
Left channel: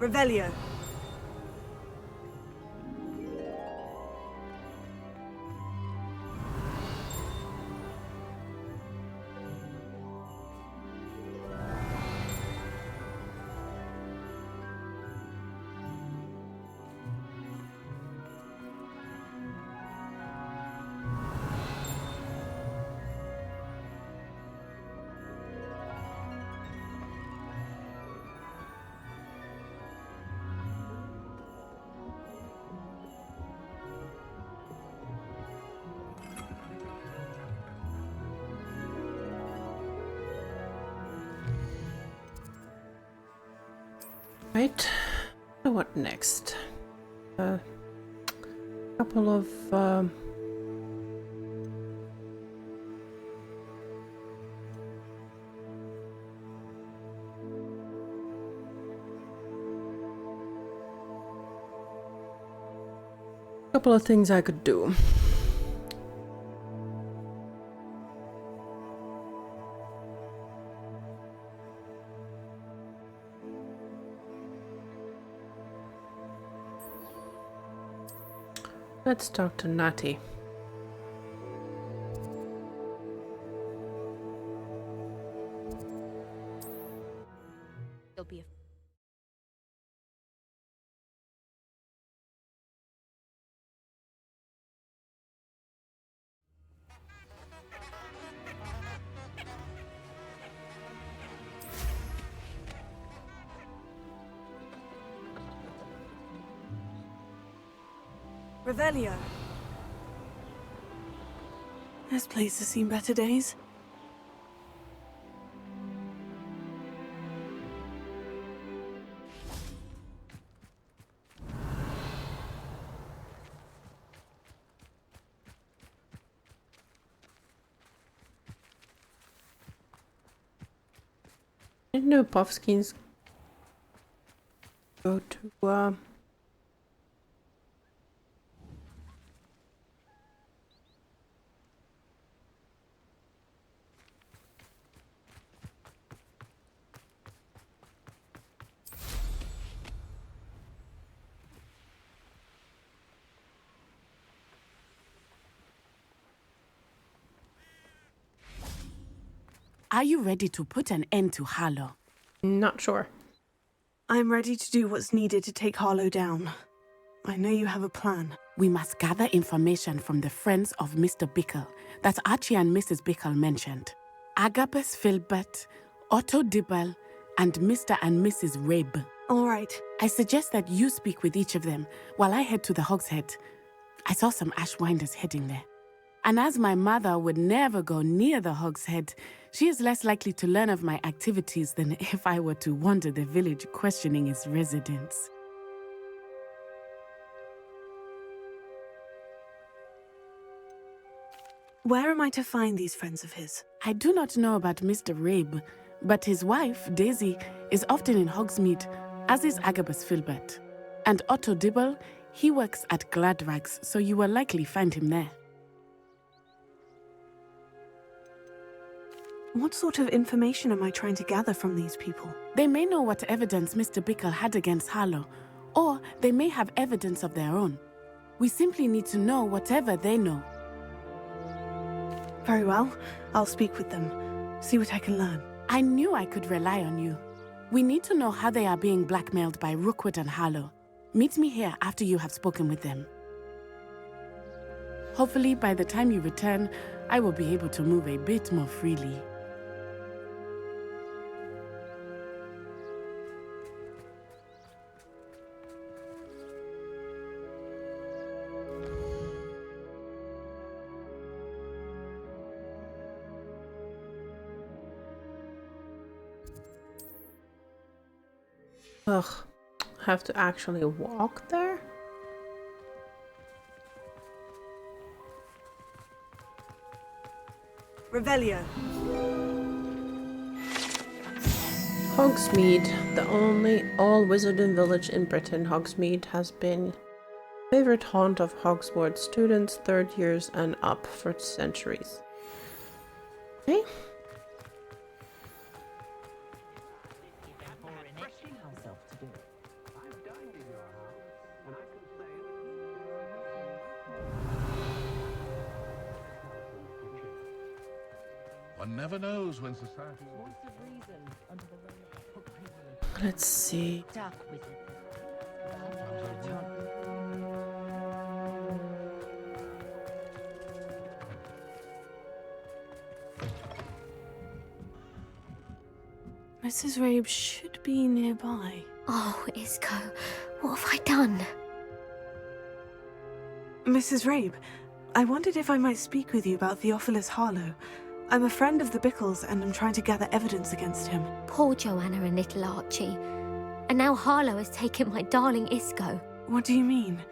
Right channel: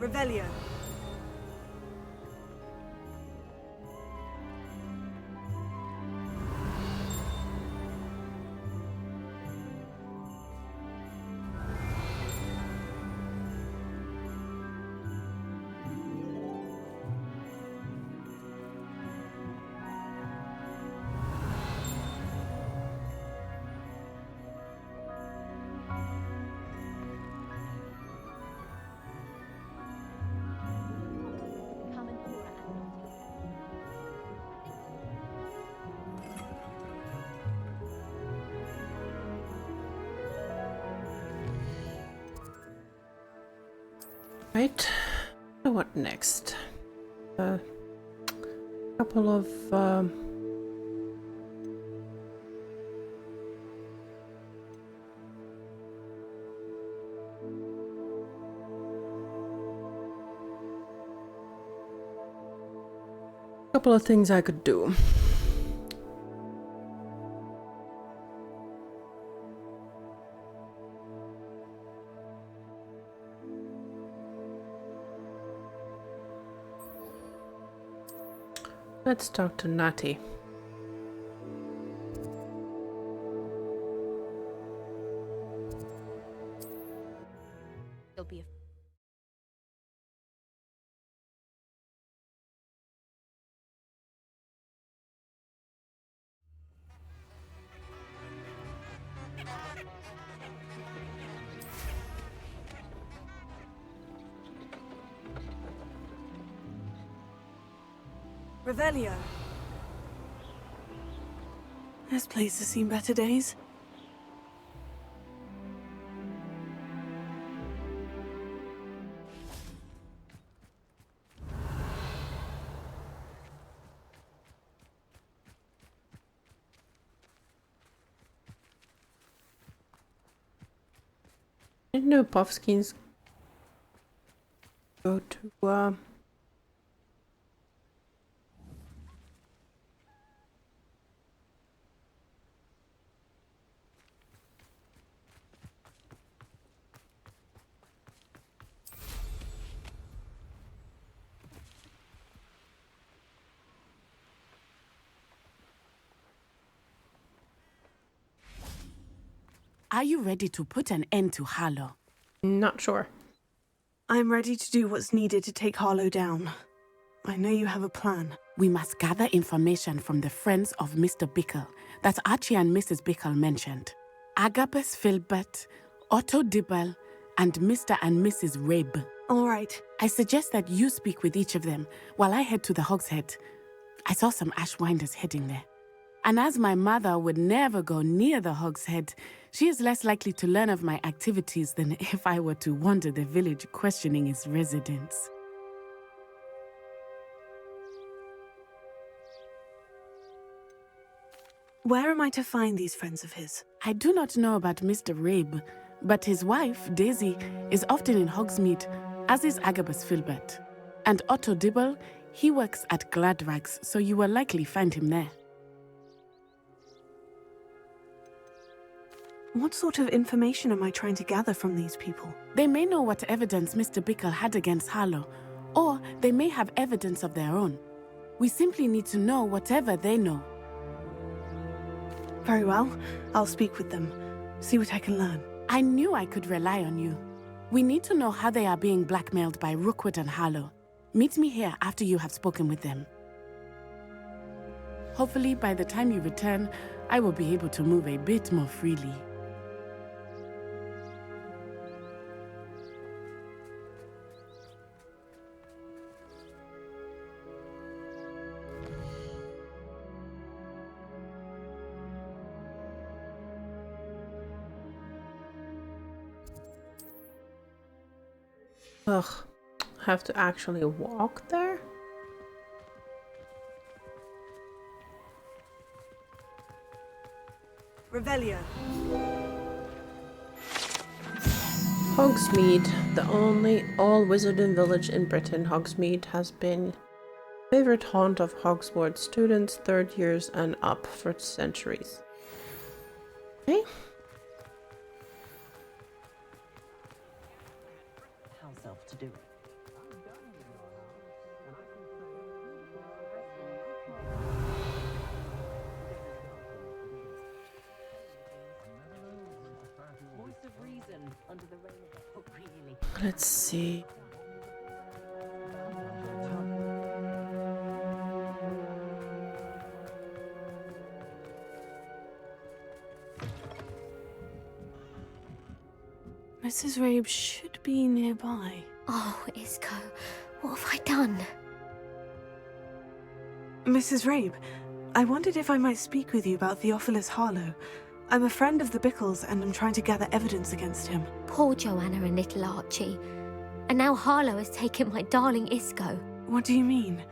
Revelio. Right. So what next? A couple of things I could do. Let's talk to Natty. There'll be a Revelio. This place has seen better days. I didn't know puffskins go to Are you ready to put an end to Harlow? Not sure. I'm ready to do what's needed to take Harlow down. I know you have a plan. We must gather information from the friends of Mr. Bickle that Archie and Mrs. Bickle mentioned. Agabus Filbert, Otto Dibble, and Mr. and Mrs. Rabe. All right. I suggest that you speak with each of them while I head to the Hogshead. I saw some Ashwinders heading there. And as my mother would never go near the Hogshead, she is less likely to learn of my activities than if I were to wander the village questioning its residents. Where am I to find these friends of his? I do not know about Mr. Rabe, but his wife, Daisy, is often in Hogsmeade, as is Agabus Filbert. And Otto Dibble, he works at Gladrags, so you will likely find him there. What sort of information am I trying to gather from these people? They may know what evidence Mr. Bickle had against Harlow, or they may have evidence of their own. We simply need to know whatever they know. Very well. I'll speak with them. See what I can learn. I knew I could rely on you. We need to know how they are being blackmailed by Rookwood and Harlow. Meet me here after you have spoken with them. Hopefully, by the time you return, I will be able to move a bit more freely. Ugh, have to actually walk there? Revelio. Hogsmeade, the only all-wizarding village in Britain. Hogsmeade has been a favorite haunt of Hogwarts students, third years and up for centuries. Okay. One never knows when society will Voice of reason under the rain. Let's see. Mrs. Rabe should be nearby. Oh, Isco, what have I done? Mrs. Rabe, I wondered if I might speak with you about Theophilus Harlow. I'm a friend of the Bickles and I'm trying to gather evidence against him. Poor Joanna and little Archie. And now Harlow has taken my darling Isco. What do you mean?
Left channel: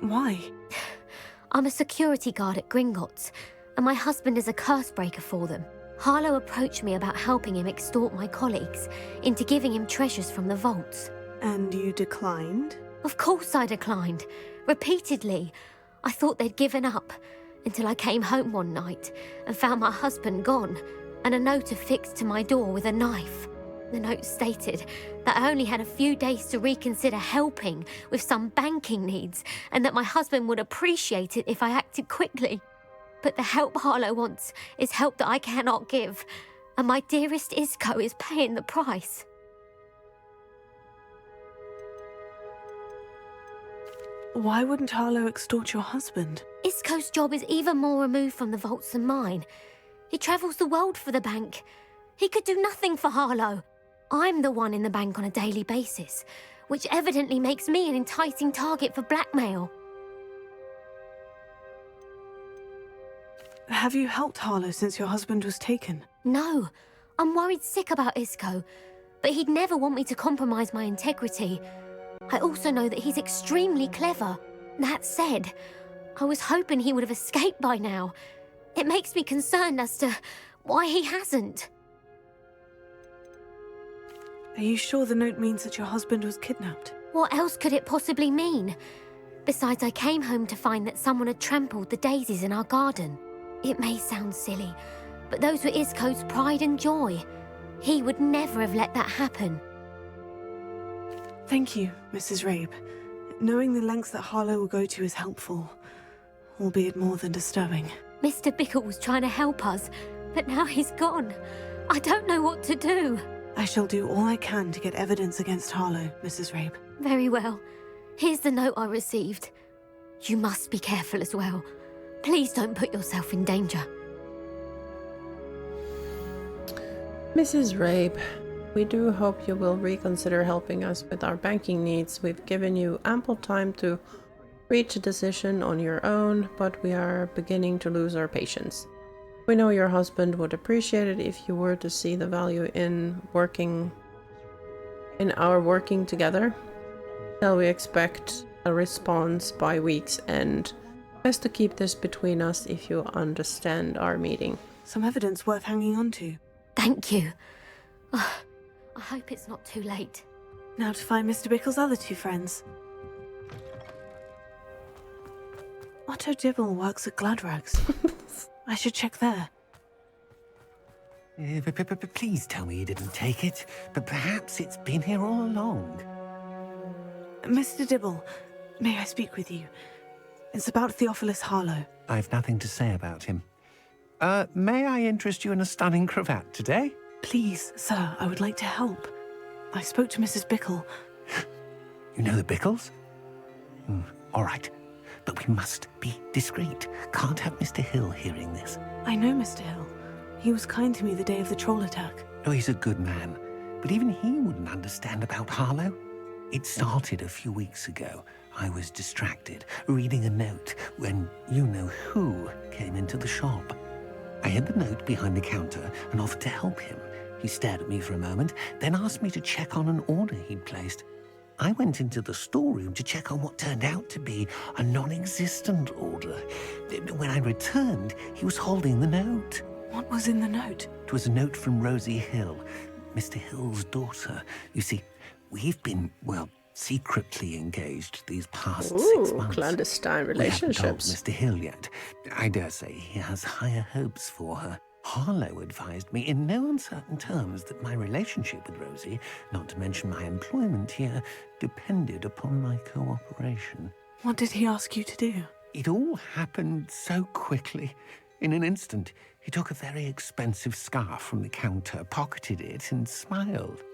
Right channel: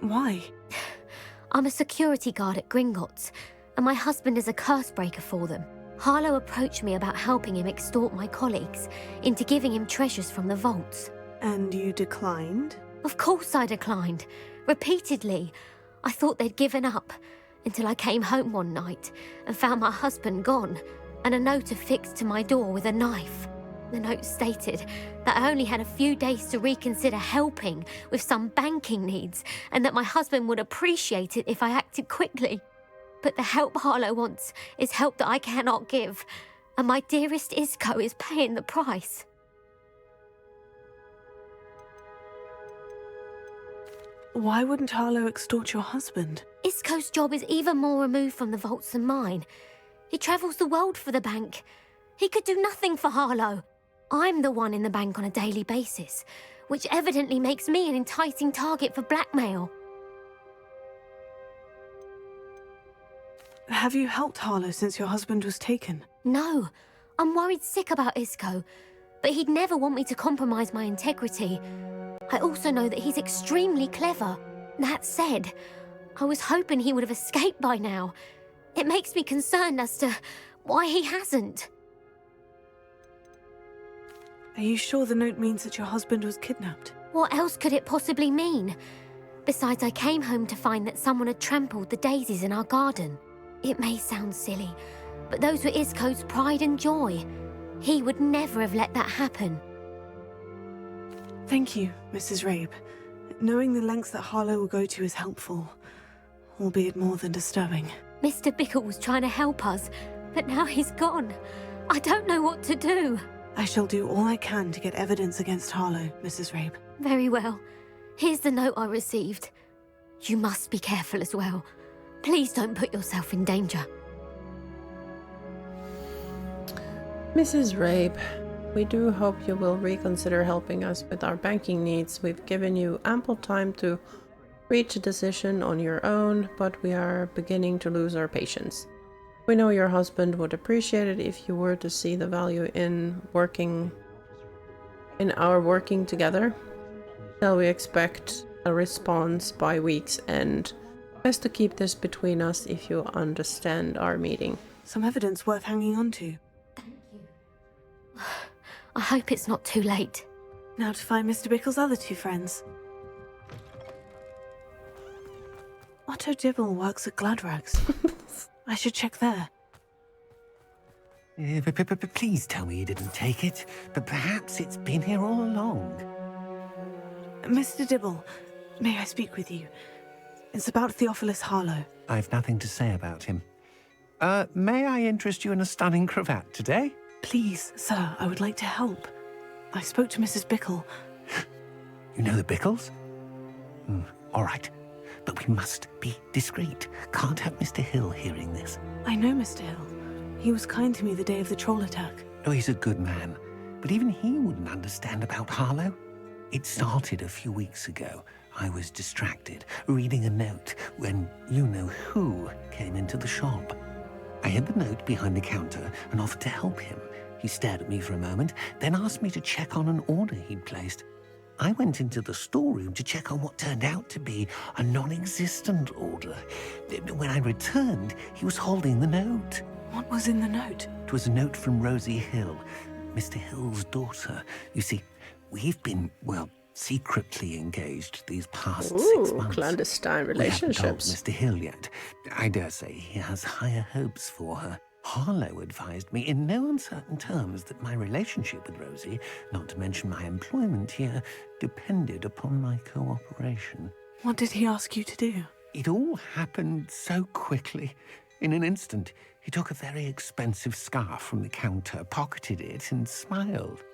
Why? I'm a security guard at Gringotts, and my husband is a curse breaker for them. Harlow approached me about helping him extort my colleagues into giving him treasures from the vaults. And you declined? Of course I declined. Repeatedly. I thought they'd given up, until I came home one night and found my husband gone, and a note affixed to my door with a knife. The note stated that I only had a few days to reconsider helping with some banking needs, and that my husband would appreciate it if I acted quickly. But the help Harlow wants is help that I cannot give, and my dearest Isco is paying the price. Why wouldn't Harlow extort your husband? Isco's job is even more removed from the vaults than mine. He travels the world for the bank. He could do nothing for Harlow. I'm the one in the bank on a daily basis, which evidently makes me an enticing target for blackmail. Have you helped Harlow since your husband was taken? No, I'm worried sick about Isco, but he'd never want me to compromise my integrity. I also know that he's extremely clever. That said, I was hoping he would have escaped by now. It makes me concerned as to why he hasn't. Are you sure the note means that your husband was kidnapped? What else could it possibly mean? Besides, I came home to find that someone had trampled the daisies in our garden. It may sound silly, but those were Isco's pride and joy. He would never have let that happen. Thank you, Mrs. Rabe. Knowing the lengths that Harlow will go to is helpful, albeit more than disturbing. Mr. Bickle was trying to help us, but now he's gone. I don't know what to do. I shall do all I can to get evidence against Harlow, Mrs. Rabe. Very well. Here's the note I received. You must be careful as well. Please don't put yourself in danger. Mrs. Rabe, we do hope you will reconsider helping us with our banking needs. We've given you ample time to reach a decision on your own, but we are beginning to lose our patience. We know your husband would appreciate it if you were to see the value in our working together. Shall we expect a response by week's end? Best to keep this between us if you understand our meeting. Some evidence worth hanging on to. Thank you. I hope it's not too late. Now to find Mr. Bickle's other two friends. Otto Dibble works at Gladrags. I should check there. Please tell me you didn't take it, but perhaps it's been here all along. Mr. Dibble, may I speak with you? It's about Theophilus Harlow. I've nothing to say about him. May I interest you in a stunning cravat today? Please, sir, I would like to help. I spoke to Mrs. Bickle. You know the Bickles? All right, but we must be discreet. Can't have Mr. Hill hearing this. I know Mr. Hill. He was kind to me the day of the troll attack. Oh, he's a good man, but even he wouldn't understand about Harlow. It started a few weeks ago. I was distracted, reading a note, when you-know-who came into the shop. I hid the note behind the counter and offered to help him. He stared at me for a moment, then asked me to check on an order he'd placed. I went into the storeroom to check on what turned out to be a non-existent order. When I returned, he was holding the note. What was in the note? It was a note from Rosie Hill, Mr. Hill's daughter. You see, we've been, secretly engaged these past 6 months. Clandestine We haven't told relationships. Mr. Hill yet. I dare say he has higher hopes for her. Harlow advised me in no uncertain terms that my relationship with Rosie, not to mention my employment here, depended upon my cooperation. What did he ask you to do? It all happened so quickly. In an instant, he took a very expensive scarf from the counter, pocketed it, and smiled.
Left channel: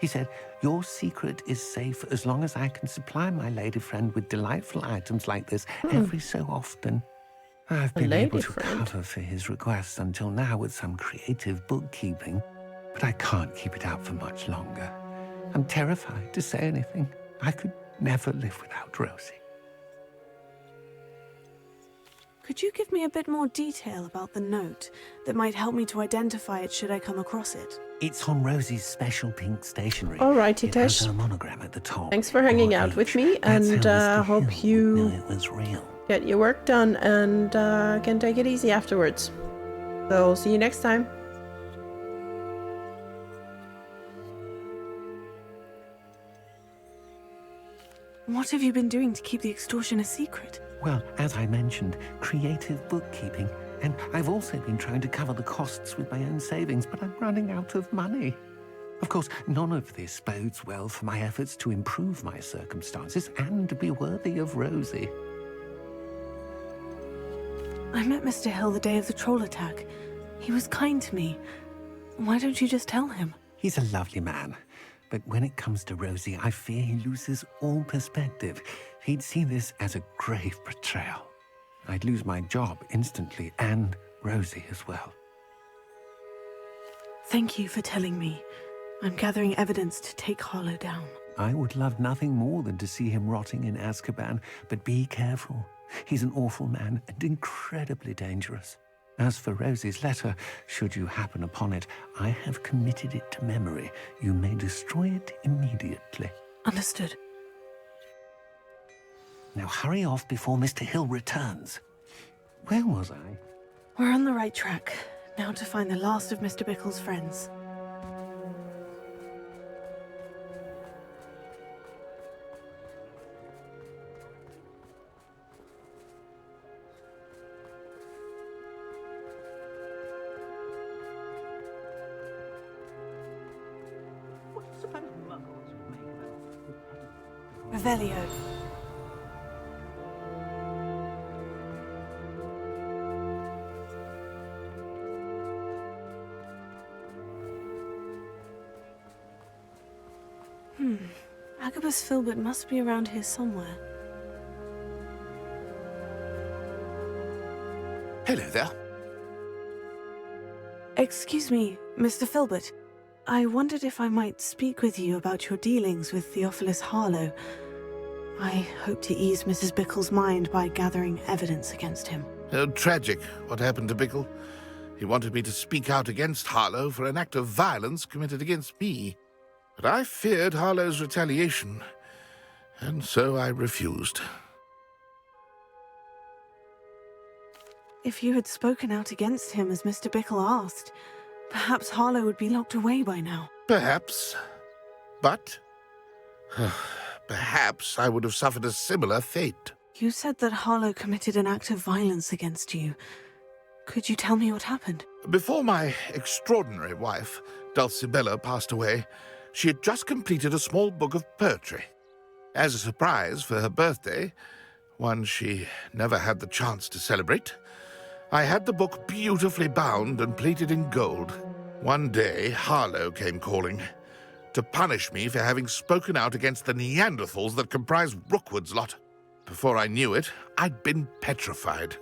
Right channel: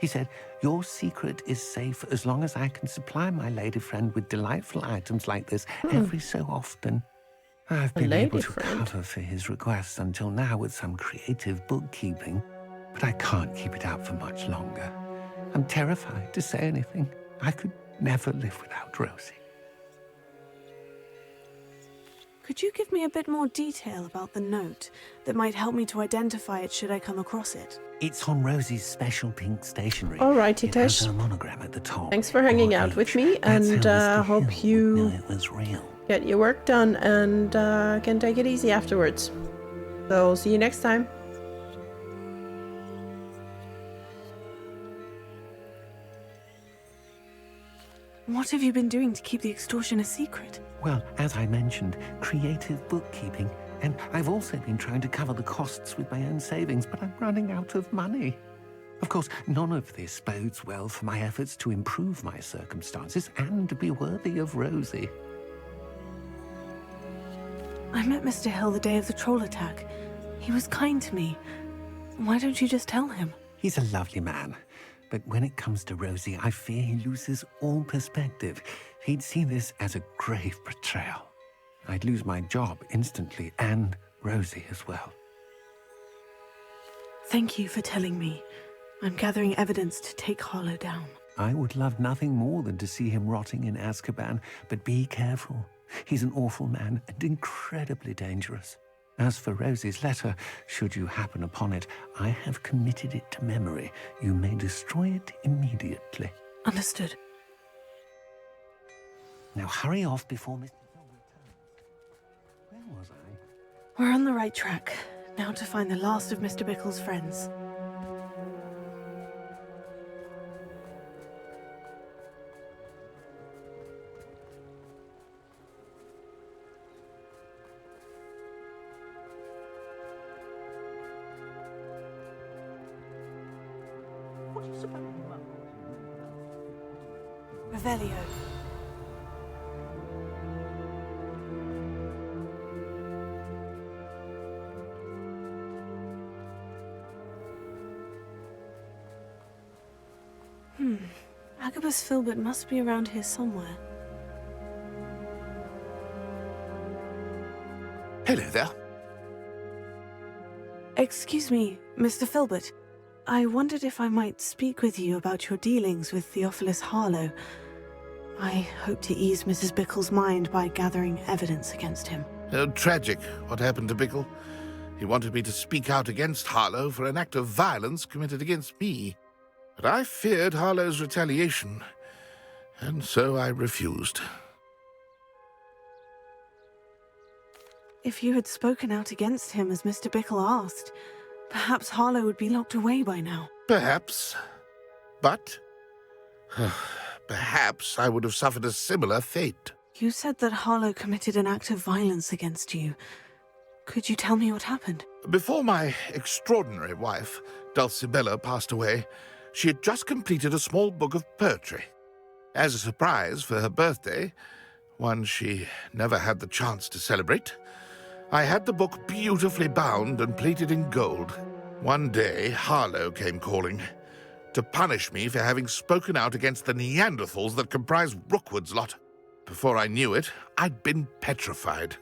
He said, "Your secret is safe as long as I can supply my lady friend with delightful items like this every so often." I've been able to cover for his requests until now with some creative bookkeeping, but I can't keep it up for much longer. I'm terrified to say anything. I could never live without Rosie. Could you give me a bit more detail about the note that might help me to identify it should I come across it? It's on Rosie's special pink stationery. Alrighty, It has Tish. her monogram at the top. Thanks for hanging out with me, and hope Know you it was real. get your work done and can take it easy afterwards. So, see you next time. What have you been doing to keep the extortion a secret? Well, as I mentioned, creative bookkeeping. And I've also been trying to cover the costs with my own savings, but I'm running out of money. Of course, none of this bodes well for my efforts to improve my circumstances and be worthy of Rosie. I met Mr. Hill the day of the troll attack. He was kind to me. Why don't you just tell him? He's a lovely man. But when it comes to Rosie, I fear he loses all perspective. He'd see this as a grave betrayal. I'd lose my job instantly, and Rosie as well. Thank you for telling me. I'm gathering evidence to take Harlow down. I would love nothing more than to see him rotting in Azkaban, but be careful. He's an awful man and incredibly dangerous. As for Rosie's letter, should you happen upon it, I have committed it to memory. You may destroy it immediately. Understood. Now hurry off before Mr. Hill returns. Where was I? We're on the right track. Now to find the last of Mr. Bickle's friends. Revelio. Agabus Filbert must be around here somewhere. Hello there. Excuse me, Mr. Filbert. I wondered if I might speak with you about your dealings with Theophilus Harlow. I hope to ease Mrs. Bickle's mind by gathering evidence against him. Tragic, what happened to Bickle. He wanted me to speak out against Harlow for an act of violence committed against me. But I feared Harlow's retaliation, and so I refused. If you had spoken out against him as Mr. Bickle asked, perhaps Harlow would be locked away by now. Perhaps. But perhaps I would have suffered a similar fate. You said that Harlow committed an act of violence against you. Could you tell me what happened? Before my extraordinary wife, Dulcibella, passed away, she had just completed a small book of poetry. As a surprise for her birthday, one she never had the chance to celebrate, I had the book beautifully bound and plated in gold. One day, Harlow came calling to punish me for having spoken out against the Neanderthals that comprise Rookwood's lot. Before I knew it, I'd been petrified,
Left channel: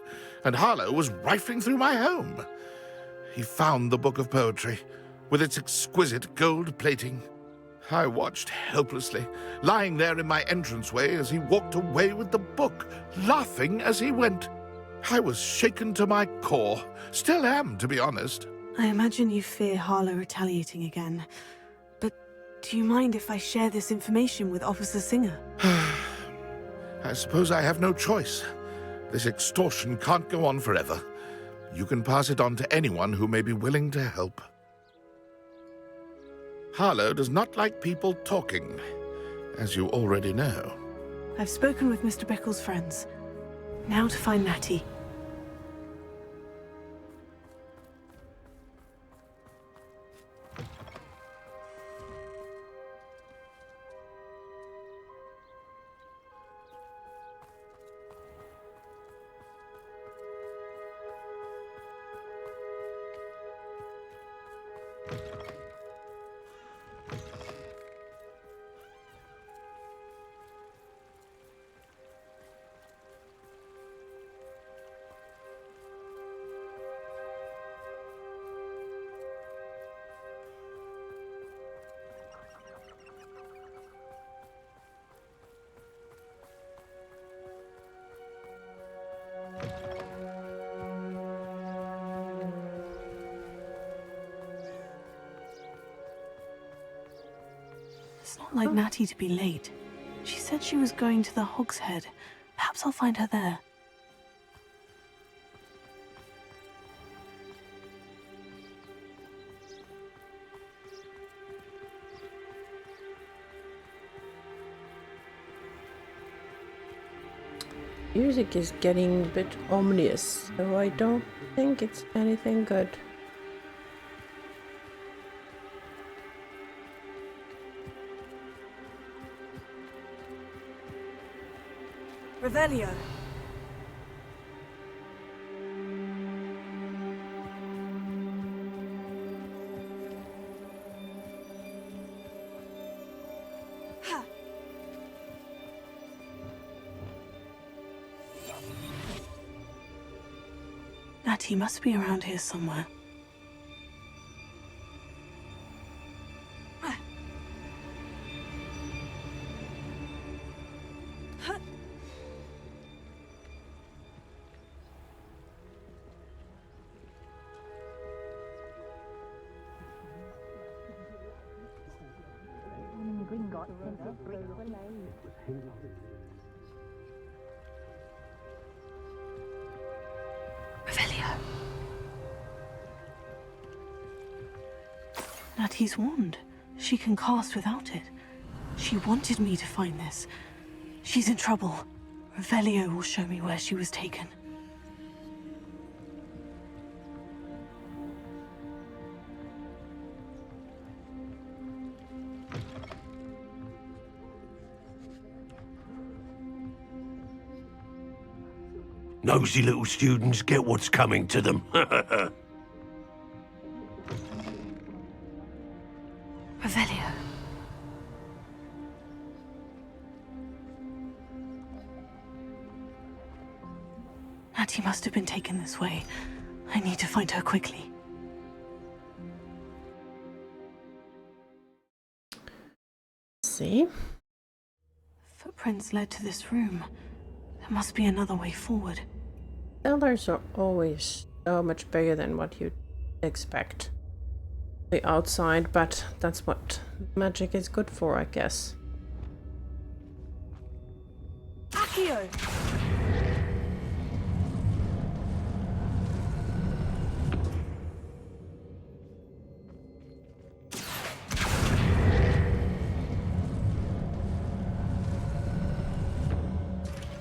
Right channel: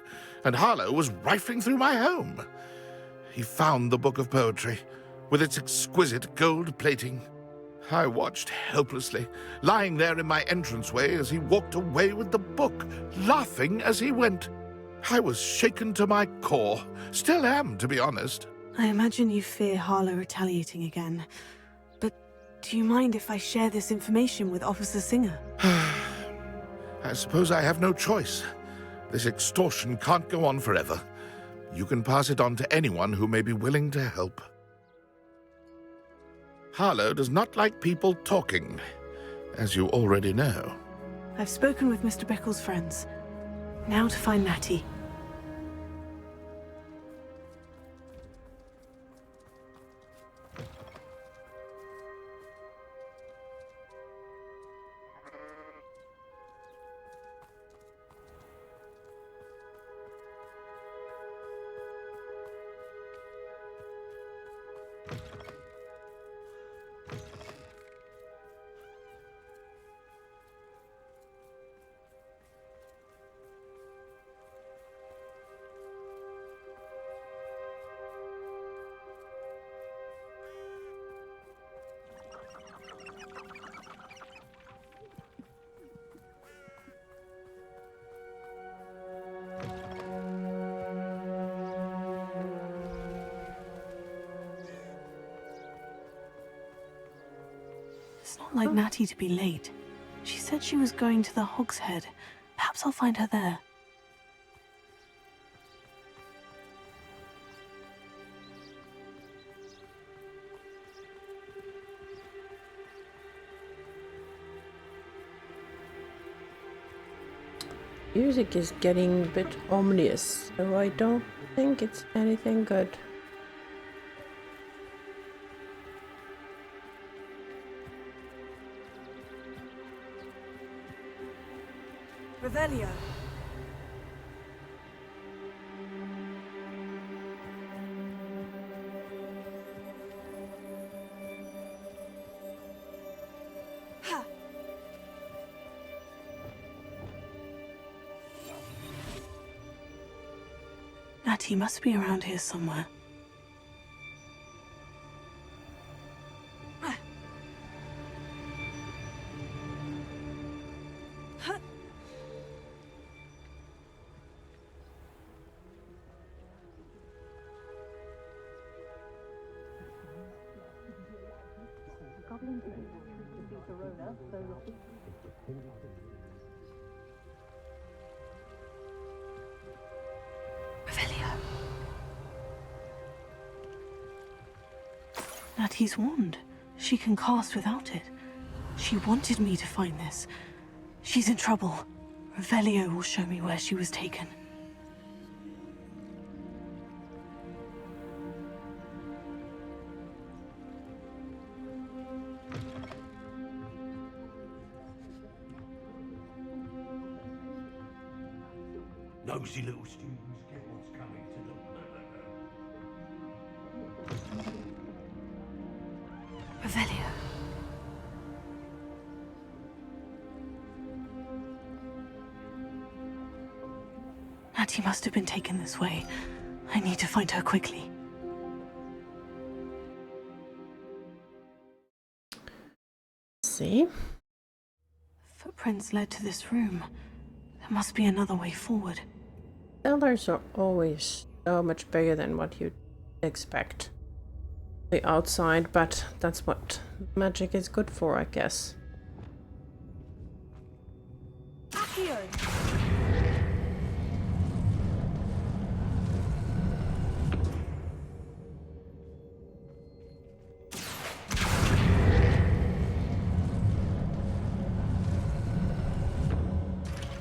and Harlow was rifling through my home. He found the book of poetry, with its exquisite gold plating. I watched helplessly, lying there in my entranceway as he walked away with the book, laughing as he went. I was shaken to my core. Still am, to be honest. I imagine you fear Harlow retaliating again. But do you mind if I share this information with Officer Singer? I suppose I have no choice. This extortion can't go on forever. You can pass it on to anyone who may be willing to help. Harlow does not like people talking, as you already know. I've spoken with Mr. Bickle's friends. Now to find Natty. Not like Natty to be late. She said she was going to the Hog's Head. Perhaps I'll find her there. Music is getting a bit ominous, so I don't think it's anything good. Revelio. Ha. Natty must be around here somewhere. Revelio. Natty's wand. She can cast without it. She wanted me to find this. She's in trouble. Revelio will show me where she was taken. Nosy little students get what's coming to them. Revelio. Natty must have been taken this way. I need to find her quickly. See? Footprints led to this room. There must be another way forward. Cellars are always so much bigger than what you'd expect. The outside, but that's what magic is good for, I guess. Accio.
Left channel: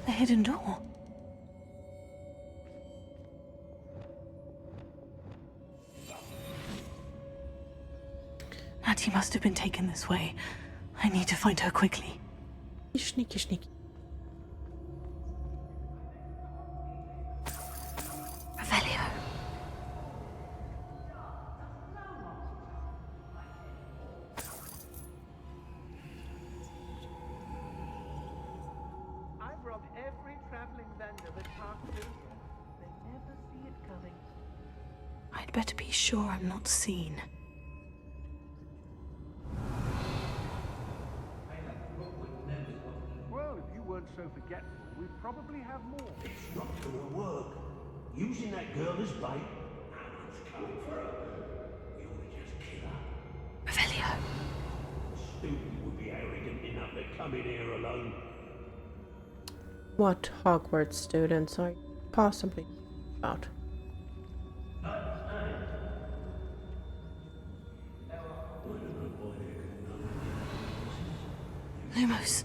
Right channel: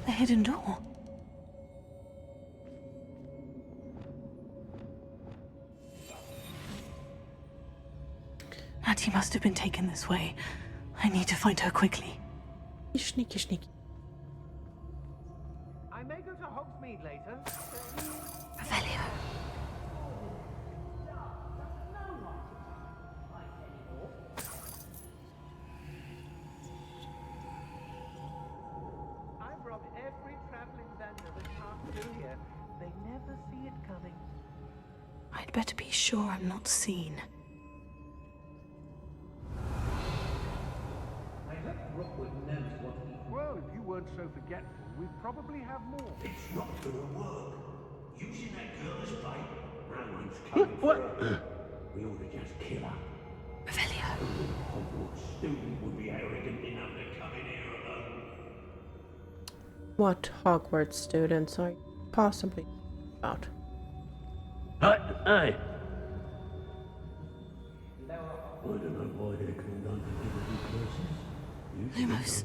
The hidden door. Natty must have been taken this way. I need to find her quickly. Sneaky, sneaky. I may go to Hogsmeade later. Revelio. I've robbed every traveling vendor that passed through here. They never see it coming. I'd better be sure I'm not seen. Well, if you weren't so forgetful, we'd probably have more. It's not gonna work. Using that girl as bait, no one's coming for her. We ought to just kill her. Revelio. What student would be arrogant enough to come in here alone? What Hogwarts students are you possibly about? Hey! I don't know why they're called Lumos.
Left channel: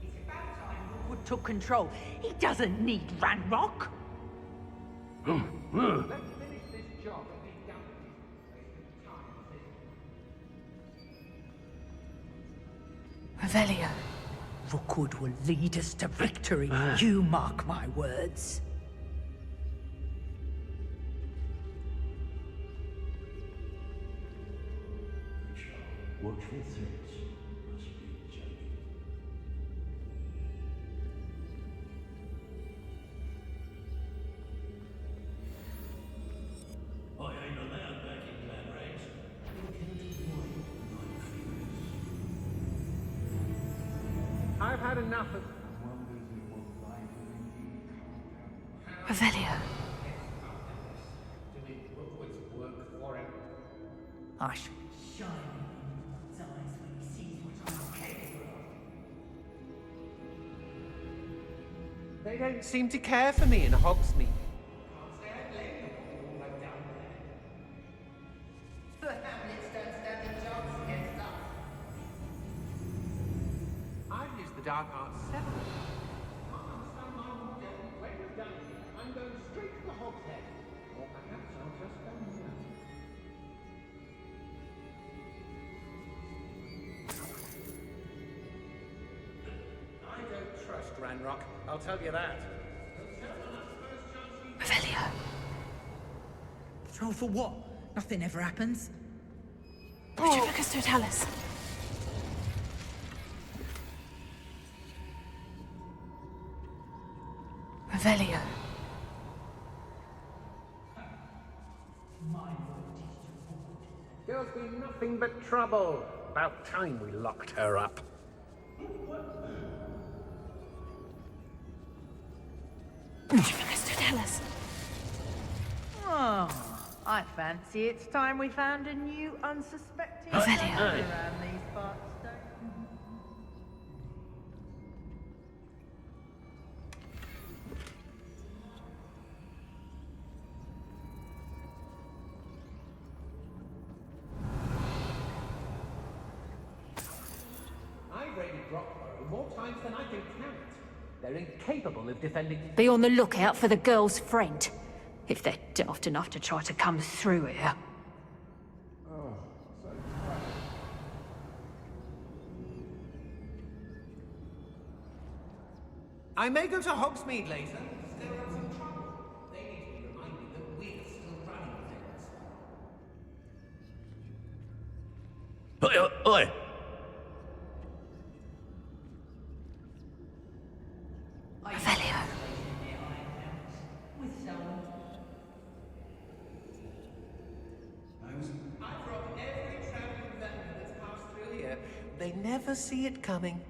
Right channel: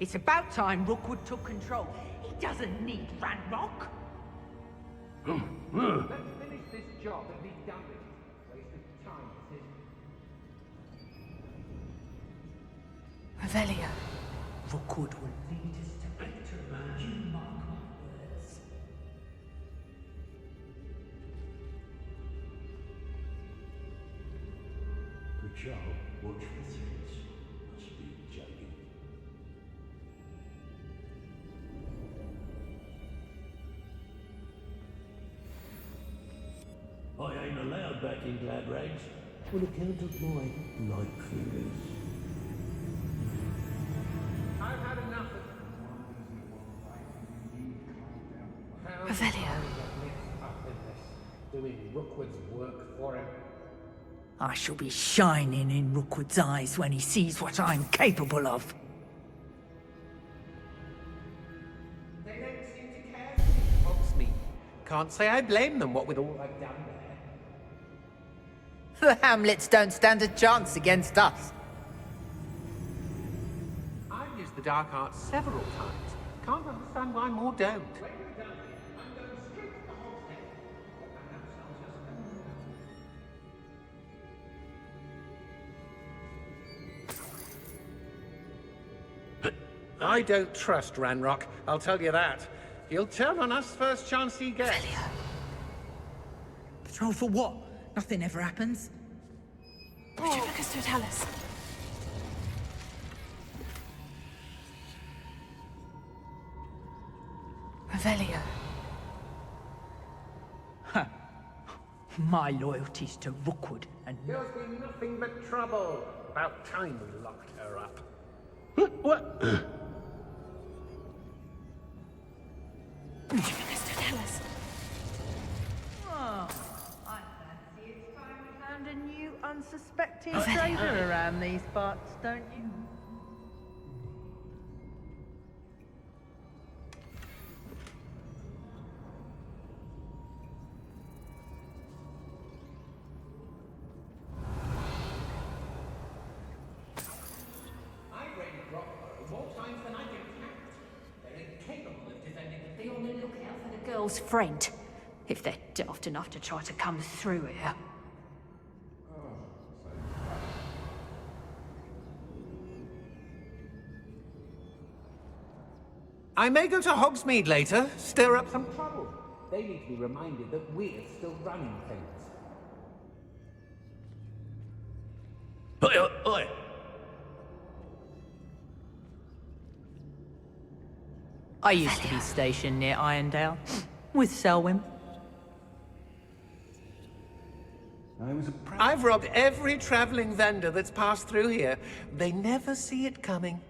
It's about time Rookwood took control. He doesn't need Ranrock. Let's finish this job and be done with it. Wasting time, Revelio. Rookwood will lead us to victory. You mark my words. Good job. Watch for threats. Must be joking. I ain't allowed back in glad rags on account of my light fingers. I've had enough of... Revelio. Doing Rookwood's work for him. I shall be shining in Rookwood's eyes when he sees what I'm capable of. They don't seem to care for me in Hogsmeade. Can't say I blame them, what with all I've done there. The Hamlets don't stand a chance against us. I've used the dark arts several times. Can't understand why more don't. When we're done here, I'm going straight to the Hog's Head. Or perhaps I'll just go I don't trust Ranrock, I'll tell you that. He'll turn on us first chance he gets. Patrol for what? Nothing ever happens. Pacificus Totalis. Revelio. My loyalty's to Rookwood, and There's been nothing but trouble. About time we locked her up. What? Pacificus Totalis. Oh, I fancy it's time we found a new unsuspecting Revelio. stranger around these parts, don't you? I've raided Rockborough more times than I can count. They're incapable of defending... Be on the lookout for the girl's friend, if they're daft enough to try to come through here. I may go to Hogsmeade later, stir up some trouble. They need to be reminded that we're still running things. Oi, oi! I used to be stationed near Irondale with Selwyn. I've robbed every traveling vendor that's passed through here. They never see it coming.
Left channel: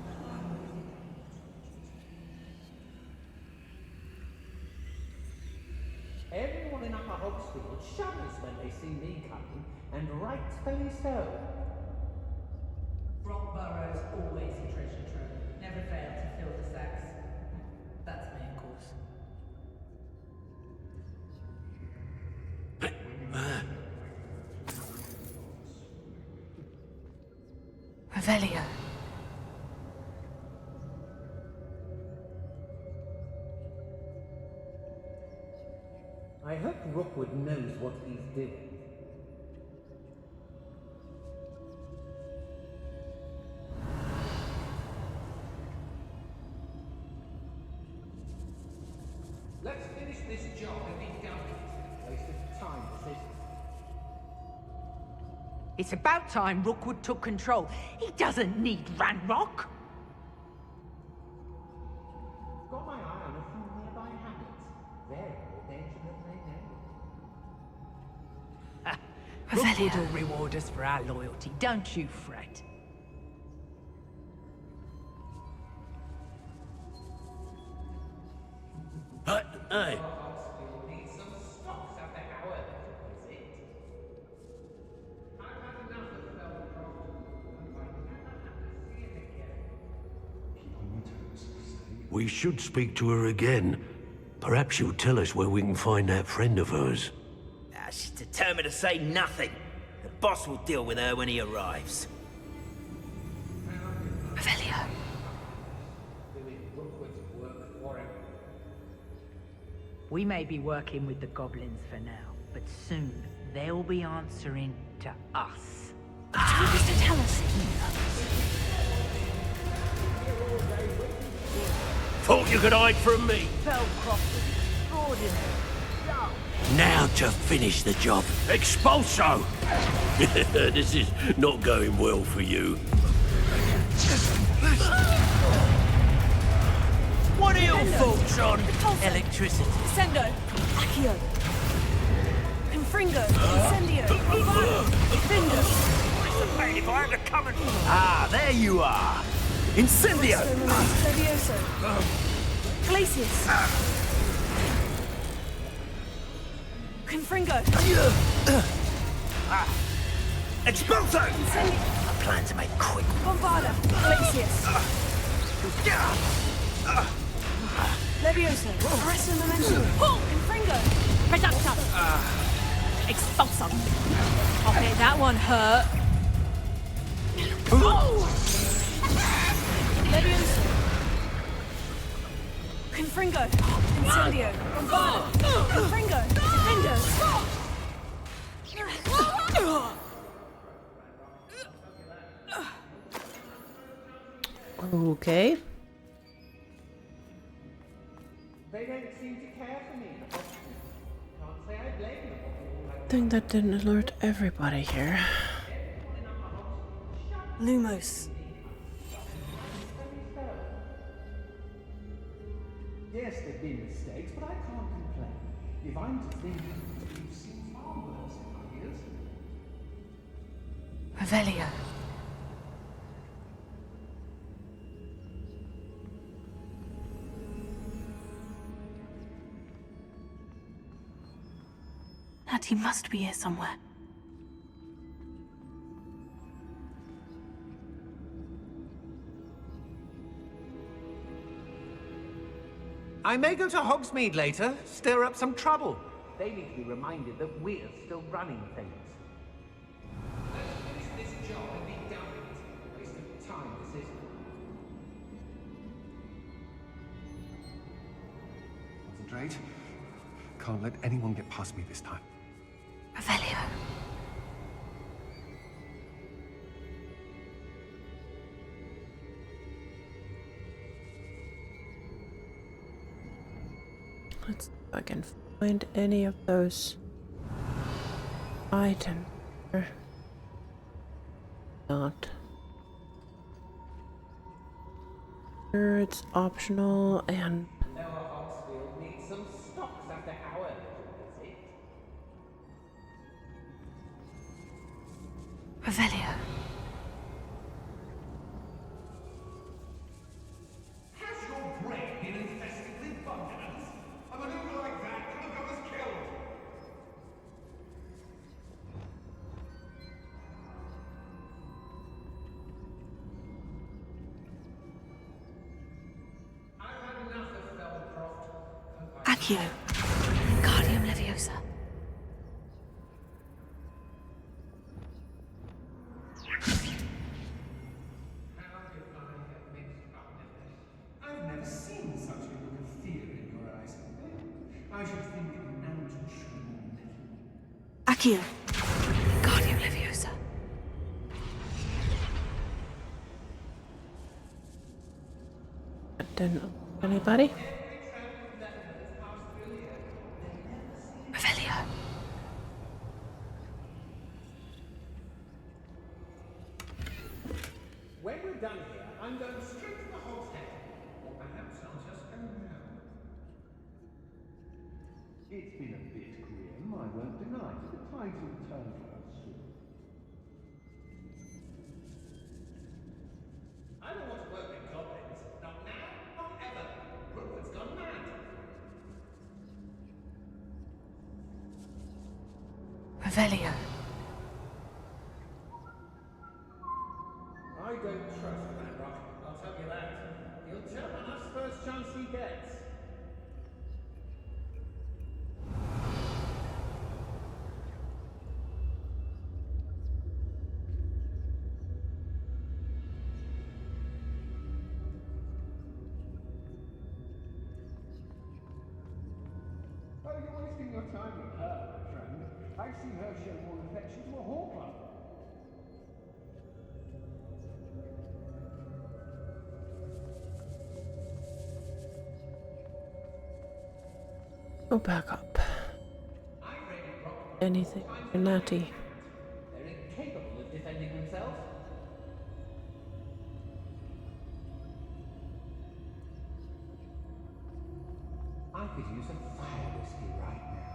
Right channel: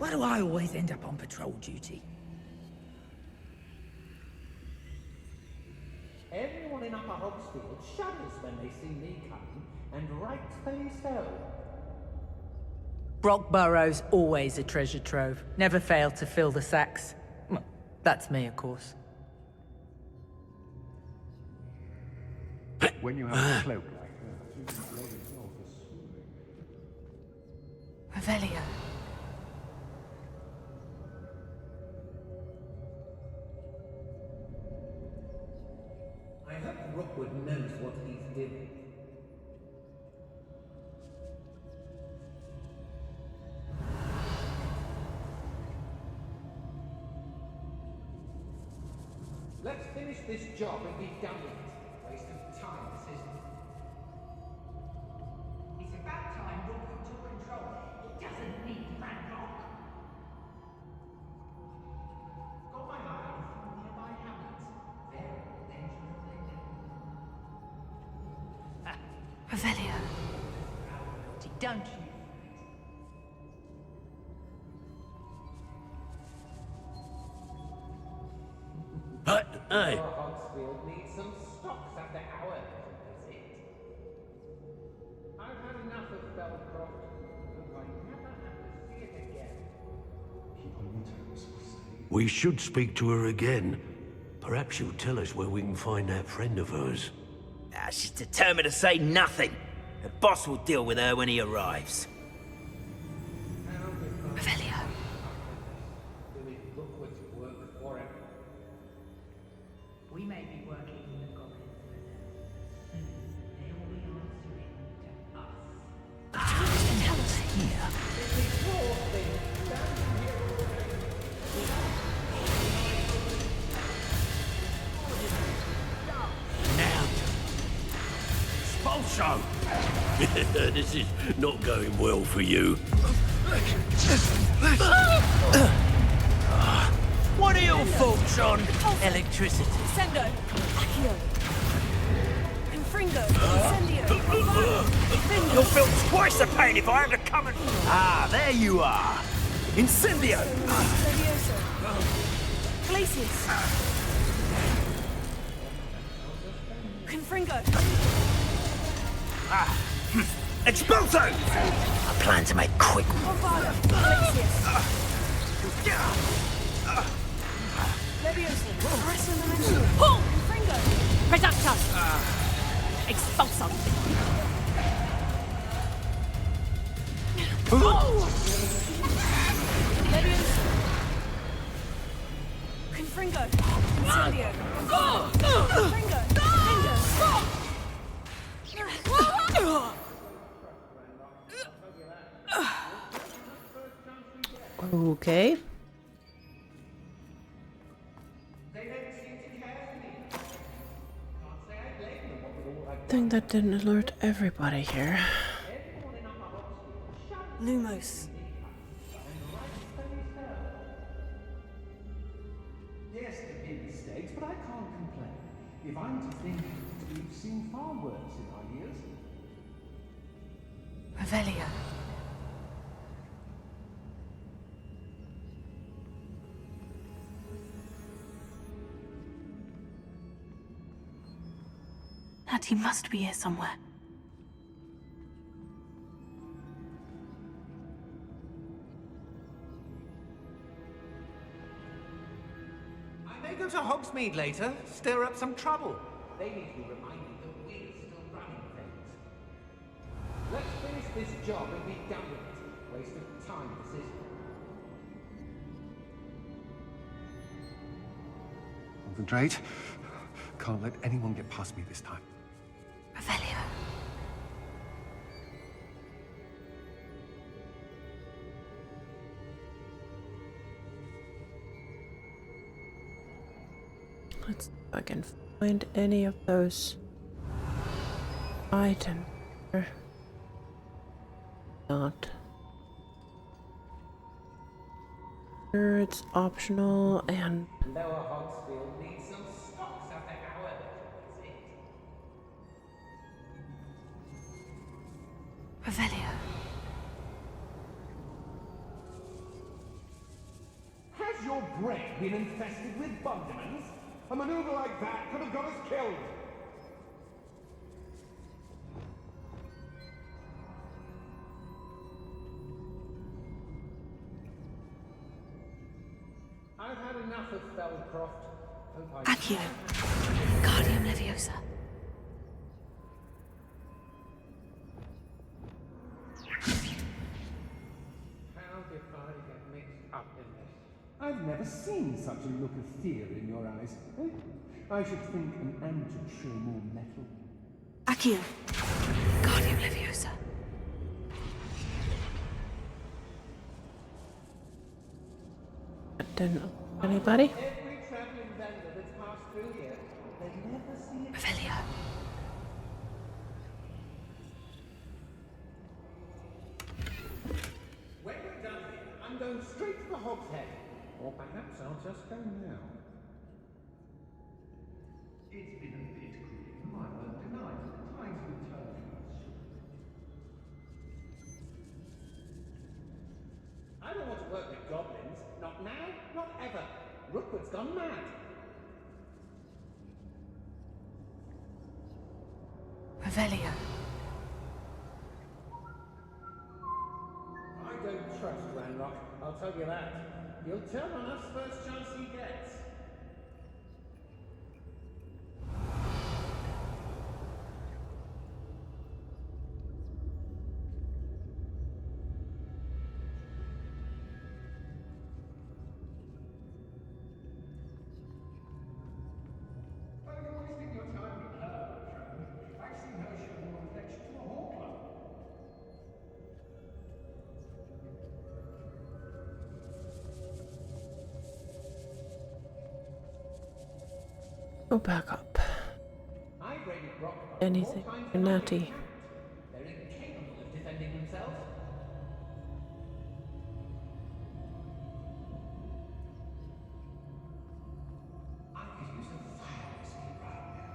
Why do I always end up on patrol duty? Everyone in Upper Hogsfield shudders when they see me coming, and rightfully so. Brockborough's always a treasure trove. Never failed to fill the sacks. Well, that's me, of course. When you have a cloak. Revelio. I hope Rookwood knows what he's doing. Let's finish this job and be done with it. Waste of time, this isn't. It's about time Rookwood took control. He doesn't need Ranrock. Got my eye on a few nearby hamlets. Very dangerous they know. Rookwood will reward us for our loyalty, don't you fret. Hey! Hogsfield needs some stocks after our visit. I've had enough of Feldcroft, and I never have to see it again. We should speak to her again. Perhaps she'll tell us where we can find that friend of hers. She's determined to say nothing. The boss will deal with her when he arrives. Revelio. Doing Rookwood's work for him. We may be working with the goblins for now, but soon they'll be answering to us. Pacificus Totalis. Thought you could hide from me. Now to finish the job. Expulso! This is not going well for you. What are your thoughts on electricity? Sendo. Accio. Confringo! Incendio! You'll feel twice the pain if I have to come and... Ah, there you are! Incendio! Levioso! Glacius! Confringo! Expulso! I plan to make quick... Bombarda! Glacius! Levioso! Arresto Memento! Pull! Confringo! Reductor! Expulsum! Okay, that one hurt. Levioso! Confringo! Incendio! Bombarda! Confringo! Defendo! Okay. I think that didn't alert everybody here. Lumos. Yes, there've been mistakes, but I can't complain. If I'm to think, we've seen far worse in our years. Revelio. Natty must be here somewhere. I may go to Hogsmeade later, stir up some trouble. They need to be reminded that we're still running things. Let's finish this job and be done with it. Waste of time, this is. Concentrate. Can't let anyone get past me this time. Revelio. Let's see if I can find any of those items. Not. Sure, it's optional and. Lower Hogsfield needs some stocks after our visit. Revelio. Has your brain been infested with bugmans? A maneuver like that could have got us killed. I've had enough of Feldcroft. Accio. Guardium Leviosa. How did I get mixed up in this? I've never seen such a look of fear in your eyes. I should think an ant would show more metal. Accio. Guardium Leviosa. Didn't anybody? Revelio. When we're done here, I'm going straight to the Hogshead. Or perhaps I'll just go now. It's been a bit grim, I won't deny. The tides will turn to us soon. I don't want to work with goblins. Not now, not ever. Rookwood's gone mad. Revelio. I don't trust Ranrock, I'll tell you that. He'll turn on us first chance he gets. Well, you're wasting your time with her, friend. I've seen her show more affection to a hawker. Go back up. Anything for Natty. They're incapable of defending themselves. I could use a fire whiskey right now.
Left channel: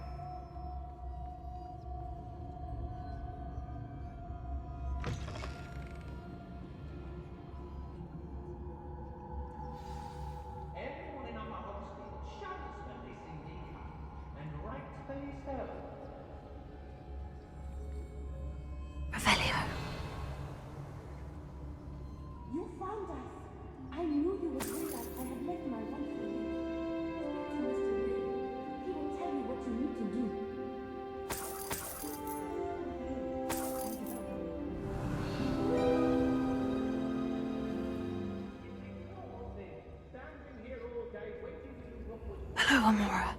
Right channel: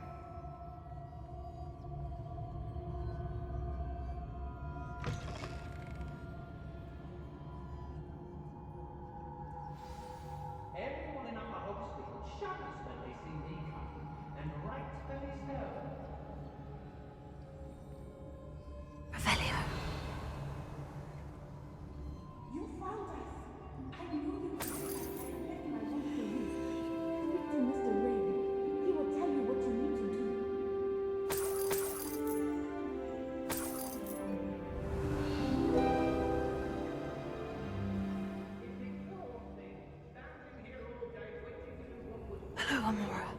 Amora.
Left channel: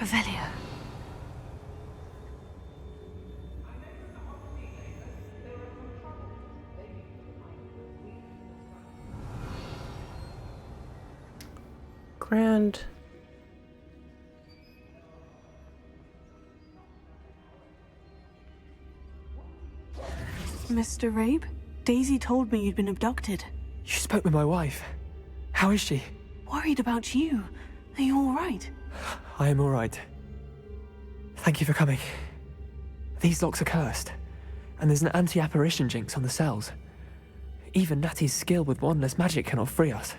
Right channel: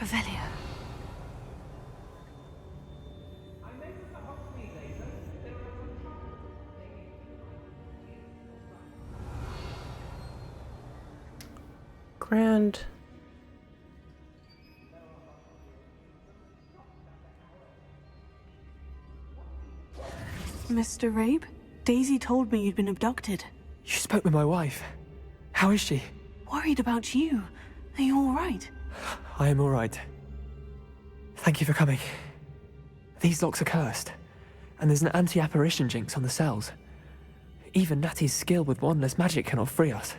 Revelio. Grand. Mr. Rabe, Daisy told me you'd been abducted. You spoke with my wife. How is she? Worried about you. Are you all right? I am all right. Thank you for coming. These locks are cursed, and there's an anti-apparition jinx on the cells. Even Natty's skill with wandless magic cannot free us.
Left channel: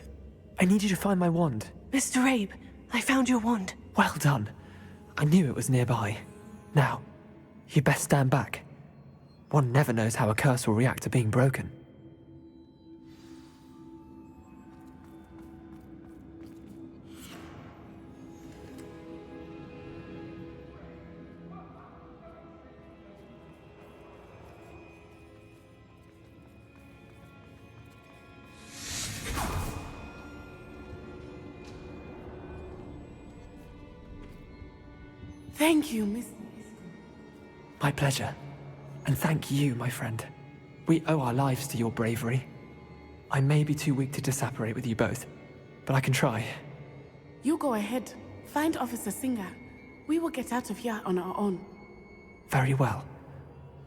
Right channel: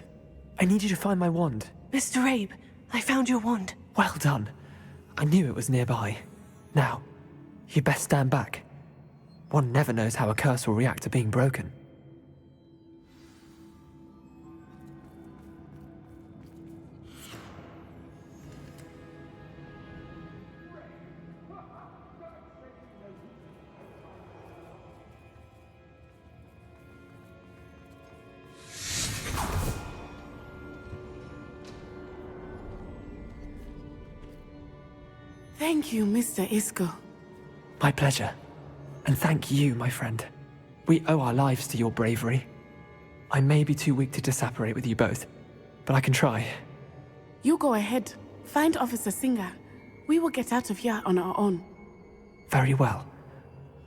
I need you to find my wand. Mr. Rabe, I found your wand. Well done. I knew it was nearby. Now, you best stand back. One never knows how a curse will react to being broken. Thank you, Mr. Isco. My pleasure. And thank you, my friend. We owe our lives to your bravery. I may be too weak to disapparate with you both, but I can try. You go ahead. Find Officer Singer. We will get out of here on our own. Very well.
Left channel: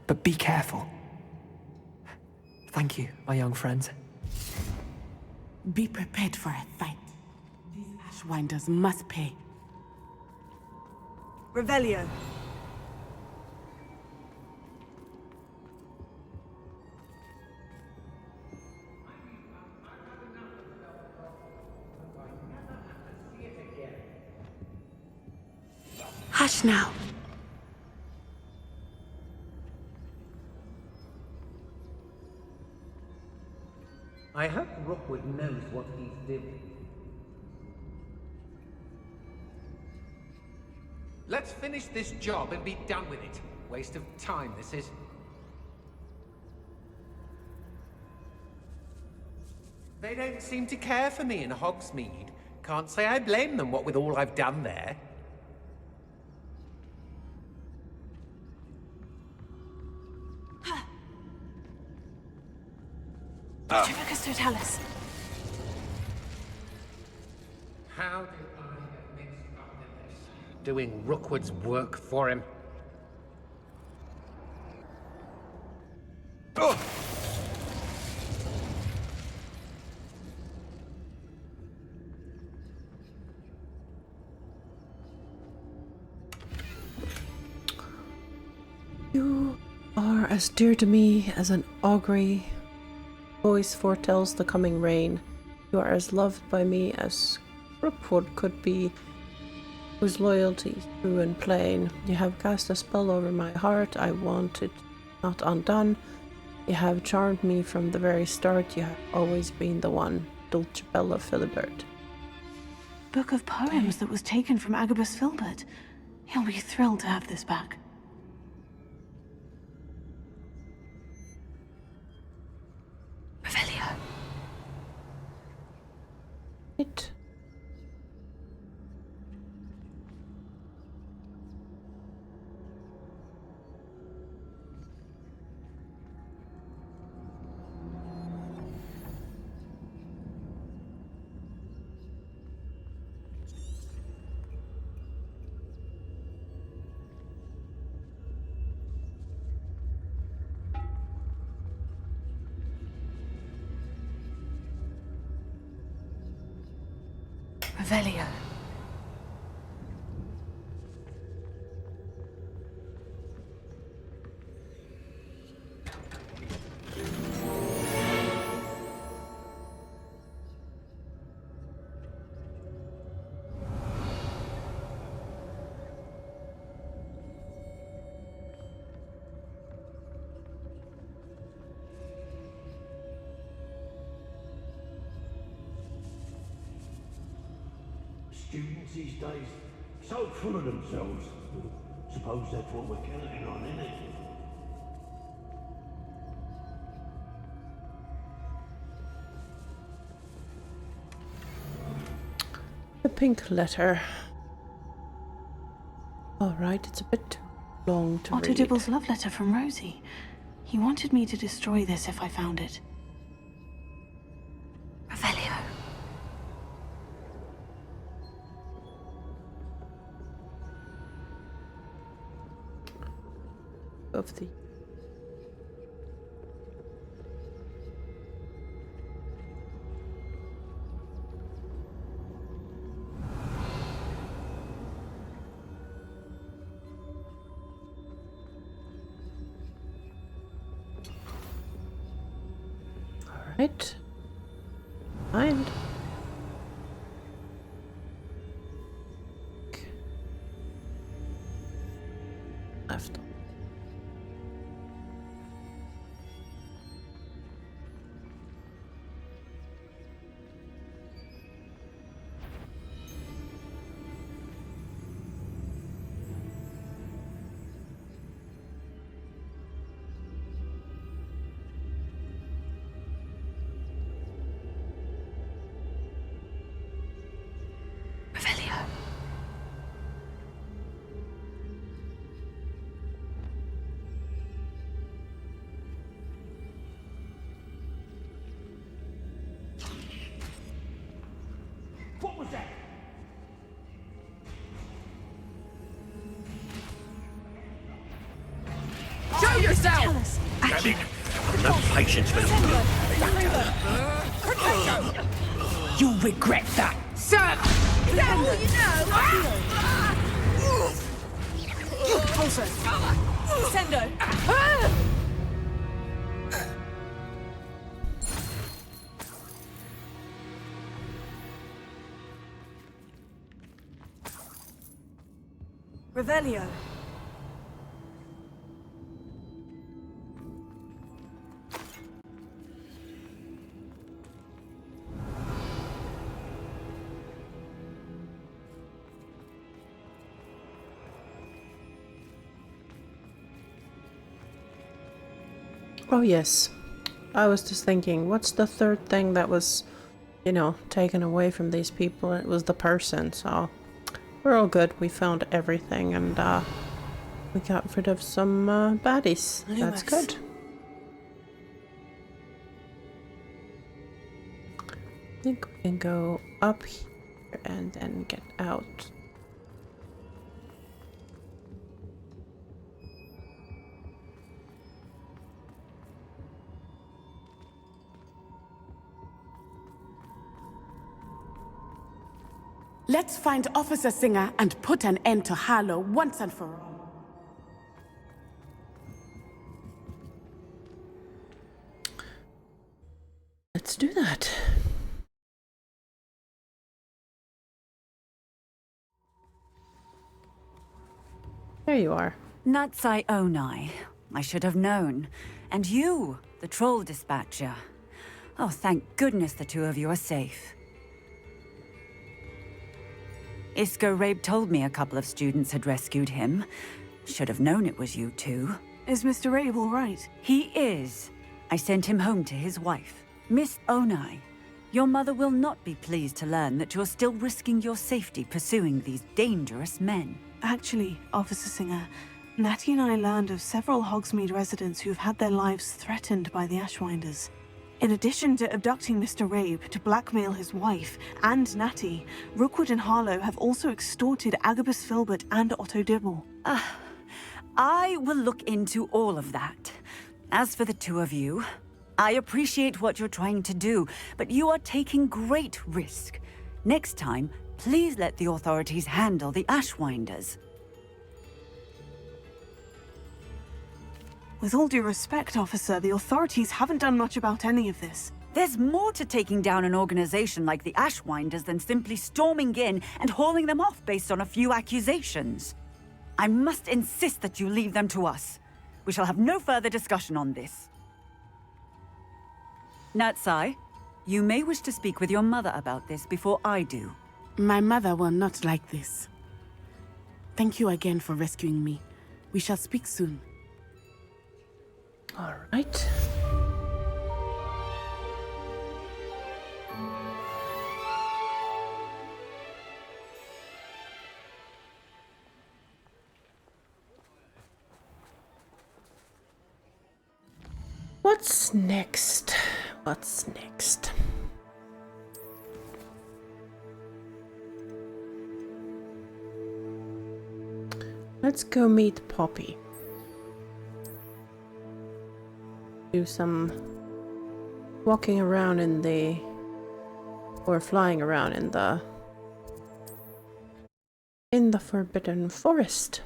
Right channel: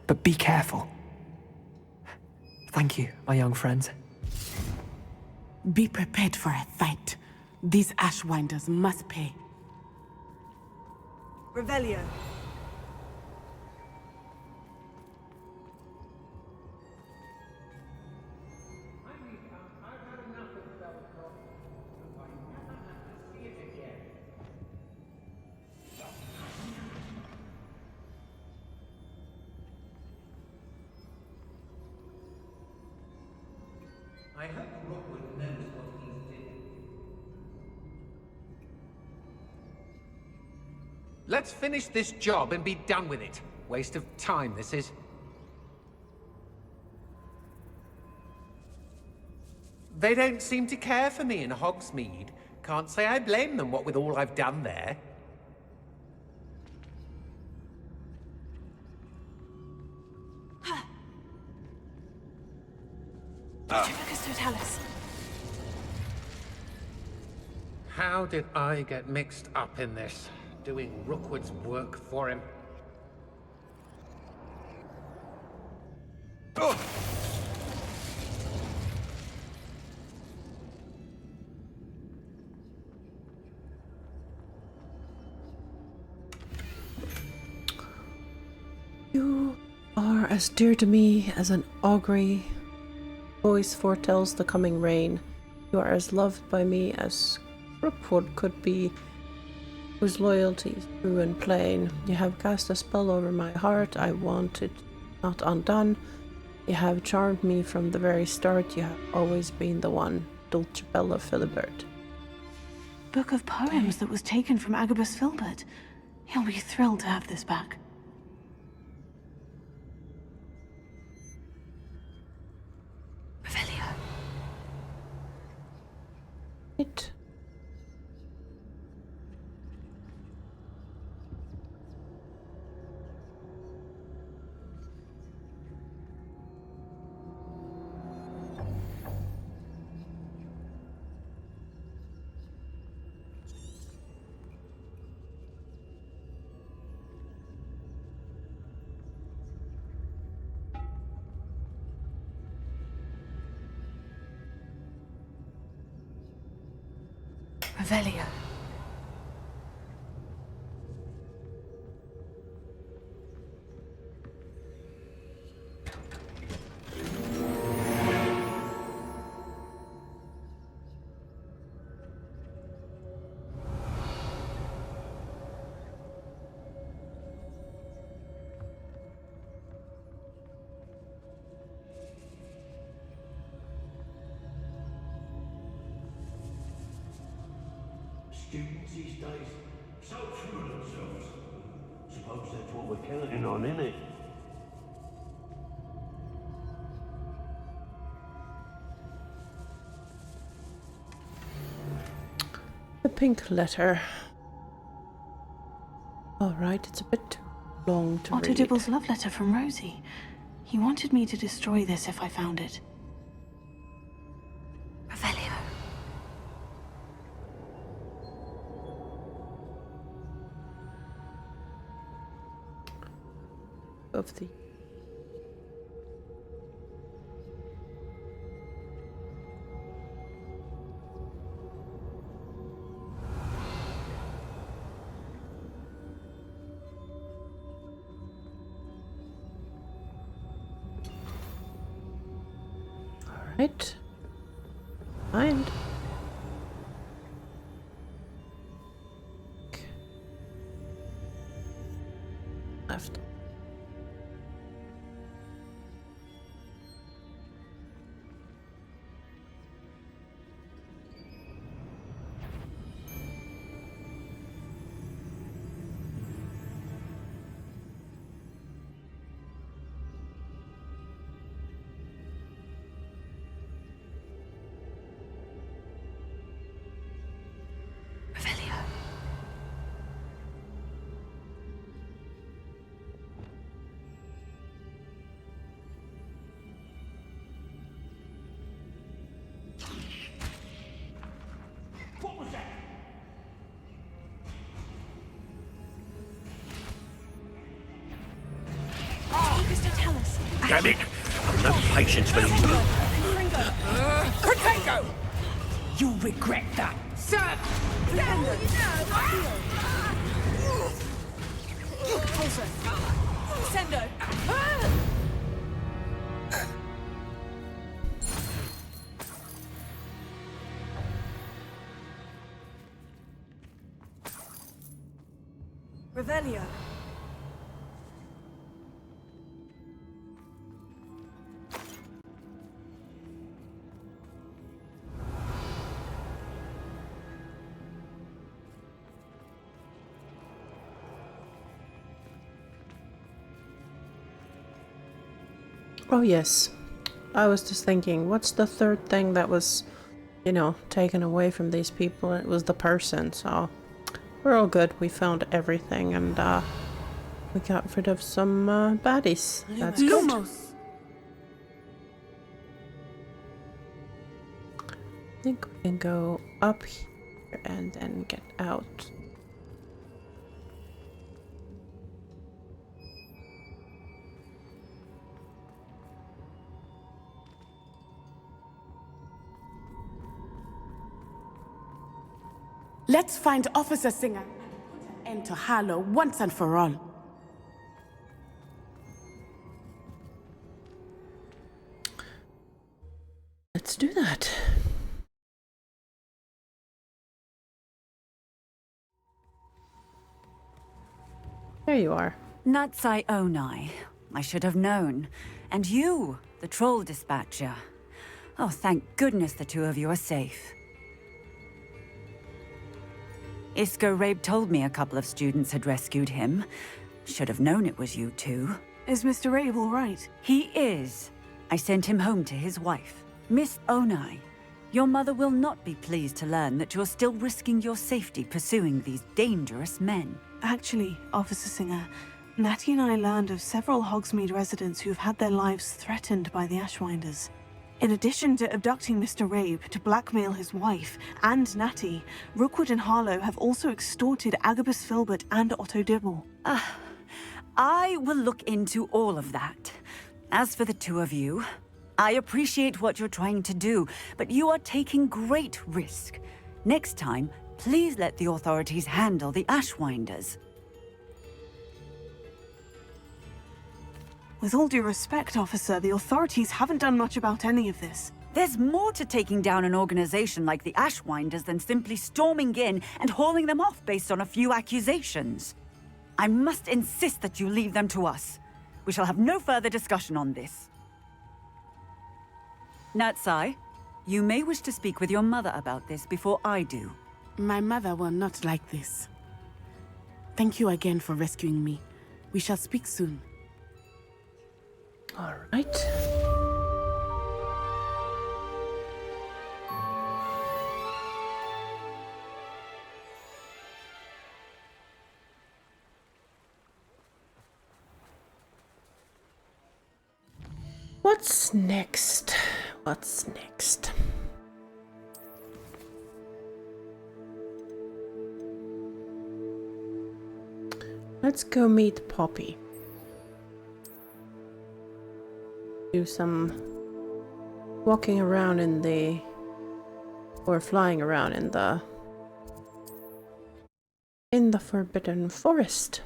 But be careful. Thank you, my young friends. Be prepared for a fight. These Ashwinders must pay. Revelio. Hush now. I hope Rookwood knows what he's doing. Let's finish this job and be done with it. Waste of time, this is. They don't seem to care for me in Hogsmeade. Can't say I blame them, what with all I've done there. Petrifocus totalis. How did I get mixed up in this? Doing Rookwood's work for him? Oh! You are as dear to me as an augury voice foretells the coming rain. You are as loved by me as Rookwood could be, whose loyalty is true and plain. You have cast a spell over my heart. I want it not undone. You have charmed me from the very start. You have always been the one. Dulcibella Philibert. Book of poems that was taken from Agabus Filbert. He'll be thrilled to have this back. Revelio. It. Revelio. Students these days, so full of themselves. Suppose that's what we're counting on, innit? The pink letter. Alright, it's a bit too long to Otto read. Dibble's love letter from Rosie. He wanted me to destroy this if I found it. Revelio. Of the Alright. Mind. Left. Revelio. What was that? Show yourself! Damn it! I've no patience for you. Potato! You'll regret that, sir! Also, Sendo. Revelio. Oh yes. I was just thinking, what's the third thing that was, you know, taken away from these people? It was the person, so we're all good. We found everything and we got rid of some baddies. That's good. I think we can go up here and then get out. Let's find Officer Singer and put an end to Harlow once and for all. Let's do that. There you are. Natsai Onai. I should have known. And you, the troll dispatcher. Oh, thank goodness the two of you are safe. Isco Rabe told me a couple of students had rescued him. Should have known it was you two. Is Mr. Rabe all right? He is. I sent him home to his wife. Miss Onai, your mother will not be pleased to learn that you're still risking your safety pursuing these dangerous men. Actually, Officer Singer, Natty and I learned of several Hogsmeade residents who've had their lives threatened by the Ashwinders. In addition to abducting Mr. Rabe to blackmail his wife and Natty, Rookwood and Harlow have also extorted Agabus Filbert and Otto Dibble. I will look into all of that. As for the two of you, I appreciate what you're trying to do, but you are taking great risk. Next time, please let the authorities handle the Ashwinders. With all due respect, officer, the authorities haven't done much about any of this. There's more to taking down an organization like the Ashwinders than simply storming in and hauling them off based on a few accusations. I must insist that you leave them to us. We shall have no further discussion on this. Natsai, you may wish to speak with your mother about this before I do. My mother will not like this. Thank you again for rescuing me. We shall speak soon. All right. What's next? What's next? Let's go meet Poppy. Do some walking around in the... or flying around in the Forbidden Forest.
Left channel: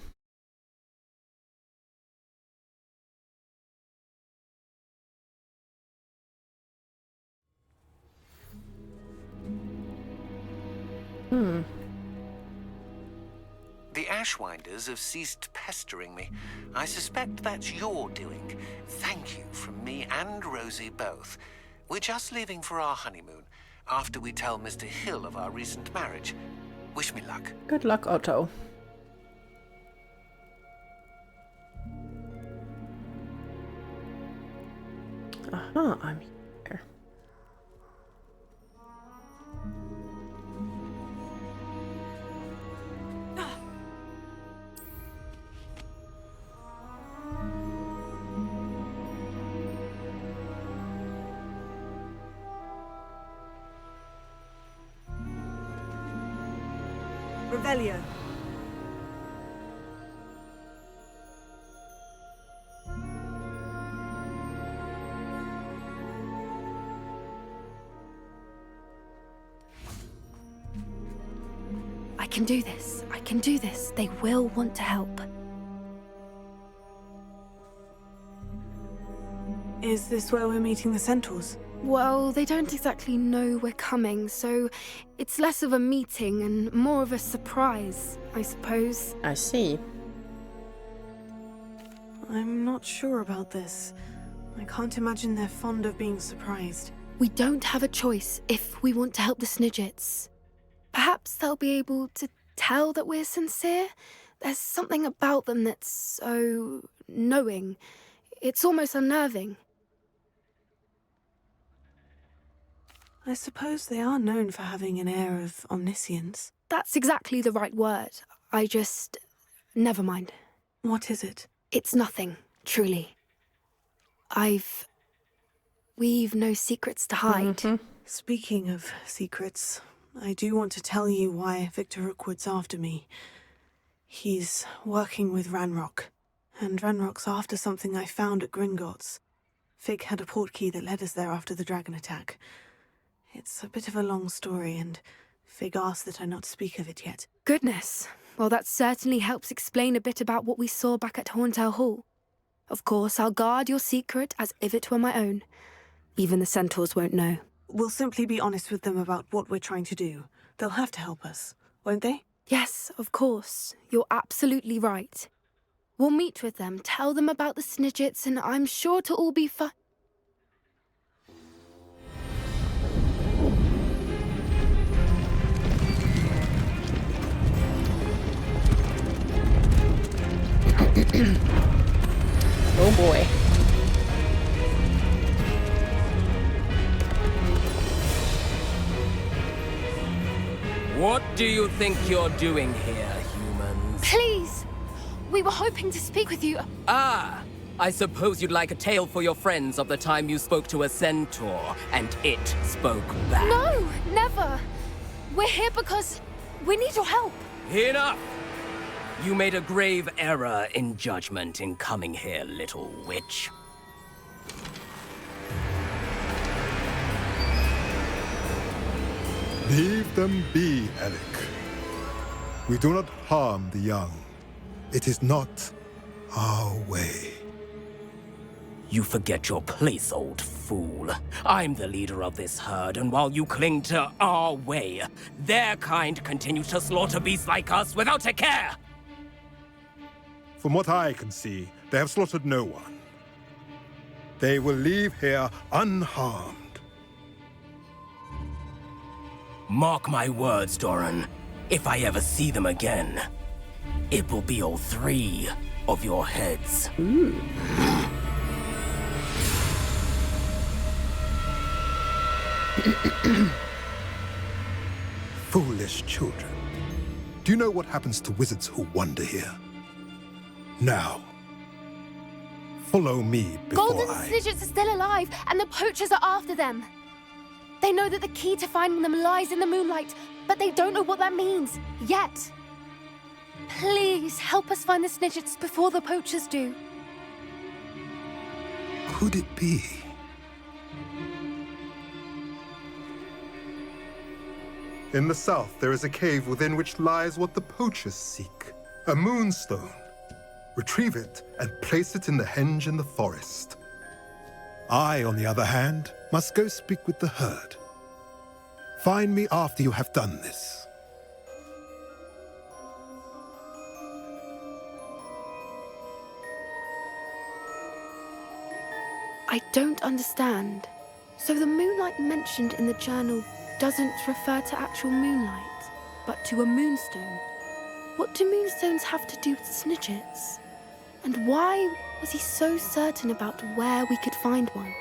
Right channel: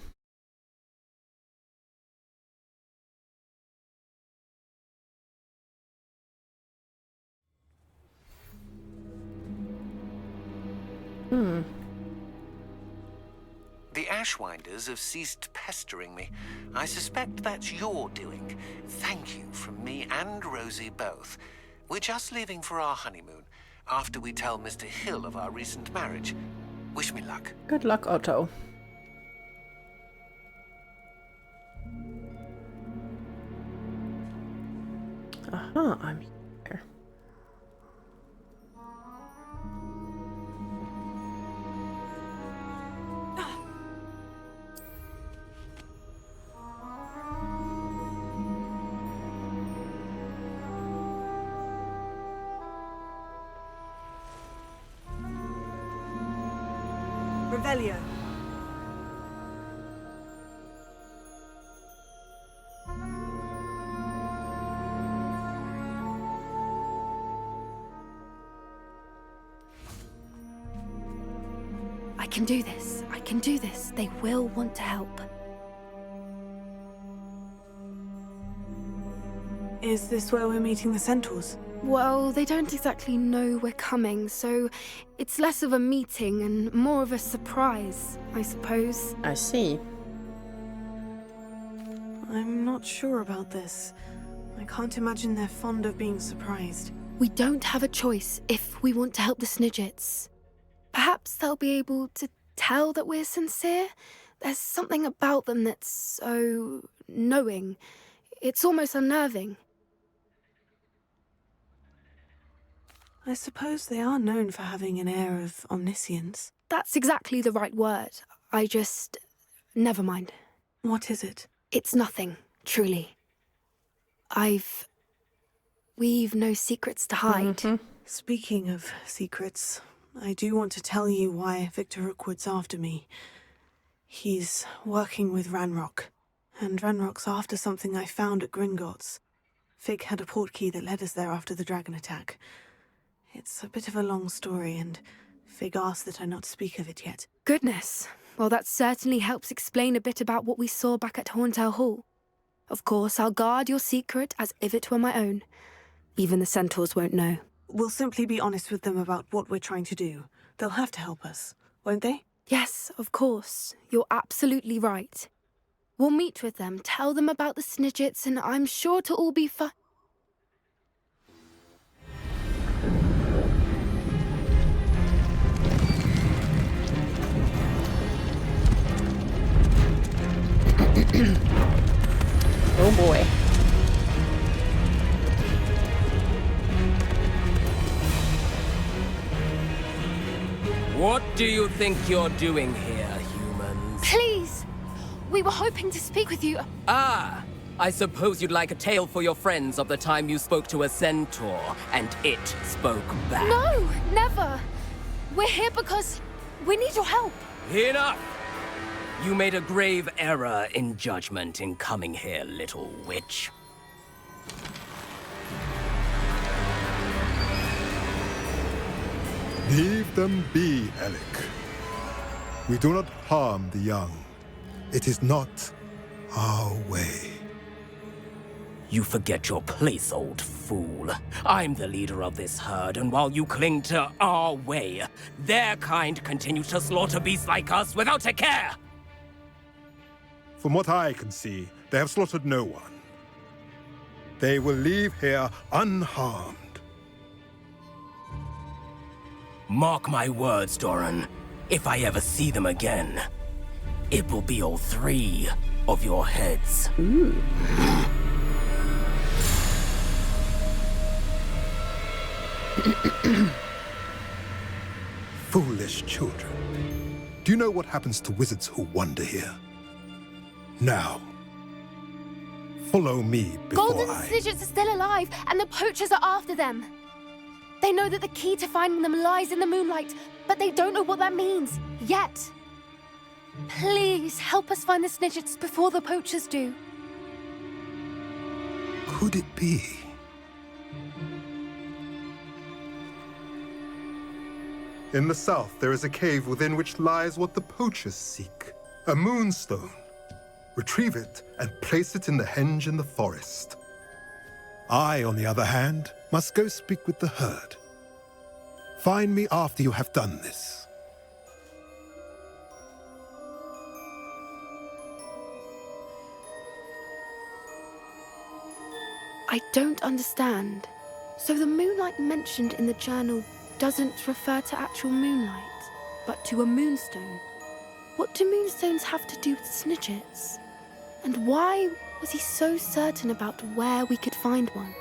The Ashwinders have ceased pestering me. I suspect that's your doing. Thank you from me and Rosie both. We're just leaving for our honeymoon, after we tell Mr. Hill of our recent marriage. Wish me luck. Good luck, Otto. Aha, I'm here. Revelio. I can do this. I can do this. They will want to help. Is this where we're meeting the centaurs? Well, they don't exactly know we're coming, so it's less of a meeting and more of a surprise, I suppose. I see. I'm not sure about this. I can't imagine they're fond of being surprised. We don't have a choice if we want to help the Snidgets. Perhaps they'll be able to tell that we're sincere. There's something about them that's so knowing. It's almost unnerving. I suppose they are known for having an air of omniscience. That's exactly the right word. I just... never mind. What is it? It's nothing, truly. We've no secrets to hide. Speaking of secrets, I do want to tell you why Victor Rookwood's after me. He's working with Ranrock, and Ranrock's after something I found at Gringotts. Fig had a portkey that led us there after the dragon attack. It's a bit of a long story, and Fig asked that I not speak of it yet. Goodness. Well, that certainly helps explain a bit about what we saw back at Horntail Hall. Of course, I'll guard your secret as if it were my own. Even the centaurs won't know. We'll simply be honest with them about what we're trying to do. They'll have to help us, won't they? Yes, of course. You're absolutely right. We'll meet with them, tell them about the Snidgets, and I'm sure to all be fine. Oh boy. What do you think you're doing here, humans? Please! We were hoping to speak with you. Ah! I suppose you'd like a tale for your friends of the time you spoke to a centaur, and it spoke back. No, never! We're here because we need your help. Enough! You made a grave error in judgment in coming here, little witch. Leave them be, Alec. We do not harm the young. It is not our way. You forget your place, old fool. I'm the leader of this herd, and while you cling to our way, their kind continues to slaughter beasts like us without a care! From what I can see, they have slaughtered no one. They will leave here unharmed. Mark my words, Doran. If I ever see them again, it will be all 3 of your heads. Foolish children. Do you know what happens to wizards who wander here? Now, follow me before Golden Snidgets are still alive, and the poachers are after them. They know that the key to finding them lies in the moonlight, but they don't know what that means, yet. Please, help us find the Snidgets before the poachers do. Could it be? In the south, there is a cave within which lies what the poachers seek. A moonstone. Retrieve it and place it in the henge in the forest. I, on the other hand, must go speak with the herd. Find me after you have done this. I don't understand. So the moonlight mentioned in the journal doesn't refer to actual moonlight, but to a moonstone. What do moonstones have to do with Snidgets? And why was he so certain about where we could find one?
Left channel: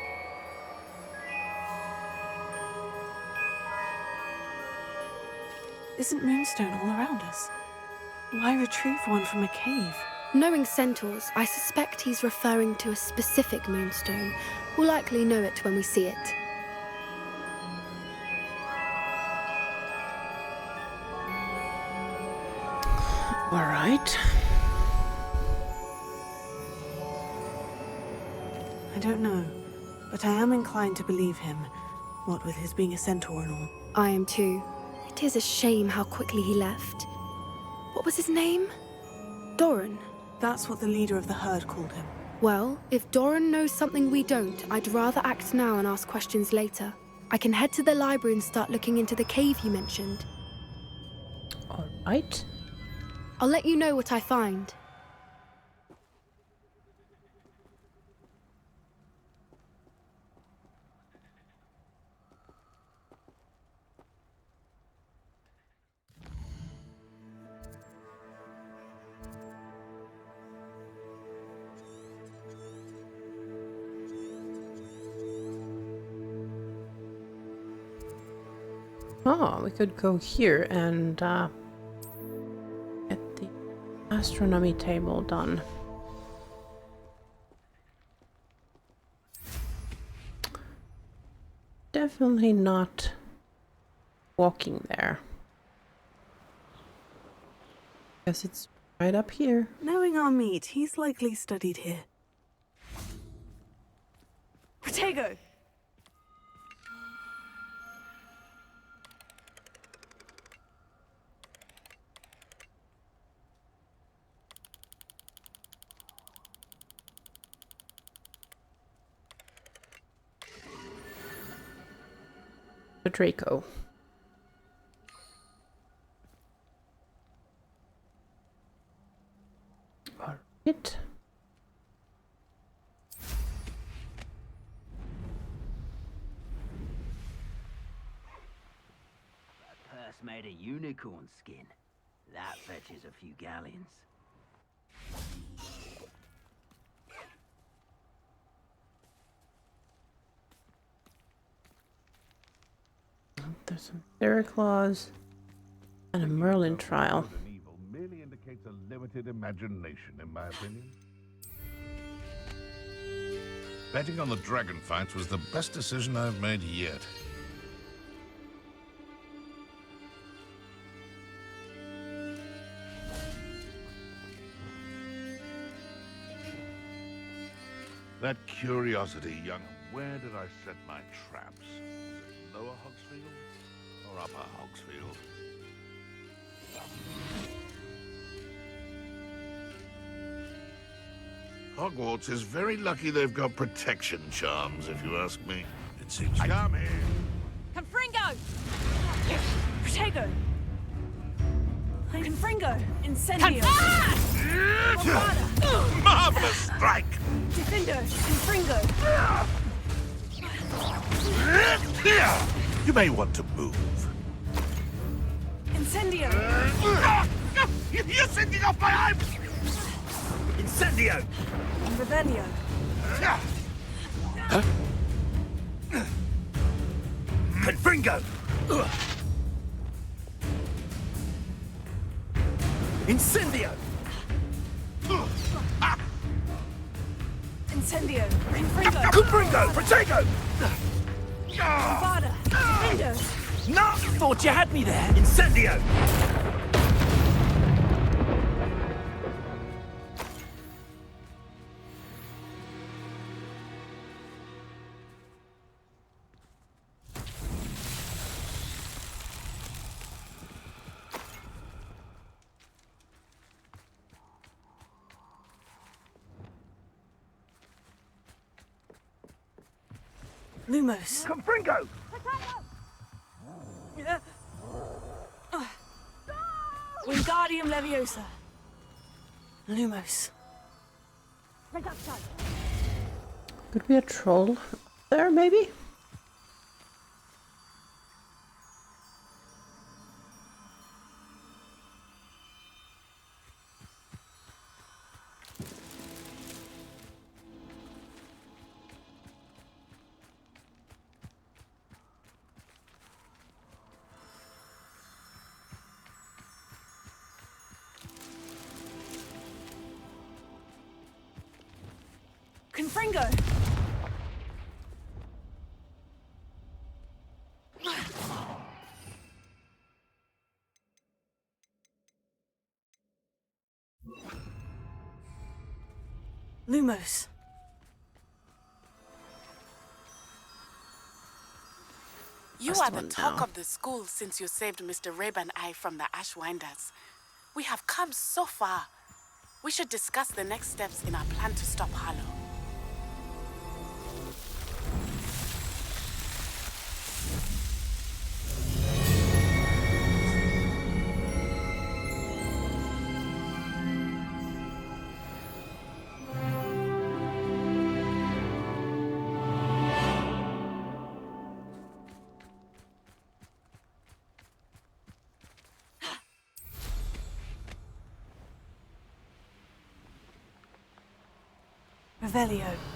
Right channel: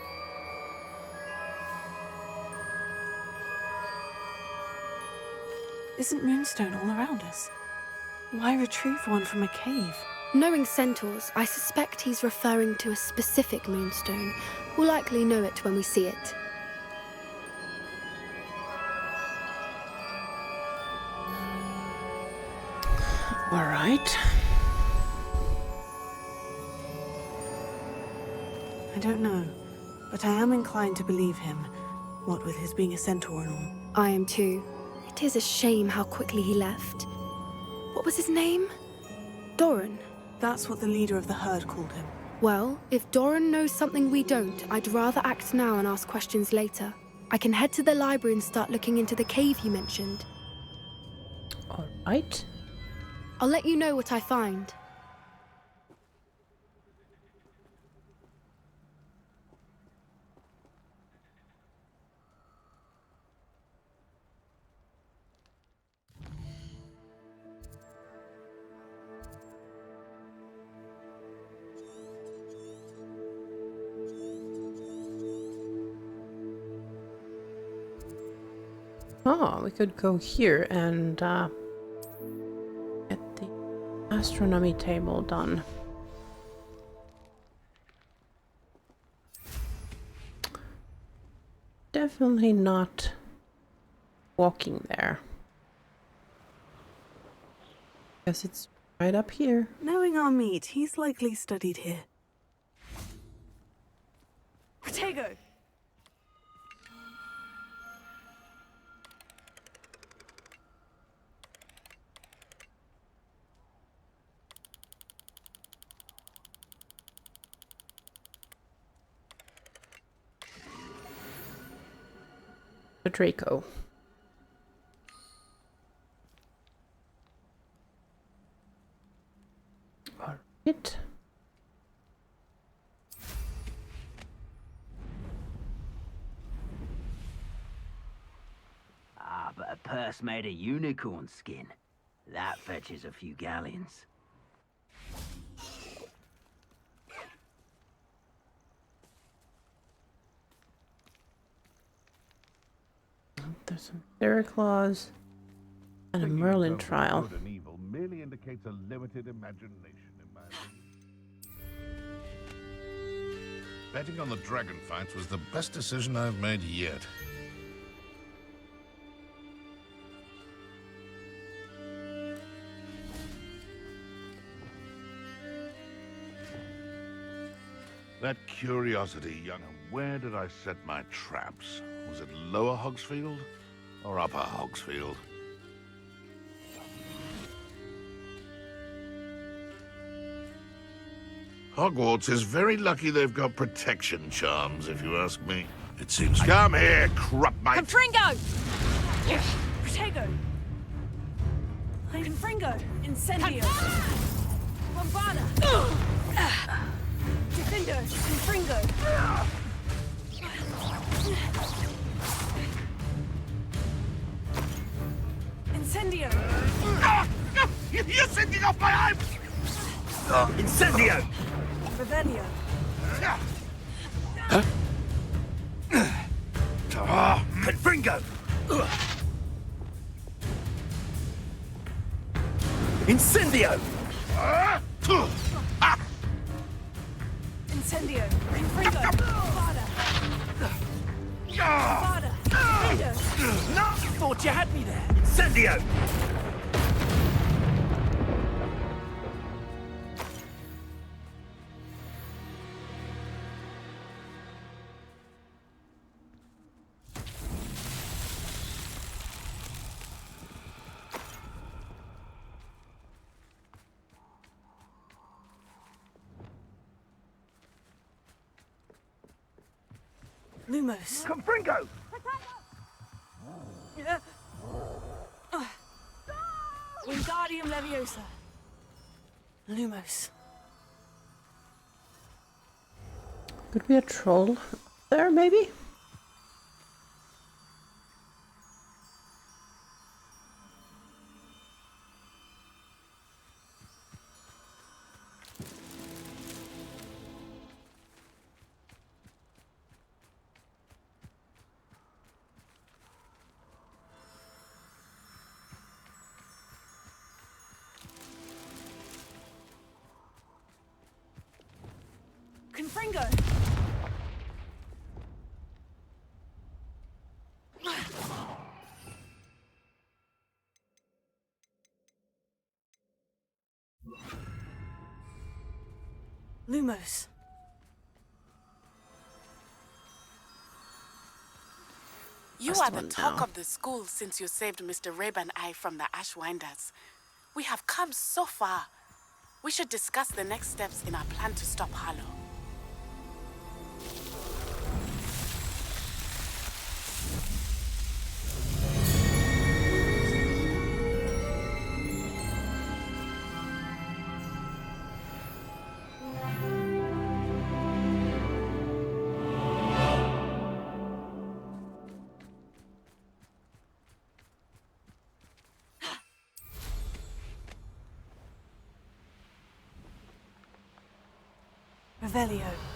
Isn't moonstone all around us? Why retrieve one from a cave? Knowing centaurs, I suspect he's referring to a specific moonstone. We'll likely know it when we see it. All right. I don't know, but I am inclined to believe him, what with his being a centaur and all. I am too. It is a shame how quickly he left. What was his name? Doran. That's what the leader of the herd called him. Well, if Doran knows something we don't, I'd rather act now and ask questions later. I can head to the library and start looking into the cave you mentioned. All right. I'll let you know what I find. Oh, we could go here and get the astronomy table done. Definitely not walking there. Guess it's right up here. Knowing Amit, he's likely studied here. Protego! Draco. All right. Ah, but a purse made of unicorn skin. That fetches a few galleons. There's some fairy claws and a Merlin trial. Evil merely indicates a limited imagination, in my opinion. Betting on the dragon fights was the best decision I've made yet. That curiosity, young. Where did I set my traps? Was it Lower Hogsfield or Upper Hogsfield? Hogwarts is very lucky they've got protection charms, if you ask me. It seems... Come here, Crupmite! Confringo! Protego! Confringo! Incendio! Bombarda! Marvelous strike! Defendo! Confringo! You may want to move. Incendio! You're sending off my eye! Incendio! Revelio! Confringo! Incendio! Incendio! Confringo! Potato! Avada! Incendio! No! Thought you had me there! Incendio! Lumos! Confringo! Wingardium Leviosa! Lumos! Could be a troll there, maybe? Confringo! Lumos! You Last are the one talk now. of the school since you saved Mr. Reb and I from the Ashwinders. We have come so far. We should discuss the next steps in our plan to stop Harlow. Revelio!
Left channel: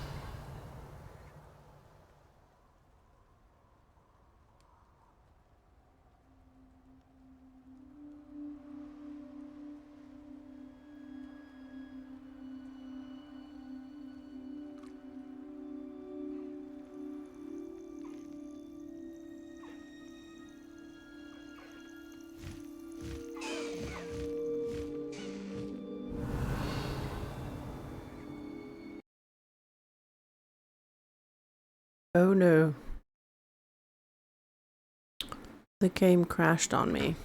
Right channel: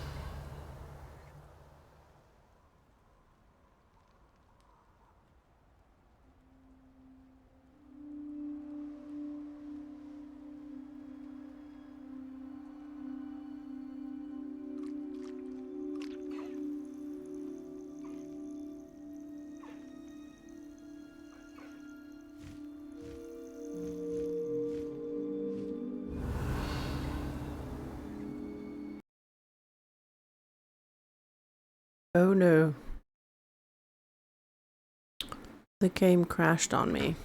Oh no. The game crashed on me.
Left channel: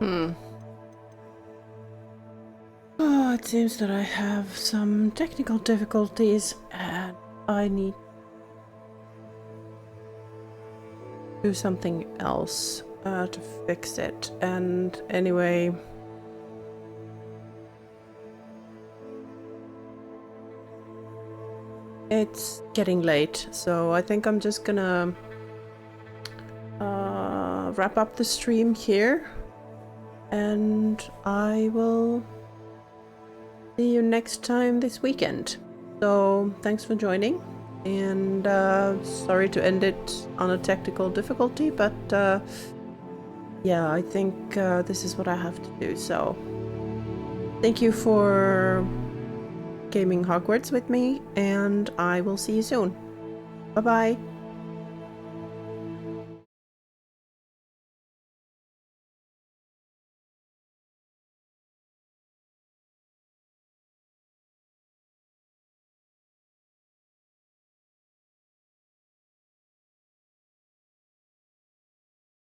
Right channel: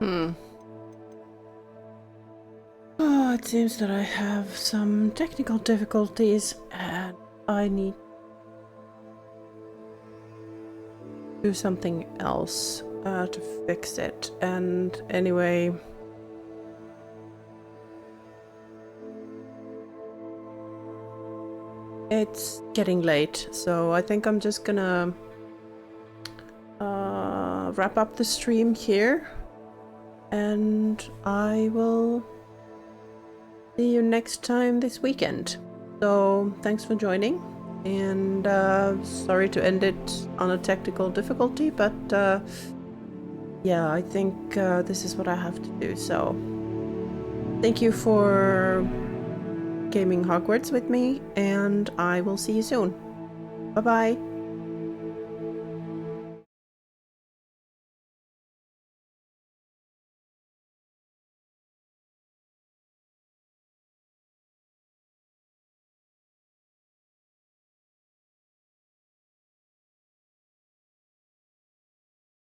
Oh, it seems that I have some technical difficulties and I need to do something else to fix it. And anyway, it's getting late, so I think I'm just gonna wrap up the stream here, and I will see you next time this weekend. So thanks for joining, and sorry to end it on a technical difficulty, but yeah, I think this is what I have to do. So thank you for gaming Hogwarts with me, and I will see you soon. Bye bye.